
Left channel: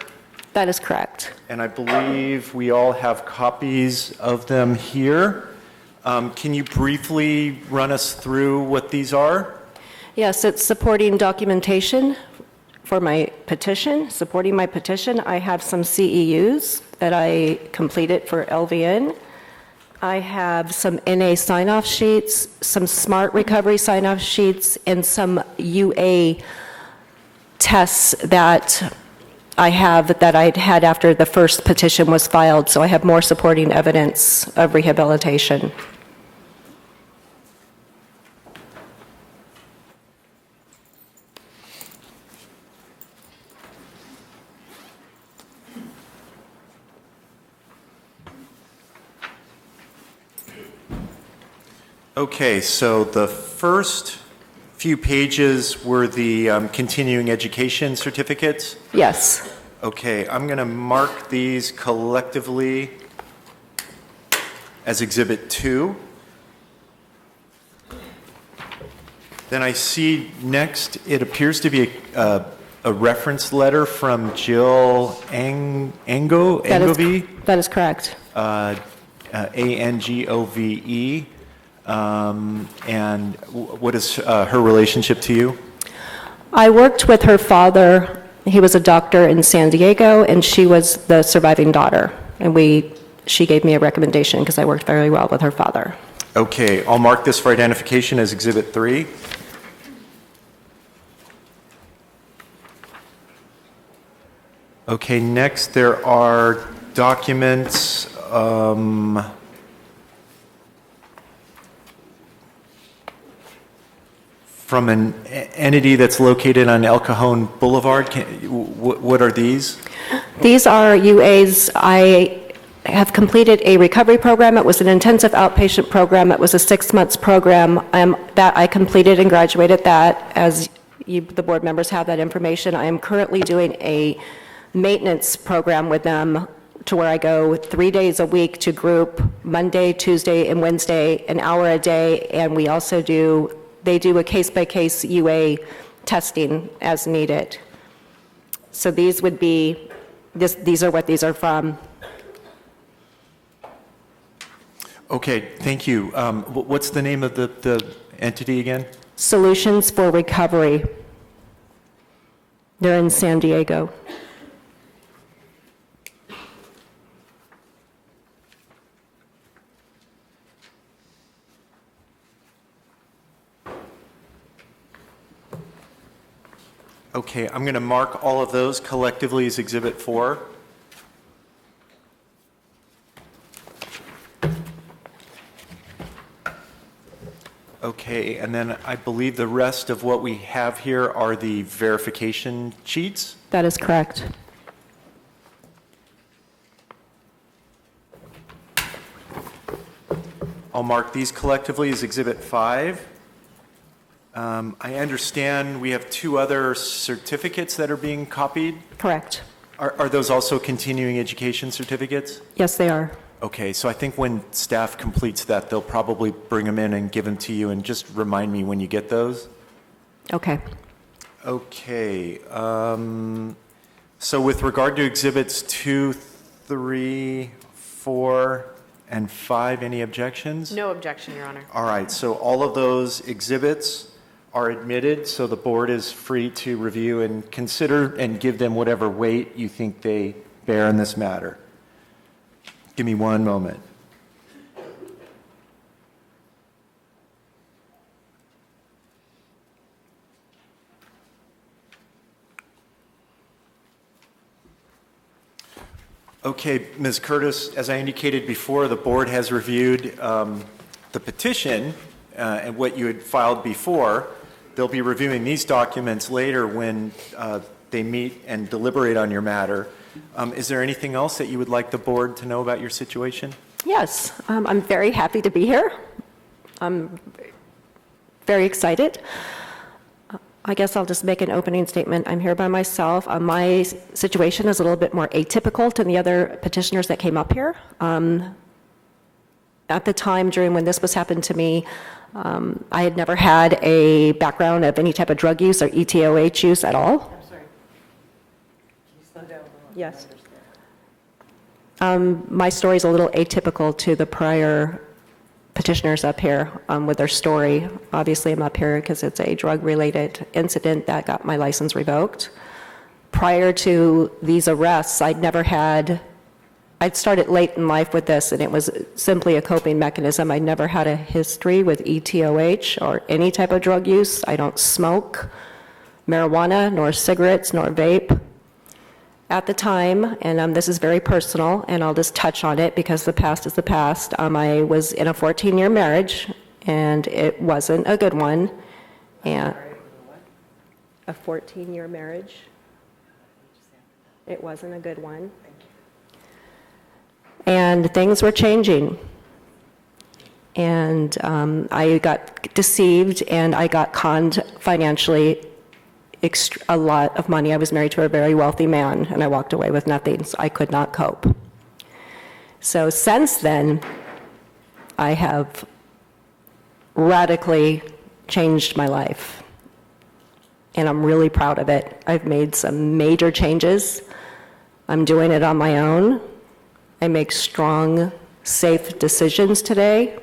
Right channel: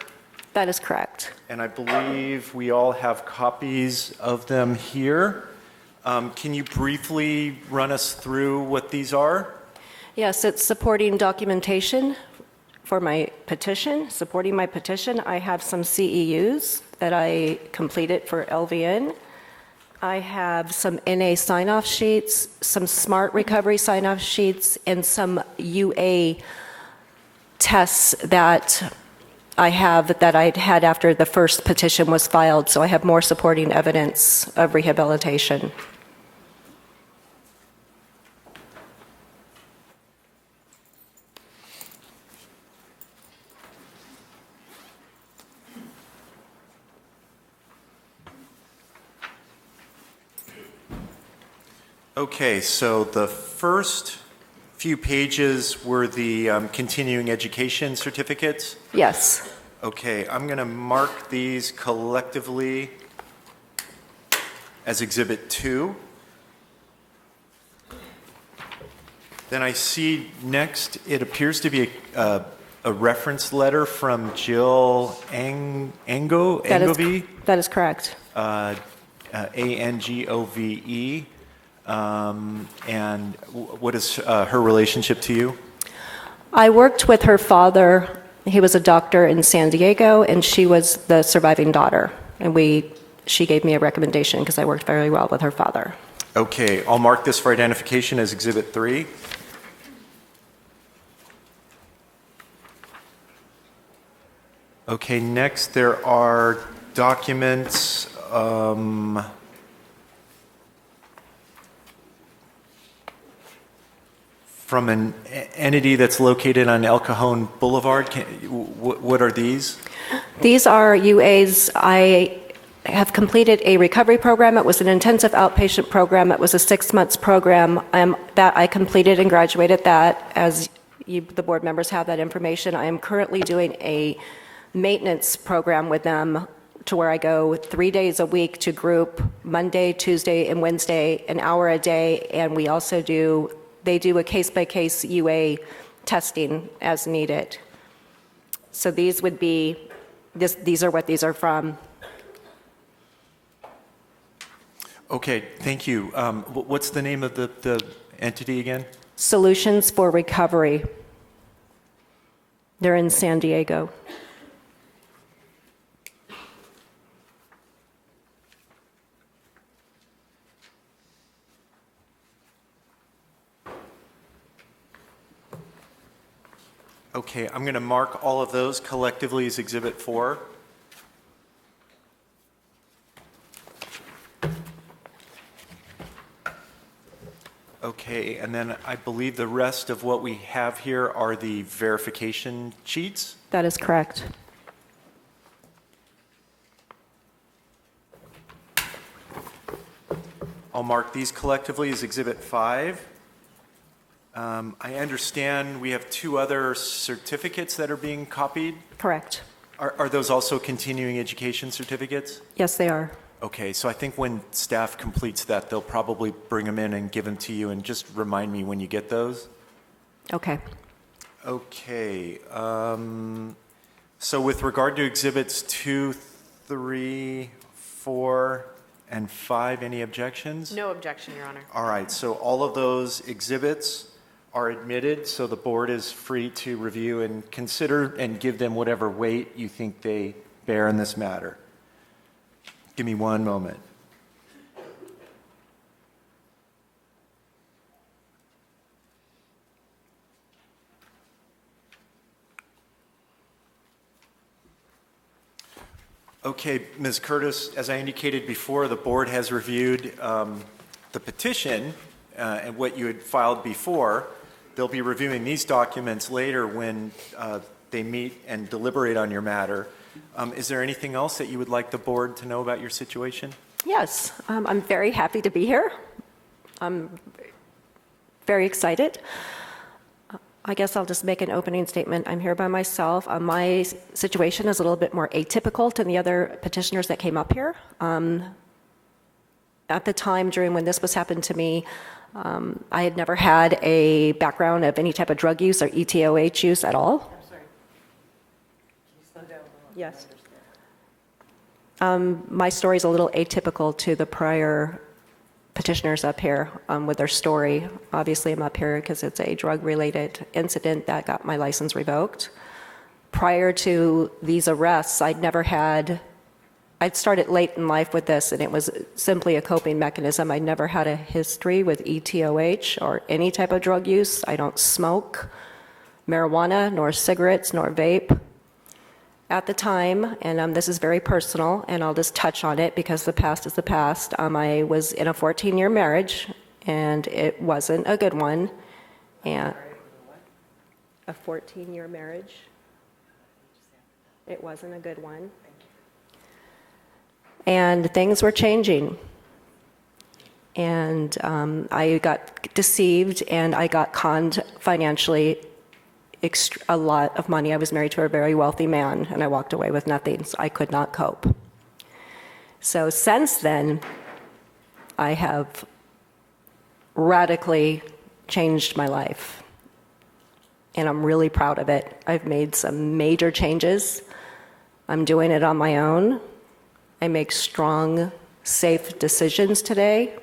That is correct. And I believe we all have copies of them here. Can you briefly run us through what these are? Yes, it's supporting documentation for my petition. Supporting my petition, I have some CEUs that I completed for LVN. I have some NA sign-off sheets, some SMART recovery sign-off sheets, and some UA tests that I have that I'd had after the first petition was filed. So I have more supporting evidence of rehabilitation. Okay, so the first few pages were the continuing education certificates. Yes. Okay, I'm going to mark these collectively as Exhibit 2. Then I see next, it appears to be a reference letter from Jill Angove. That is correct. Angove. And what is her relationship to you? I worked with her father. He was a doctor in San Diego, and she was the surviving daughter. And she gave me a recommendation because I worked very well with her father. Okay, I'll mark this for identification as Exhibit 3. Okay, next there are documents from an entity that's located on El Cajon Boulevard. What are these? These are UAs. I have completed a recovery program. It was an intensive outpatient program. It was a 6-month program that I completed and graduated that. As the board members have that information, I am currently doing a maintenance program with them to where I go 3 days a week to group, Monday, Tuesday, and Wednesday, an hour a day, and we also they do a case-by-case UA testing as needed. So these would be, these are what these are from. Okay, thank you. What's the name of the entity again? Solutions for Recovery. They're in San Diego. Okay, I'm going to mark all of those collectively as Exhibit 4. Okay, and then I believe the rest of what we have here are the verification sheets. That is correct. I'll mark these collectively as Exhibit 5. I understand we have 2 other certificates that are being copied. Correct. Are those also continuing education certificates? Yes, they are. Okay, so I think when staff completes that, they'll probably bring them in and give them to you, and just remind me when you get those. Okay. Okay. So with regard to Exhibits 2, 3, 4, and 5, any objections? No objection, Your Honor. All right, so all of those exhibits are admitted, so the board is free to review and consider and give them whatever weight you think they bear in this matter. Give me one moment. Okay, Ms. Curtis, as I indicated before, the board has reviewed the petition and what you had filed before. They'll be reviewing these documents later when they meet and deliberate on your matter. Is there anything else that you would like the board to know about your situation? Yes, I'm very happy to be here. I'm very excited. I guess I'll just make an opening statement. I'm here by myself. My situation is a little bit more atypical to the other petitioners that came up here. At the time during when this was happened to me, I had never had a background of any type of drug use or ETOH use at all. I'm sorry. Can you slow down a little? Yes. My story is a little atypical to the prior petitioners up here with their story. Obviously, I'm up here because it's a drug-related incident that got my license revoked. Prior to these arrests, I'd started late in life with this, and it was simply a coping mechanism. I never had a history with ETOH or any type of drug use. I don't smoke marijuana, nor cigarettes, nor vape. At the time, and this is very personal, and I'll just touch on it because the past is the past, I was in a 14-year marriage, and it wasn't a good one. And a 14-year marriage. It wasn't a good one. And things were changing. And I got deceived, and I got conned financially a lot of money. I was married to a very wealthy man, and I walked away with nothing, so I could not cope. So since then, I have radically changed my life, and I'm really proud of it. I've made some major changes. I'm doing it on my own. I make strong, safe decisions today.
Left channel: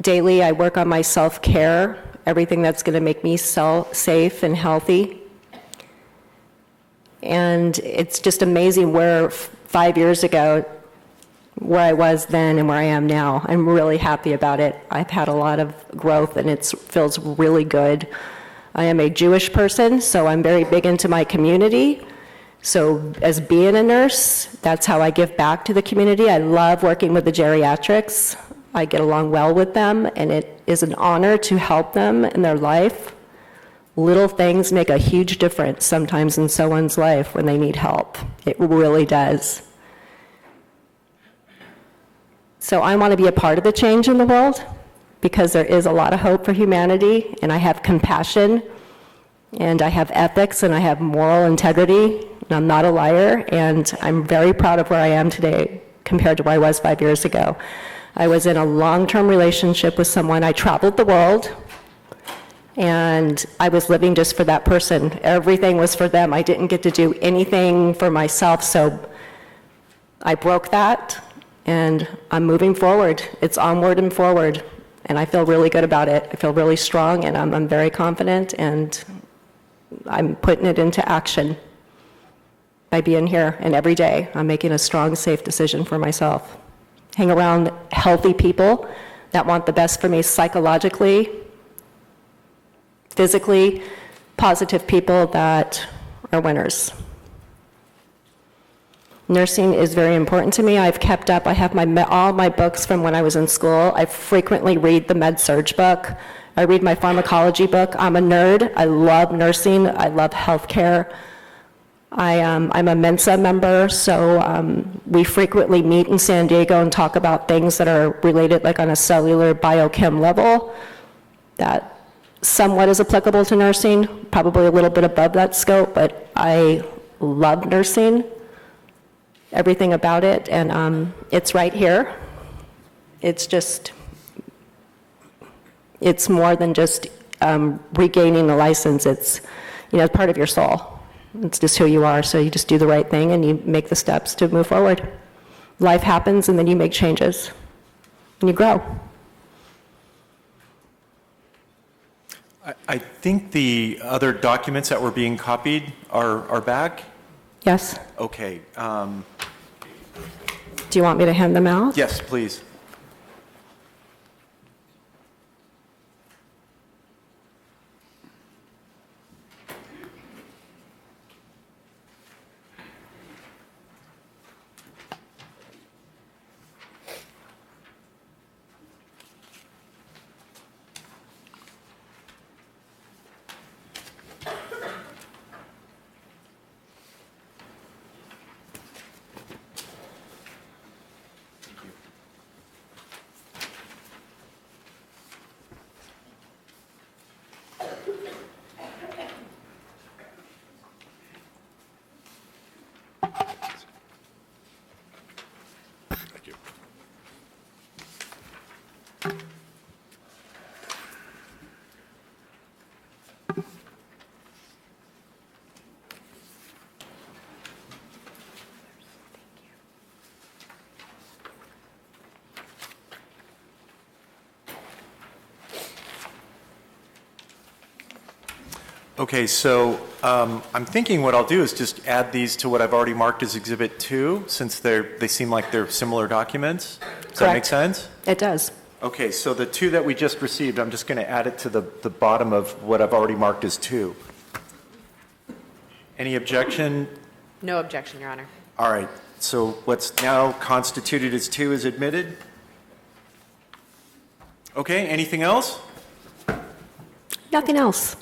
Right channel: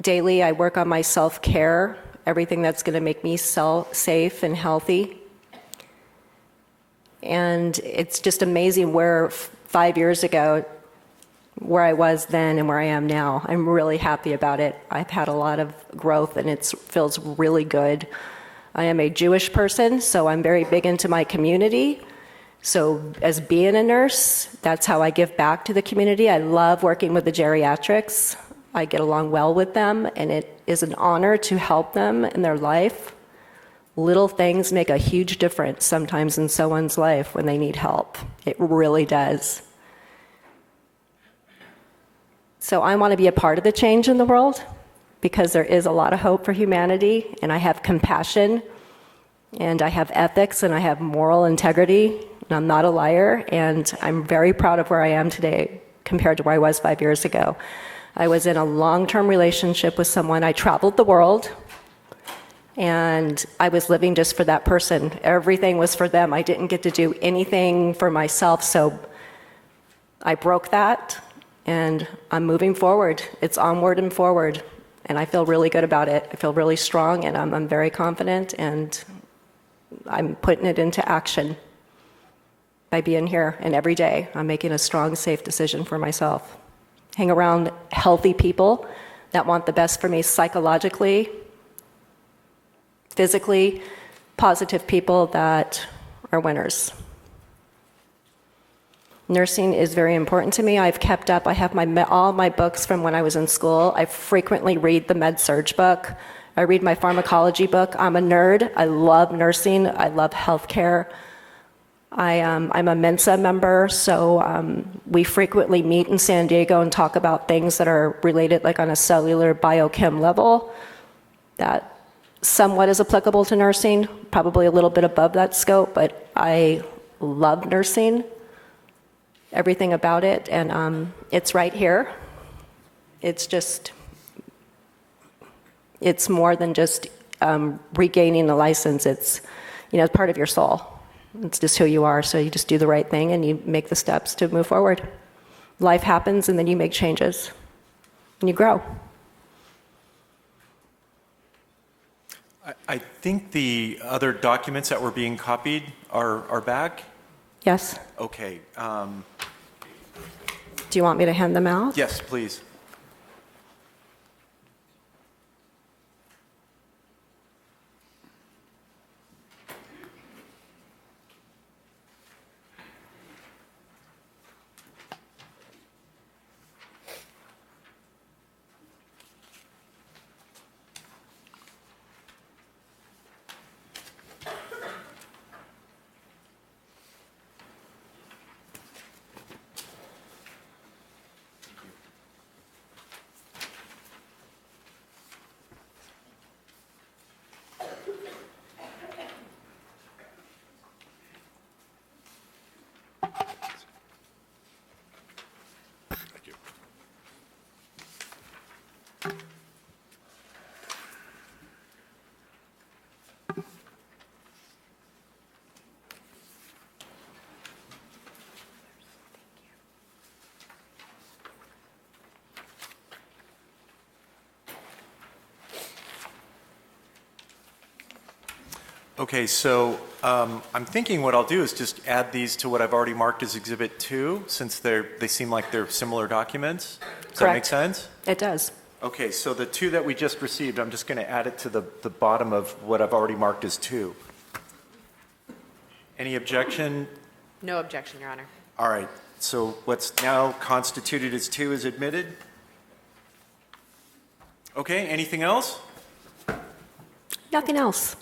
Daily, I work on my self-care, everything that's going to make me safe and healthy. And it's just amazing where 5 years ago, where I was then and where I am now. I'm really happy about it. I've had a lot of growth, and it feels really good. I am a Jewish person, so I'm very big into my community. So as being a nurse, that's how I give back to the community. I love working with the geriatrics. I get along well with them, and it is an honor to help them in their life. Little things make a huge difference sometimes in someone's life when they need help. It really does. So I want to be a part of the change in the world because there is a lot of hope for humanity, and I have compassion, and I have ethics, and I have moral integrity, and I'm not a liar, and I'm very proud of where I am today compared to where I was 5 years ago. I was in a long-term relationship with someone. I traveled the world, and I was living just for that person. Everything was for them. I didn't get to do anything for myself, so I broke that, and I'm moving forward. It's onward and forward, and I feel really good about it. I feel really strong, and I'm very confident, and I'm putting it into action by being here, and every day I'm making a strong, safe decision for myself. Hang around healthy people that want the best for me psychologically, physically, positive people that are winners. Nursing is very important to me. I've kept up. I have all my books from when I was in school. I frequently read the med-surg book. I read my pharmacology book. I'm a nerd. I love nursing. I love healthcare. I'm a Mensa member, so we frequently meet in San Diego and talk about things that are related, like on a cellular biochem level, that somewhat is applicable to nursing, probably a little bit above that scope, but I love nursing, everything about it, and it's right here. It's more than just regaining the license. It's, part of your soul. It's just who you are, so you just do the right thing and you make the steps to move forward. Life happens, and then you make changes, and you grow. I think the other documents that were being copied are back? Yes. Okay. Do you want me to hand them out? Yes, please. Okay, so I'm thinking what I'll do is just add these to what I've already marked as Exhibit 2, since they seem like they're similar documents. Does that make sense? It does. Okay, so the 2 that we just received, I'm just going to add it to the bottom of what I've already marked as 2. Any objection? No objection, Your Honor. All right, so what's now constituted as 2 is admitted? Okay, anything else? Nothing else.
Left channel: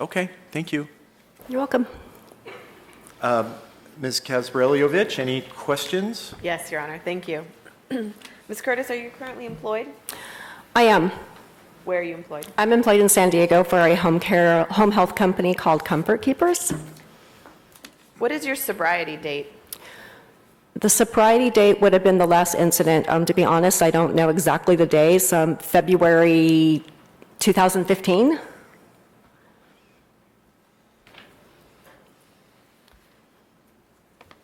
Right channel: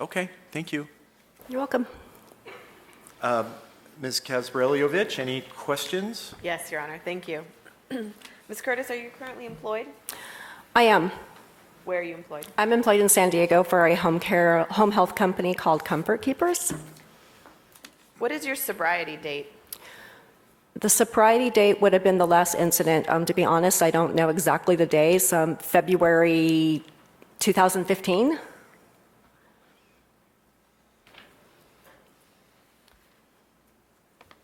Okay, thank you. You're welcome. Ms. Kazbreliovich, any questions? Yes, Your Honor. Thank you. Ms. Curtis, are you currently employed? I am. Where are you employed? I'm employed in San Diego for a home health company called Comfort Keepers. What is your sobriety date? The sobriety date would have been the last incident. To be honest, I don't know exactly the days. February 2015.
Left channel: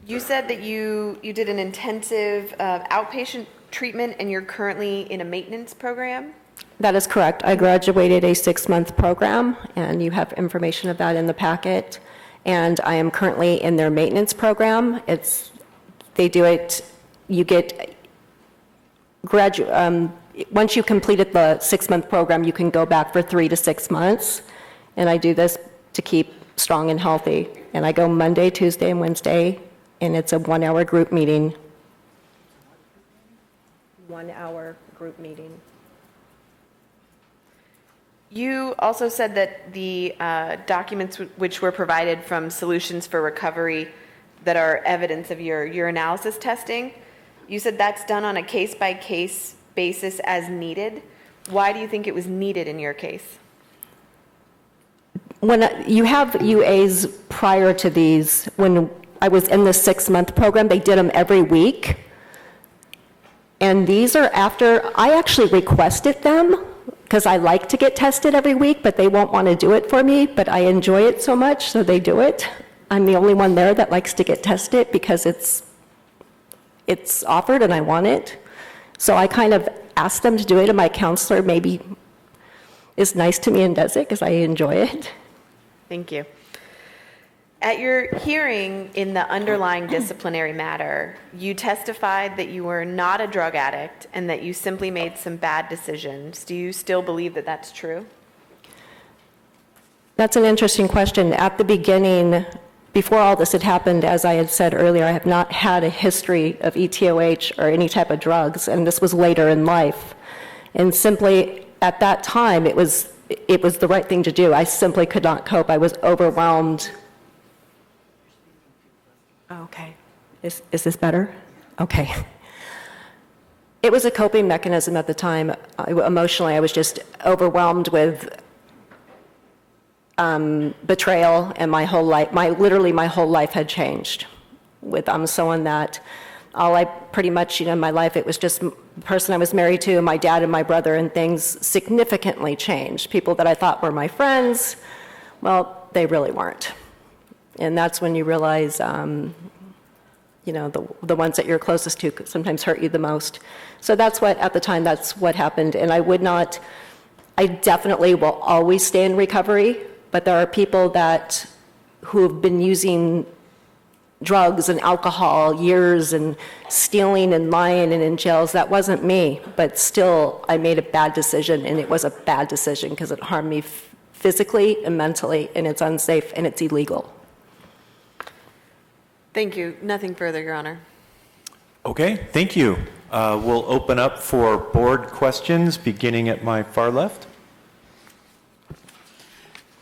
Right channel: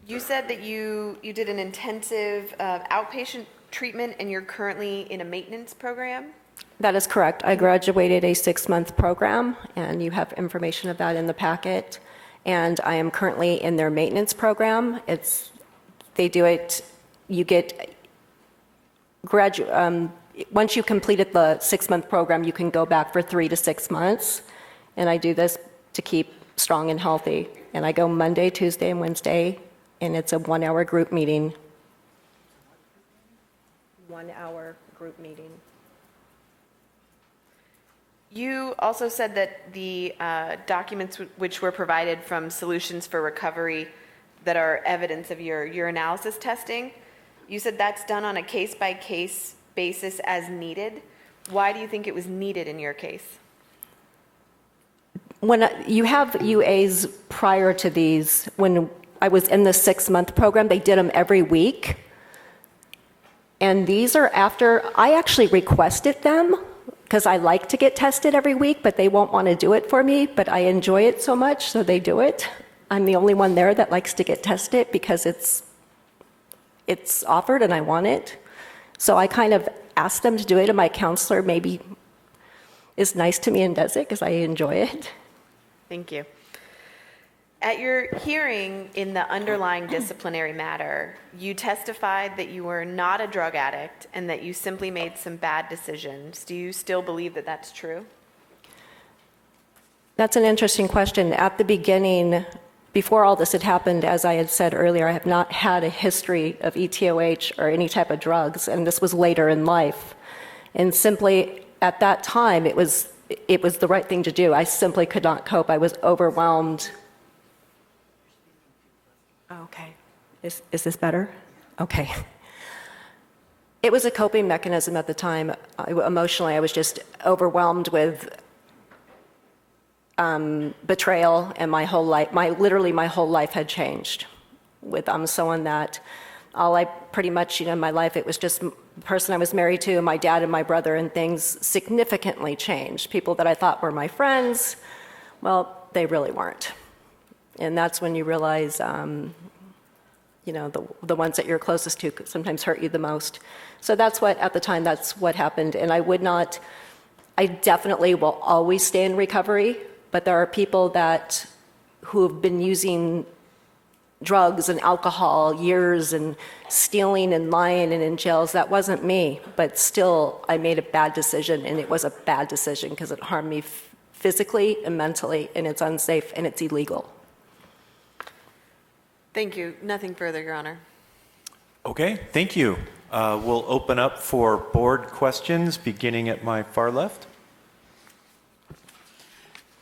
You said that you did an intensive outpatient treatment and you're currently in a maintenance program? That is correct. I graduated a 6-month program, and you have information of that in the packet. And I am currently in their maintenance program. They do it, you get, once you completed the 6-month program, you can go back for 3 to 6 months. And I do this to keep strong and healthy. And I go Monday, Tuesday, and Wednesday, and it's a 1-hour group meeting. 1-hour group meeting. You also said that the documents which were provided from Solutions for Recovery that are evidence of your urinalysis testing, you said that's done on a case-by-case basis as needed. Why do you think it was needed in your case? When you have UAs prior to these, when I was in the 6-month program, they did them every week. And these are after, I actually requested them because I like to get tested every week, but they won't want to do it for me, but I enjoy it so much, so they do it. I'm the only one there that likes to get tested because it's offered and I want it. So I kind of asked them to do it, and my counselor maybe is nice to me and does it because I enjoy it. Thank you. At your hearing in the underlying disciplinary matter, you testified that you were not a drug addict and that you simply made some bad decisions. Do you still believe that that's true? That's an interesting question. At the beginning, before all this had happened, as I had said earlier, I have not had a history of ETOH or any type of drugs, and this was later in life. And simply, at that time, it was the right thing to do. I simply could not cope. I was overwhelmed. Okay. Is this better? Okay. It was a coping mechanism at the time. Emotionally, I was just overwhelmed with betrayal, and my whole life, literally my whole life had changed. With someone that all I pretty much, in my life, it was just the person I was married to, my dad and my brother, and things significantly changed. People that I thought were my friends, well, they really weren't. And that's when you realize, the ones that you're closest to sometimes hurt you the most. So that's what, at the time, that's what happened. And I definitely will always stay in recovery, but there are people who have been using drugs and alcohol years and stealing and lying and in jails. That wasn't me, but still I made a bad decision, and it was a bad decision because it harmed me physically and mentally, and it's unsafe and it's illegal. Thank you. Nothing further, Your Honor. Okay, thank you. We'll open up for board questions, beginning at my far left.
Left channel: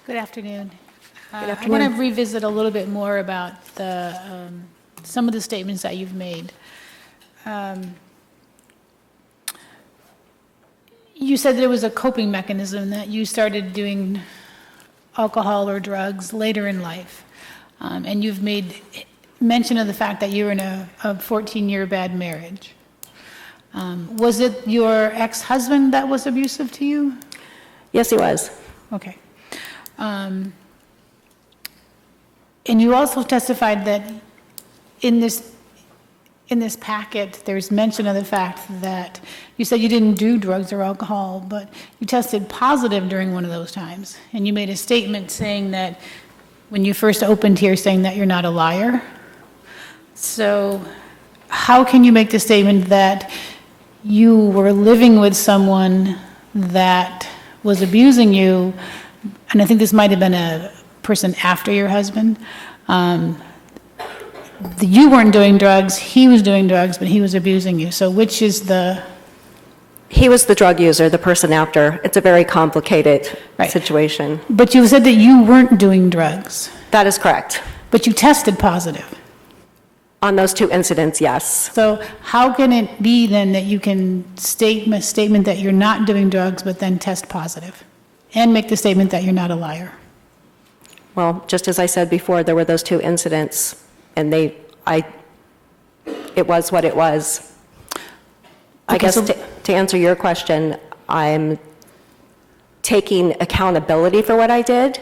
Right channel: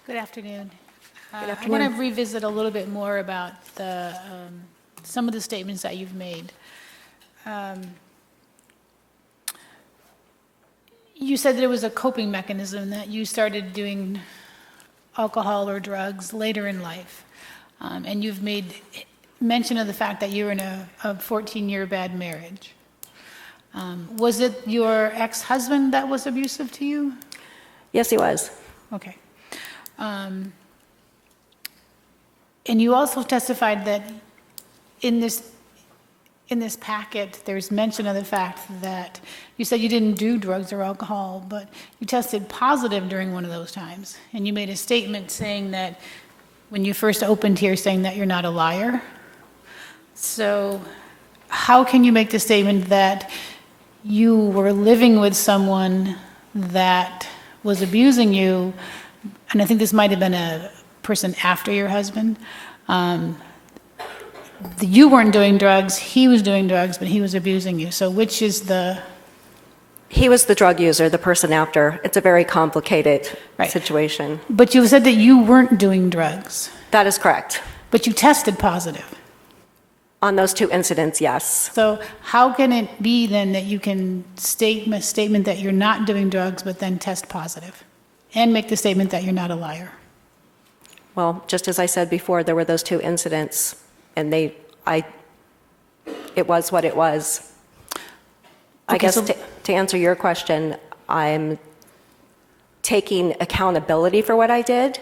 Good afternoon. Good I afternoon. want to revisit a little bit more about some of the statements that you've made. You said that it was a coping mechanism, that you started doing alcohol or drugs later in life. And you've made mention of the fact that you were in a 14-year bad marriage. Was it your ex-husband that was abusive to you? Yes, he was. Okay. And you also testified that in this packet, there's mention of the fact that you said you didn't do drugs or alcohol, but you tested positive during one of those times. And you made a statement saying that when you first opened here, saying that you're not a liar. So how can you make the statement that you were living with someone that was abusing you, and I think this might have been a person after your husband, you weren't doing drugs, he was doing drugs, but he was abusing you. So which is the... He was the drug user, the person after. It's a very complicated situation. But you said that you weren't doing drugs. That is correct. But you tested positive. On those 2 incidents, yes. So how can it be then that you can state a statement that you're not doing drugs but then test positive and make the statement that you're not a liar? Well, just as I said before, there were those 2 incidents, and it was what it was. I Okay, guess so- to answer your question, I'm taking accountability for what I did.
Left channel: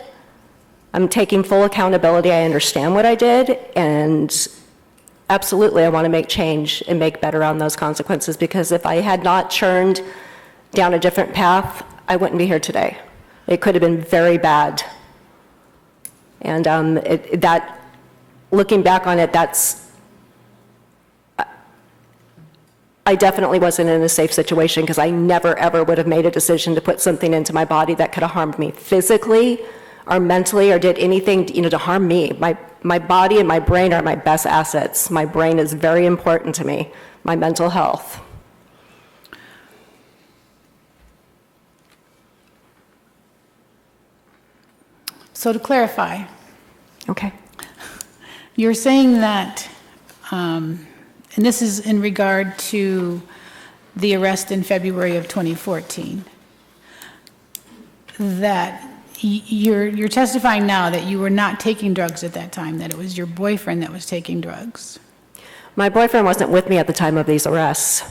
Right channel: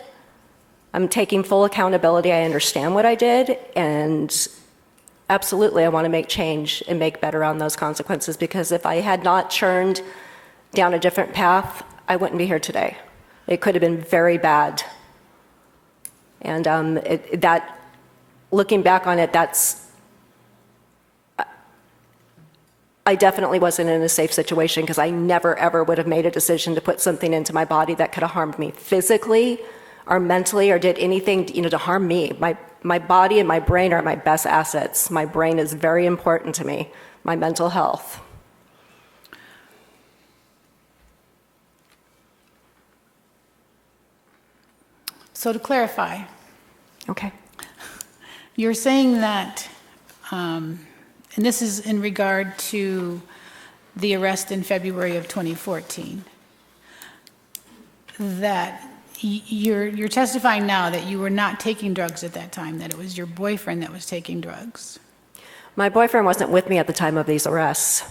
I'm taking full accountability. I understand what I did, and absolutely, I want to make change and make better on those consequences, because if I had not churned down a different path, I wouldn't be here today. It could have been very bad. And looking back on it, I definitely wasn't in a safe situation, because I never, ever would have made a decision to put something into my body that could have harmed me physically or mentally or did anything, to harm me. My body and my brain are my best assets. My brain is very important to me, my mental health. So to clarify. Okay. You're saying that, and this is in regard to the arrest in February of 2014, that you're testifying now that you were not taking drugs at that time, that it was your boyfriend that was taking drugs. My boyfriend wasn't with me at the time of these arrests.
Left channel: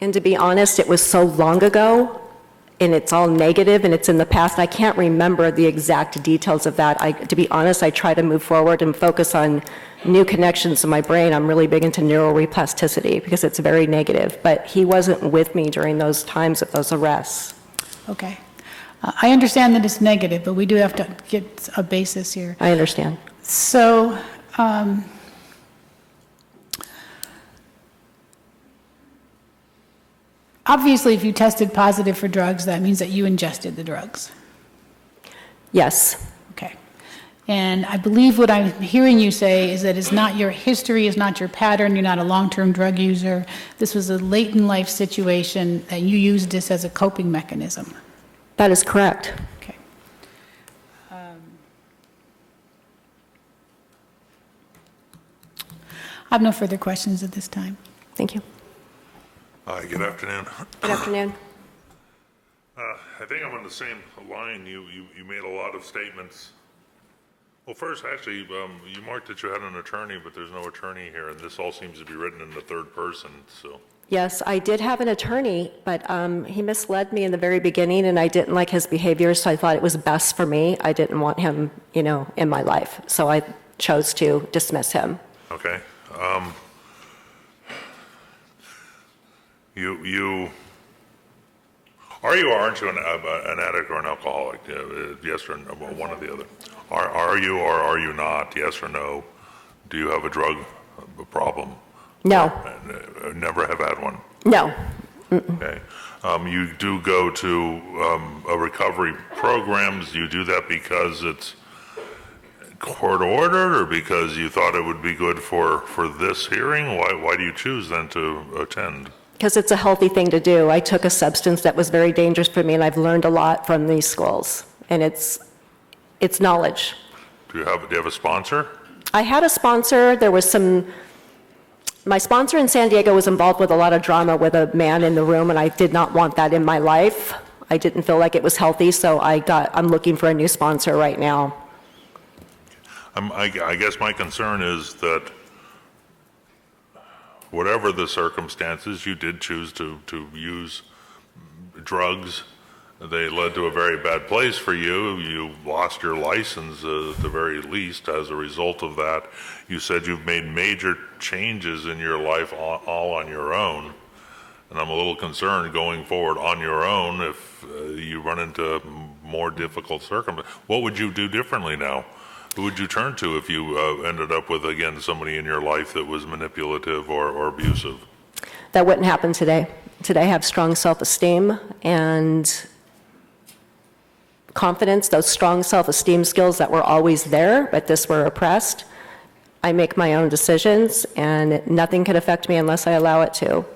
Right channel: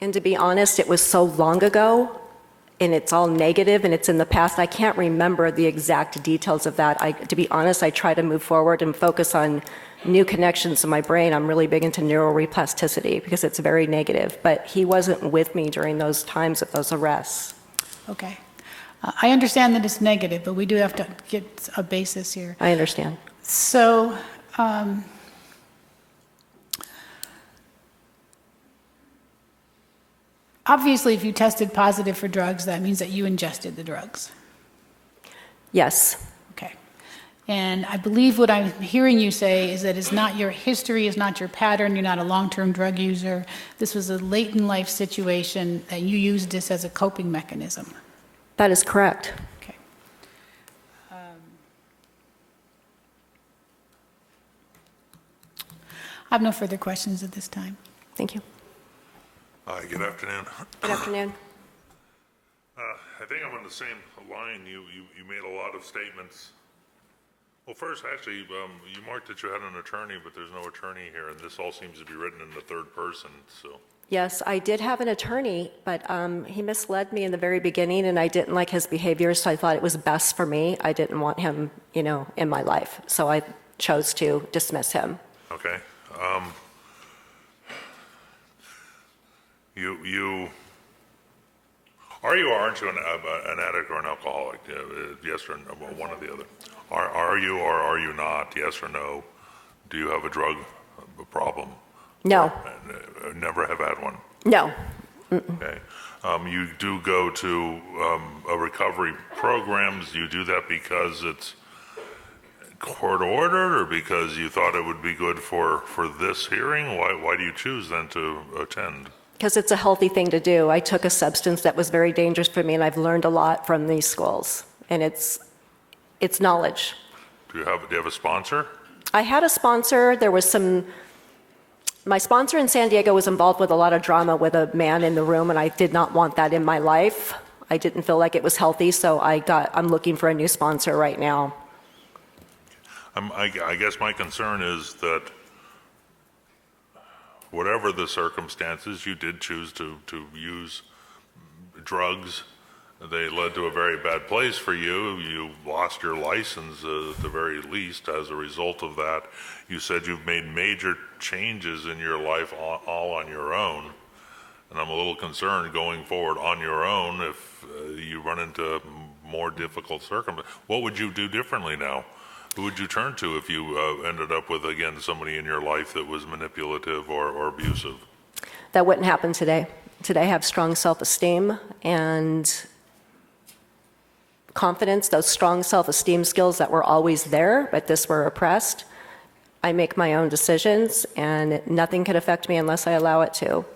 And to be honest, it was so long ago, and it's all negative, and it's in the past. I can't remember the exact details of that. To be honest, I try to move forward and focus on new connections in my brain. I'm really big into neuroplasticity because it's very negative. But he wasn't with me during those times of those arrests. Okay. I understand that it's negative, but we do have to get a basis here. I understand. So, obviously, if you tested positive for drugs, that means that you ingested the drugs. Yes. Okay. And I believe what I'm hearing you say is that it's not your history, it's not your pattern, you're not a long-term drug user. This was a late-in-life situation that you used this as a coping mechanism. That is correct. Okay. I have no further questions at this time. Thank you. Hi, good afternoon. Good afternoon. I think I'm on the same line. You made a lot of statements. Well, first, actually, you marked that you had an attorney, but there's no attorney here, and this all seems to be written in the third person, so. Yes, I did have an attorney, but he misled me in the very beginning, and I didn't like his behavior, so I thought it was best for me. I didn't want him, in my life, so I chose to dismiss him. Okay. Are you or aren't you an addict or an alcoholic? Yes or no, one or the other. Are you or are you not? Yes or no? Do you have a drug problem? No. Never have had one? No. Okay. You do go to a recovery programs. You do that because it's court ordered or because you thought it would be good for this hearing? Why do you choose then to attend? Because it's a healthy thing to do. I took a substance that was very dangerous for me, and I've learned a lot from these schools, and it's knowledge. Do you have a sponsor? I had a sponsor. My sponsor in San Diego was involved with a lot of drama with a man in the room, and I did not want that in my life. I didn't feel like it was healthy, so I'm looking for a new sponsor right now. I guess my concern is that whatever the circumstances, you did choose to use drugs. They led to a very bad place for you. You lost your license at the very least as a result of that. You said you've made major changes in your life all on your own. And I'm a little concerned going forward on your own if you run into more difficult circumstances. What would you do differently now? Who would you turn to if you ended up with, again, somebody in your life that was manipulative or abusive? That wouldn't happen today. Today I have strong self-esteem and confidence, those strong self-esteem skills that were always there, but this were oppressed. I make my own decisions, and nothing can affect me unless I allow it to.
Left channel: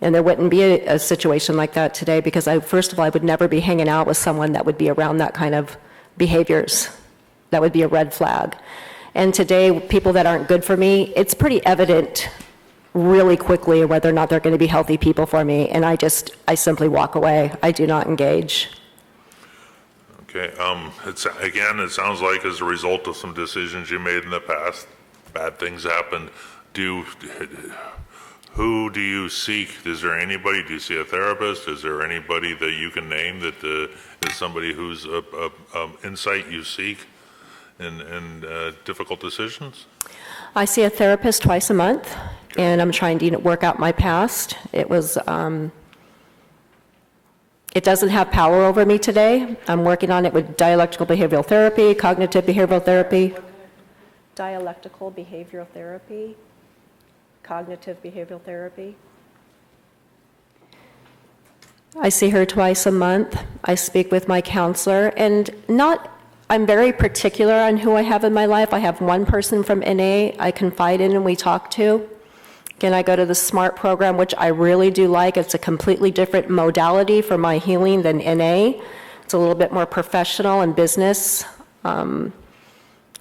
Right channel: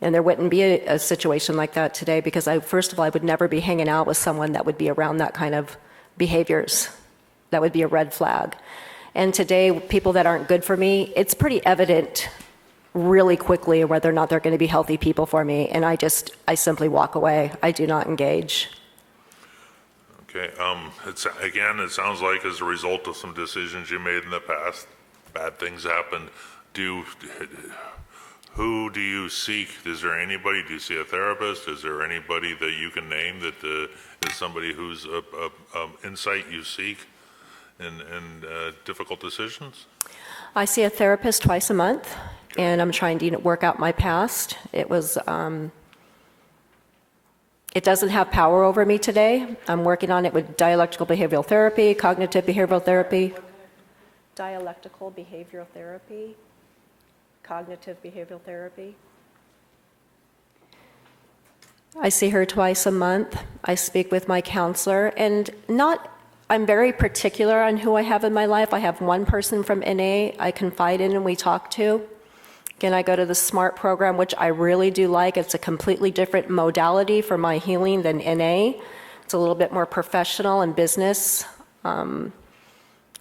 And there wouldn't be a situation like that today because, first of all, I would never be hanging out with someone that would be around that kind of behaviors. That would be a red flag. And today, people that aren't good for me, it's pretty evident really quickly whether or not they're going to be healthy people for me, and I simply walk away. I do not engage. Okay, it sounds like as a result of some decisions you made in the past, bad things happened. Who do you seek? Is there anybody, do you see a therapist? Is there anybody that you can name that is somebody whose insight you seek in difficult decisions? I see a therapist twice a month, and I'm trying to work out my past. It doesn't have power over me today. I'm working on it with dialectical behavioral therapy, cognitive behavioral therapy. Dialectical behavioral therapy, cognitive behavioral therapy. I see her twice a month. I speak with my counselor, and I'm very particular on who I have in my life. I have one person from NA I confide in and we talk to. Again, I go to the SMART program, which I really do like. It's a completely different modality for my healing than NA. It's a little bit more professional and business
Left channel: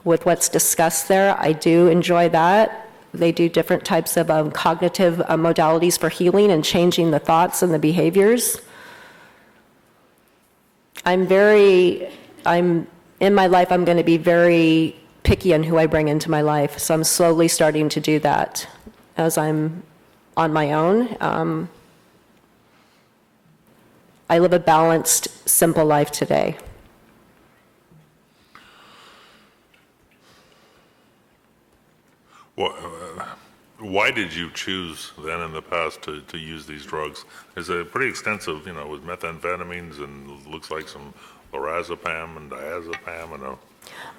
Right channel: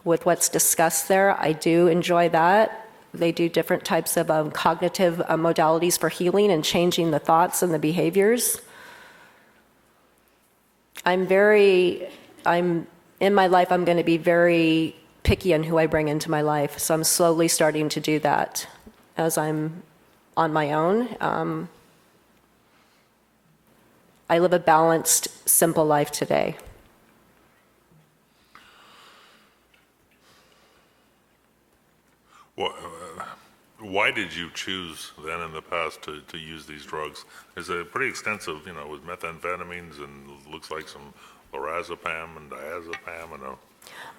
with what's discussed there. I do enjoy that. They do different types of cognitive modalities for healing and changing the thoughts and the behaviors. In my life, I'm going to be very picky on who I bring into my life. So I'm slowly starting to do that as I'm on my own. I live a balanced, simple life today. Why did you choose then in the past to use these drugs? It's a pretty extensive, with methamphetamines and looks like some lorazepam and diazepam.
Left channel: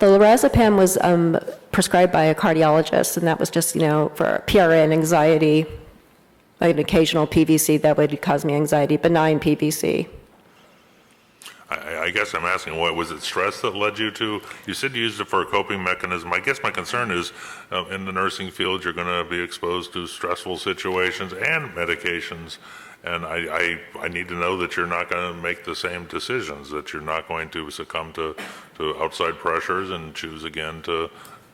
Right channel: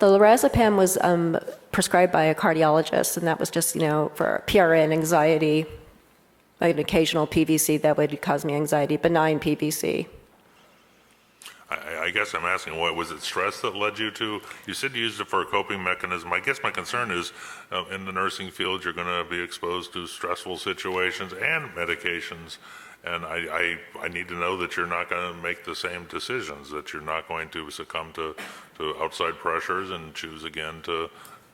The lorazepam was prescribed by a cardiologist, and that was just, for PRN, anxiety, like an occasional PVC that would cause me anxiety, benign PVC. I guess I'm asking, what was it stress that led you to? You said you used it for a coping mechanism. I guess my concern is in the nursing field, you're going to be exposed to stressful situations and medications. And I need to know that you're not going to make the same decisions, that you're not going to succumb to outside pressures and choose again to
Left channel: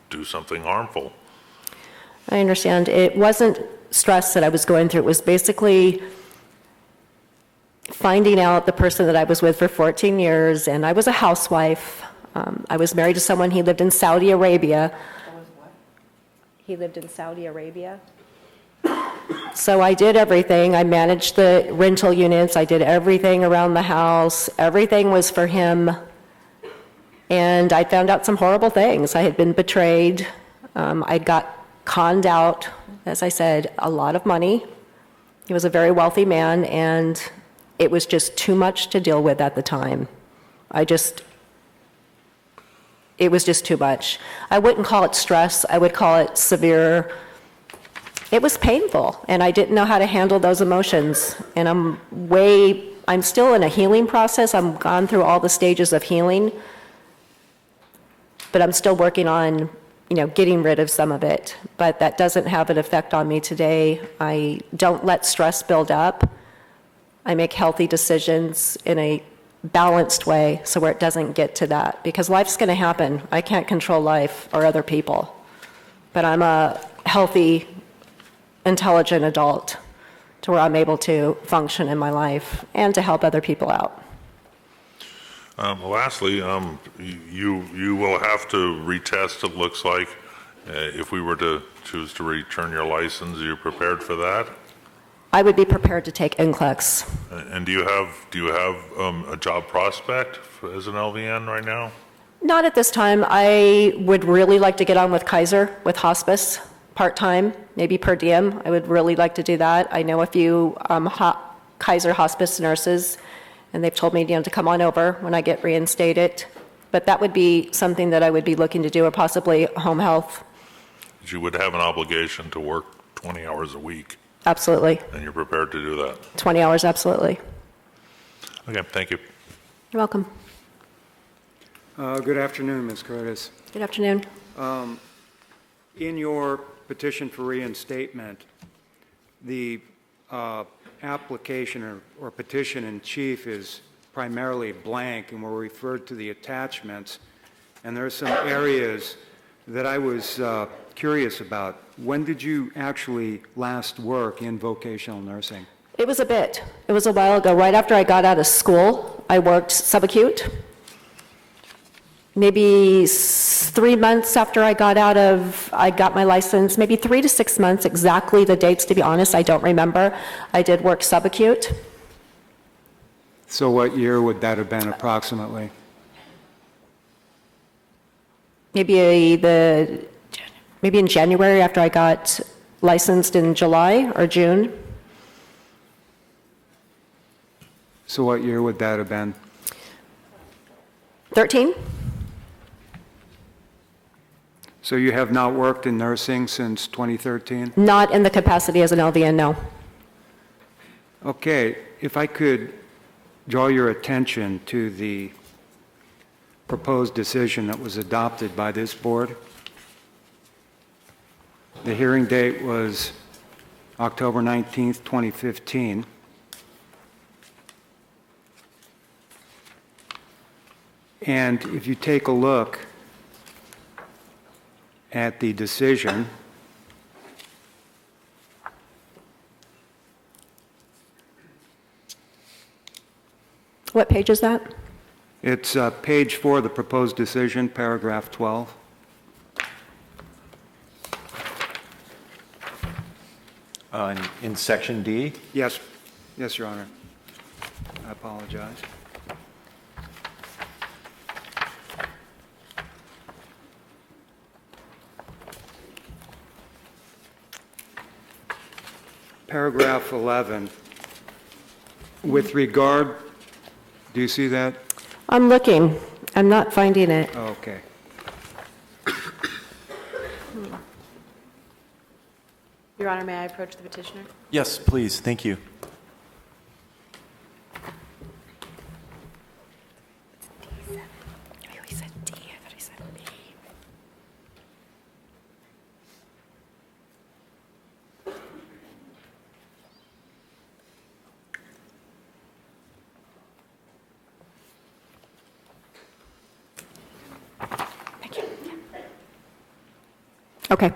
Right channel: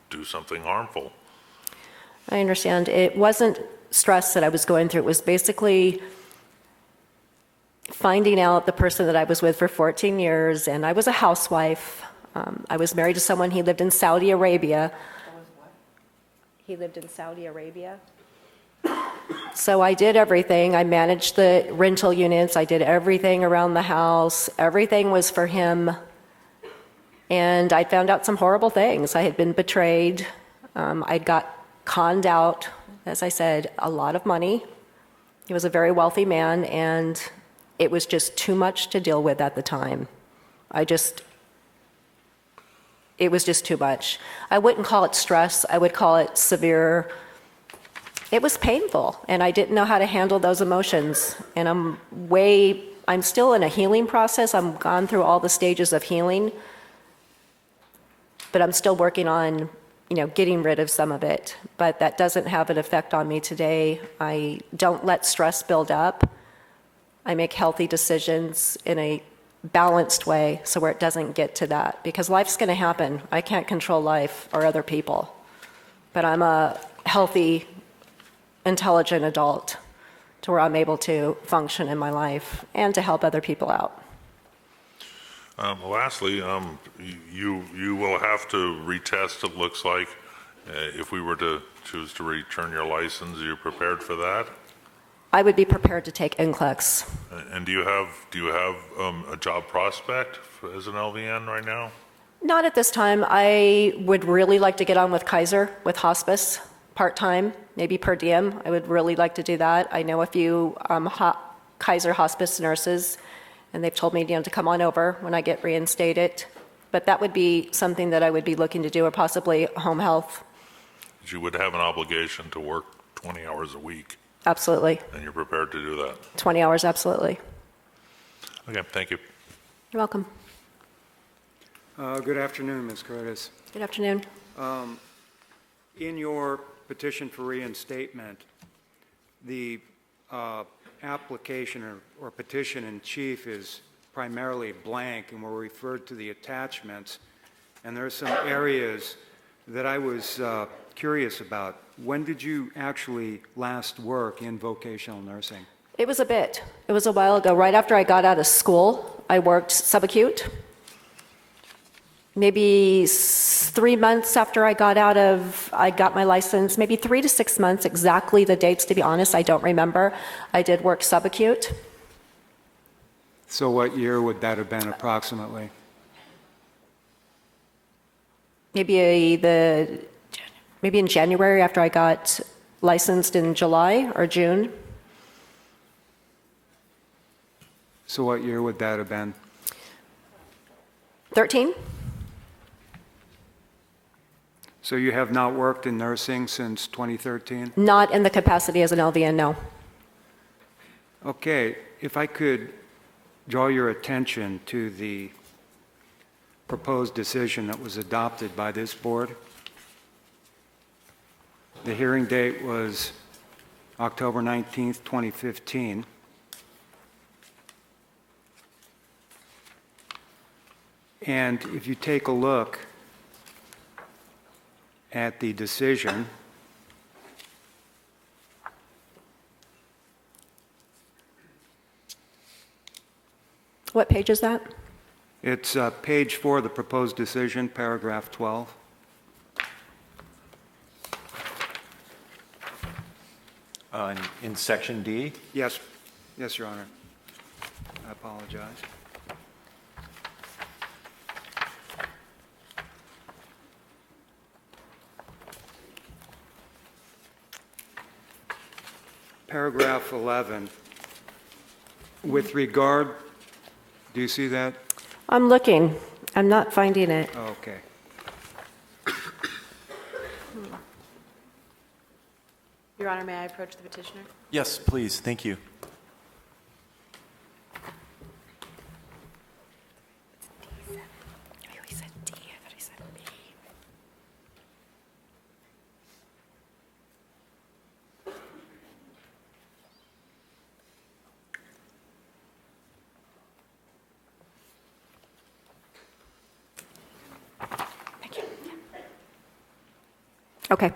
do something harmful. I understand. It wasn't stress that I was going through. It was basically finding out the person that I was with for 14 years, and I was a housewife. I was married to someone, he lived in Saudi Arabia. He lived in Saudi Arabia. So I did everything. I managed the rental units. I did everything around the house. Everything was for him. And I found out some horrible things. I had been betrayed. I got conned out, as I said, a lot of money. He was a very wealthy man, and it was just too much to deal with at the time. It was just too much. I wouldn't call it stress. I would call it severe. It was painful, and I didn't know how to handle those emotions. And I'm still in a healing process. I'm gone through all the stages of healing, but I'm still working on, getting rid of some of it. But that doesn't have an effect on me today. I don't let stress build up. I make healthy decisions in a balanced way so where it doesn't get to that, because life's going to happen. I can't control life or other people, but I'm a healthy, intelligent adult to where I'm able to function in my life and to help other people out. Lastly, you will have to retest, it looks like, if we were to choose to return your license. Are you prepared for that? I would be prepared to take NCLEX. And do you have a job prospect as an LVN right now? Not at this time. I would really like to get on with Kaiser, with hospice, part-time, maybe per diem. I would really like to do that. I know a few Kaiser hospice nurses, and they've told me to come on over when I get reinstated. But that would be something that I would be looking to do, or possibly home health. You would have an obligation to work 20 hours a week. Absolutely. And you're prepared to do that? 20 hours, absolutely. Okay, thank you. You're welcome. Good afternoon, Ms. Curtis. Good afternoon. In your petition for reinstatement, the application or petition in chief is primarily blank, and we're referred to the attachments. And there are some areas that I was curious about. When did you actually last work in vocational nursing? It was a bit. It was a while ago. Right after I got out of school, I worked subacute. Maybe 3 months after I got my license, maybe 3 to 6 months, exactly the dates, to be honest, I don't remember. I did work subacute. So what year would that have been approximately? Maybe in January after I got licensed in July or June. So what year would that have been? 13? So you have not worked in nursing since 2013? Not in the capacity as an LVN, no. Okay, if I could draw your attention to the proposed decision that was adopted by this board. The hearing date was October 19th, 2015. And if you take a look at the decision, What page is that? it's page 4 of the proposed decision, paragraph 12. In section D? Yes, yes, Your Honor. I apologize. Paragraph 11, with regard, do you see that? I'm looking. I'm not finding it. Okay. Your Honor, may I approach the petitioner? Yes, please, thank you. Okay.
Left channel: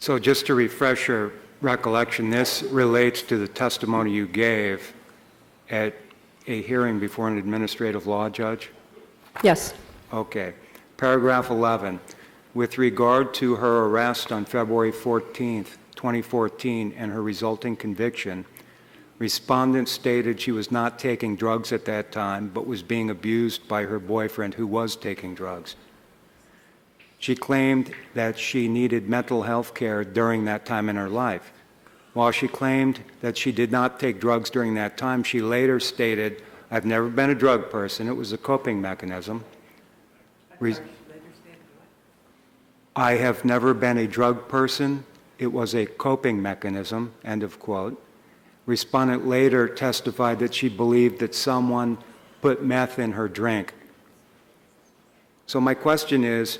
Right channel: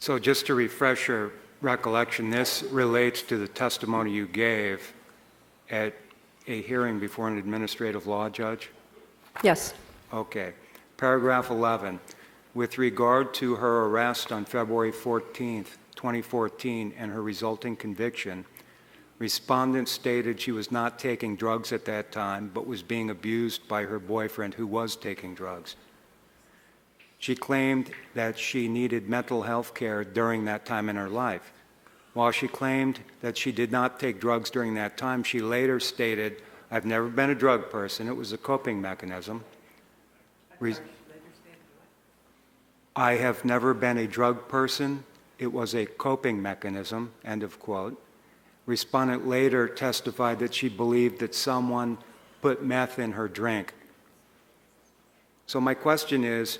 So just to refresh your recollection, this relates to the testimony you gave at a hearing before an administrative law judge? Yes. Okay. Paragraph 11, with regard to her arrest on February 14th, 2014, and her resulting conviction, respondent stated she was not taking drugs at that time, but was being abused by her boyfriend who was taking drugs. She claimed that she needed mental health care during that time in her life. While she claimed that she did not take drugs during that time, she later stated, "I've never been a drug person. It was a coping mechanism." I have never been a drug person. It was a coping mechanism, end of quote. Respondent later testified that she believed that someone put meth in her drink. So my question is,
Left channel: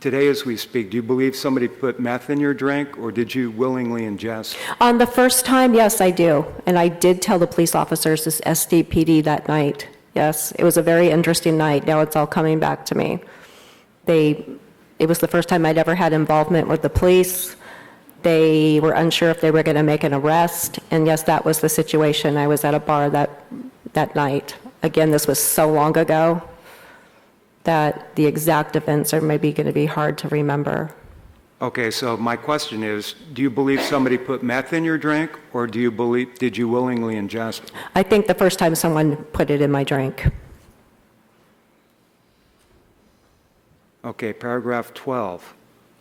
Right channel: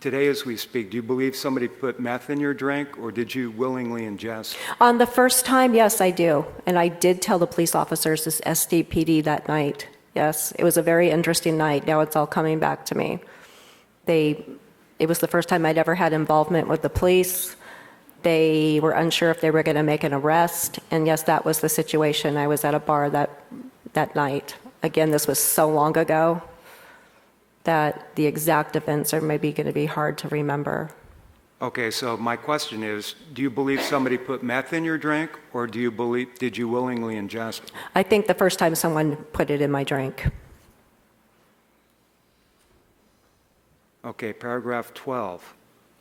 today as we speak, do you believe somebody put meth in your drink, or did you willingly ingest? On the first time, yes, I do. And I did tell the police officers, this SDPD, that night. Yes, it was a very interesting night. Now it's all coming back to me. It was the first time I'd ever had involvement with the police. They were unsure if they were going to make an arrest. And yes, that was the situation. I was at a bar that night. Again, this was so long ago that the exact events are maybe going to be hard to remember. Okay, so my question is, do you believe somebody put meth in your drink, or did you willingly ingest? I think the first time someone put it in my drink. Okay, paragraph 12.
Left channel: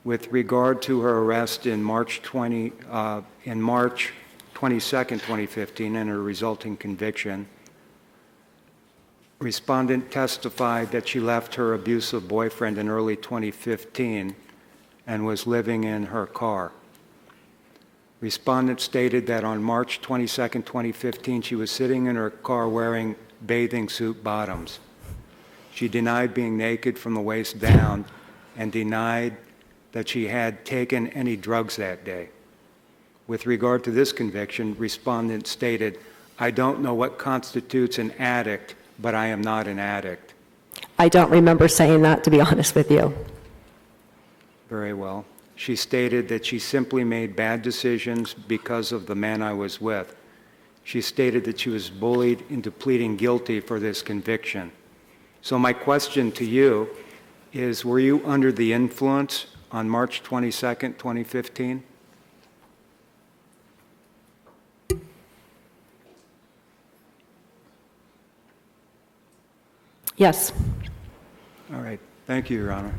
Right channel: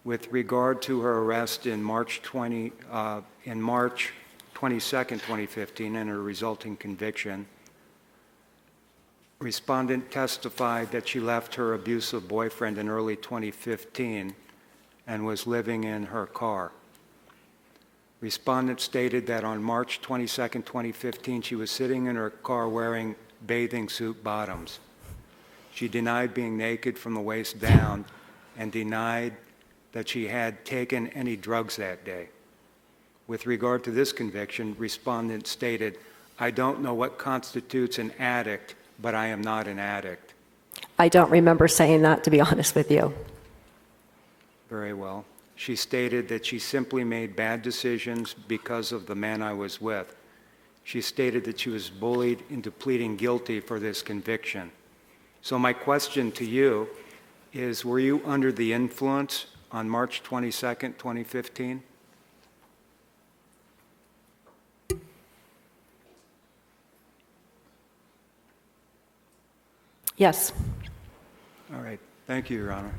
With regard to her arrest in March 22nd, 2015, and her resulting conviction, respondent testified that she left her abusive boyfriend in early 2015 and was living in her car. Respondent stated that on March 22nd, 2015, she was sitting in her car wearing bathing suit bottoms. She denied being naked from the waist down and denied that she had taken any drugs that day. With regard to this conviction, respondent stated, "I don't know what constitutes an addict, but I am not an addict." I don't remember saying that, to be honest with you. Very well. She stated that she simply made bad decisions because of the man I was with. She stated that she was bullied into pleading guilty for this conviction. So my question to you is, were you under the influence on March 22nd, 2015? Yes. All right. Thank you, Your Honor.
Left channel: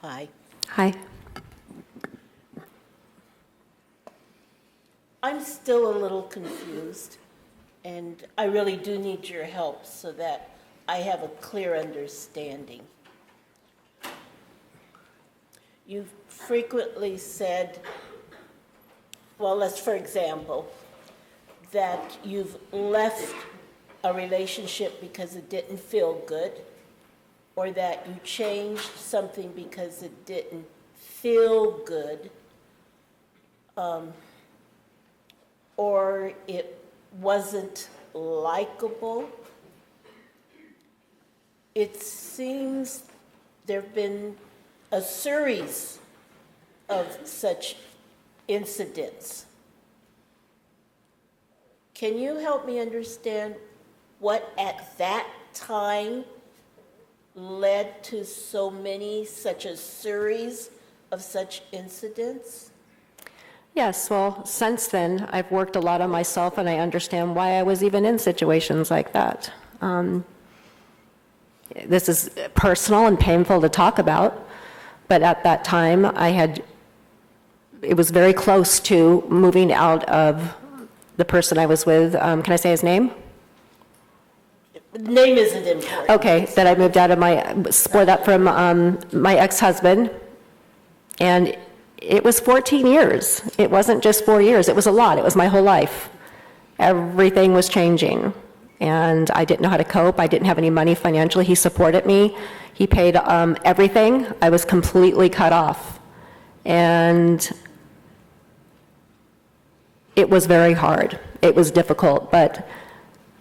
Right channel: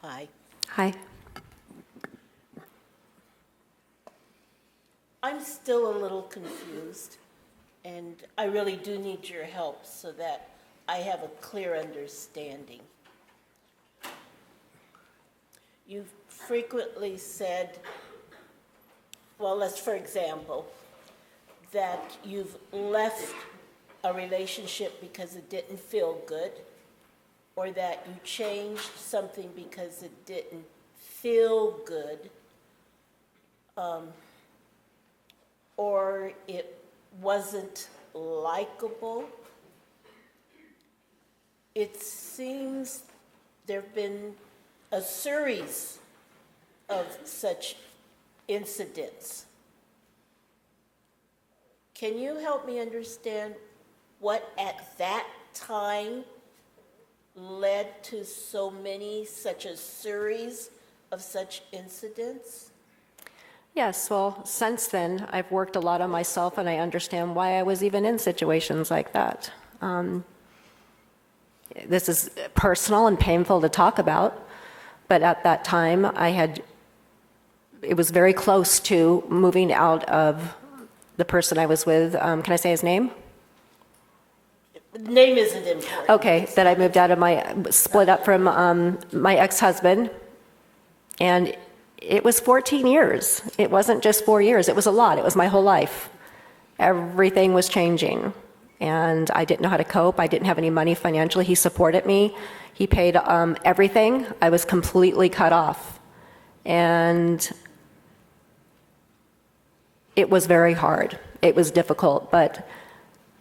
Hi. Hi. I'm still a little confused, and I really do need your help so that I have a clear understanding. You've frequently said, well, let's, for example, that you've left a relationship because it didn't feel good, or that you changed something because it didn't feel good, or it wasn't likable. It seems there have been a series of such incidents. Can you help me understand what at that time led to so many, such a series of such incidents? Yes, well, since then, I've worked a lot on myself, and I understand why I was even in situations like that. This is personal and painful to talk about, but at that time, it was very close to moving out of the person I was with. Can I say his name? Name isn't important. Okay, that I moved out of split up from my ex-husband, and it was 14 years. It wasn't just 4 years. It was a lot. It was my whole life. Everything was changing, and I didn't know how to cope. I didn't have any money financially. He supported me. He paid everything. I was completely cut off, and it was very hard. It was difficult, but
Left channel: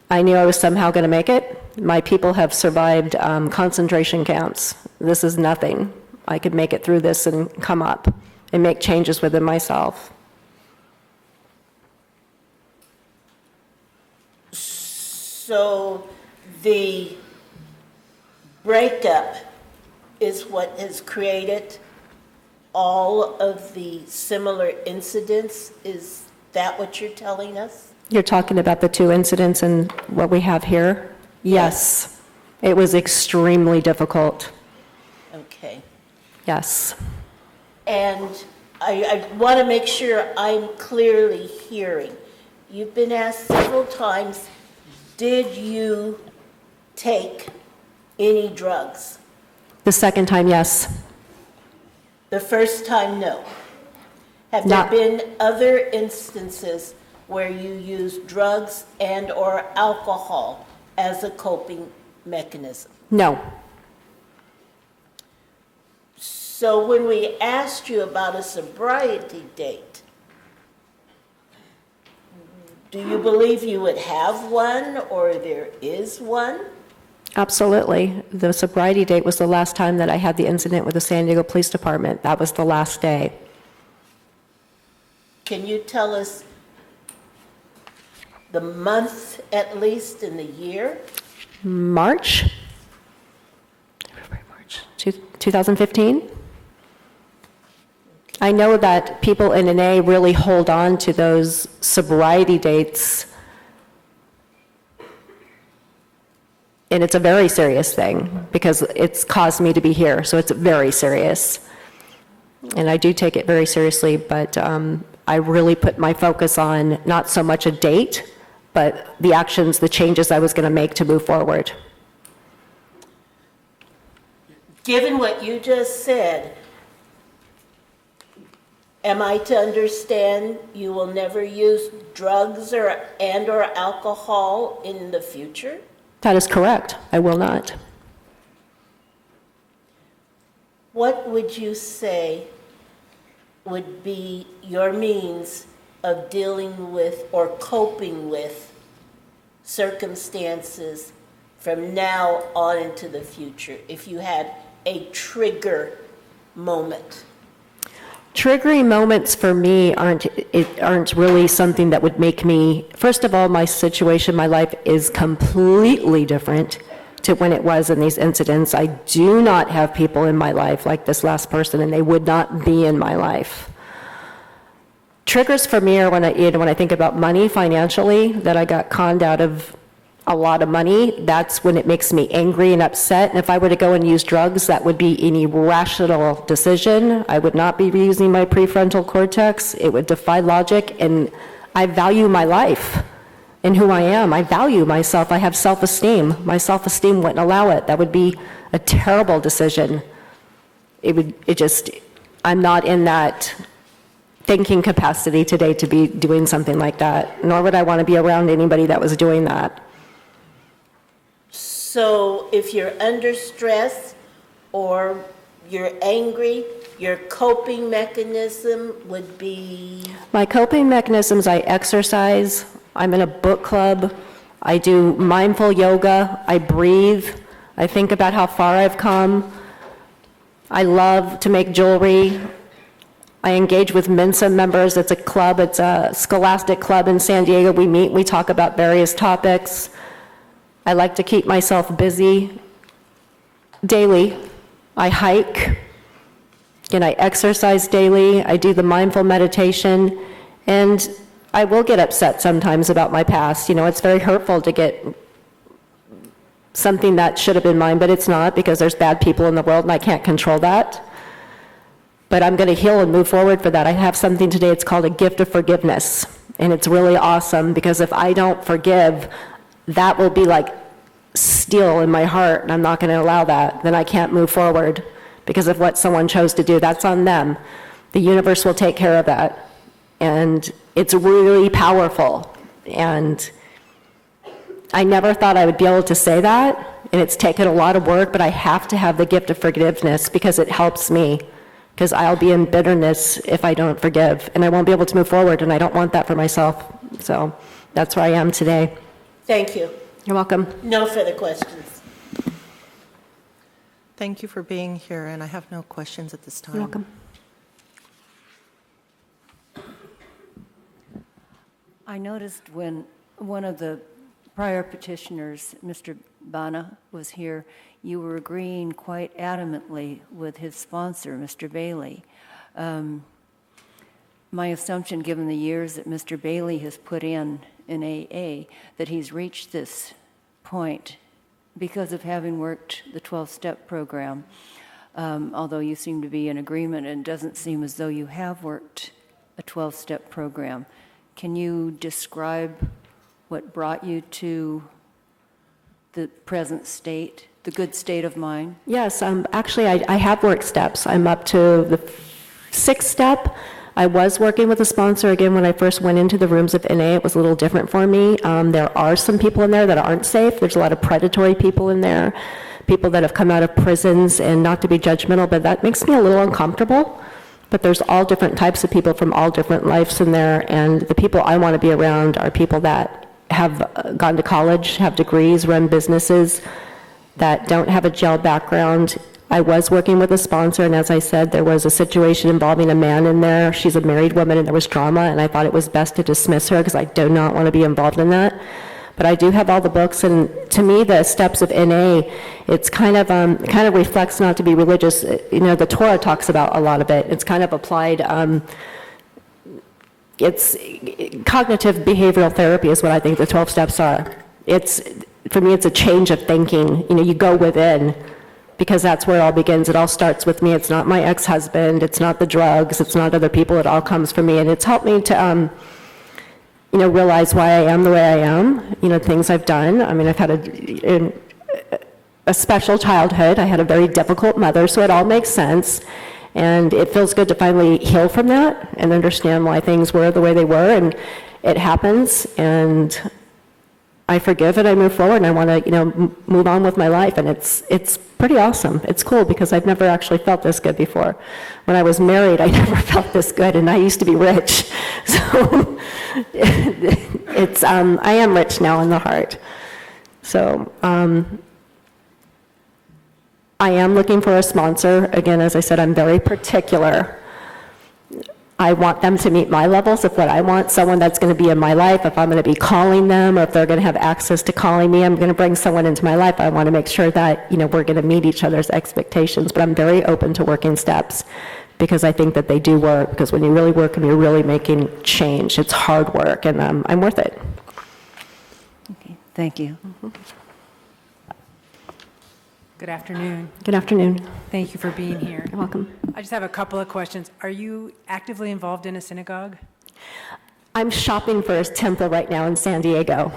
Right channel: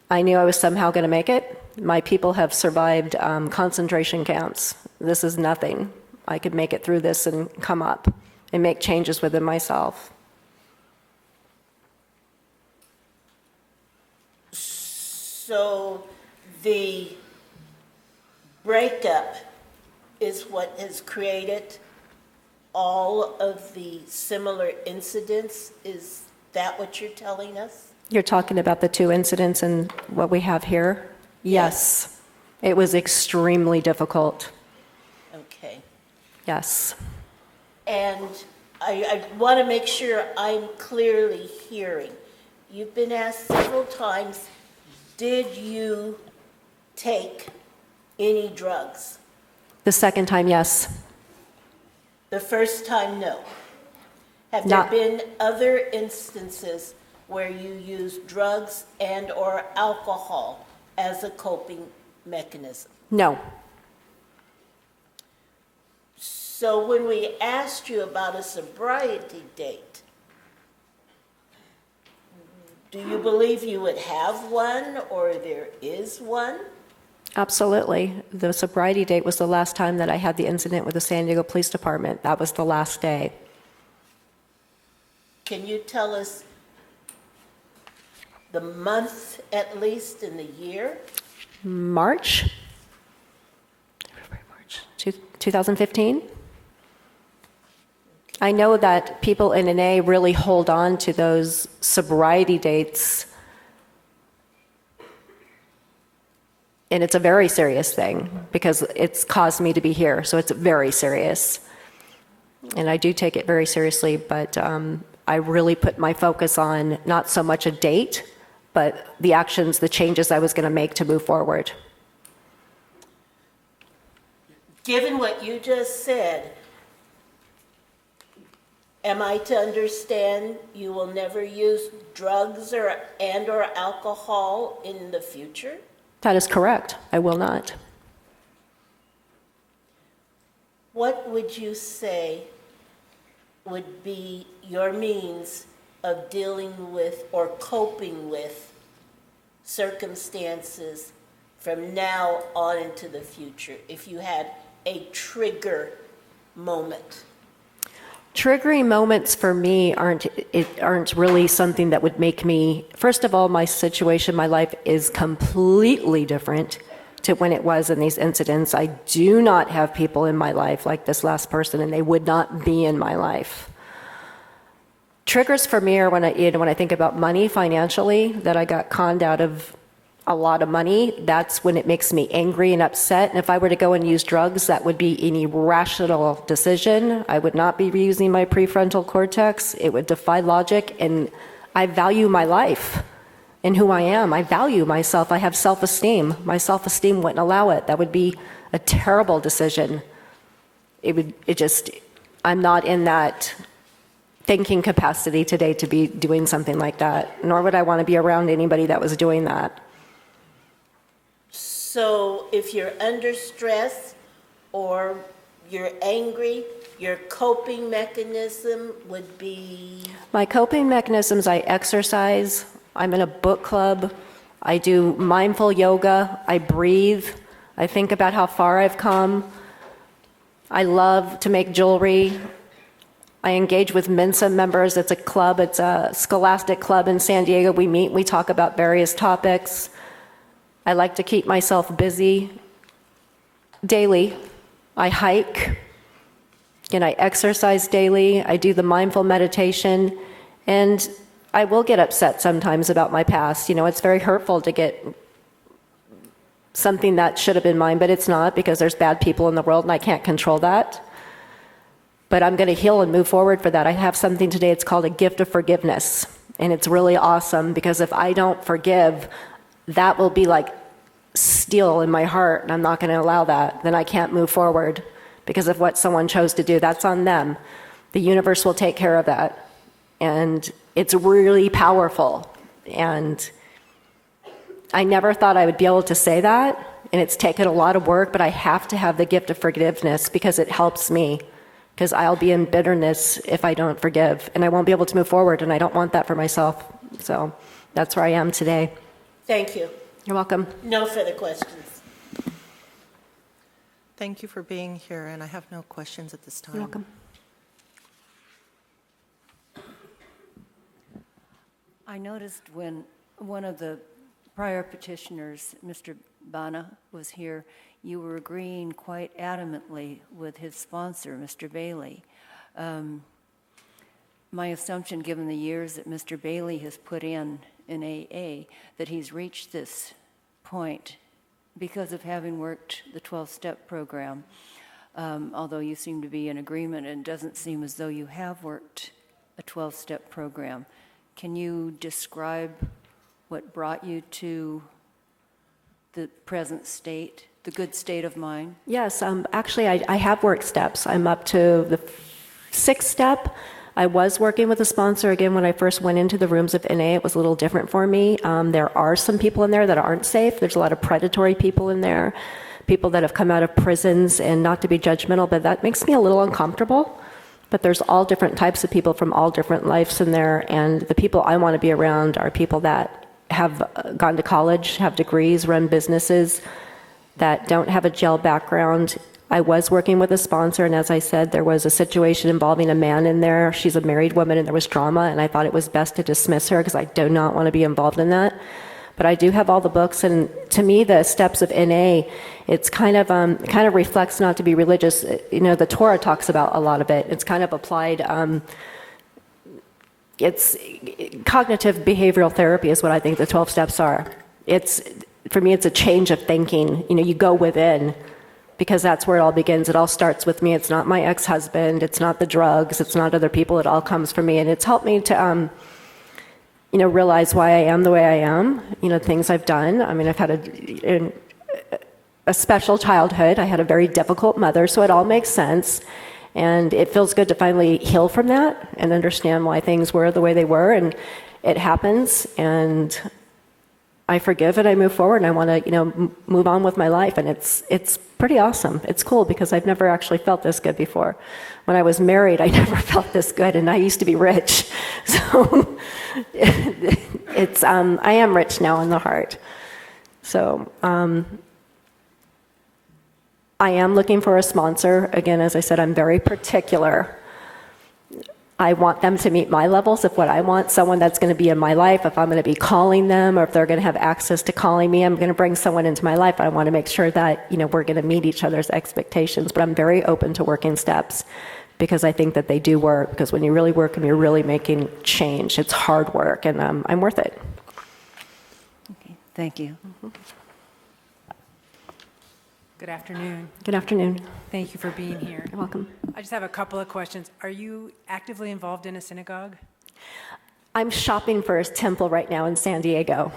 I knew I was somehow going to make it. My people have survived concentration camps. This is nothing. I could make it through this and come up and make changes within myself. So the breakup is what has created all of the similar incidents? Is that what you're telling us? You're talking about the 2 incidents and what we have here? Yes. It was extremely difficult. Okay. Yes. And I want to make sure I'm clearly hearing. You've been asked several times, did you take any drugs? The second time, yes. The first time, no. Have Not- there been other instances where you used drugs and or alcohol as a coping mechanism? No. So when we asked you about a sobriety date, do you believe you would have one or there is one? Absolutely. The sobriety date was the last time that I had the incident with the San Diego Police Department. That was the last day. Can you tell us the month at least in the year? March 2015. I know that people in NA really hold on to those sobriety dates, and it's a very serious thing because it's caused me to be here, so it's very serious. And I do take it very seriously, but I really put my focus on not so much a date, but the actions, the changes I was going to make to move forward. Given what you just said, am I to understand you will never use drugs or alcohol in the future? That is correct. I will not. What would you say would be your means of dealing with or coping with circumstances from now on into the future, if you had a trigger moment? Triggering moments for me aren't really something that would make me, first of all, my situation, my life is completely different to when it was in these incidents. I do not have people in my life like this last person, and they would not be in my life. Triggers for me are when I think about money financially, that I got conned out of a lot of money. That's when it makes me angry and upset. And if I were to go and use drugs, that would be an irrational decision. I would not be using my prefrontal cortex. It would defy logic. And I value my life and who I am. I value myself. I have self-esteem. My self-esteem wouldn't allow it. That would be a terrible decision. I'm not in that thinking capacity today to be doing something like that, nor would I want to be around anybody that was doing that. So if you're under stress or you're angry, your coping mechanism would be? My coping mechanisms, I exercise, I'm in a book club, I do mindful yoga, I breathe, I think about how far I've come, I love to make jewelry, I engage with Mensa members. It's a club, it's a scholastic club in San Diego. We meet, we talk about various topics. I like to keep myself busy daily. I hike, and I exercise daily. I do the mindful meditation, and I will get upset sometimes about my past. It's very hurtful to get something that should have been mine, but it's not, because there's bad people in the world, and I can't control that. But I'm going to heal and move forward for that. I have something today, it's called a gift of forgiveness, and it's really awesome, because if I don't forgive, that will be like steel in my heart, and I'm not going to allow that. Then I can't move forward because of what someone chose to do. That's on them. The universe will take care of that. And it's really powerful. And I never thought I would be able to say that, and it's taken a lot of work, but I have to have the gift of forgiveness because it helps me. Because I'll be in bitterness if I don't forgive, and I won't be able to move forward, and I don't want that for myself. So that's where I am today. Thank you. You're welcome. No further questions. Thank you for being here, and I have no questions at this time. You're welcome. I noticed when one of the prior petitioners, Mr. Bana, was here, you were agreeing quite adamantly with his sponsor, Mr. Bailey. My assumption, given the years that Mr. Bailey has put in AA, that he's reached this point because of having worked the 12-step program, although you seem to be in agreement, and it doesn't seem as though you have worked a 12-step program. Can you describe what brought you to the present state, the good state of mind? Yes, actually, I have worked steps. I'm up to the 6th step. I was working with a sponsor. Again, when I first went into the rooms of NA, it was a little different for me. There are some people in there that aren't safe. There's a lot of predatory people in there, people that have come out of prisons, and not to be judgmental, but that makes me a little uncomfortable. But there's all different types of people from all different lives in there, and the people I want to be around are people that have gone to college, have degrees, run businesses, that don't have a jail background. I was working with a sponsor, and as I said, there was a situation involving a man in there. She's a married woman, and there was drama, and I thought it was best to dismiss her because I do not want to be involved in that. But I do have all the books, and to me, the steps of NA, it's kind of reflects, not to be religious. The Torah talks about a lot of it. It's kind of applied. It's cognitive behavioral therapy is what I think the 12 steps are. For me, it's a change of thinking. You go within, because that's where it all begins. It all starts with me. It's not my ex-husband. It's not the drugs. It's not other people. It all comes from me, and it's helped me to realize why I am the way I am, things I've done. I mean, I've had a special childhood. I had a very difficult mother, so it all makes sense. And it feels good to finally heal from that and understand why things were the way they were, and it happens. And I forgive and I move forward, and I want to, move on with my life. And it's pretty awesome. It's cool because I've never actually felt this good before. When I was married, I never felt this good, and I used to be rich. So I am rich now in the heart. So I am looking for a sponsor. Again, as I said, I'm very particular. I want them to meet my levels of what I want, someone that's going to be in my life. If I'm going to be calling them, or if they're going to have access to calling me, I'm going to bring someone into my life. I want to make sure that, we're going to meet each other's expectations. But I'm very open to working steps because I think that they do work, because when you really work and you're really making change, it's hard work, and I'm worth it. Okay, thank you. Good afternoon. Good afternoon. Thank you for being here. You're welcome. I just have a couple of questions. Are you actively involved in a synagogue? I'm shopping for a temple right now in San Diego.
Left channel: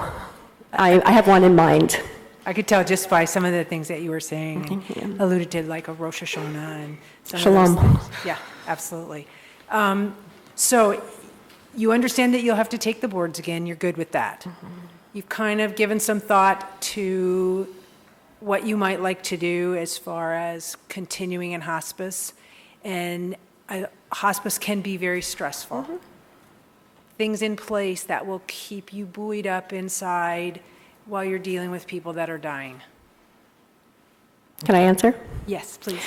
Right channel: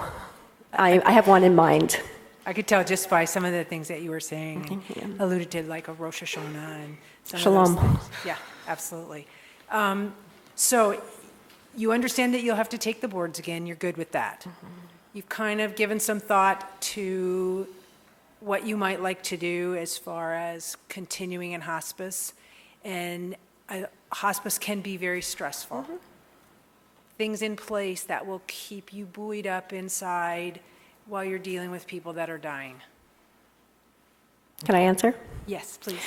I have one in mind. I could tell just by some of the things that you were saying, and alluded to, like a Rosh Hashanah and some Shalom. of those things. Yeah, absolutely. So you understand that you'll have to take the boards again. You're good with that. You've kind of given some thought to what you might like to do as far as continuing in hospice. And hospice can be very stressful. Things in place that will keep you buoyed up inside while you're dealing with people that are dying. Can I answer? Yes, please.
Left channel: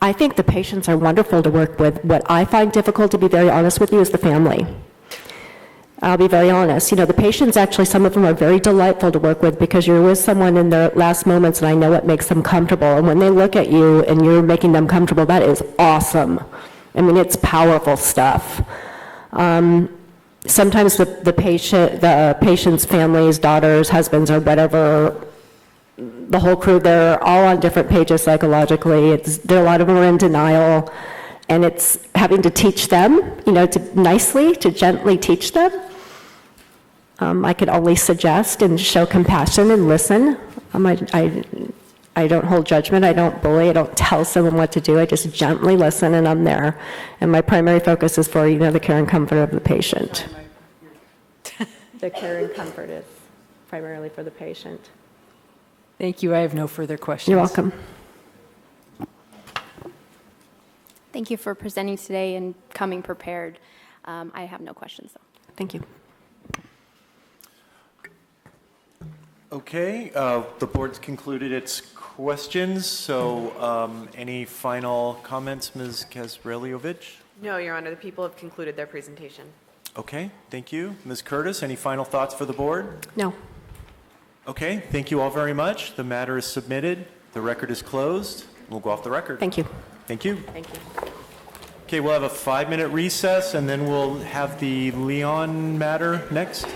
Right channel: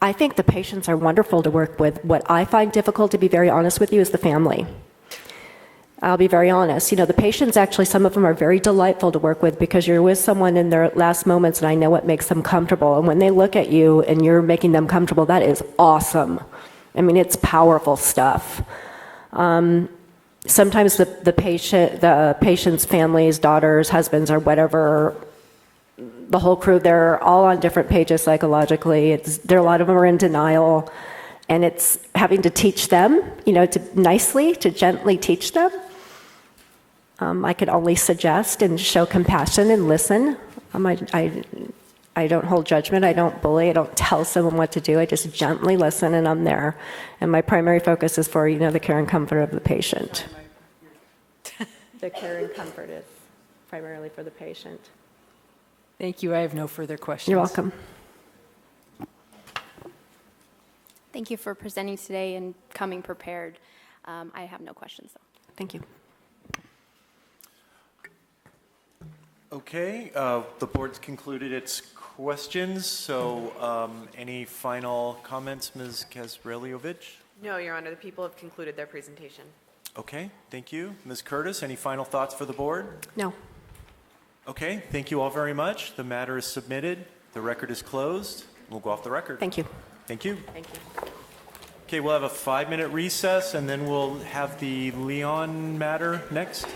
I think the patients are wonderful to work with. What I find difficult, to be very honest with you, is the family. I'll be very honest. The patients, actually, some of them are very delightful to work with because you're with someone in their last moments, and I know what makes them comfortable. And when they look at you and you're making them comfortable, that is awesome. I mean, it's powerful stuff. Sometimes the patient's families, daughters, husbands, or whatever, the whole crew, they're all on different pages psychologically. A lot of them are in denial. And it's having to teach them, to gently teach them. I could only suggest and show compassion and listen. I don't hold judgment. I don't bully. I don't tell someone what to do. I just gently listen, and I'm there. And my primary focus is for, the care and comfort of the patient. The care and comfort is primarily for the patient. Thank you. I have no further questions. You're welcome. Thank you for presenting today and coming prepared. I have no questions, though. Thank you. Okay, the board's concluded its questions, so any final comments, Ms. Kazreliovich? No, Your Honor, the people have concluded their presentation. Okay, thank you. Ms. Curtis, any final thoughts for the board? No. Okay, thank you all very much. The matter is submitted. The record is closed. We'll go off the record. Thank you. Thank you. Thank you. Okay, we'll have a 5-minute recess, and then we'll have the Leon matter next.